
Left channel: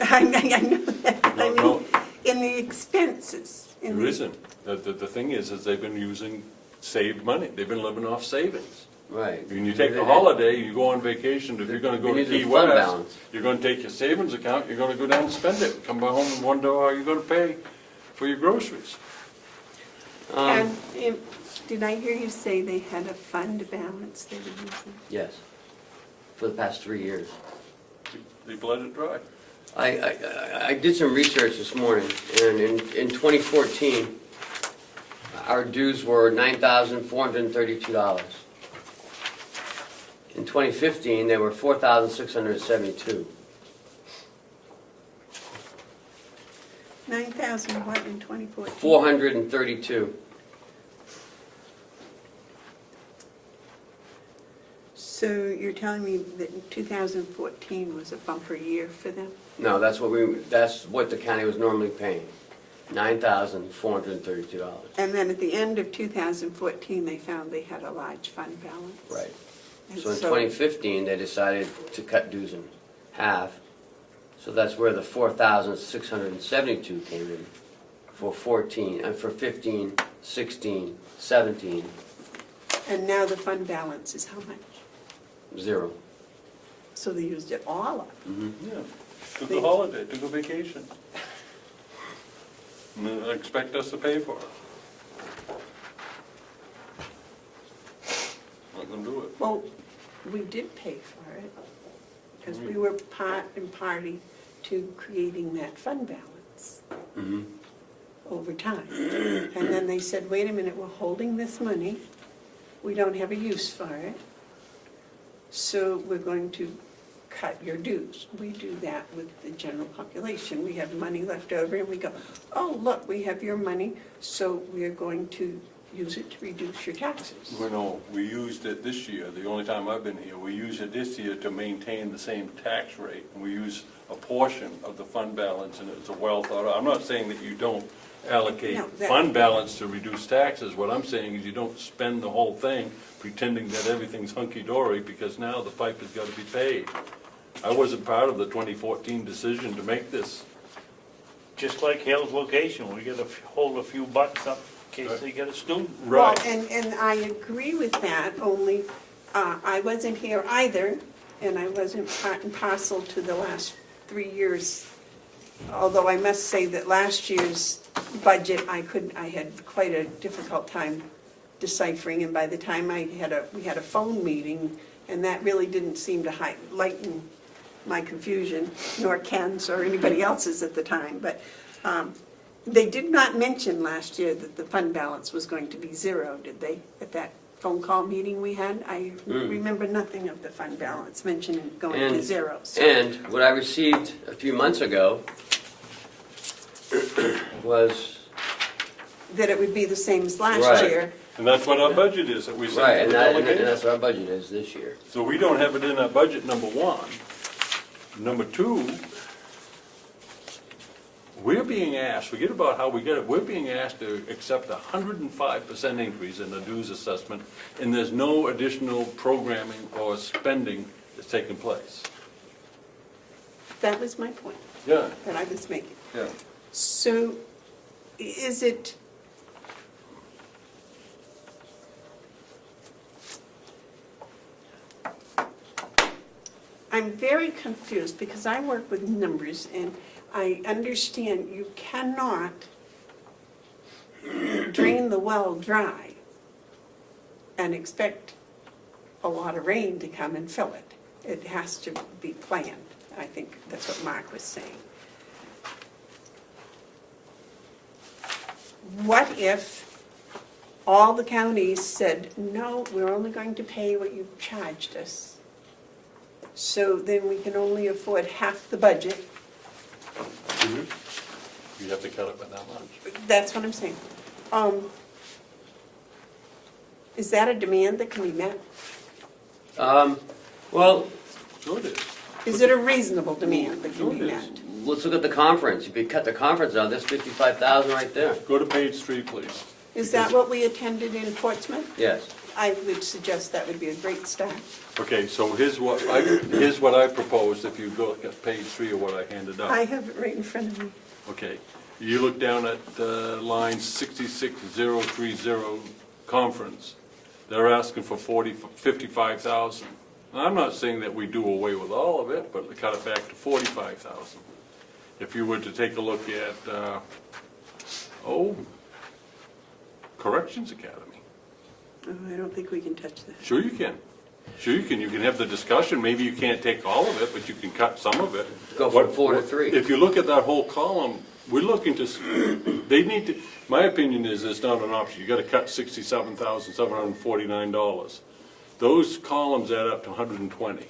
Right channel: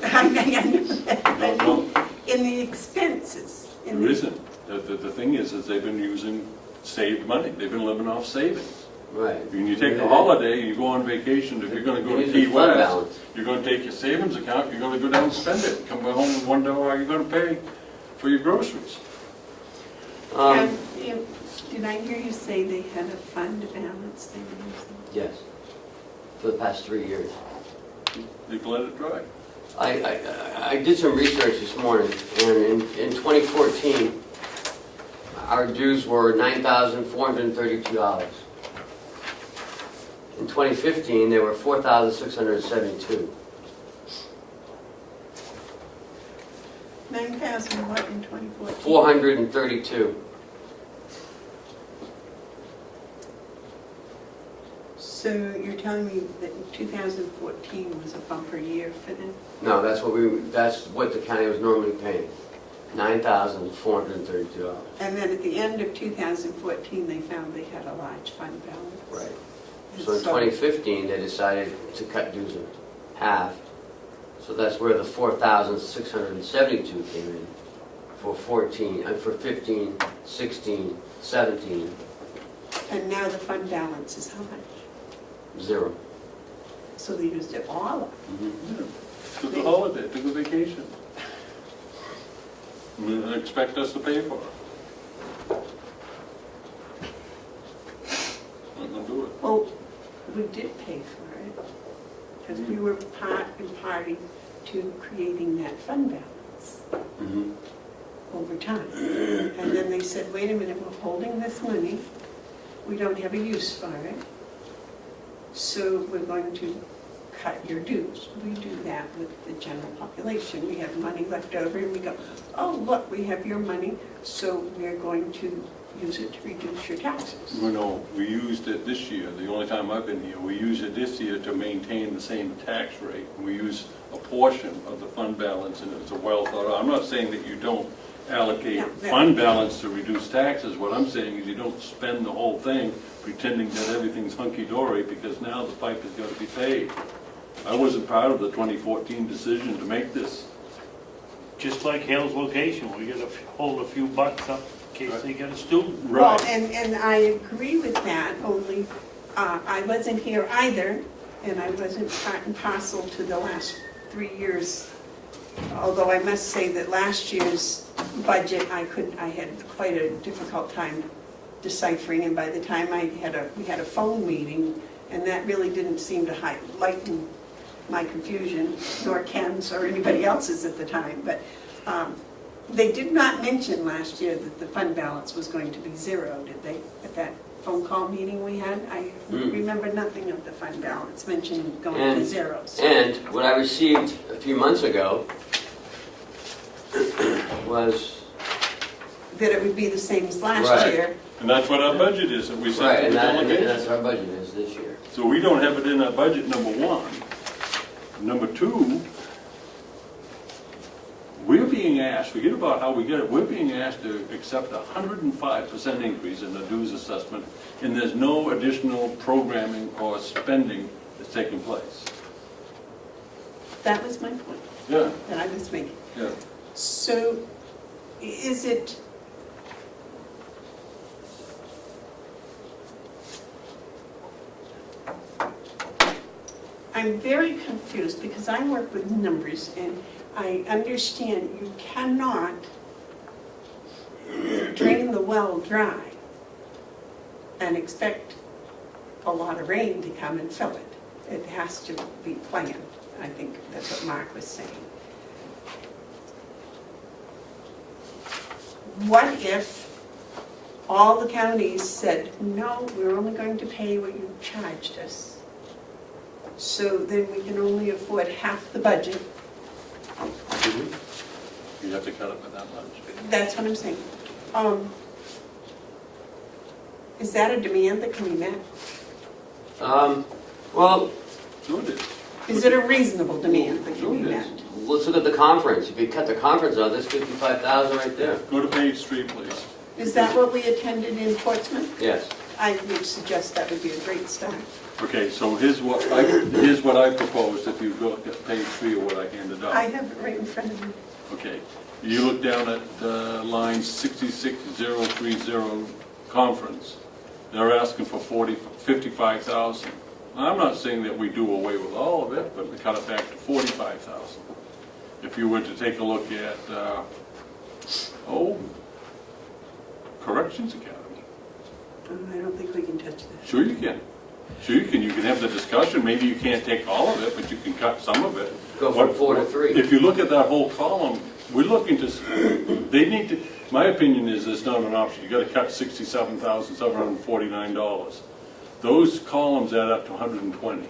I know that, but No. in the expenses. There isn't. The thing is they've been using saved money. They've been living off savings. Right. When you take a holiday, you go on vacation, if you're gonna go to Key Fund West, balance. you're gonna take your savings account, you're gonna go down and spend it. Come back home and wonder how you're gonna pay for your groceries. And did I hear you say they had a fund balance they were using? Yes, for the past 3 years. People let it dry. I did some research this morning, and in 2014, our dues were $9,432. In 2015, they were $4,672. 9,000 what in 2014? 432. So you're telling me that 2014 was a bumper year for them? No, that's what the county was normally paying, $9,432. And then at the end of 2014, they found they had a large fund balance. Right. And So in 2015, they decided to cut dues in half. So that's where the 4,672 came in for 15, 16, 17, And now the fund balance is how much? 0. So they used it all up. Yeah. It's a holiday, take a vacation. And they expect us to pay for it. Not gonna do it. Well, we did pay for it, because we were part and party to creating that fund balance Mhm. over time. And then they said, wait a minute, we're holding this money, we don't have a use for it, so we're going to cut your dues. We do that with the general population. We have money left over and we go, oh, look, we have your money, so we are going to use it to reduce your taxes. No, we used it this year, the only time I've been here, we used it this year to maintain the same tax rate. We used a portion of the fund balance, and it was a well thought out. I'm not saying that you don't allocate No, that- fund balance to reduce taxes. What I'm saying is you don't spend the whole thing pretending that everything's hunky-dory, because now the pipe has got to be paid. I wasn't part of the 2014 decision to make this. Just like Hale's location, we gotta hold a few bucks up in case they get a student. Well, and I agree with that, only I wasn't here either, and I wasn't part and parcel to the last 3 years. Although I must say that last year's budget, I had quite a difficult time deciphering, and by the time we had a phone meeting, and that really didn't seem to lighten my confusion, nor Ken's or anybody else's at the time, but they did not mention last year that the fund balance was going to be zero, did they? At that phone call meeting we had, I remember nothing of the fund balance mentioning going to And- zero. So- And what I received a few months ago was, that it would be the same as last Right. year. And that's what our budget is, that we right, set and for that- and delegation. that's what our budget is this year. So we don't have it in our budget, number one. Number two, we're being asked, forget about how we get it, we're being asked to accept a 105% increase in the dues assessment, and there's no additional programming or spending that's taking place. That was my point Yeah, that I was making. yeah. So is it, I'm very confused because I work with numbers and I understand you cannot drain the well dry and expect a lot of rain to come and fill it. It has to be planned. I think that's what Mark was saying. What if all the counties said, no, we're only going to pay what you charged us? So then we can only afford half the budget. You have to cut it by that much. That's what I'm saying. Is that a demand that can be met? Well, Sure it is. Is it a reasonable demand that can be met? let's look at the conference. If you cut the conference out, there's 55,000 right there. Go to page 3, please. Is that what we attended in Portsmouth? Yes. I would suggest that would be a great start. Okay, so here's what I proposed, if you look at page 3 of what I handed out. I have it right in front of me. Okay, you look down at line 66030, conference, they're asking for 55,000. I'm not saying that we do away with all of it, but we cut it back to 45,000. If you were to take a look at, Corrections Academy, I don't think we can touch that. sure you can. Sure you can have the discussion, maybe you can't take all of it, but you can cut some of it. Go from 4 to 3. If you look at that whole column, we're looking to, they need to, my opinion is it's not an option. You gotta cut $67,749. Those columns add up to 120.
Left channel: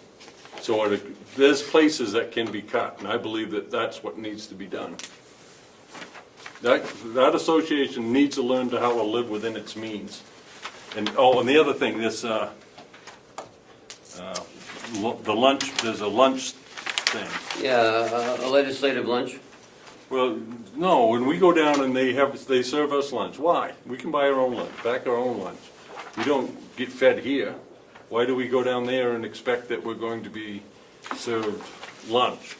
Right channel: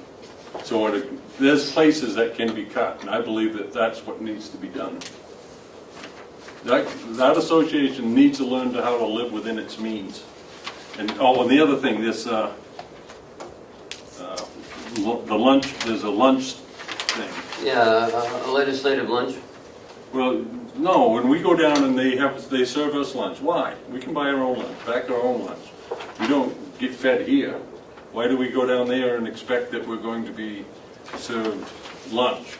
So there's places that can be cut, and I believe that that's what needs to be done. That association needs to learn how to live within its means. And, the other thing, this, the lunch, there's a lunch thing. Yeah, a legislative lunch. Well, no, when we go down and they serve us lunch, why? We can buy our own lunch, pack our own lunch. We don't get fed here. Why do we go down there and expect that we're going to be served lunch?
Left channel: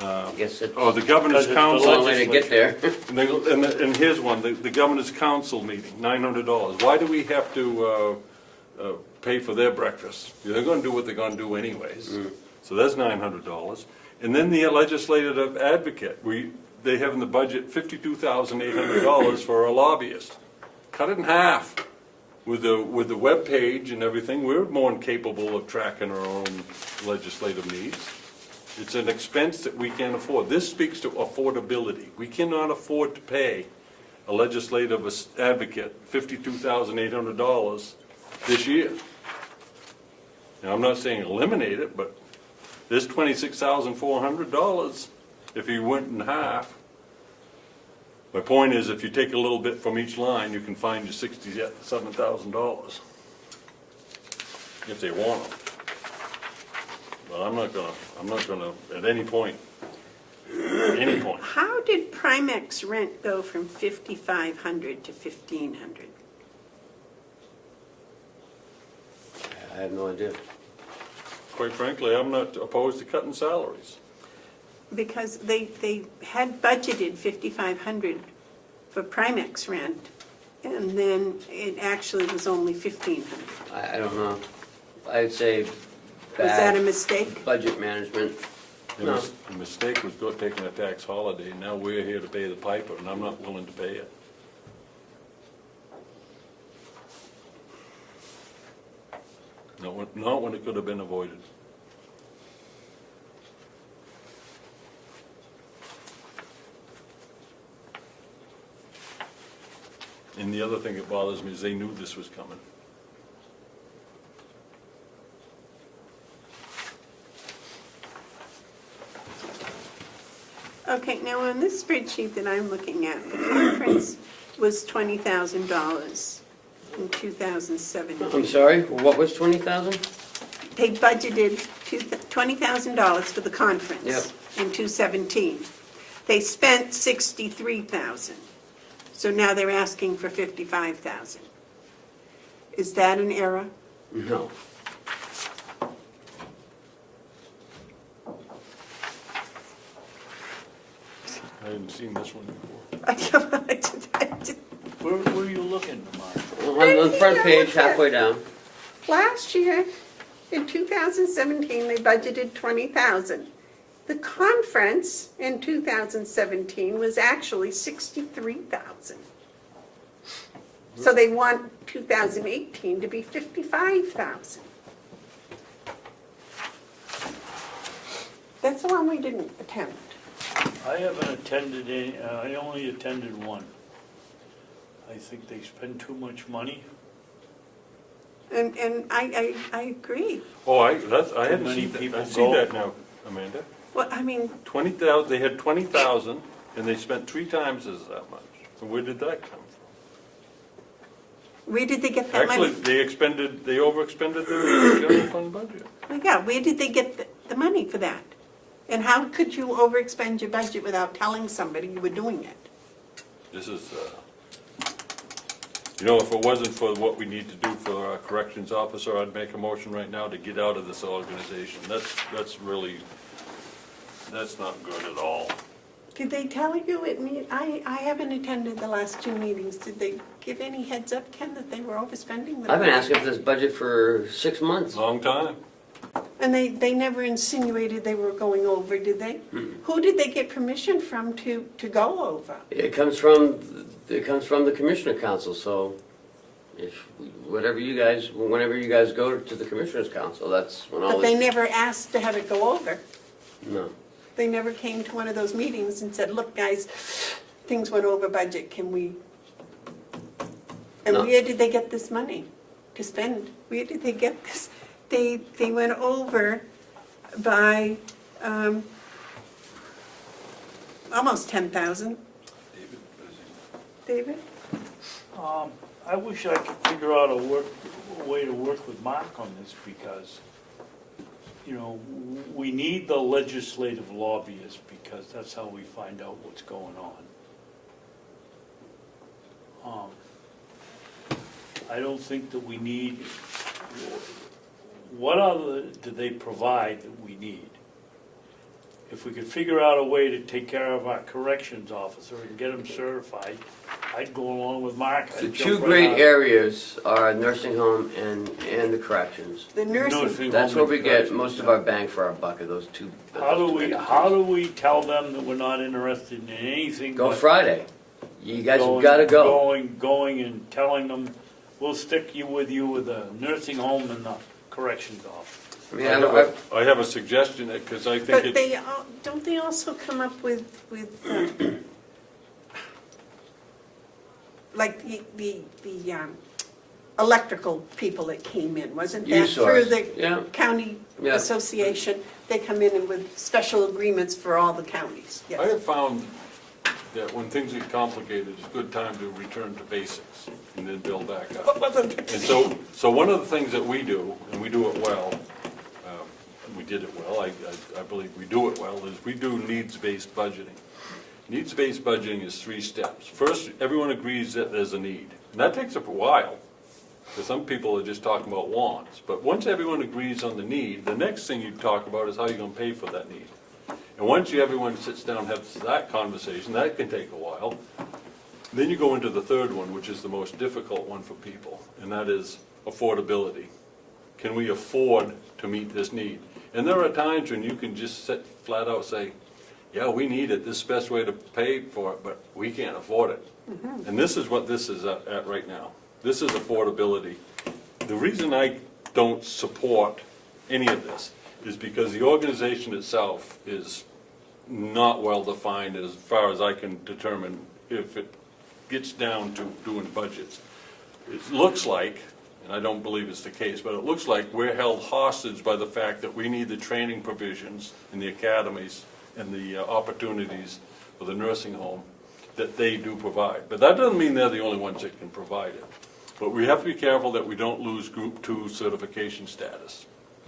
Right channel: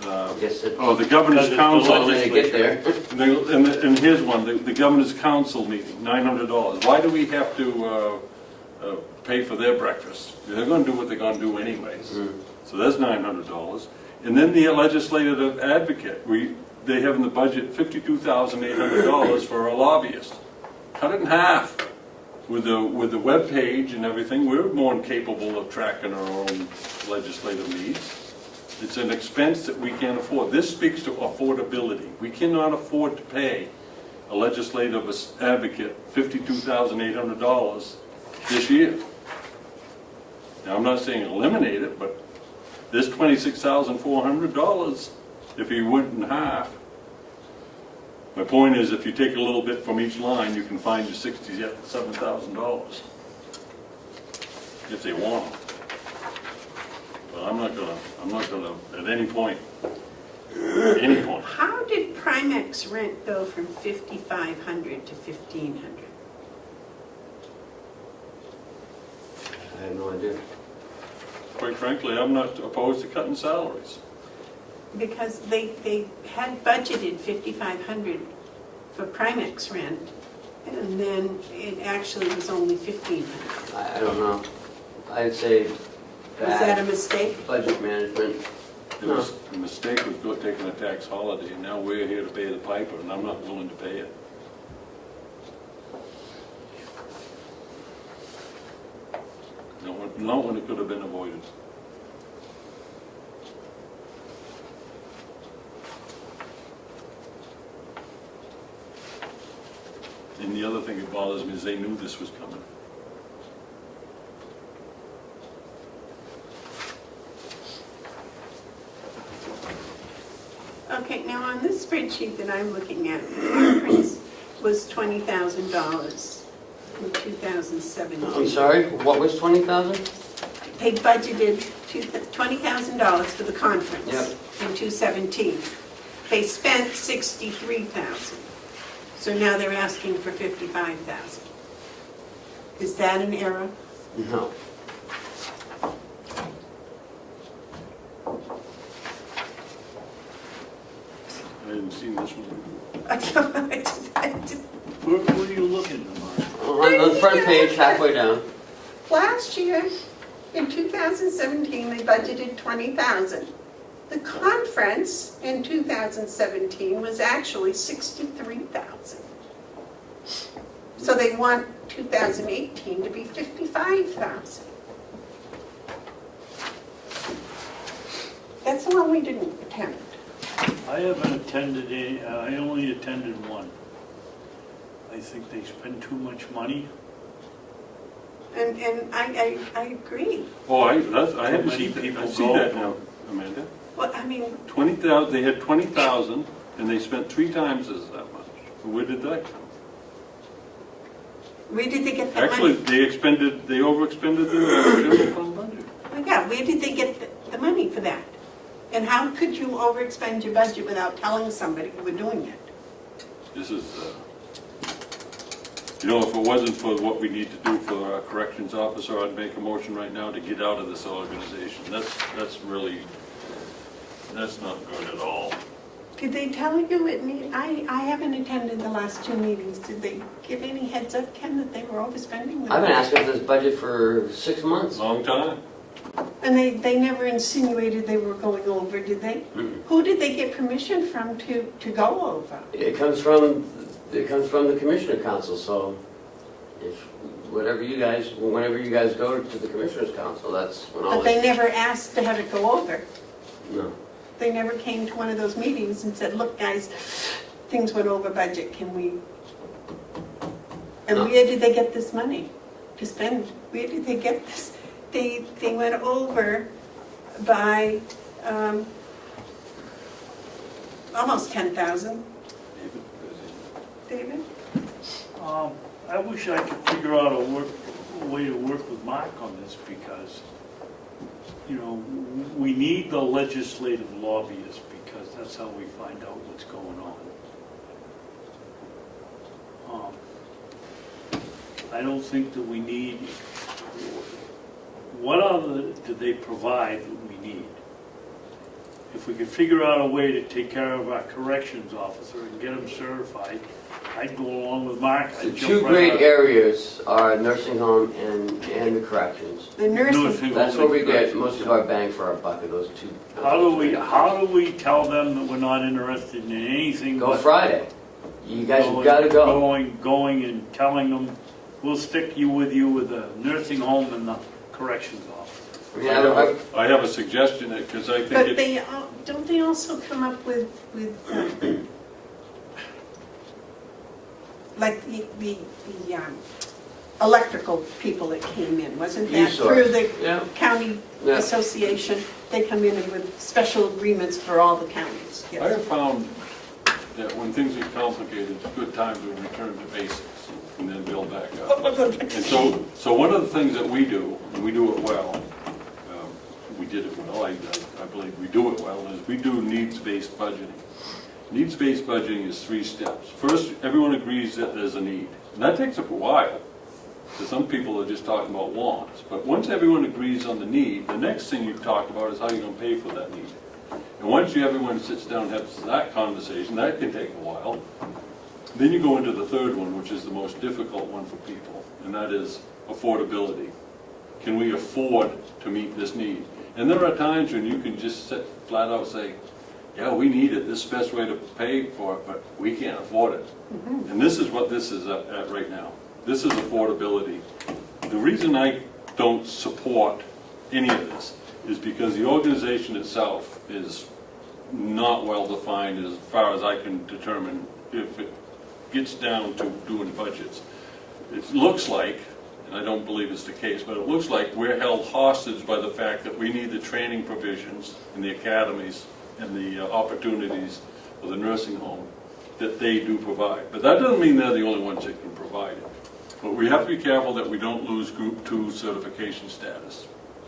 I guess it's The Governor's a Council. long way to get there. And here's one, the Governor's Council meeting, $900. Why do we have to pay for their breakfast? They're gonna do what they're gonna do anyways. So that's $900. And then the legislative advocate, they have in the budget $52,800 for a lobbyist. Cut it in half. With the webpage and everything, we're more than capable of tracking our own legislative needs. It's an expense that we can't afford. This speaks to affordability. We cannot afford to pay a legislative advocate $52,800 this year. Now, I'm not saying eliminate it, but there's $26,400 if he went in half. My point is, if you take a little bit from each line, you can find your $67,000 if they want them. But I'm not gonna, at any point. How did Primex rent go from 5,500 to 1,500? I have no idea. Quite frankly, I'm not opposed to cutting salaries. Because they had budgeted 5,500 for Primex rent, and then it actually was only 1,500. I don't know. I'd say Was that a bad mistake? budget management. The mistake was taking a tax holiday, and now we're here to pay the piper, and I'm not willing to pay it. Not when it could have been avoided. And the other thing that bothers me is they knew this was coming. Okay, now on this spreadsheet that I'm looking at, the conference was $20,000 in 2017. I'm sorry, what was 20,000? They budgeted $20,000 for the conference Yep. in 2017. They spent $63,000. So now they're asking for $55,000. Is that an error? No. I hadn't seen this one. Where are you looking, Mark? On the front page, halfway down. Last year, in 2017, they budgeted $20,000. The conference in 2017 was actually $63,000. So they want 2018 to be $55,000. That's the one we didn't attend. I haven't attended any, I only attended one. I think they spend too much money. And I agree. Oh, I hadn't Many seen that. people I see go. that now, Amanda. Well, I mean, 20,000, they had 20,000, and they spent 3 times as that much. Where did that come? where did they get that Actually, money? they overexpended their general fund budget. Oh my God, where did they get the money for that? And how could you overexpend your budget without telling somebody you were doing it? This is, if it wasn't for what we need to do for our corrections officer, I'd make a motion right now to get out of this organization. That's not good at all. Did they tell you I haven't attended the last 2 meetings. Did they give any heads up, Ken, that they were overspending? I've been asking for this budget for 6 months. Long time. And they never insinuated they were going over, did they? Who did they get permission from to go over? It comes from the Commissioner Council, so whenever you guys go to the Commissioners Council, that's when But they never asked to have it go over. No. They never came to one of those meetings and said, look, guys, things went over budget, can we? And No. where did they get this money to spend? Where did they get this? They went over by almost 10,000. David? I wish I could figure out a way to work with Mark on this because, we need the legislative lobbyists because that's how we find out what's going on. I don't think that we need, what other do they provide that we need? If we could figure out a way to take care of our corrections officer and get him certified, I'd go along with Mark. The I'd two jump right great out. areas are nursing home and the corrections. The nursing, That's where we get most of our bang for our buck, of those two. How do we tell them that we're not interested in anything Go but Friday. You guys gotta go. going and telling them, we'll stick with you with a nursing home and the corrections office. Yeah, I have a suggestion, because I But think it, don't they also come up with like the electrical people that came in, wasn't that E-Source. through the yeah, county yeah. association? They come in with special agreements for all the counties, I yes. have found that when things get complicated, it's a good time to return to basics and then build back up. And so one of the things that we do, and we do it well, we did it well, I believe we do it well, is we do needs-based budgeting. Needs-based budgeting is 3 steps. First, everyone agrees that there's a need. And that takes a while, because some people are just talking about wants. But once everyone agrees on the need, the next thing you talk about is how you're going to pay for that need. And once everyone sits down and has that conversation, that can take a while. Then you go into the third one, which is the most difficult one for people, and that is affordability. Can we afford to meet this need? And there are times when you can just sit flat out say, yeah, we need it, this is the best way to pay for it, but we can't afford it. And this is what this is at right now. This is affordability. The reason I don't support any of this is because the organization itself is not well defined as far as I can determine if it gets down to doing budgets. It looks like, and I don't believe it's the case, but it looks like we're held hostage by the fact that we need the training provisions in the academies and the opportunities for the nursing home that they do provide. But that doesn't mean they're the only ones that can provide it. But we have to be careful that we don't lose Group 2 certification status,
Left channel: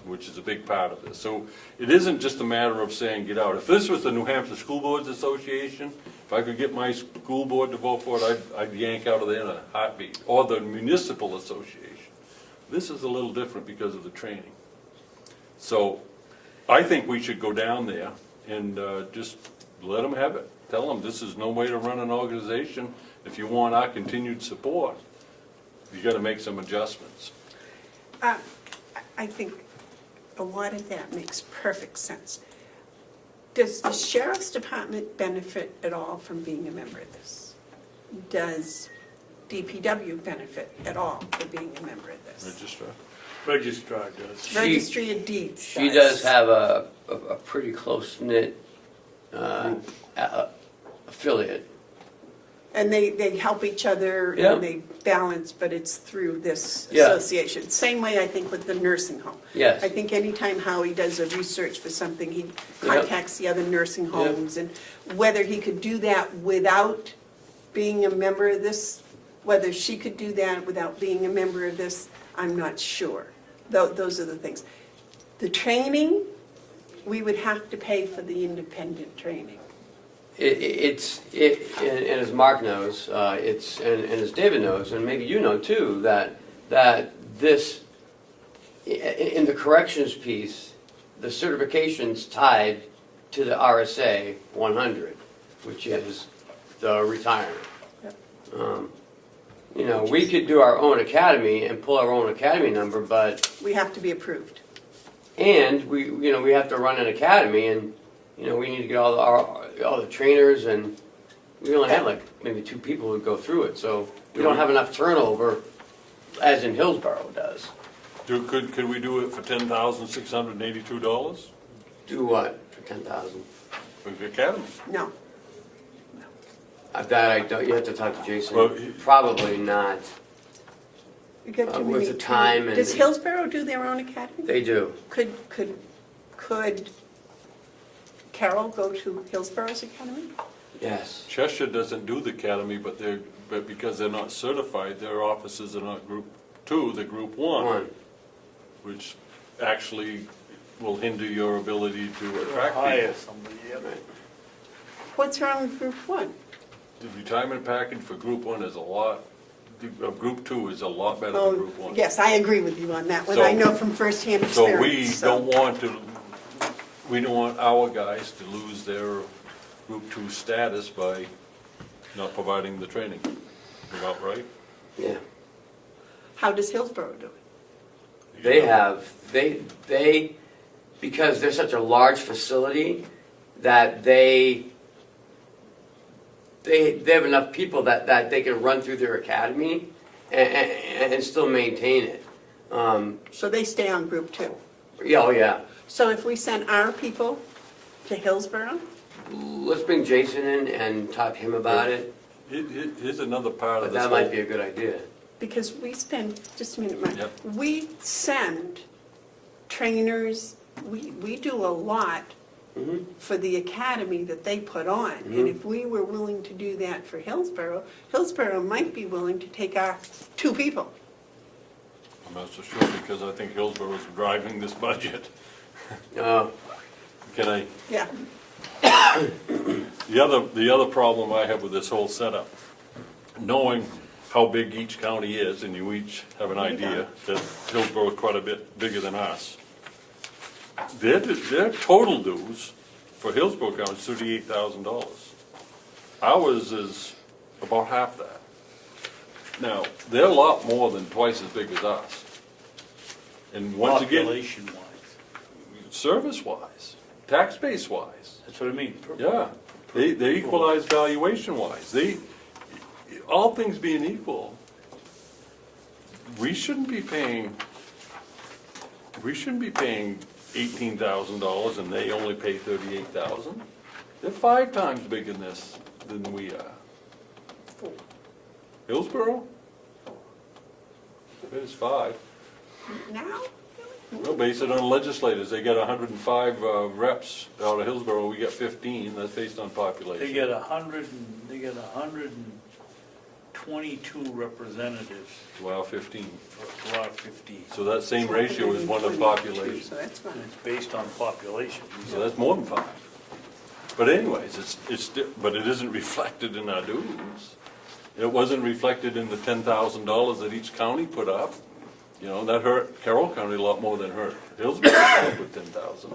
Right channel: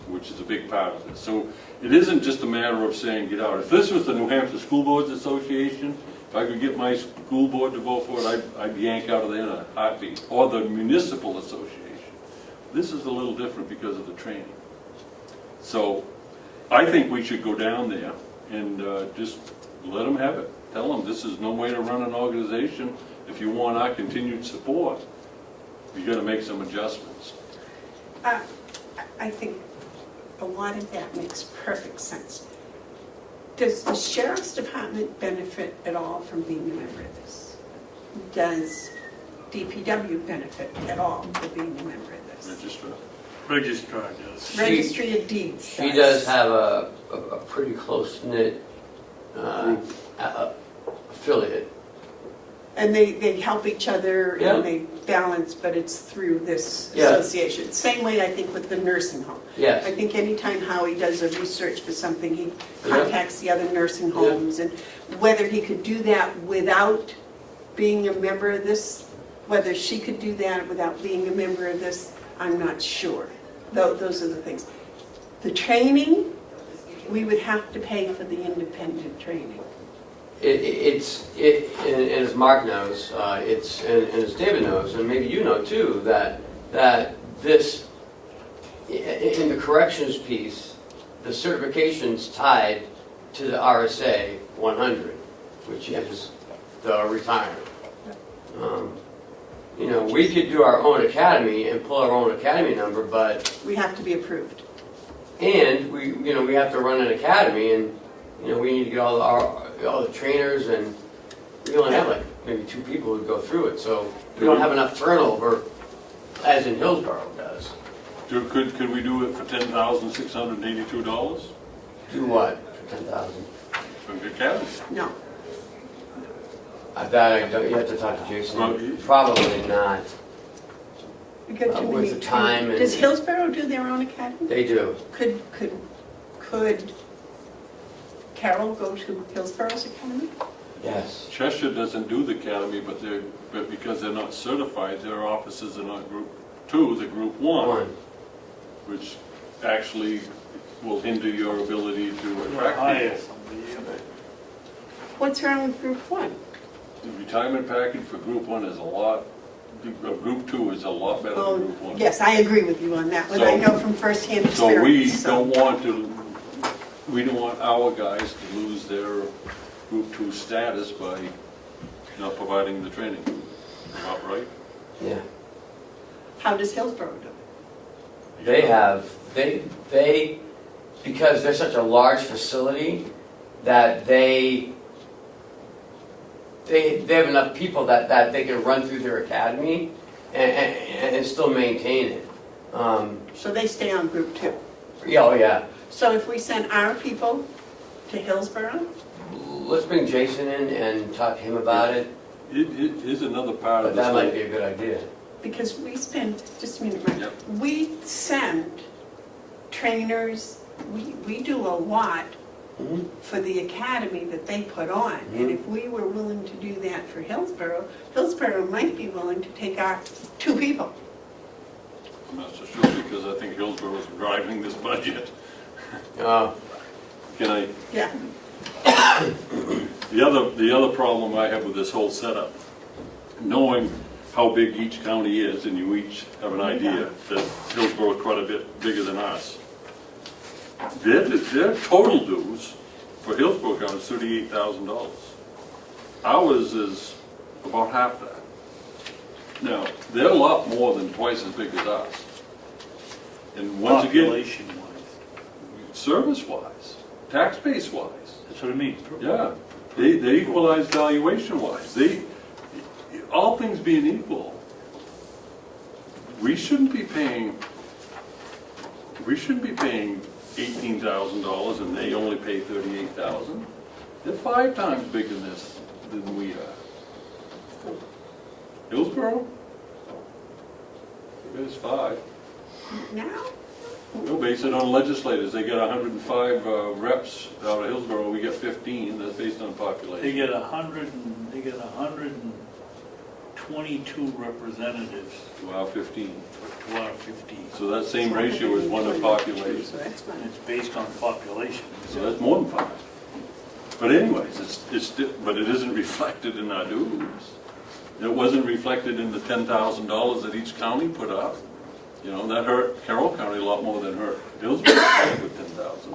which is a big part of this. So it isn't just a matter of saying get out. If this was the New Hampshire School Boards Association, if I could get my school board to vote for it, I'd yank out of there in a heartbeat. Or the Municipal Association. This is a little different because of the training. So I think we should go down there and just let them have it. Tell them this is no way to run an organization. If you want our continued support, you got to make some adjustments. I think a lot of that makes perfect sense. Does the Sheriff's Department benefit at all from being a member of this? Does DPW benefit at all for being a member of this? Registrar does. Registry of Deeds. She does have a pretty close-knit affiliate. And they help each other Yeah. and they balance, but it's through this Yeah. association. Same way I think with the nursing home. Yes. I think anytime Howie does a research for something, he Yeah. contacts the other nursing homes. And whether he could do that without being a member of this, whether she could do that without being a member of this, I'm not sure. Those are the things. The training, we would have to pay for the independent training. And as Mark knows, and as David knows, and maybe you know too, that this, in the corrections piece, the certification's tied to the RSA 100, which is the retirement. We could do our own academy and pull our own academy number, but, We have to be approved. and we have to run an academy, and, we need to get all the trainers, and we only have like maybe 2 people who go through it, so we don't have enough turnover as in Hillsborough does. Could we do it for $10,682 Do what for 10,000? for the academy? No. That I don't. You have to talk to Jason. Well, Probably not. You get too With many. the time and- Does Hillsborough do their own academy? They do. Could Carroll go to Hillsborough's academy? Yes. Cheshire doesn't do the academy, but because they're not certified, their offices are not Group 2, they're Group 1, which actually will hinder your ability to attract Hire people. somebody, What's wrong with Group 1? The retirement package for Group 1 is a lot, Group 2 is a lot better than Oh, Group 1. yes, I agree with you on that one. I know from firsthand experience. So we don't want our guys to lose their Group 2 status by not providing the training. About right? Yeah. How does Hillsborough do it? They have. They because they're such a large facility that they have enough people that they can run through their academy and still maintain it. So they stay on Group 2? Yeah, oh yeah. So if we send our people to Hillsborough, Let's bring Jason in and talk to him about it, Here's another part but of this. that might be a good idea. because we spend, just a minute, Mike. Yep. We send trainers, we do a lot Mhm. for the academy that they put on. And if we were willing to do that for Hillsborough, Hillsborough might be willing to take our 2 people. I'm not so sure, because I think Hillsborough is driving this budget. Uh, Can I, Yeah. the other problem I have with this whole setup, knowing how big each county is, and you each have an idea that Hillsborough is quite a bit bigger than us. Their total dues for Hillsborough County is $38,000. Ours is about half that. Now, they're a lot more than twice as big as us. And once again, Population-wise, service-wise, tax base-wise, that's what I mean. yeah, they equalize valuation-wise. All things being equal, we shouldn't be paying $18,000 and they only pay $38,000. They're 5 times bigger than we are. Hillsborough? It is 5. Now? We'll base it on legislators. They got 105 reps out of Hillsborough, we got 15, that's based on They population. get 122 representatives, Wow, 15. out of 15. So that same ratio is one of the population. So that's fine. And it's based on population. So that's more than 5. But anyways, but it isn't reflected in our dues. It wasn't reflected in the $10,000 that each county put up. You know, that hurt Carroll County a lot more than hurt Hillsborough County with 10,000.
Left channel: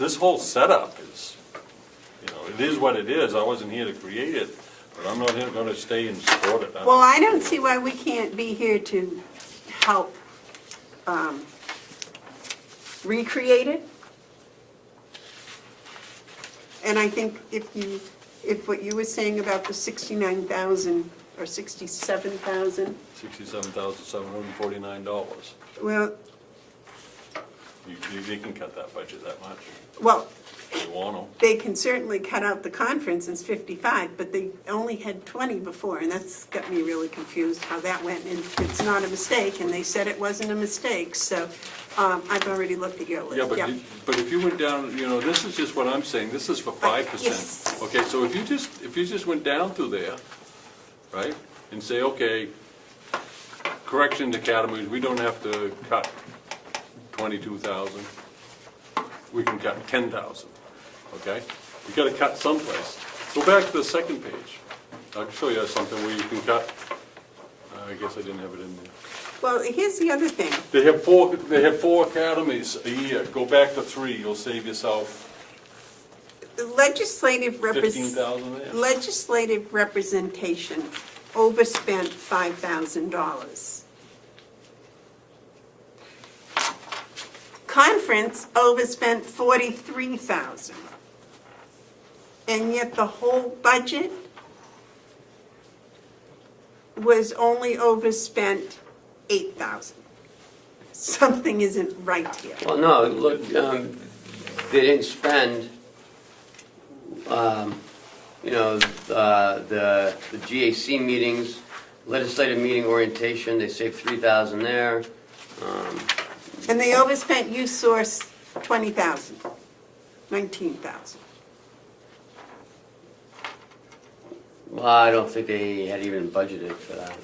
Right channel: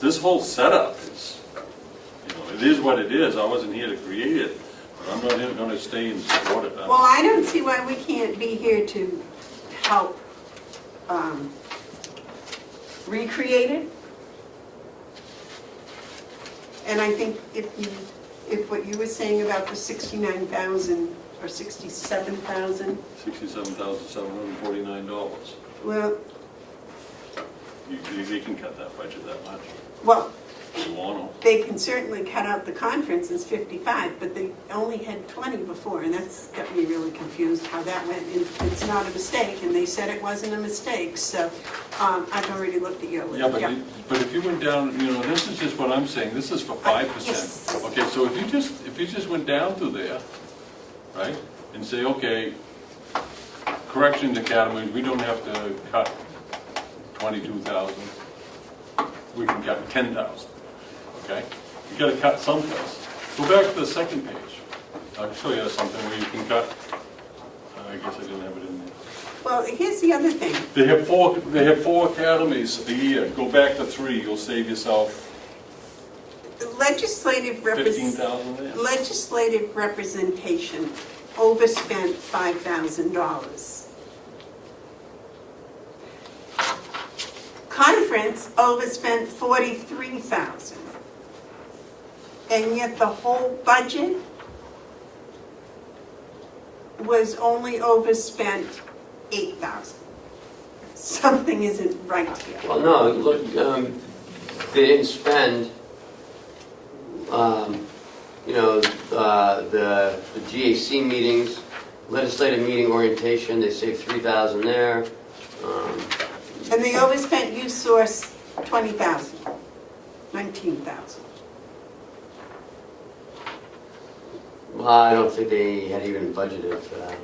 This whole setup is, you know, it is what it is. I wasn't here to create it, but I'm not even gonna stay and support it. Well, I don't see why we can't be here to help recreate it. And I think if what you were saying about the 69,000 or 67,000, $67,749. well, They can cut that budget that much, well, if they want they can certainly cut out the conference as 55, but they only had 20 before, and that's got me really confused how that went. And it's not a mistake, and they said it wasn't a mistake, so I've already looked at your them. list. Yeah, but if you went down, you know, this is just what I'm saying, this is for 5%. Yes. Okay, so if you just went down through there, right, and say, okay, corrections academy, we don't have to cut 22,000, we can cut 10,000, okay? You gotta cut someplace. Go back to the second page. I've still got something where you can cut, I guess I didn't have it in there. Well, here's the other thing. They have 4 academies a year, go back to 3, you'll save yourself The legislative $15,000 there. representation overspent $5,000. Conference overspent $43,000. And yet the whole budget was only overspent $8,000. Something isn't right here. Well, no, look, they didn't spend, you know, the GAC meetings, legislative meeting orientation, they saved $3,000 there. And they overspent youth source $20,000, $19,000. Well, I don't think they had even budgeted for that.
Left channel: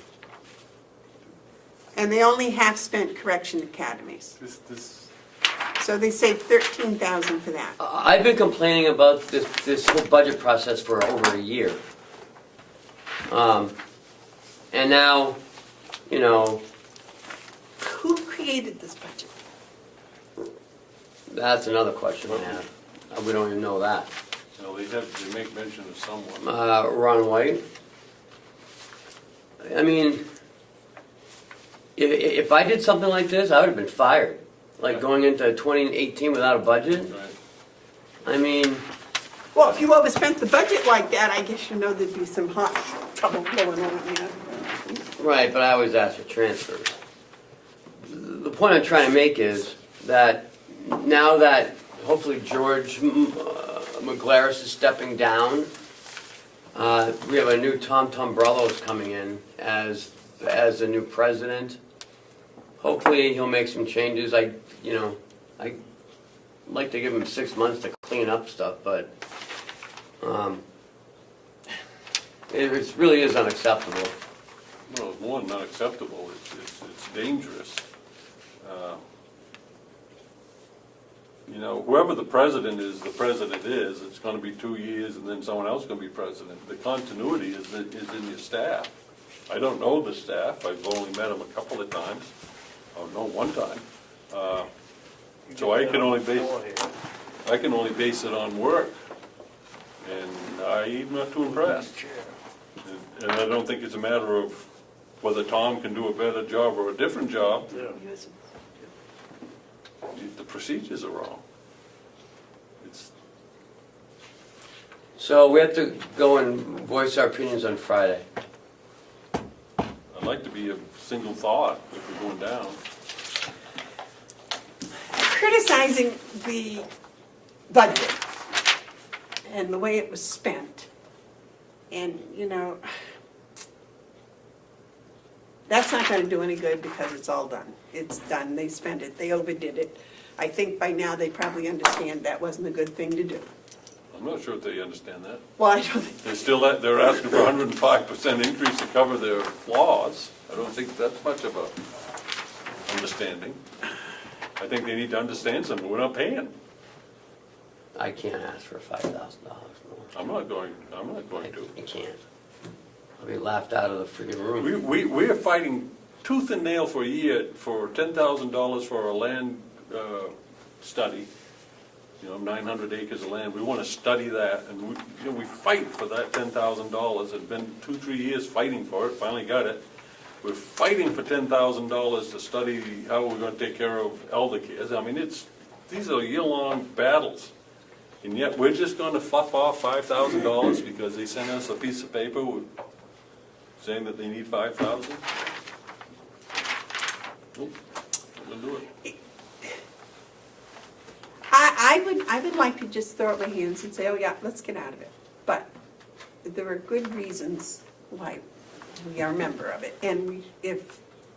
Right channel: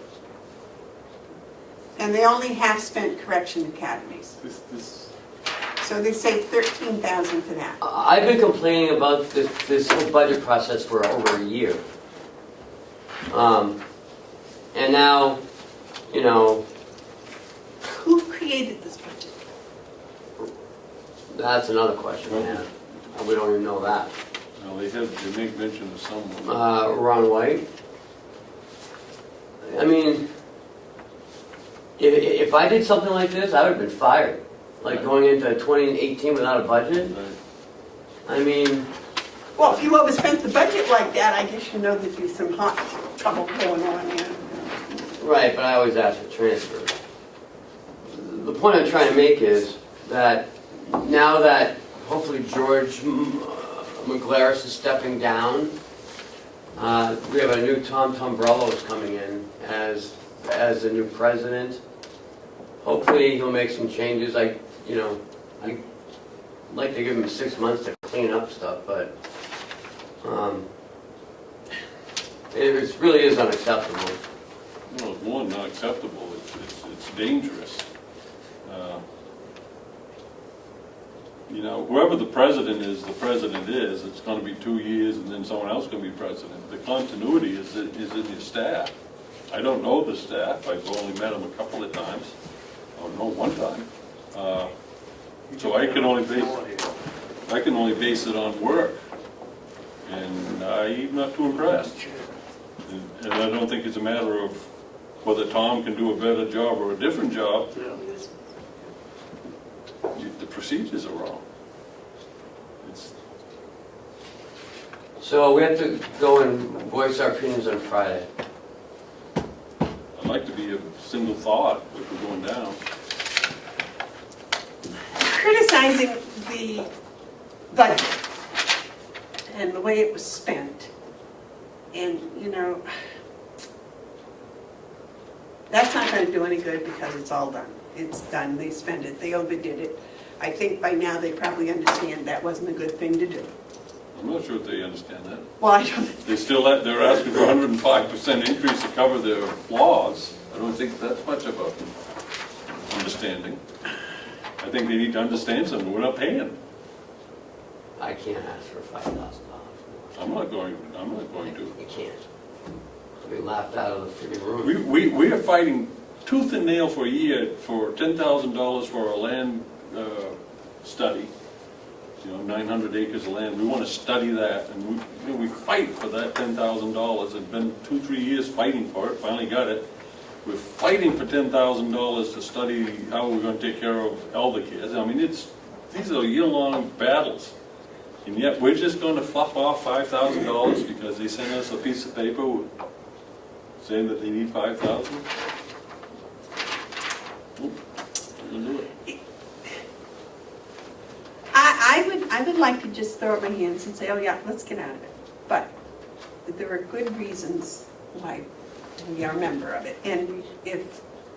And they only half spent correction academies. So they saved $13,000 for that. I've been complaining about this whole budget process for over a year. And now, you know, Who created this budget? that's another question, man. We don't even know that. No, they make mention of someone. Ron White. I mean, if I did something like this, I would have been fired. Like going into 2018 without a budget. Right. I mean, Well, if you overspent the budget like that, I guess you know there'd be some hot trouble going on there. right, but I always ask for transfers. The point I'm trying to make is, that now that hopefully George McGlaris is stepping down, we have a new Tom Tombrello coming in as a new president. Hopefully he'll make some changes. I'd like to give him 6 months to clean up stuff, but it really is unacceptable. Well, it's more than not acceptable, it's dangerous. Whoever the president is, it's gonna be 2 years and then someone else gonna be president. The continuity is in your staff. I don't know the staff, I've only met them a couple of times, one time. So I can only base it on work, and I'm not too impressed. And I don't think it's a matter of whether Tom can do a better job or a different job. The procedures are wrong. So we have to go and voice our opinions on Friday. I'd like to be a single thought if we're going down. Criticizing the budget and the way it was spent. And, that's not gonna do any good because it's all done. It's done, they spent it, they overdid it. I think by now they probably understand that wasn't a good thing to do. I'm not sure if they understand that. Well, I don't, They're asking for 105% increase to cover their flaws. I don't think that's much of a understanding. I think they need to understand something, we're not paying. I can't ask for $5,000. I'm not going to. You can't. I'll be laughed out of the freaking room. We are fighting tooth and nail for a year for $10,000 for a land study. 900 acres of land, we want to study that, and we fight for that $10,000, and been 2-3 years fighting for it, finally got it. We're fighting for $10,000 to study how we're going to take care of elder kids. I mean, these are year-long battles, and yet we're just going to fluff off $5,000 because they sent us a piece of paper saying that they need $5,000. We'll do it. I would like to just throw up my hands and say, oh yeah, let's get out of it. But there are good reasons why we are a member of it. And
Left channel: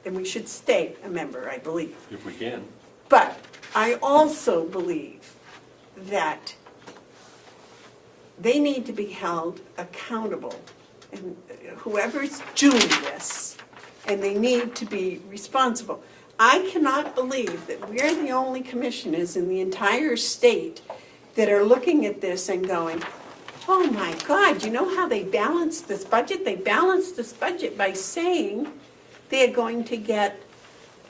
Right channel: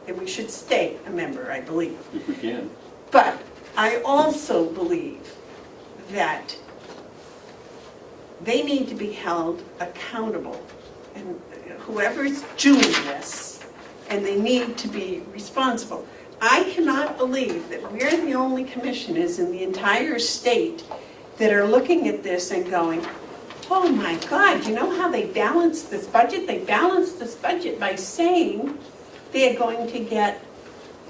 we should stay a member, I believe. If we can. But I also believe that they need to be held accountable. And whoever's doing this, and they need to be responsible. I cannot believe that we're the only commissioners in the entire state that are looking at this and going, oh my God, you know how they balanced this budget? They balanced this budget by saying they're going to get,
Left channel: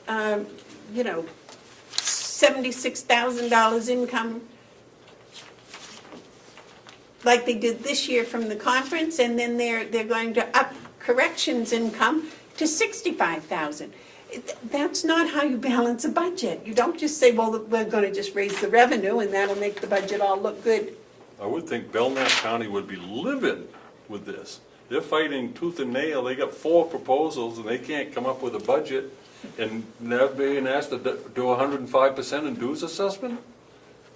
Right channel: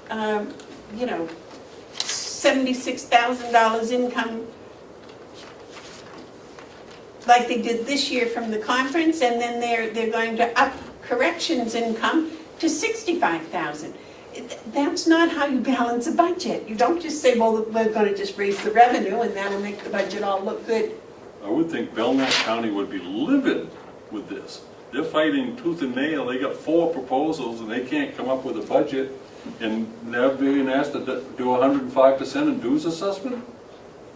$76,000 income like they did this year from the conference, and then they're going to up corrections income to $65,000. That's not how you balance a budget. You don't just say, well, we're going to just raise the revenue and that'll make the budget all look good. I would think Belknap County would be livid with this. They're fighting tooth and nail. They got 4 proposals and they can't come up with a budget, and they're being asked to do 105% in dues assessment?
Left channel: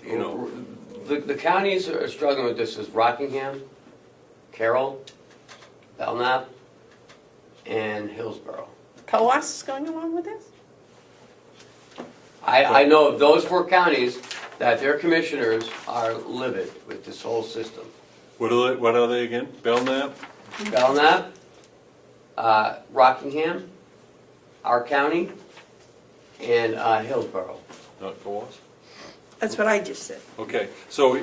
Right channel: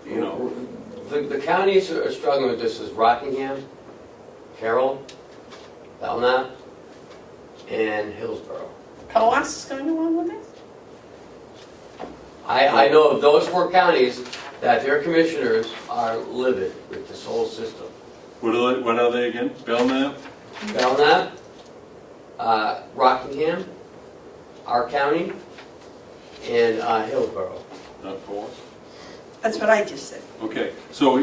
The counties that are struggling with this is Rockingham, Carroll, Belknap, and Hillsborough. Coas is going along with this? I know of those 4 counties that their commissioners are livid with this whole system. What are they again? Belknap? Belknap, Rockingham, our county, and Hillsborough. Not for us? That's what I just said. Okay, so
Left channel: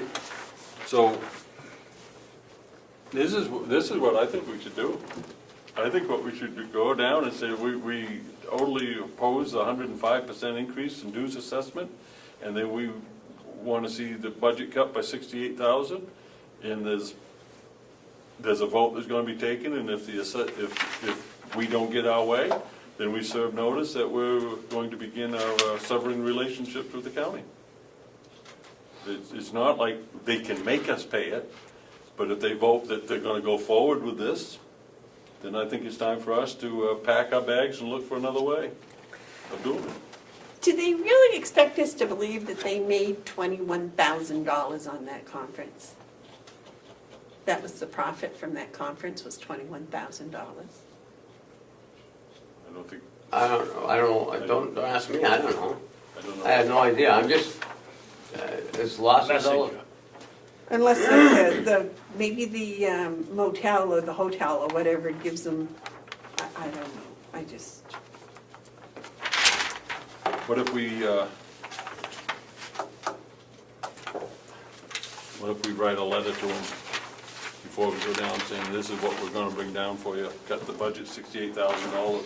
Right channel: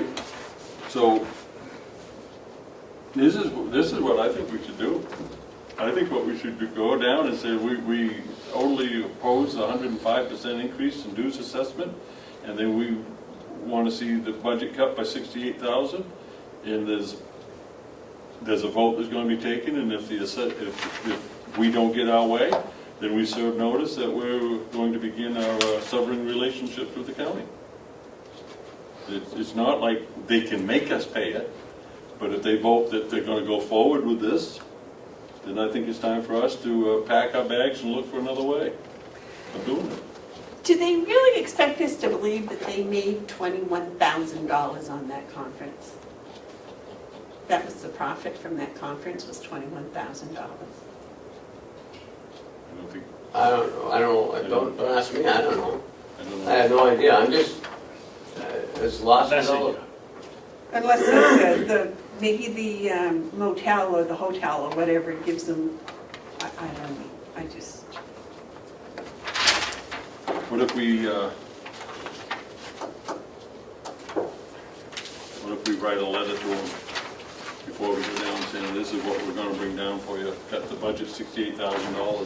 this is what I think we should do. I think what we should do, go down and say we totally oppose the 105% increase in dues assessment, and then we want to see the budget cut by $68,000, and there's a vote that's going to be taken, and if we don't get our way, then we serve notice that we're going to begin our severing relationships with the county. It's not like they can make us pay it, but if they vote that they're going to go forward with this, then I think it's time for us to pack our bags and look for another way of doing it. Do they really expect us to believe that they made $21,000 on that conference? That was the profit from that conference, was $21,000. I don't think, I don't know, don't ask me, I don't know. I don't know. I have no idea, I'm just, it's lost That's though. it. Unless maybe the motel or the hotel or whatever gives them, I don't know, I just. What if we write a letter to them before we go down saying, this is what we're gonna bring down for you, cut the budget $68,000.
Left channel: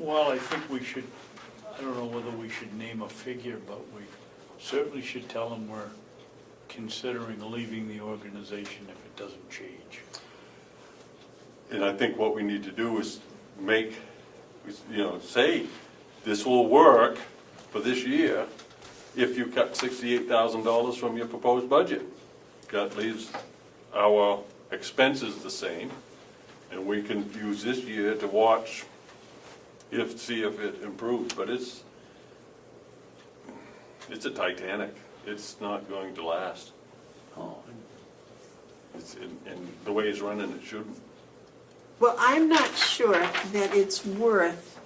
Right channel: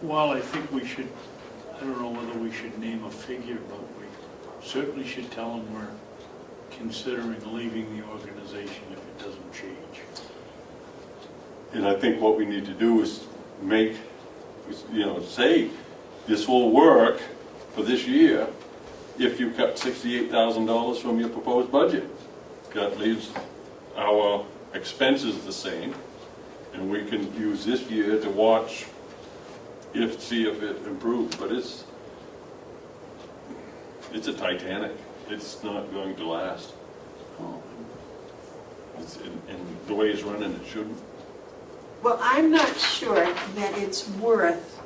Well, I think we should, I don't know whether we should name a figure, but we certainly should tell them we're considering leaving the organization if it doesn't change. And I think what we need to do is make, say, this will work for this year if you cut $68,000 from your proposed budget. That leaves our expenses the same, and we can use this year to watch see if it improves, but it's a Titanic. It's not going to last. And the way it's running, it shouldn't. Well, I'm not sure that it's worth,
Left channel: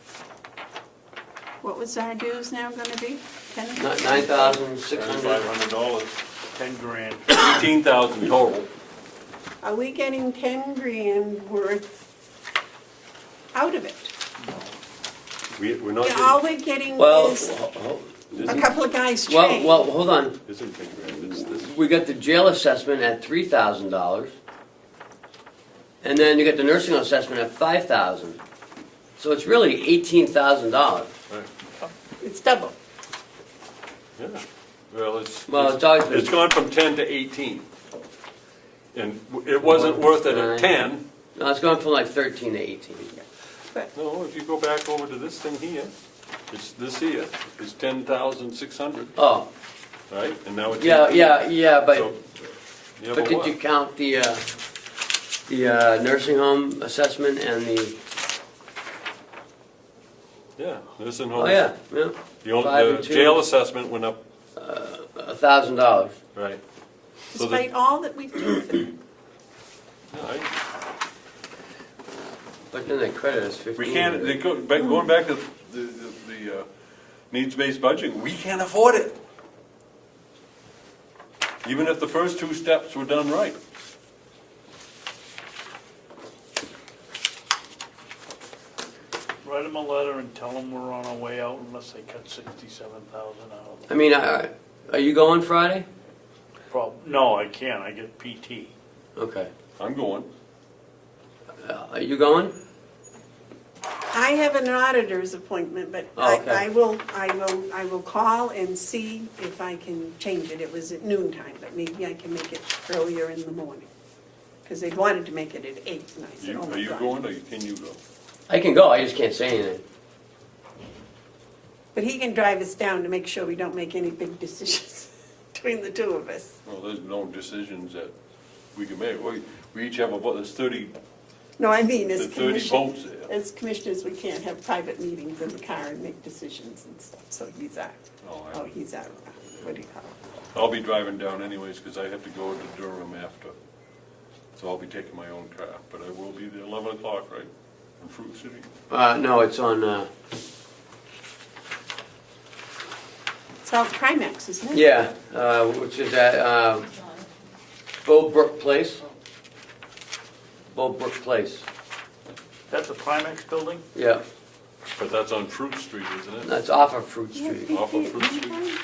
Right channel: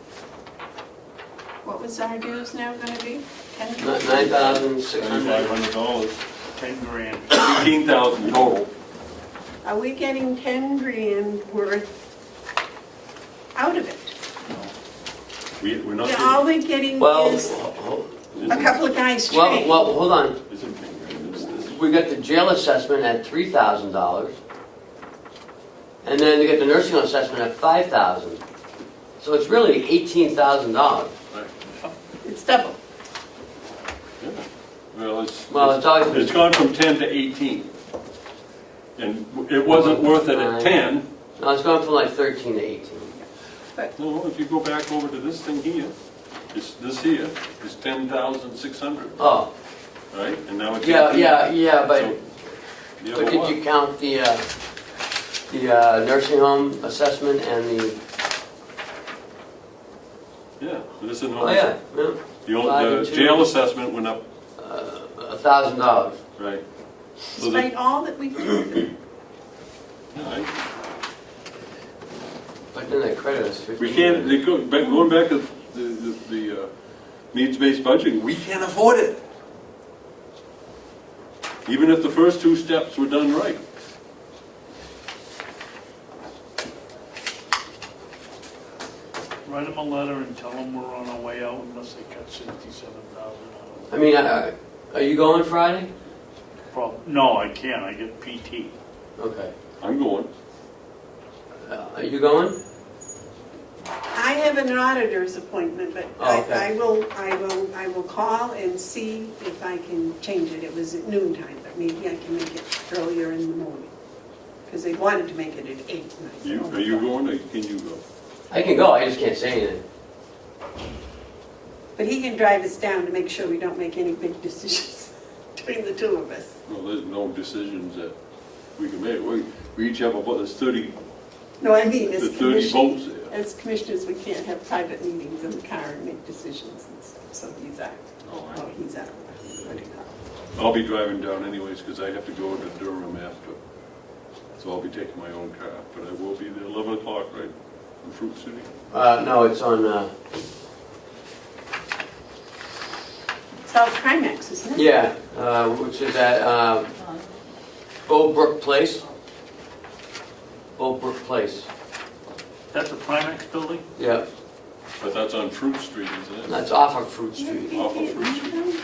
what was our dues now gonna be? $9,600. $9,500, 10 grand. 18,000 total. Are we getting 10 grand worth out of it? We're not. And all we're getting Well, is a couple of guys well, trained. hold on. This isn't 10 grand, this is. We got the jail assessment at $3,000. And then you get the nursing home assessment at $5,000. So it's really $18,000. Right. It's double. Yeah. Well, it's It's gone from 10 to 18. And it wasn't worth it at 10. No, it's going from like 13 to 18. No, if you go back over to this thing here, this here is 10,600, Oh, right? And now it's. yeah, but, So, but know did what? you count the nursing home assessment and the, Yeah, this is oh yeah, yeah, The jail assessment went up, $1,000. right? So Despite all that we do. right. But then they credit us 15. We can't, going back to the needs-based budgeting, we can't afford it. Even if the first two steps were done right. Write them a letter and tell them we're on our way out unless they cut 67,000 out. I mean, are you going Friday? No, I can't, I get PT. Okay. I'm going. Are you going? I have an auditor's appointment, but Oh, okay. I will call and see if I can change it. It was at noon time, but maybe I can make it earlier in the morning. Because they wanted to make it at 8, and I said, oh my Are you God. going or can you go? I can go, I just can't say anything. But he can drive us down to make sure we don't make any big decisions between the two of us. Well, there's no decisions that we can make. We each have about, there's 30, No, I mean, there's as 30 votes commissioners, there. as commissioners, we can't have private meetings in the car and make decisions and stuff, so he's out. Oh, he's out. What do you call it? I'll be driving down anyways because I have to go to Durham after. So I'll be taking my own car, but I will be there 11 o'clock, right? In Fruit City. No, it's on, It's out Primex, isn't it? yeah, which is at, Bowbrook Place. Bowbrook Place, That's a Primex building? yeah, But that's on Fruit Street, isn't it? that's off of Fruit Street. Off of Fruit Street.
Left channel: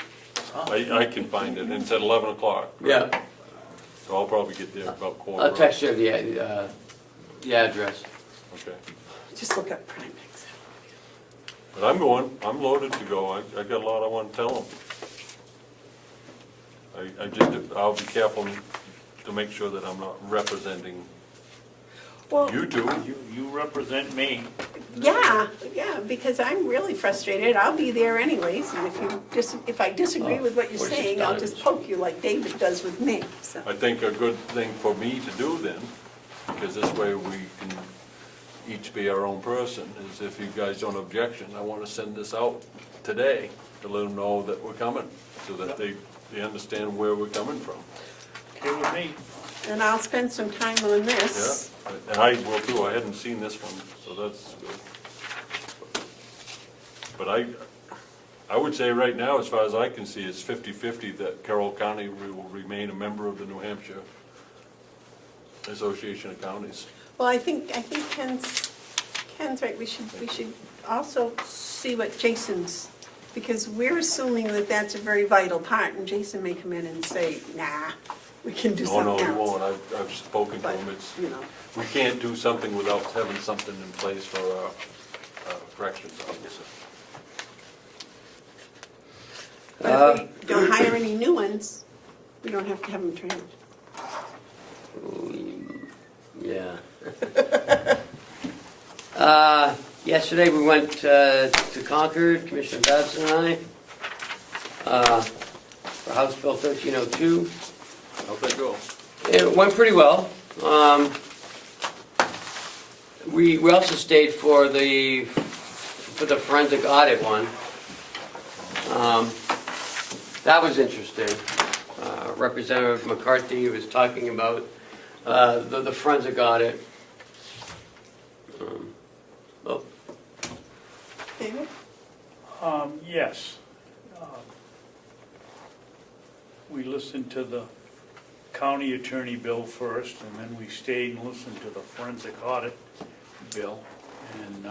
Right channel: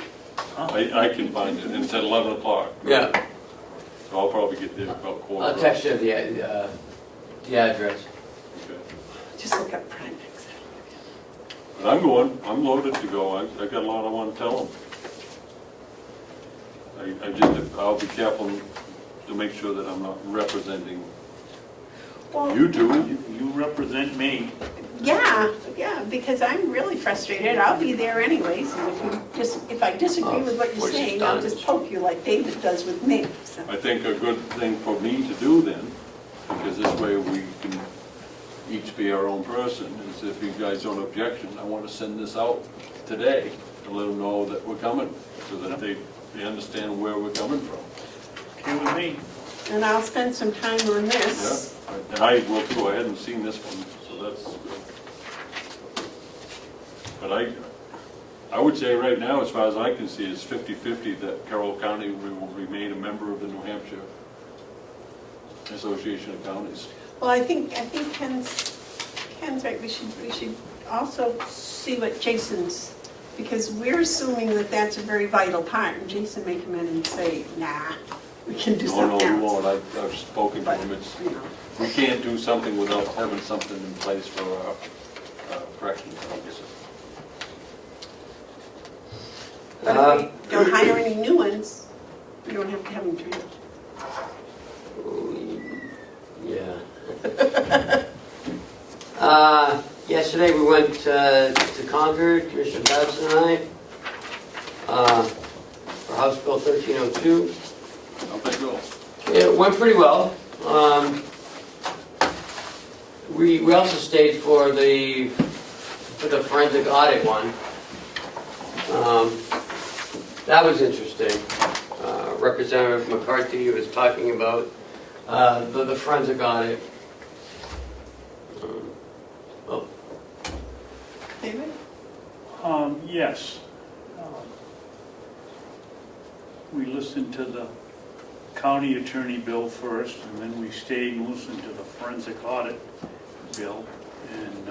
I can find it, and it's at 11 o'clock. right? Yeah, So I'll probably get there about quarter. I'll text you the address. Okay. Just look up Primex. But I'm going, I'm loaded to go, I got a lot I want to tell them. I'll be careful to make sure that I'm not representing. Well, You do. You represent me. yeah, because I'm really frustrated. I'll be there anyways, and if I disagree with what you're saying, I'll just poke you like David does with me, so. I think a good thing for me to do then, because this way we can each be our own person, is if you guys don't objection, I want to send this out today to let them know that we're coming, so that they understand where we're coming from. Okay with me. And I'll spend some time on this. Yeah, and I will too, I hadn't seen this one, so that's good. But I would say right now, as far as I can see, it's 50-50 that Carroll County will remain a member of the New Hampshire Association of Counties. Well, I think Ken's right, we should also see what Jason's, because we're assuming that that's a very vital part, and Jason may come in and say, nah, we can do No, something you else. won't, I've spoken to him, it's, You know. we can't do something without having something in place for our corrections officer. But if we don't hire any new ones, we don't have to have them trained. Yeah. Yesterday we went to Concord, Commissioner Babson and I, for House Bill 1302. How'd that go? It went pretty well. We also stayed for the forensic audit one. That was interesting. Representative McCarthy was talking about the forensic audit. David? Yes. We listened to the county attorney bill first, and then we stayed and listened to the forensic audit bill. And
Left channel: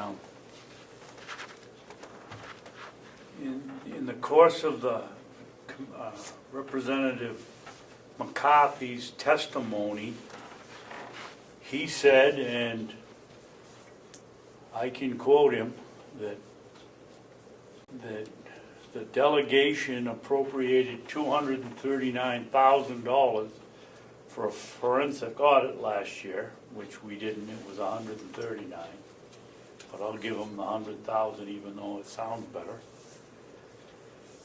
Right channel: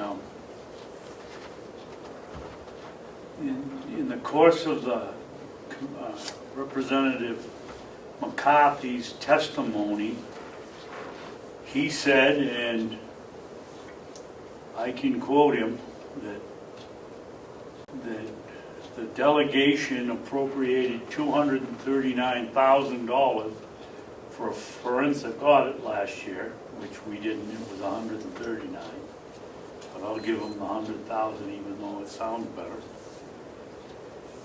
in the course of the Representative McCarthy's testimony, he said, and I can quote him, that the delegation appropriated $239,000 for a forensic audit last year, which we didn't, it was $139,000. But I'll give them the $100,000 even though it sounds better.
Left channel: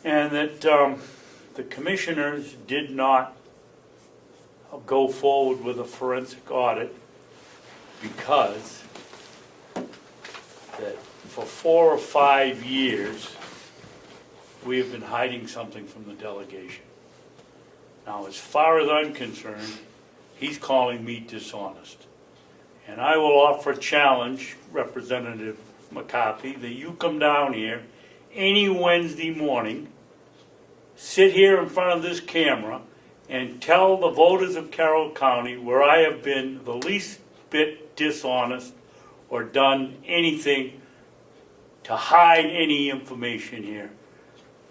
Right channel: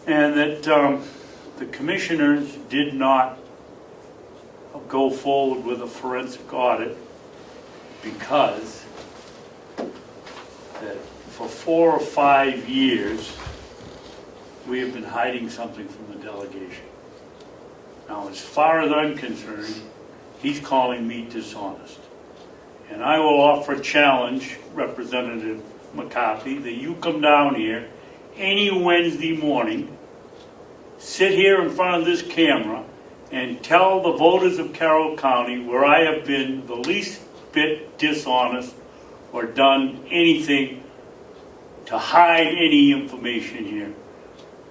And that the commissioners did not go forward with a forensic audit because that for 4 or 5 years, we have been hiding something from the delegation. Now, as far as I'm concerned, he's calling me dishonest. And I will offer a challenge, Representative McCarthy, that you come down here any Wednesday morning, sit here in front of this camera, and tell the voters of Carroll County where I have been the least bit dishonest or done anything to hide any information here.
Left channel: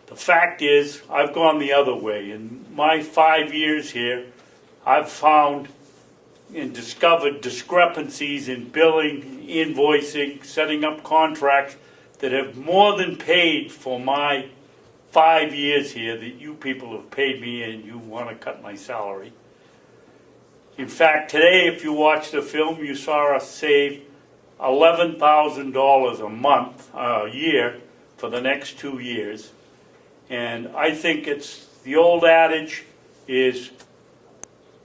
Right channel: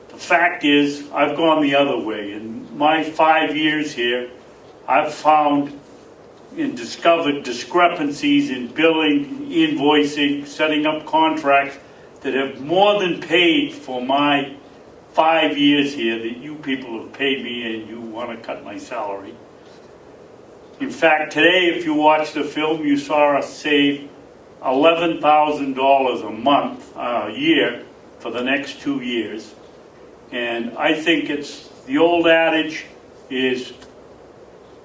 The fact is, I've gone the other way. In my 5 years here, I've found and discovered discrepancies in billing, invoicing, setting up contracts that have more than paid for my 5 years here that you people have paid me and you want to cut my salary. In fact, today, if you watch the film, you saw us save $11,000 a month, a year, for the next 2 years. And I think it's, the old adage is,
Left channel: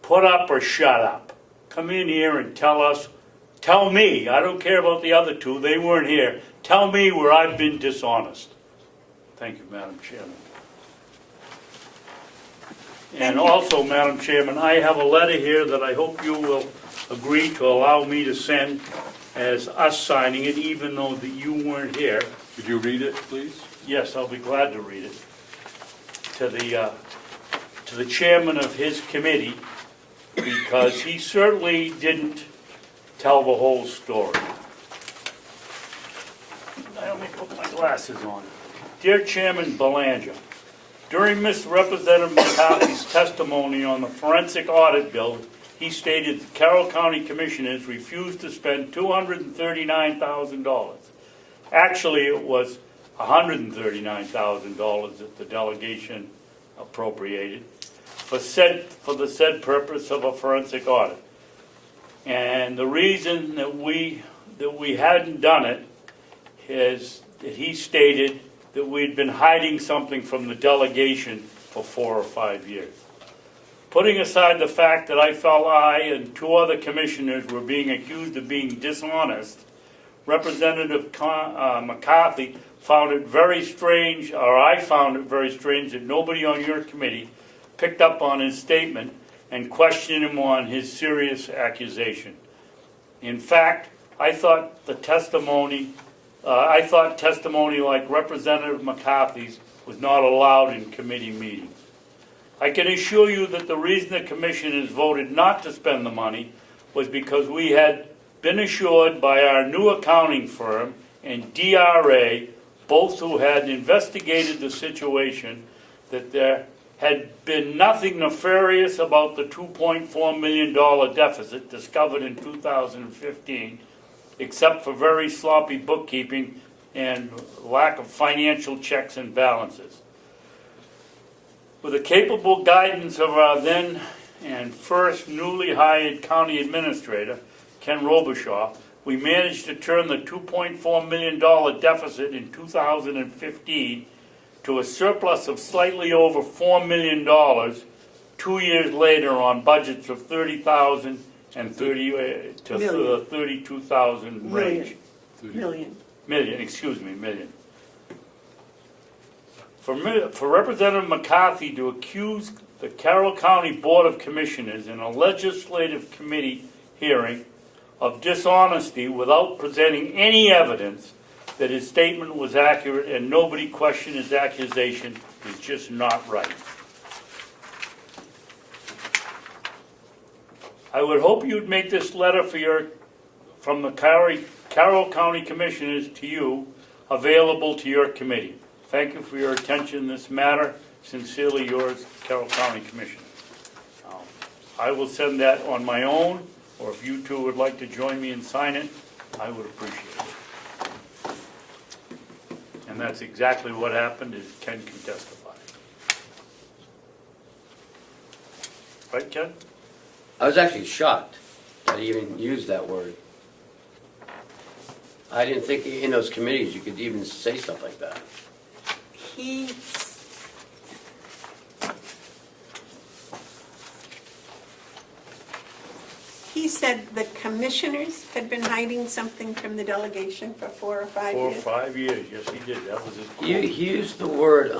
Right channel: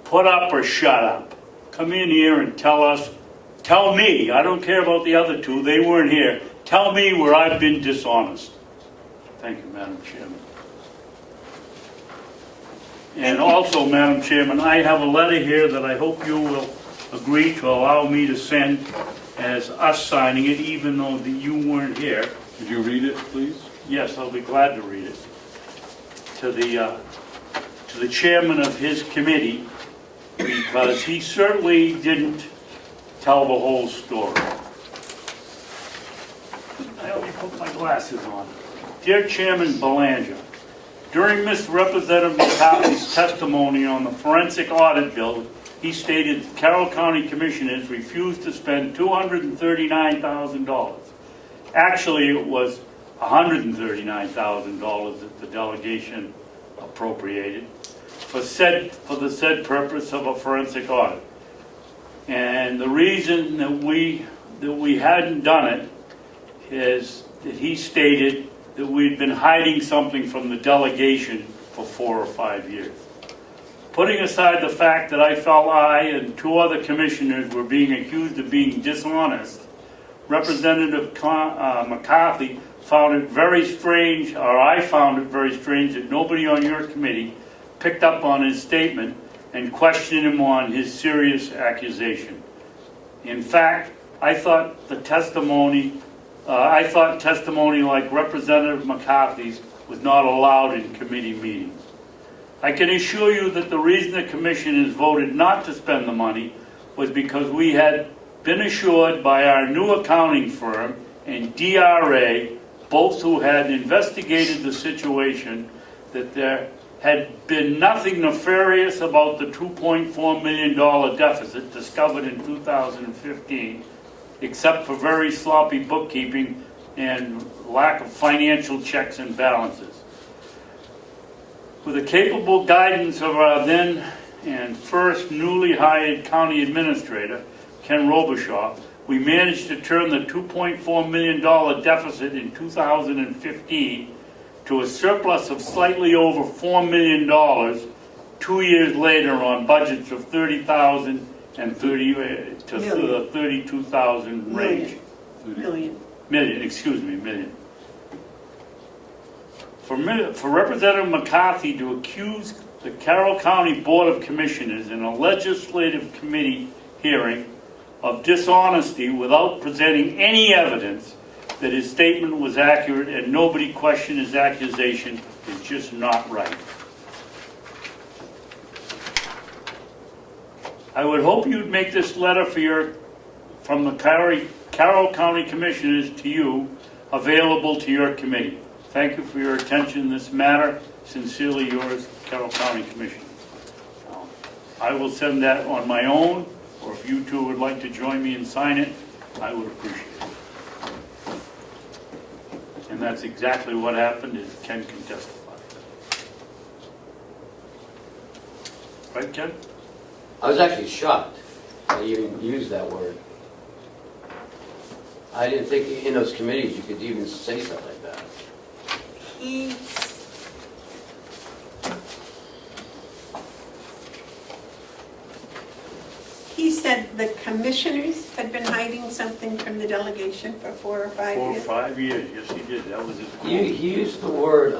put up or shut up. Come in here and tell me, I don't care about the other two, they weren't here. Tell me where I've been dishonest. Thank you, Madam Chairman. And also, Madam Chairman, I have a letter here that I hope you will agree to allow me to send as us signing it, even though that you weren't here. Could you read it, please? Yes, I'll be glad to read it. To the chairman of his committee, because he certainly didn't tell the whole story. I only put my glasses on. Dear Chairman Belanger, during Ms. Representative McCarthy's testimony on the forensic audit bill, he stated that Carroll County Commissioners refused to spend $239,000. Actually, it was $139,000 that the delegation appropriated for the said purpose of a forensic audit. And the reason that we hadn't done it is that he stated that we'd been hiding something from the delegation for 4 or 5 years. Putting aside the fact that I felt I and 2 other commissioners were being accused of being dishonest, Representative McCarthy found it very strange, or I found it very strange, that nobody on your committee picked up on his statement and questioned him on his serious accusation. In fact, I thought testimony like Representative McCarthy's was not allowed in committee meetings. I can assure you that the reason the commission has voted not to spend the money was because we had been assured by our new accounting firm and DRA, both who had investigated the situation, that there had been nothing nefarious about the $2.4 million deficit discovered in 2015, except for very sloppy bookkeeping and lack of financial checks and balances. With the capable guidance of our then and first newly hired county administrator, Ken Robichaud, we managed to turn the $2.4 million deficit in 2015 to a surplus of slightly over $4 million 2 years later on budgets of $30,000 and the $32,000 range. Million. Million. For Representative McCarthy to accuse the Carroll County Board of Commissioners in a legislative committee hearing of dishonesty without presenting any evidence that his statement was accurate and nobody questioned his accusation is just not right. I would hope you'd make this letter from the Carroll County Commissioners to you available to your committee. Thank you for your attention in this matter. Sincerely yours, Carroll County Commissioners. I will send that on my own, or if you two would like to join me and sign it, I would appreciate it. And that's exactly what happened, as Ken can testify. Right, Ken? I was actually shocked that you even used that word. I didn't think in those committees you could even say stuff like that. He said the commissioners had been hiding something from the delegation for 4 or 5 4 or years. 5 years, yes, he did. That was it. He used the word,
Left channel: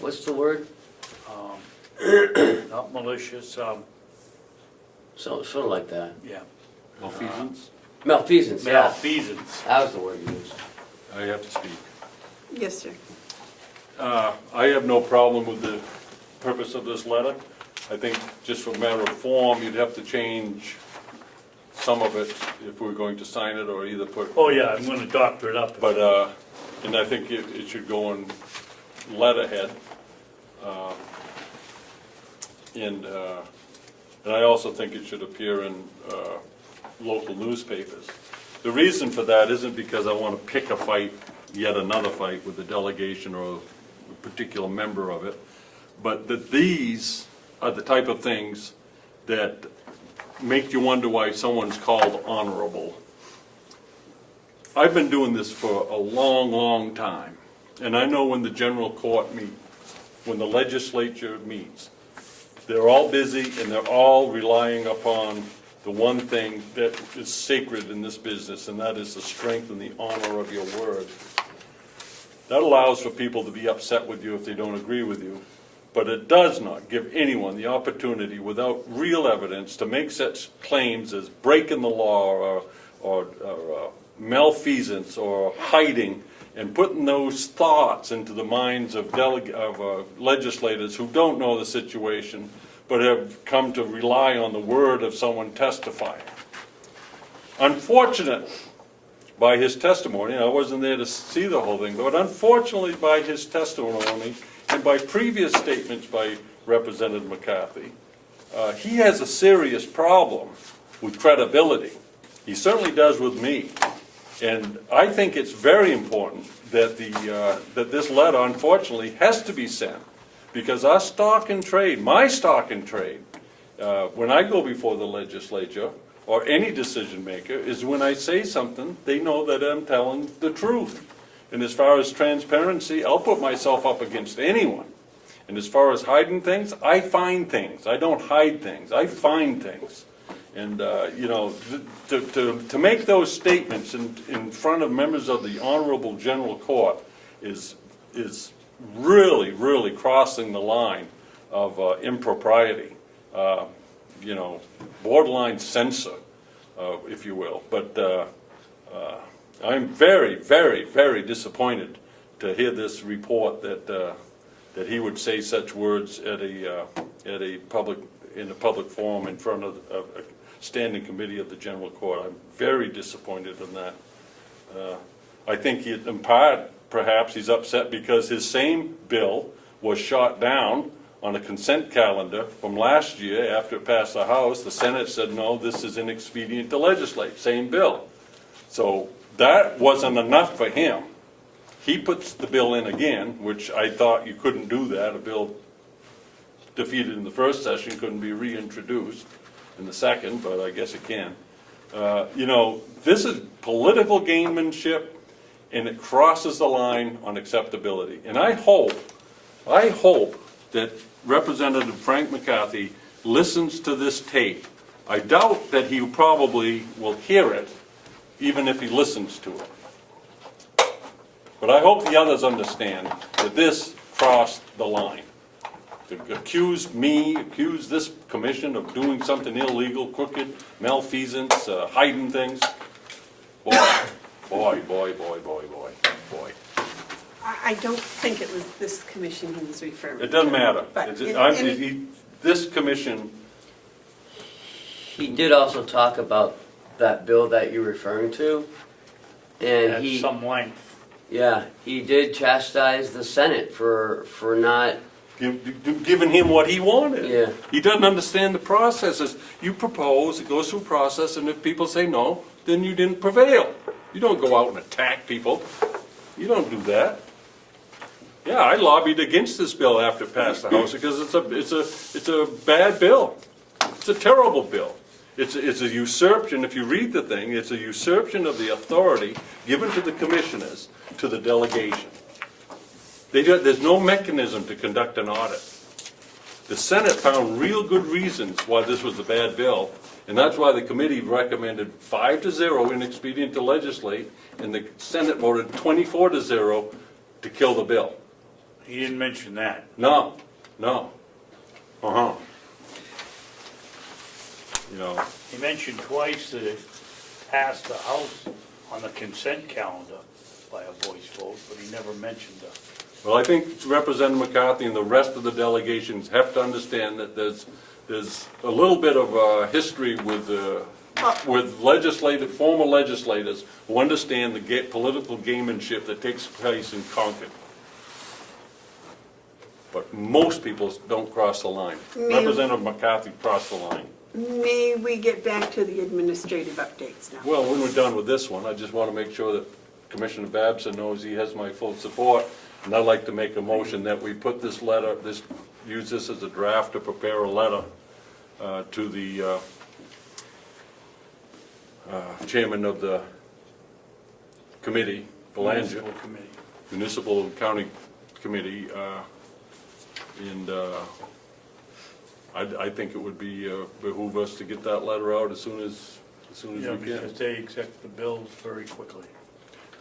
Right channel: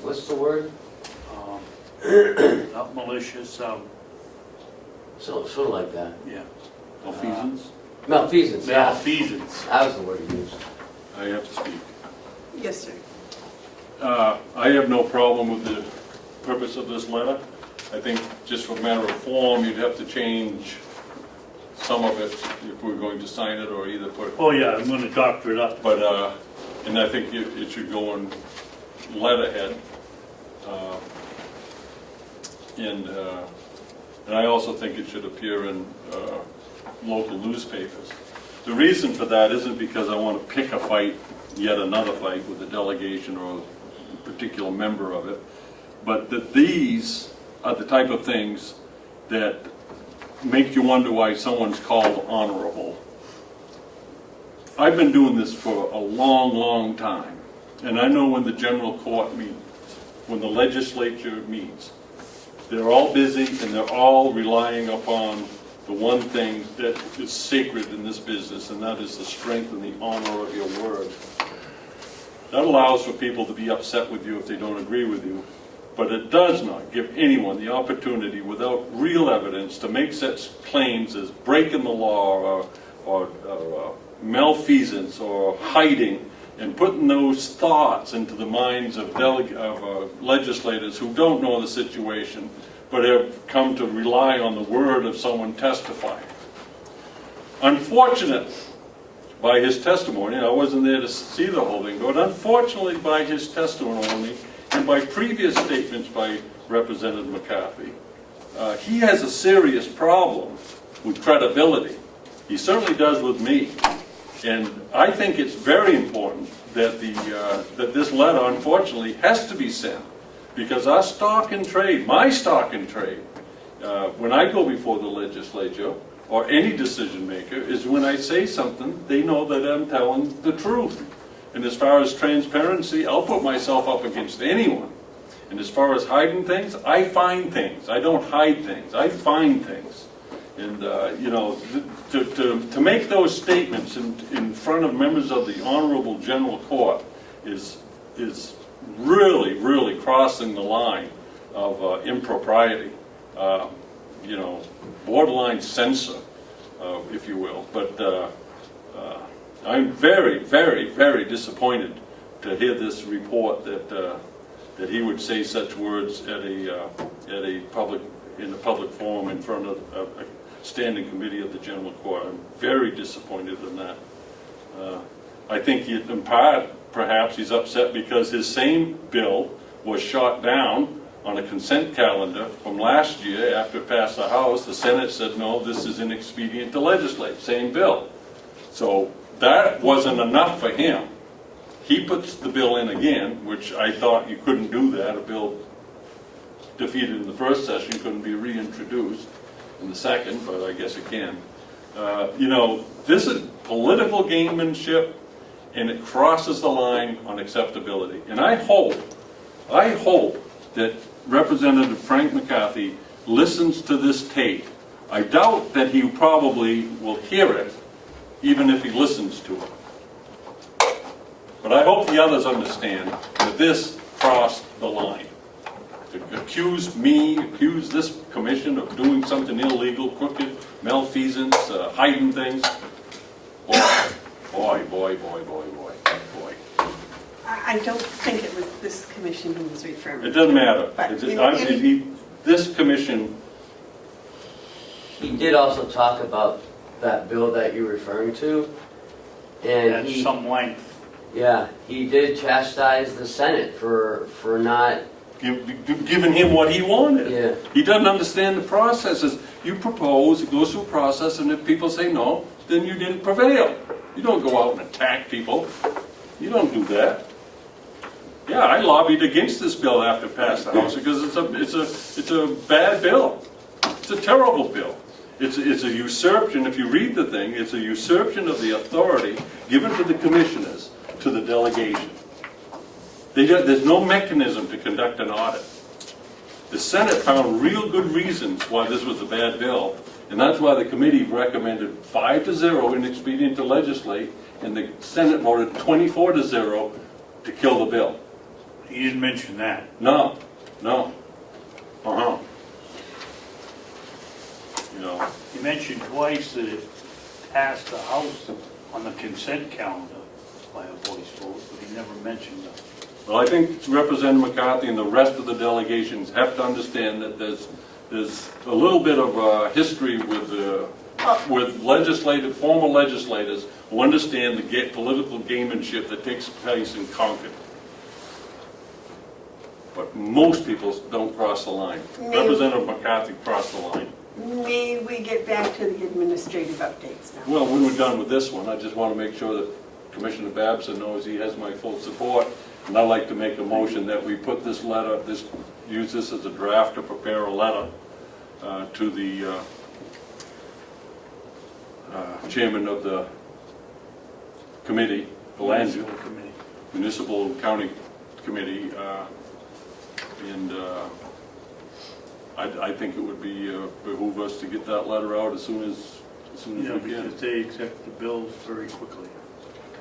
what's the word? Not malicious, Sort of like that. yeah, malfeasance. Malfeasance, yeah. Malfeasance. That was the word he used. I have to speak. Yes, sir. I have no problem with the purpose of this letter. I think just for a matter of form, you'd have to change some of it if we're going to sign it, or either put. Oh, yeah, I'm gonna doctor it up. But, and I think it should go in letterhead. And I also think it should appear in local newspapers. The reason for that isn't because I want to pick a fight, yet another fight with the delegation or a particular member of it, but that these are the type of things that make you wonder why someone's called honorable. I've been doing this for a long, long time, and I know when the general court meets, when the legislature meets, they're all busy and they're all relying upon the one thing that is sacred in this business, and that is the strength and the honor of your word. That allows for people to be upset with you if they don't agree with you, but it does not give anyone the opportunity without real evidence to make such claims as breaking the law or malfeasance or hiding, and putting those thoughts into the minds of legislators who don't know the situation but have come to rely on the word of someone testifying. Unfortunately, by his testimony, I wasn't there to see the whole thing, but unfortunately by his testimony and by previous statements by Representative McCarthy, he has a serious problem with credibility. He certainly does with me. And I think it's very important that that this letter, unfortunately, has to be sent, because our stock in trade, my stock in trade, When I go before the legislature, or any decision maker, is when I say something, they know that I'm telling the truth. And as far as transparency, I'll put myself up against anyone. And as far as hiding things, I find things. I don't hide things, I find things. And, you know, to make those statements in front of members of the Honorable General Court is really, really crossing the line of impropriety. You know, borderline censor, if you will. But I'm very, very, very disappointed to hear this report that he would say such words in a public forum in front of a standing committee of the General Court. I'm very disappointed in that. I think in part, perhaps he's upset because his same bill was shot down on a consent calendar from last year after it passed the House. The Senate said, no, this is inexpedient to legislate, same bill. So that wasn't enough for him. He puts the bill in again, which I thought you couldn't do that. A bill defeated in the first session couldn't be reintroduced in the second, but I guess it can. You know, this is political gamemanship, and it crosses the line on acceptability. And I hope that Representative Frank McCarthy listens to this tape. I doubt that he probably will hear it, even if he listens to it. But I hope the others understand that this crossed the line. To accuse this commission of doing something illegal, crooked, malfeasance, hiding things. Boy. I don't think it was this commission he was referring to. It doesn't matter. But This commission, He did also talk about that bill that you're referring to, and At he, some length. yeah, he did chastise the Senate for not, giving him what he wanted. yeah. He doesn't understand the processes. You propose, it goes through a process, and if people say no, then you didn't prevail. You don't go out and attack people. You don't do that. Yeah, I lobbied against this bill after it passed the House because it's a bad bill. It's a terrible bill. It's a usurpation. If you read the thing, it's a usurpation of the authority given to the commissioners to the delegation. There's no mechanism to conduct an audit. The Senate found real good reasons why this was a bad bill, and that's why the committee recommended 5-0 inexpedient to legislate, and the Senate voted 24-0 to kill the bill. He didn't mention that. No. You know, He mentioned twice that it passed the House on the consent calendar by a voice vote, but he never mentioned that. well, I think Representative McCarthy and the rest of the delegations have to understand that there's a little bit of history with former legislators who understand the political gamemanship that takes place in Concord. But most people don't cross the line. Representative McCarthy crossed the line. May we get back to the administrative updates now? Well, when we're done with this one, I just want to make sure that Commissioner Babson knows he has my full support. And I'd like to make a motion that we put this letter, use this as a draft to prepare a letter to the chairman of the committee, Municipal Committee. Municipal and County Committee, and I think it would behoove us to get that letter out as soon as Yeah, we can. because they accept the bills very quickly.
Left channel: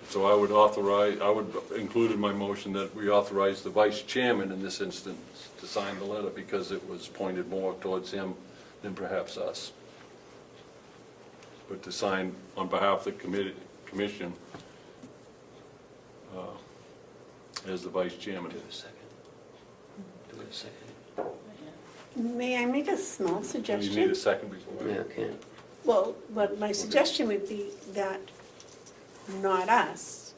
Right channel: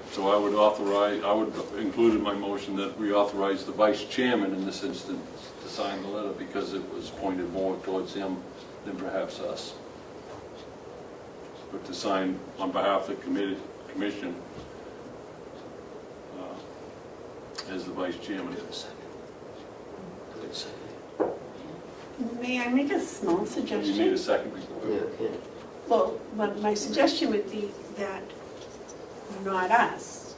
So I would include in my motion that we authorize the vice chairman in this instance to sign the letter because it was pointed more towards him than perhaps us. But to sign on behalf of the commission as the vice chairman. May I make a small You need suggestion? a second? Yeah, okay. Well, but my suggestion would be that not us,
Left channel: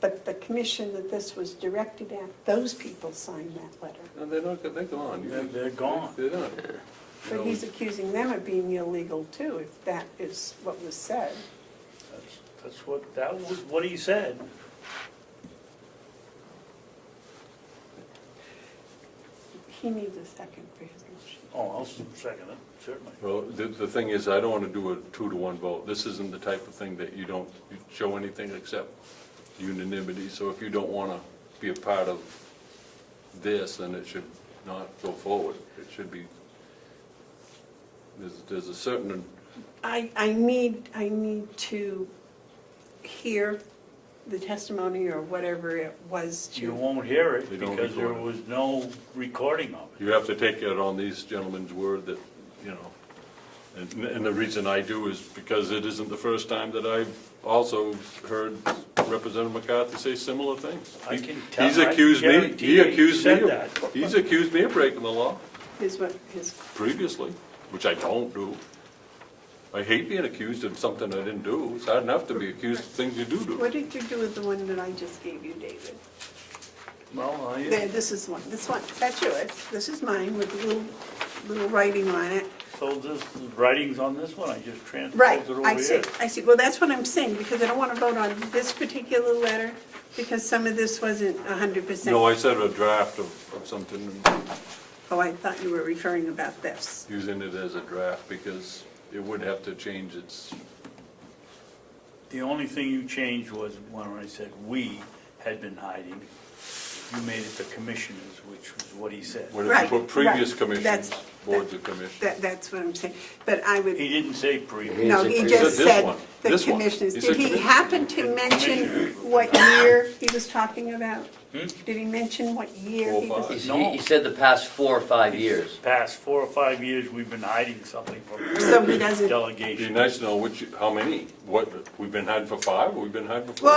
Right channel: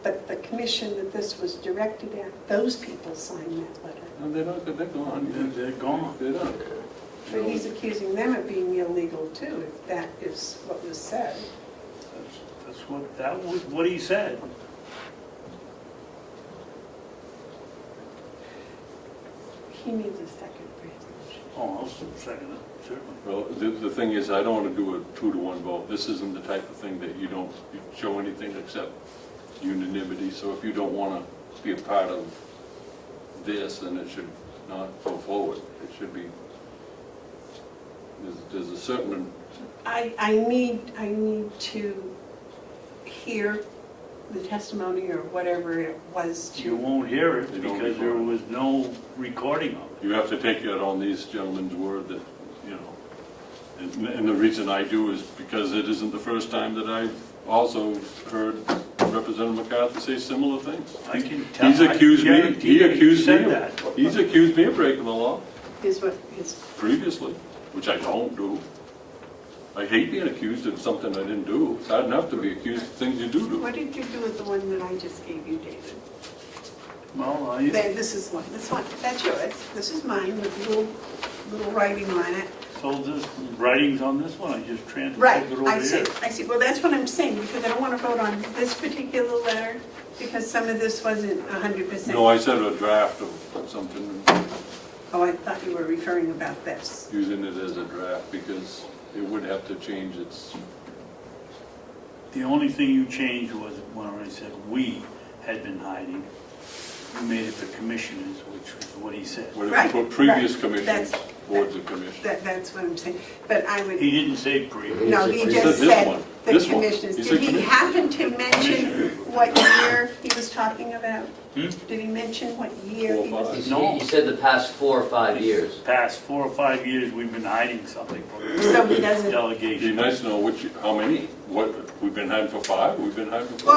but the commission that this was directed at, those people sign that letter. And they're gone. They're gone. They're done. And he's accusing them of being illegal too, if that is what was said. That was what he said. He needs a second for his motion. Oh, I'll second it, certainly. Well, the thing is, I don't want to do a 2-to-1 vote. This isn't the type of thing that you don't show anything except unanimity. So if you don't want to be a part of this, then it should not go forward. It should be, there's a certain, I need to hear the testimony or whatever it was You to, won't hear it You don't because there record it. was no recording of it. you have to take it on these gentlemen's word that, you know. And the reason I do is because it isn't the first time that I've also heard Representative McCarthy say similar things. I can tell, He's I accused me, guarantee he you accused said me, that. he's accused me of breaking the law his, previously, which I don't do. I hate being accused of something I didn't do. It's hard enough to be accused of things you do do. what did you do with the one that I just gave you, David? Well, There, this is one, that's yours, this is mine with a little writing on it. so this writing's on this one, I just transferred Right, it over I see, here. well, that's what I'm saying, because I don't want to vote on this particular letter, because some of this wasn't 100%. No, I said a draft of something, Oh, I thought you were referring about this. using it as a draft, because it would have to change its, The only thing you changed was when I said we had been hiding. You made it the commissioners, which was what he said. what Right, for previous right. commissions, That's- boards of commissions. That's what I'm saying, but I would, He didn't say previous. no, he He just said this said one, the this one. commissioners. He Did said he commission. happen to mention what year he was talking about? Hmm? Did he mention what year? 4 he or was- 5. He said the past 4 or 5 years. Past 4 or 5 years, we've been hiding something from So he the doesn't, It'd be delegation. nice to know how many, what, we've been hiding for 5, we've been hiding for 4.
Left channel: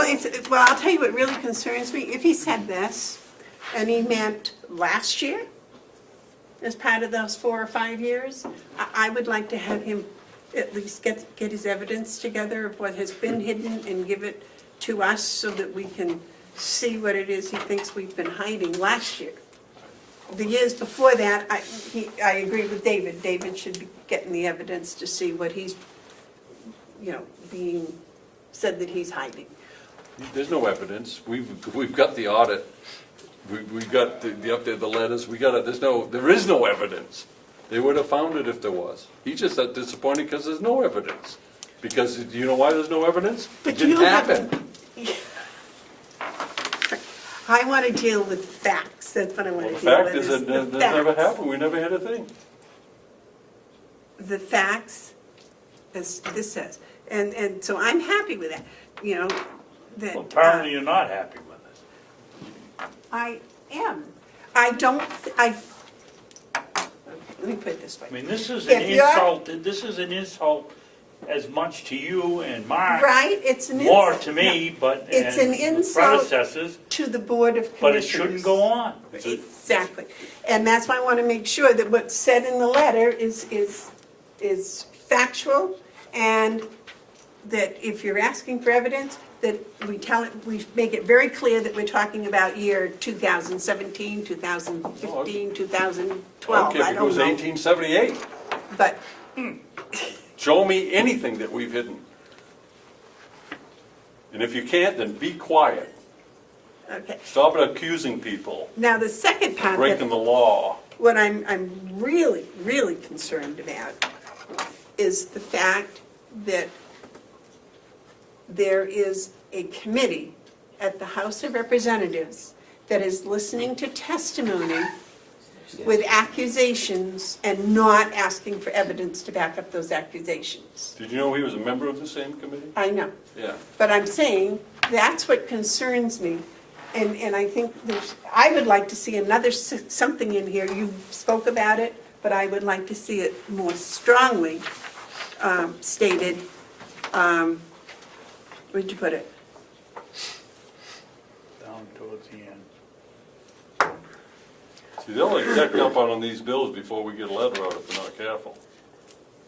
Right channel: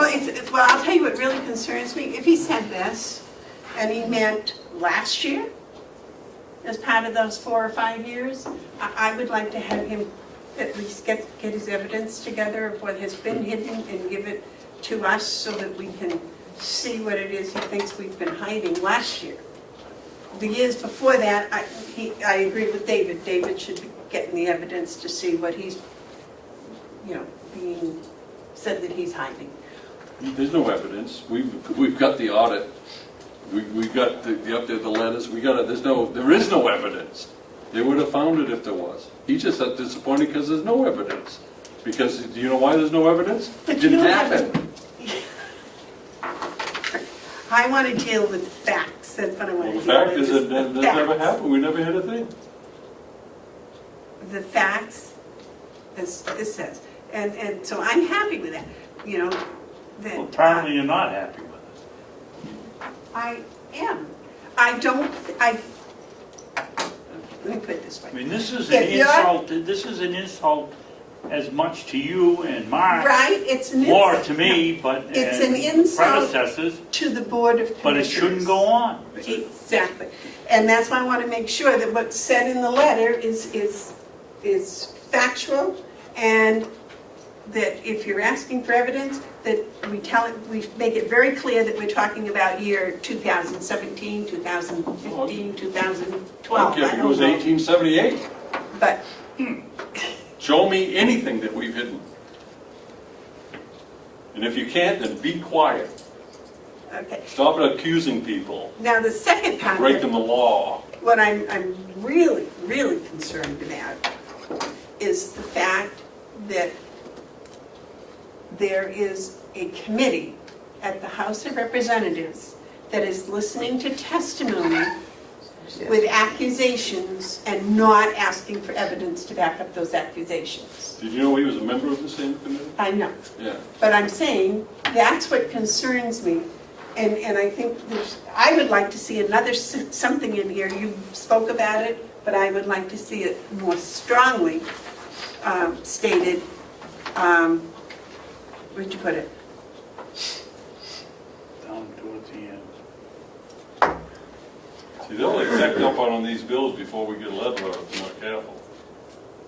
well, I'll tell you what really concerns me. If he said this, and he meant last year, as part of those 4 or 5 years, I would like to have him at least get his evidence together of what has been hidden and give it to us so that we can see what it is he thinks we've been hiding last year. The years before that, I agree with David. David should be getting the evidence to see what he's, being said that he's hiding. There's no evidence. We've got the audit. We've got the update of the letters. There is no evidence. They would have found it if there was. He's just disappointed because there's no evidence. Because, do you know why there's no evidence? But It you didn't don't have happen. I want to deal with facts. That's what I want to The deal with. fact is that that never happened. We never hit a thing. The facts, as this says. And so I'm happy with that, that. Well, apparently you're not happy with it. I am. I don't, let me put it this I way. mean, this is an insult as much to you and Mark, Right, it's an more insult to me, but, It's an and insult. predecessors, to the Board of Commissioners. but it shouldn't go on. Exactly. And that's why I want to make sure that what's said in the letter is factual, and that if you're asking for evidence, that we make it very clear that we're talking about year 2017, 2015, 2012, Okay, I if it don't was know. 1878, But, show me anything that we've hidden. And if you can't, then be quiet. okay. Stop accusing people, Now, the second part, breaking the law. what I'm really, really concerned about is the fact that there is a committee at the House of Representatives that is listening to testimony with accusations and not asking for evidence to back up those accusations. Did you know he was a member of the same committee? I know, Yeah. but I'm saying that's what concerns me. And I think I would like to see something in here, you spoke about it, but I would like to see it more strongly stated. Where'd you put it? Down towards the end. See, they'll accept up on these bills before we get a letter out if they're not careful.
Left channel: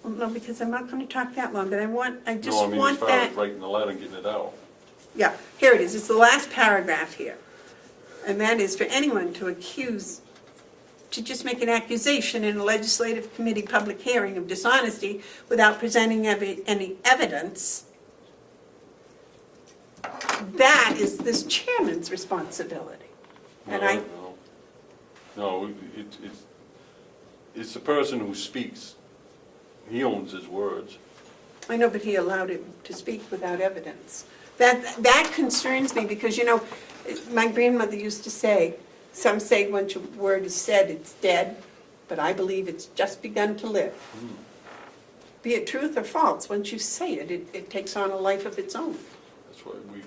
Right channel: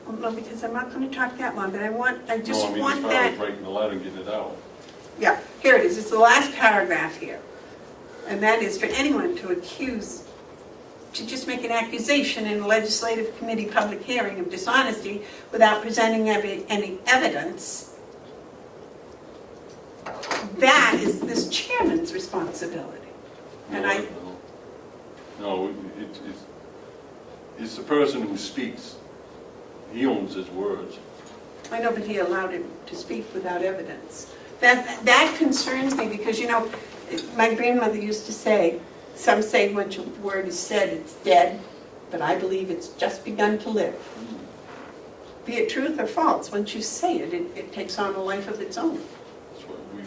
Well, because I'm not going to talk that long, but I You just know, I mean, as want far that. as breaking the letter and getting it out. Yeah, here it is, it's the last paragraph here. And that is for anyone to just make an accusation in a legislative committee public hearing of dishonesty without presenting any evidence. That is this chairman's responsibility. And No, I- no. No, it's the person who speaks. He owns his words. I know, but he allowed him to speak without evidence. That concerns me because, you know, my grandmother used to say, some say once a word is said, it's dead, but I believe it's just begun to live. Be it truth or false, once you say it, it takes on a life of its own. That's what we,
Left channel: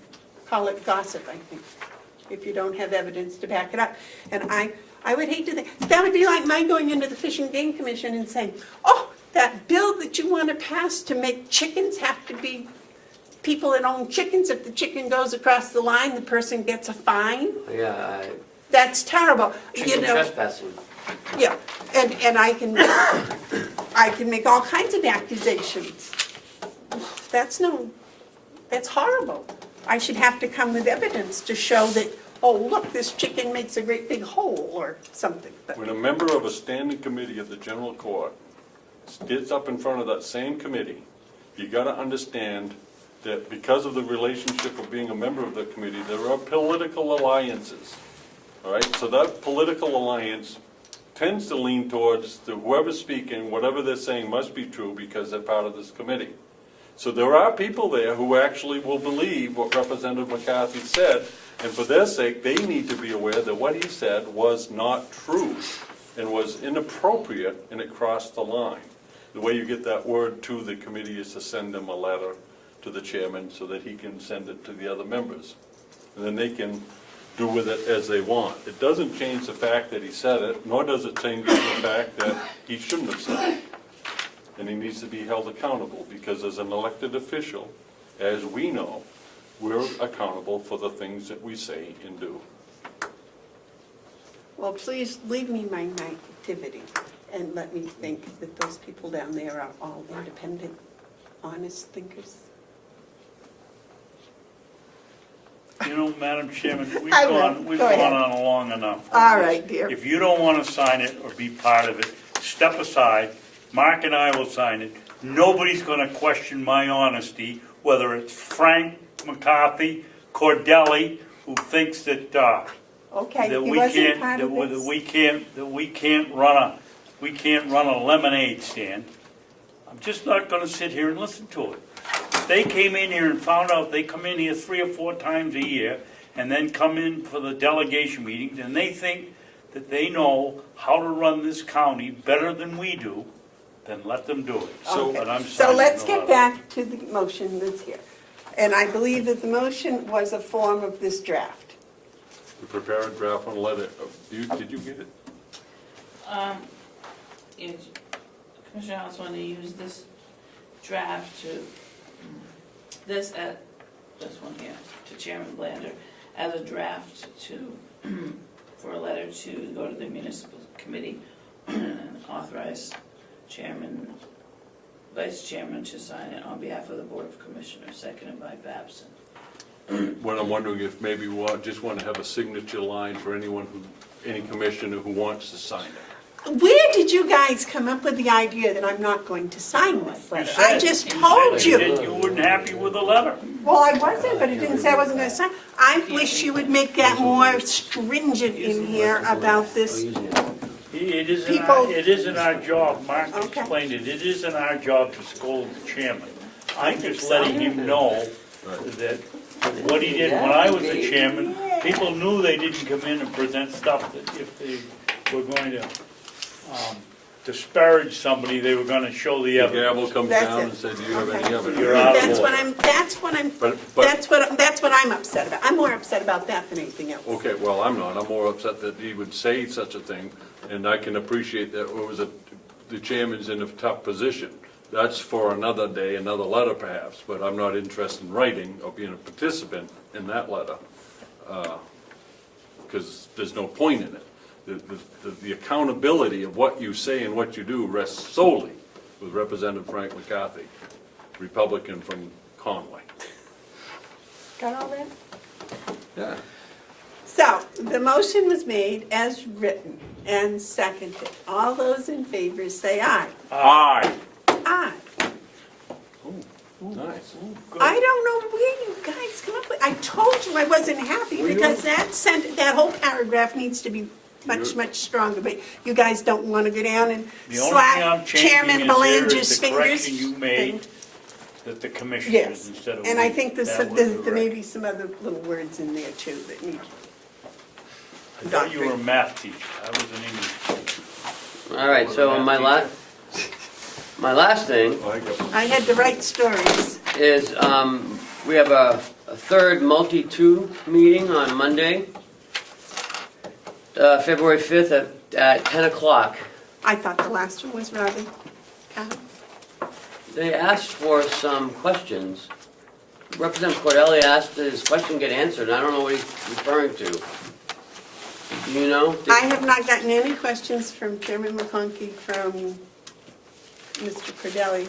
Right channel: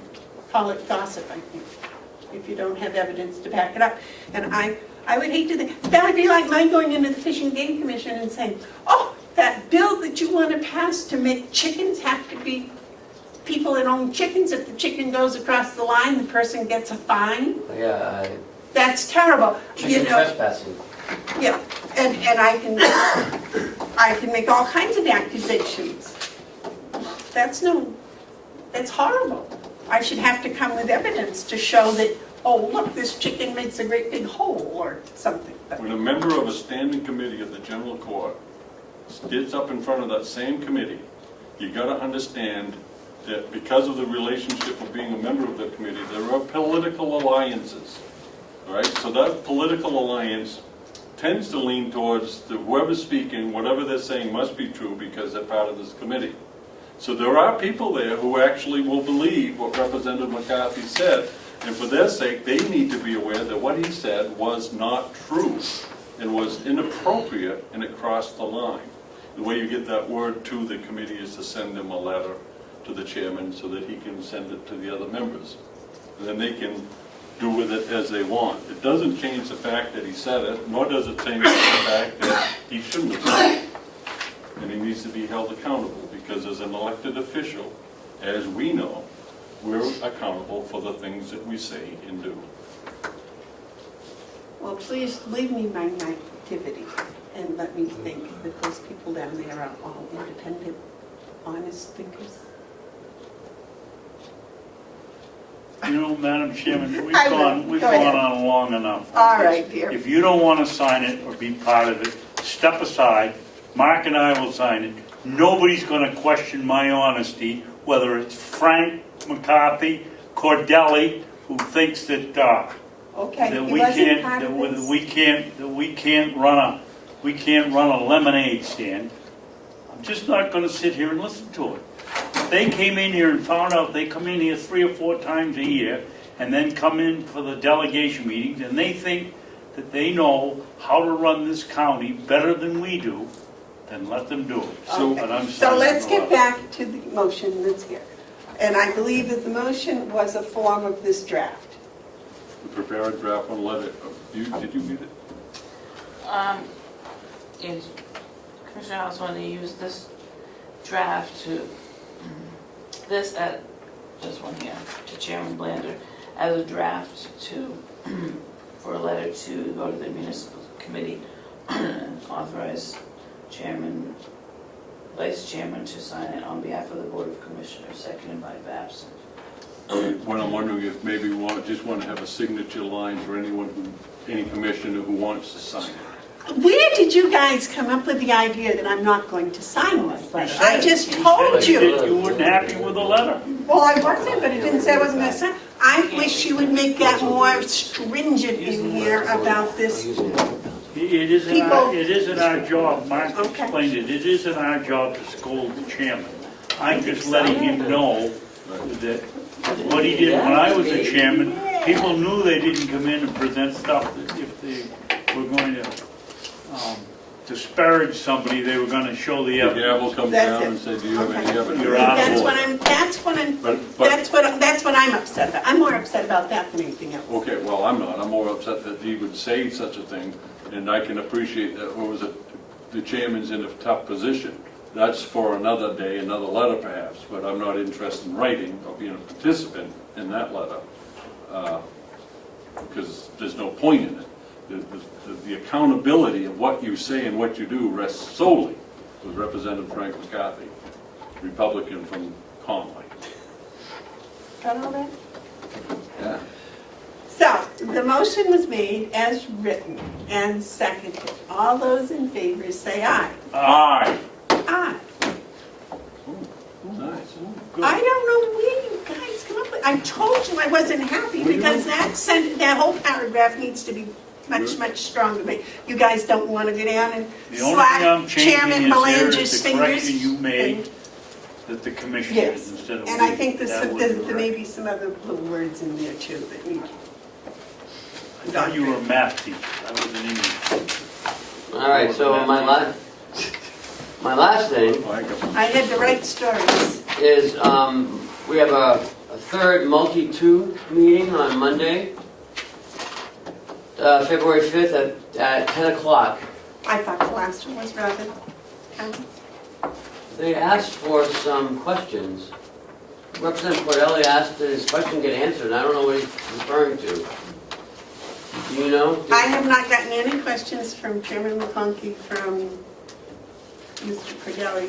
Call it gossip, I think, if you don't have evidence to back it up. And I would hate to think, that would be like my going into the Fish and Game Commission and saying, oh, that bill that you want to pass to make chickens have to be people that own chickens. If the chicken goes across the line, the person gets a fine. Yeah, That's terrible. chicken You know, trespassing. yeah, and I can make all kinds of accusations. That's horrible. I should have to come with evidence to show that, oh, look, this chicken makes a great big hole or something. But when a member of a standing committee of the general court gets up in front of that same committee, you gotta understand that because of the relationship of being a member of the committee, there are political alliances. All right, so that political alliance tends to lean towards whoever's speaking, whatever they're saying must be true because they're part of this committee. So there are people there who actually will believe what Representative McCarthy said, and for their sake, they need to be aware that what he said was not true and was inappropriate, and it crossed the line. The way you get that word to the committee is to send them a letter to the chairman so that he can send it to the other members. And then they can do with it as they want. It doesn't change the fact that he said it, nor does it change the fact that he shouldn't have said it. And he needs to be held accountable, because as an elected official, as we know, we're accountable for the things that we say and do. well, please leave me my naivety and let me think that those people down there are all independent, honest thinkers. You know, Madam Chairman, we've I know. gone Go ahead. on long enough. All right, dear. If you don't want to sign it or be part of it, step aside. Mark and I will sign it. Nobody's going to question my honesty, whether it's Frank McCarthy, Cordelli, who thinks that Okay, that he we wasn't can't part of that this. we can't run a lemonade stand. I'm just not going to sit here and listen to it. They came in here and found out they come in here 3 or 4 times a year and then come in for the delegation meetings, and they think that they know how to run this county better than we do, then let them do it. Okay. And I'm So signing let's it get off. back to the motion that's here. And I believe that the motion was a form of this draft. To prepare a draft on a letter. Did you get it? Is Commissioner House wanted to use this draft to, this at, this one here, to Chairman Blander, as a draft to, for a letter to go to the municipal committee, authorize chairman, vice chairman to sign it on behalf of the Board of Commissioners, seconded by Babson. When I'm wondering if maybe we just want to have a signature line for any commissioner who wants to sign it. Where did you guys come up with the idea that I'm not going to sign this letter? I just told you. You weren't happy with the letter. Well, I wasn't, but it didn't say I wasn't going to sign. I wish you would make that more stringent in here about this. It isn't our job, Mark Okay. explained it, it isn't our job to scold the chairman. I'm just letting him know that what he did when I was the chairman, people knew they didn't come in and present stuff that if they were going to disparage somebody, they were gonna show the The evidence. gavel comes That's down it. and says, you have any Okay. evidence? You're out of That's order. that's what I'm upset about. I'm more upset about that than anything else. Okay, well, I'm not. I'm more upset that he would say such a thing, and I can appreciate that the chairman's in a tough position. That's for another day, another letter perhaps, but I'm not interested in writing or being a participant in that letter, because there's no point in it. The accountability of what you say and what you do rests solely with Representative Frank McCarthy, Republican from Conway. Got all that? Yeah. So, the motion was made as written and seconded. All those in favor say aye. Aye. Aye. Nice. I don't know where you guys come up with, I told you I wasn't happy because that whole paragraph needs to be much stronger, but you guys don't wanna go down and The only thing slap I'm Chairman changing is there Belanger's is the fingers. correction you made, that the commission did Yes, instead of. and I think that was there correct. may be some other little words in there too that need. I thought you were a math teacher, that was an English. All right, so my last thing I had the right stories. is, we have a third multi-two meeting on Monday, February 5th at 10 o'clock. I thought the last one was rather kind of. They asked for some questions. Representative Cordelli asked that his question get answered, and I don't know what he's referring to. Do you know? I have not gotten any questions from Chairman McConkey, from Mr. Cordelli,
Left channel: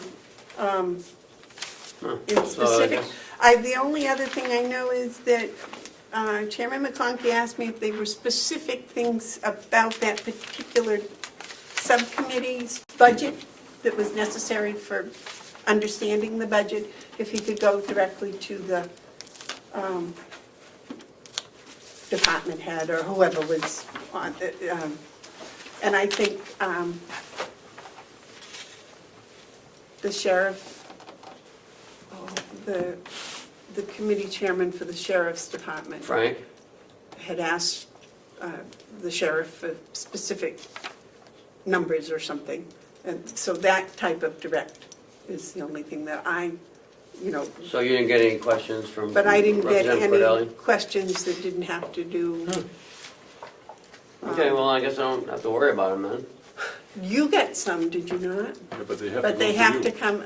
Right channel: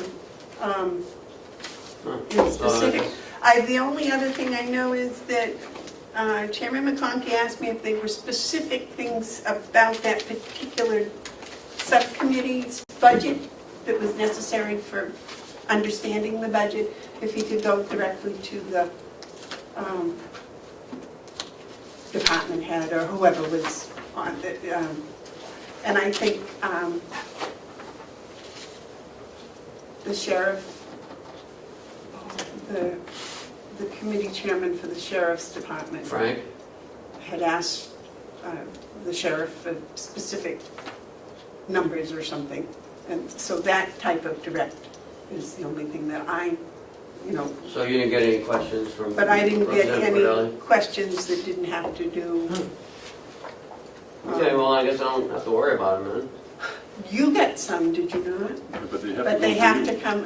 in specific. The only other thing I know is that Chairman McConkey asked me if there were specific things about that particular subcommittee's budget that was necessary for understanding the budget, if he could go directly to the department head or whoever was on it. And I think the sheriff, the committee chairman for the sheriff's department Frank? had asked the sheriff for specific numbers or something. And so that type of direct is the only thing that I, So you didn't get any questions from but I didn't get Representative any Cordelli? questions that didn't have to do. Okay, well, I guess I don't have to worry about them then. You got some, did you not? But they have to come,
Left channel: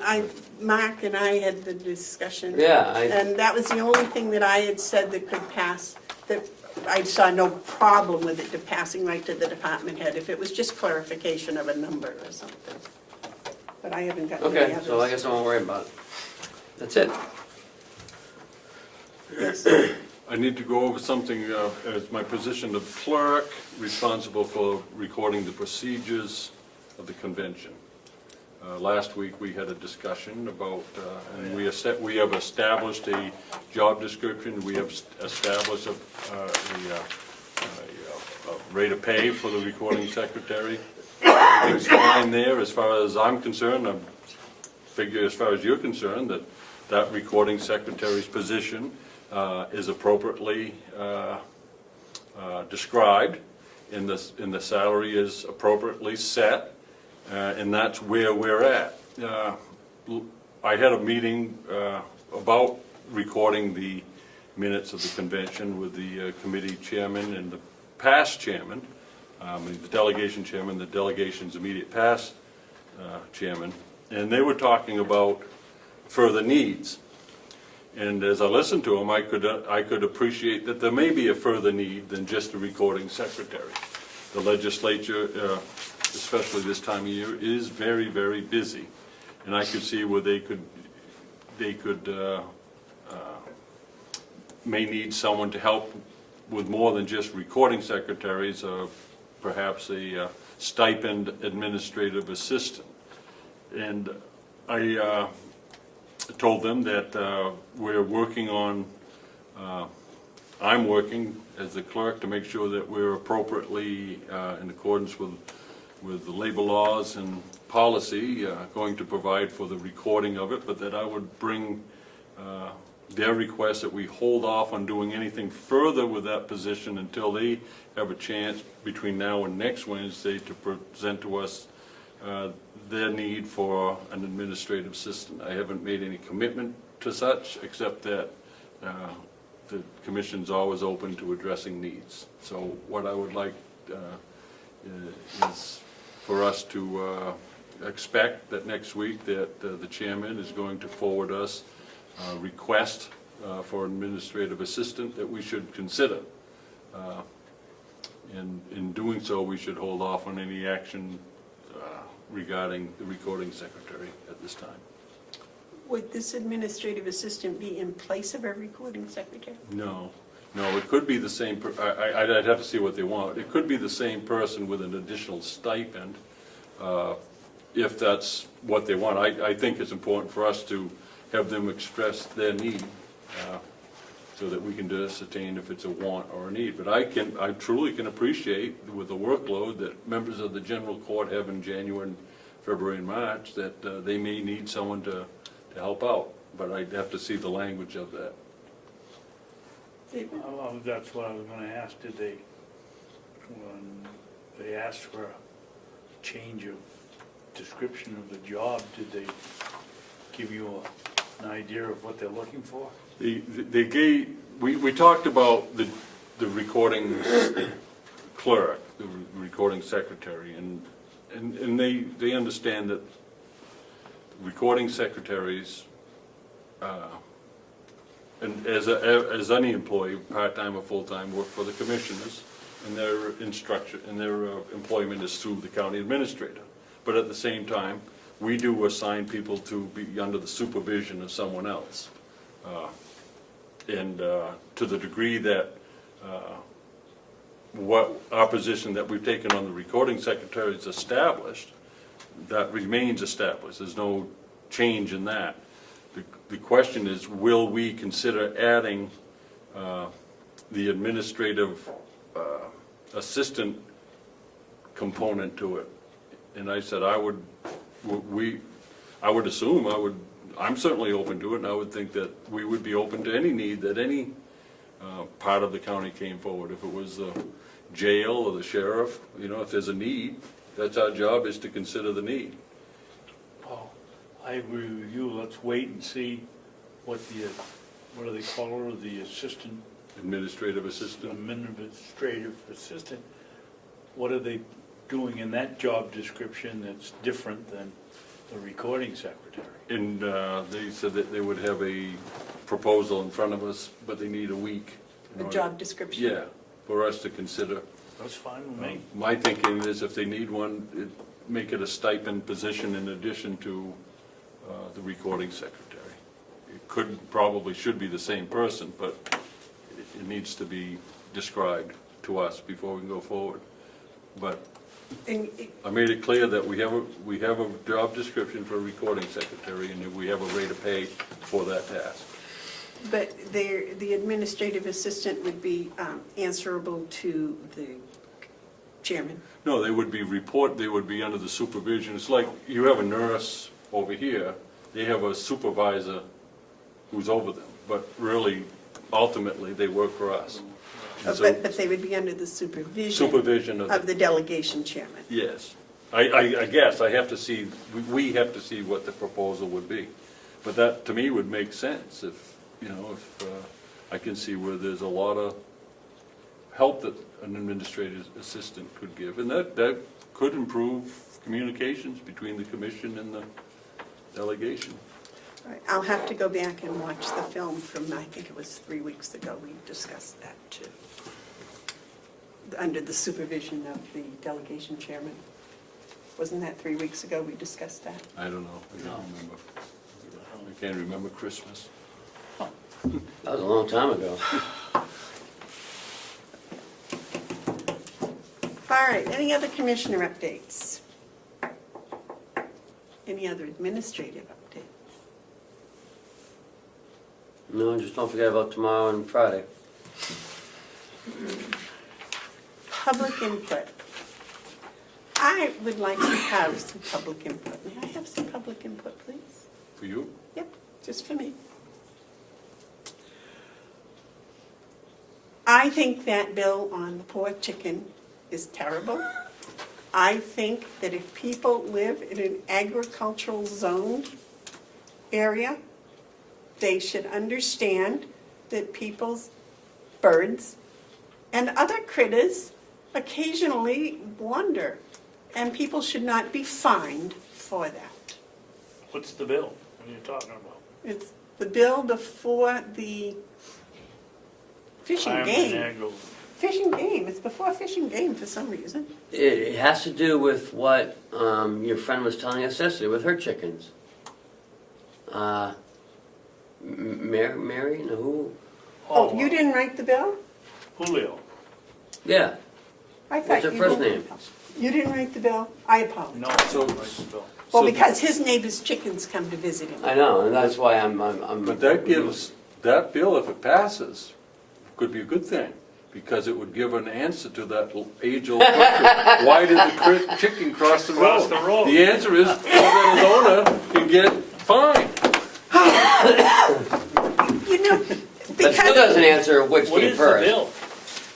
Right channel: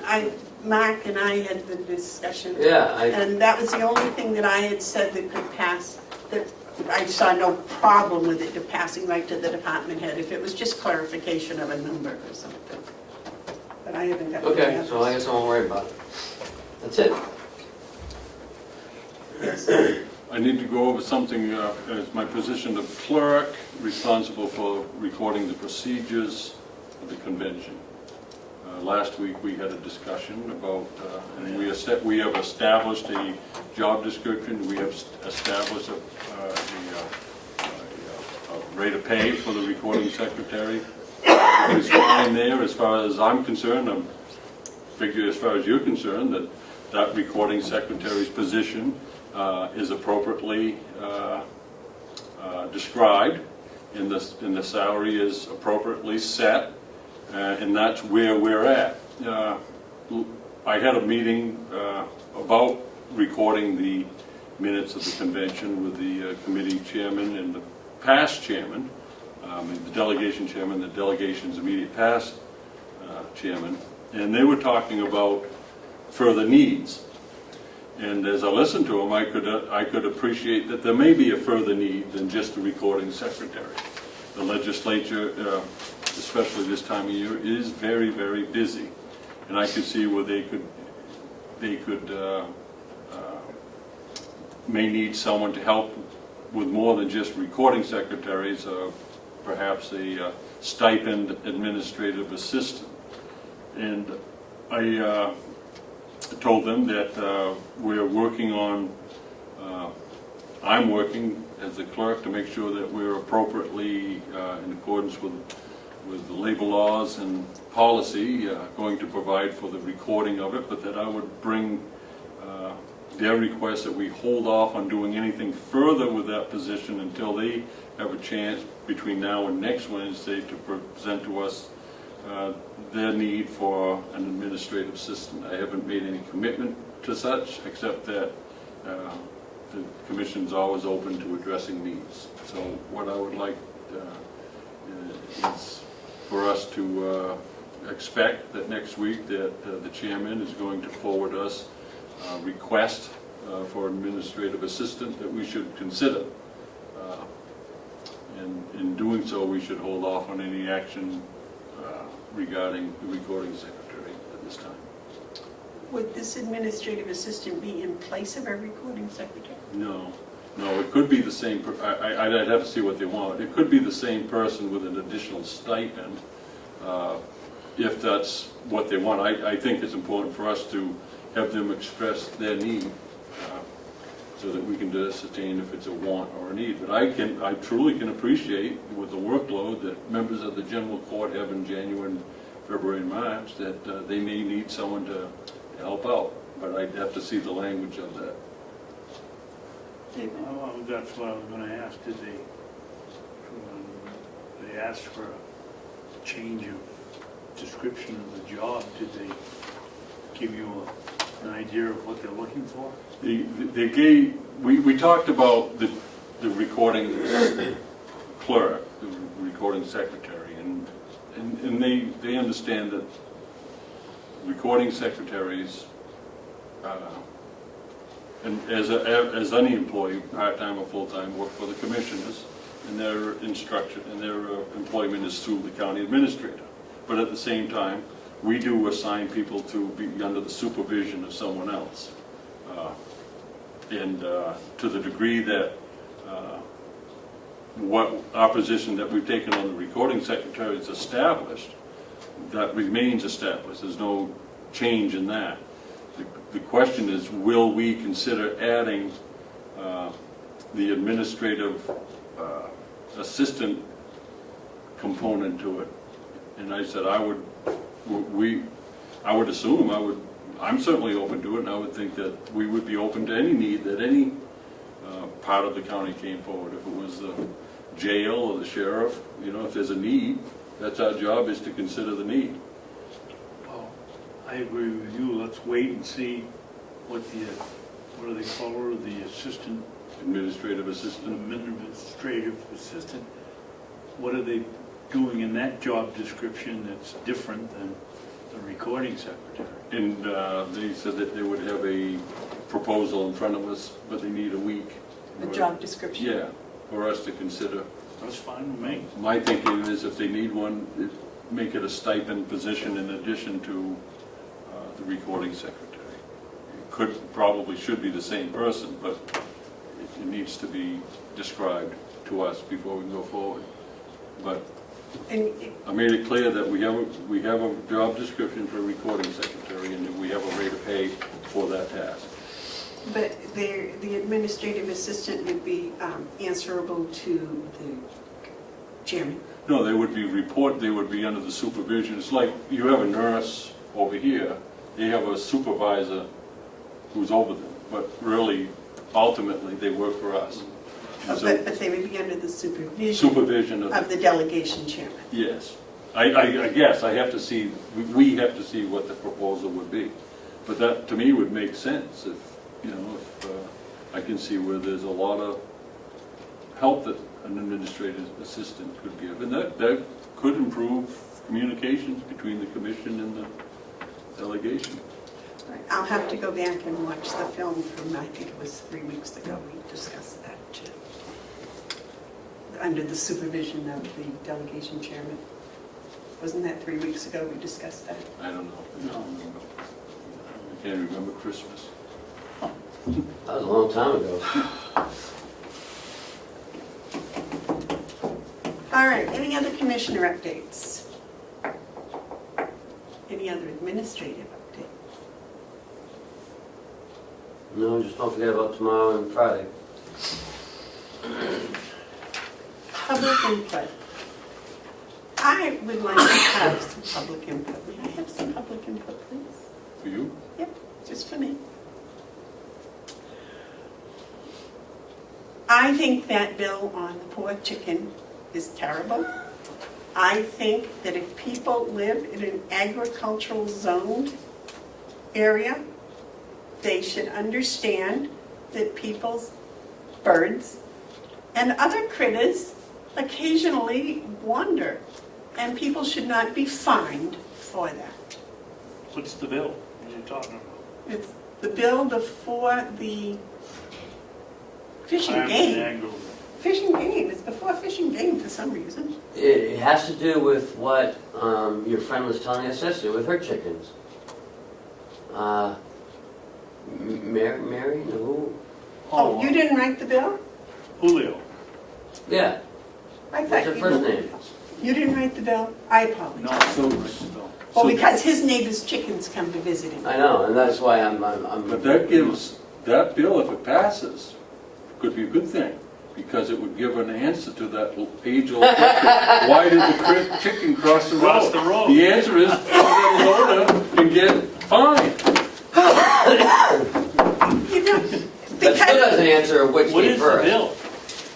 Mark and I had the discussion. Yeah, And that was the only thing that I had said that could pass, that I saw no problem with it passing right to the department head, if it was just clarification of a number or something. But I haven't got any okay, others. so I guess I won't worry about it. That's it. Yes. I need to go over something as my position of clerk, responsible for recording the procedures of the convention. Last week, we had a discussion about, and we have established a job description, we have established a rate of pay for the recording secretary. It's fine there as far as I'm concerned. I figure as far as you're concerned, that recording secretary's position is appropriately described, and the salary is appropriately set. And that's where we're at. I had a meeting about recording the minutes of the convention with the committee chairman and the past chairman, the delegation chairman, the delegation's immediate past chairman, and they were talking about further needs. And as I listened to them, I could appreciate that there may be a further need than just a recording secretary. The legislature, especially this time of year, is very, very busy. And I could see where they may need someone to help with more than just recording secretaries, or perhaps a stipend administrative assistant. And I told them that we're working on, I'm working as a clerk to make sure that we're appropriately in accordance with the labor laws and policy, going to provide for the recording of it, but that I would bring their request that we hold off on doing anything further with that position until they have a chance between now and next Wednesday to present to us their need for an administrative assistant. I haven't made any commitment to such, except that the commission's always open to addressing needs. So what I would like is for us to expect that next week that the chairman is going to forward us a request for administrative assistant that we should consider. In doing so, we should hold off on any action regarding the recording secretary at this time. Would this administrative assistant be in place of our recording secretary? No, it could be the same, I'd have to see what they want. It could be the same person with an additional stipend, if that's what they want. I think it's important for us to have them express their need. so that we can ascertain if it's a want or a need. But I truly can appreciate with the workload that members of the general court have in January and February and March, that they may need someone to help out, but I'd have to see the language of that. That's what I was gonna ask, did they, when they asked for a change of description of the job, did they give you an idea of what they're looking for? They gave, we talked about the recording clerk, the recording secretary, and they understand that recording secretaries, and as any employee, part-time or full-time, work for the commissioners, and their instruction and their employment is through the county administrator. But at the same time, we do assign people to be under the supervision of someone else. And to the degree that what our position that we've taken on the recording secretary is established, that remains established. There's no change in that. The question is, will we consider adding the administrative assistant component to it? And I said I'm certainly open to it, and I would think that we would be open to any need that any part of the county came forward. If it was the jail or the sheriff, if there's a need, that's our job, is to consider the need. Well, I agree with you, let's wait and see what do they call her, the assistant? Administrative assistant. Administrative assistant. What are they doing in that job description that's different than the recording secretary? And they said that they would have a proposal in front of us, but they need a week. The job description. Yeah, for us to consider. That's fine with me. My thinking is if they need one, make it a stipend position in addition to the recording secretary. Probably should be the same person, but it needs to be described to us before we go forward. But I made it clear that we have a job description for a recording secretary, and that we have a rate of pay for that task. But the administrative assistant would be answerable to the chairman? No, they would be under the supervision. It's like you have a nurse over here, they have a supervisor who's over them, but really, ultimately, they work for us. But they would be under the Supervision of the delegation chairman? Yes. I guess we have to see what the proposal would be. But that, to me, would make sense if I can see where there's a lot of help that an administrative assistant could give. And that could improve communications between the commission and the delegation. Right. I'll have to go back and watch the film from, I think it was 3 weeks ago, we discussed that too. Under the supervision of the delegation chairman. Wasn't that 3 weeks ago we discussed that? I don't know. I can't remember Christmas. That was a long time ago. All right, any other commissioner updates? Any other administrative updates? No, just don't forget about tomorrow and Friday. Public input. I would like to have some public input. May I have some public input, please? For you? Yep, just for me. I think that bill on the pork chicken is terrible. I think that if people live in an agricultural zoned area, they should understand that people's birds and other critters occasionally wander, and people should not be fined for that. What's the bill? What are you talking about? It's the bill before the fishing game. Fishing game, it's before fishing game for some reason. It has to do with what your friend was telling us yesterday with her chickens. Mary? No, who? Oh, you didn't write the bill? Julio. Yeah. I thought What's her you first did. name? You didn't write the bill? I No, apologize. I don't like the bill. Well, because his neighbor's chickens come to visit him. I know, and that's why I'm But that gives that bill, if it passes, could be a good thing, because it would give an answer to that age-old question, why did the chicken cross the road? Cross the road. The answer is, so that owner can get fined. You know, That still because doesn't answer which What came is the first. bill?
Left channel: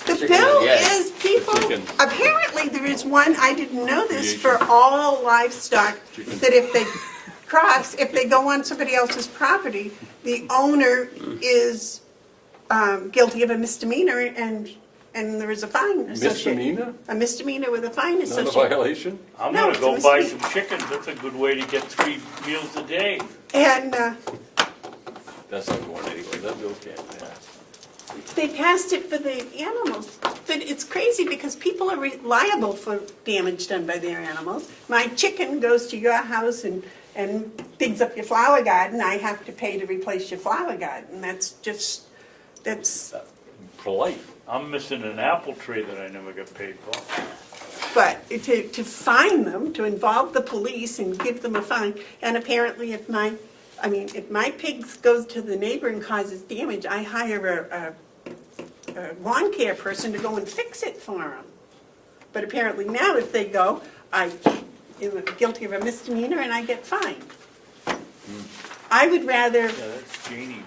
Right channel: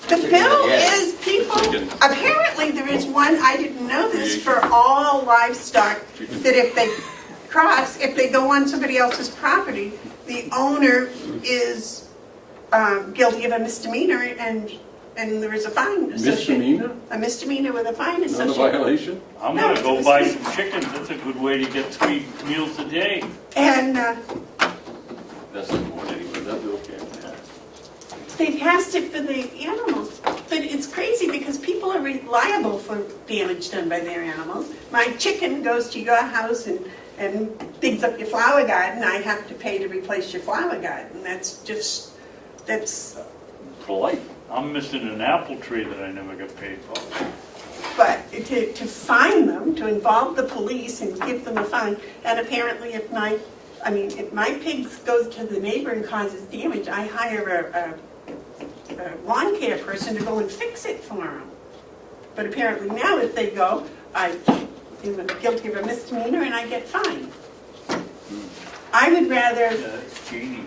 the bill Yeah. is people, Chicken. apparently there is one, I didn't know this, for all livestock, that if they cross, if they go on somebody else's property, the owner is guilty of a misdemeanor and there is a fine associated. Misdemeanor? A misdemeanor with a fine Is that a associated. violation? I'm No, gonna go it's buy mis- some chickens, that's a good way to get 3 meals a day. And That's not the one anyway, that's okay. they passed it for the animals. But it's crazy because people are liable for damage done by their animals. My chicken goes to your house and digs up your flower garden, I have to pay to replace your flower garden. That's Polite. I'm missing an apple tree that I never got paid for. but to fine them, to involve the police and give them a fine, and apparently if my pig goes to the neighbor and causes damage, I hire a lawn care person to go and fix it for them. But apparently now if they go, I'm guilty of a misdemeanor and I get fined. I would rather, Yeah, that's Jeannie.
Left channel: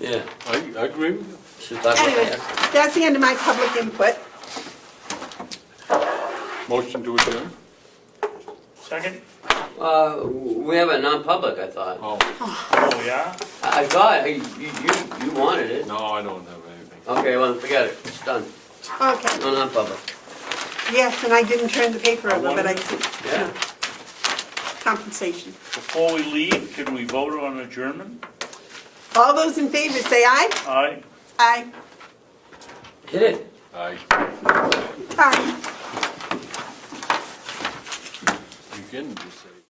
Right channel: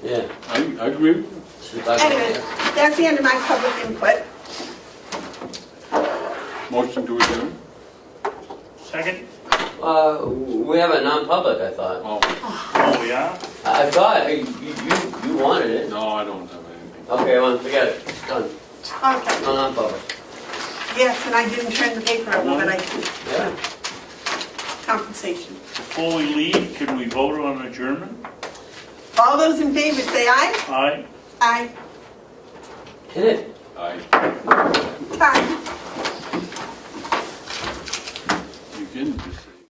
Yeah. I agree with you. Should talk about anyway, that. that's the end of my public input. Motion to adjourn? Second? We have a non-public, I thought. Oh, Oh, yeah? I thought, you wanted it. no, I don't have anything. Okay, well, we got it, it's done. Okay, No non-public. yes, and I didn't turn the paper over, but I, Yeah. compensation. Before we leave, can we vote on adjournment? All those in favor say aye. Aye? Aye. Hit it. Aye. Aye. You can just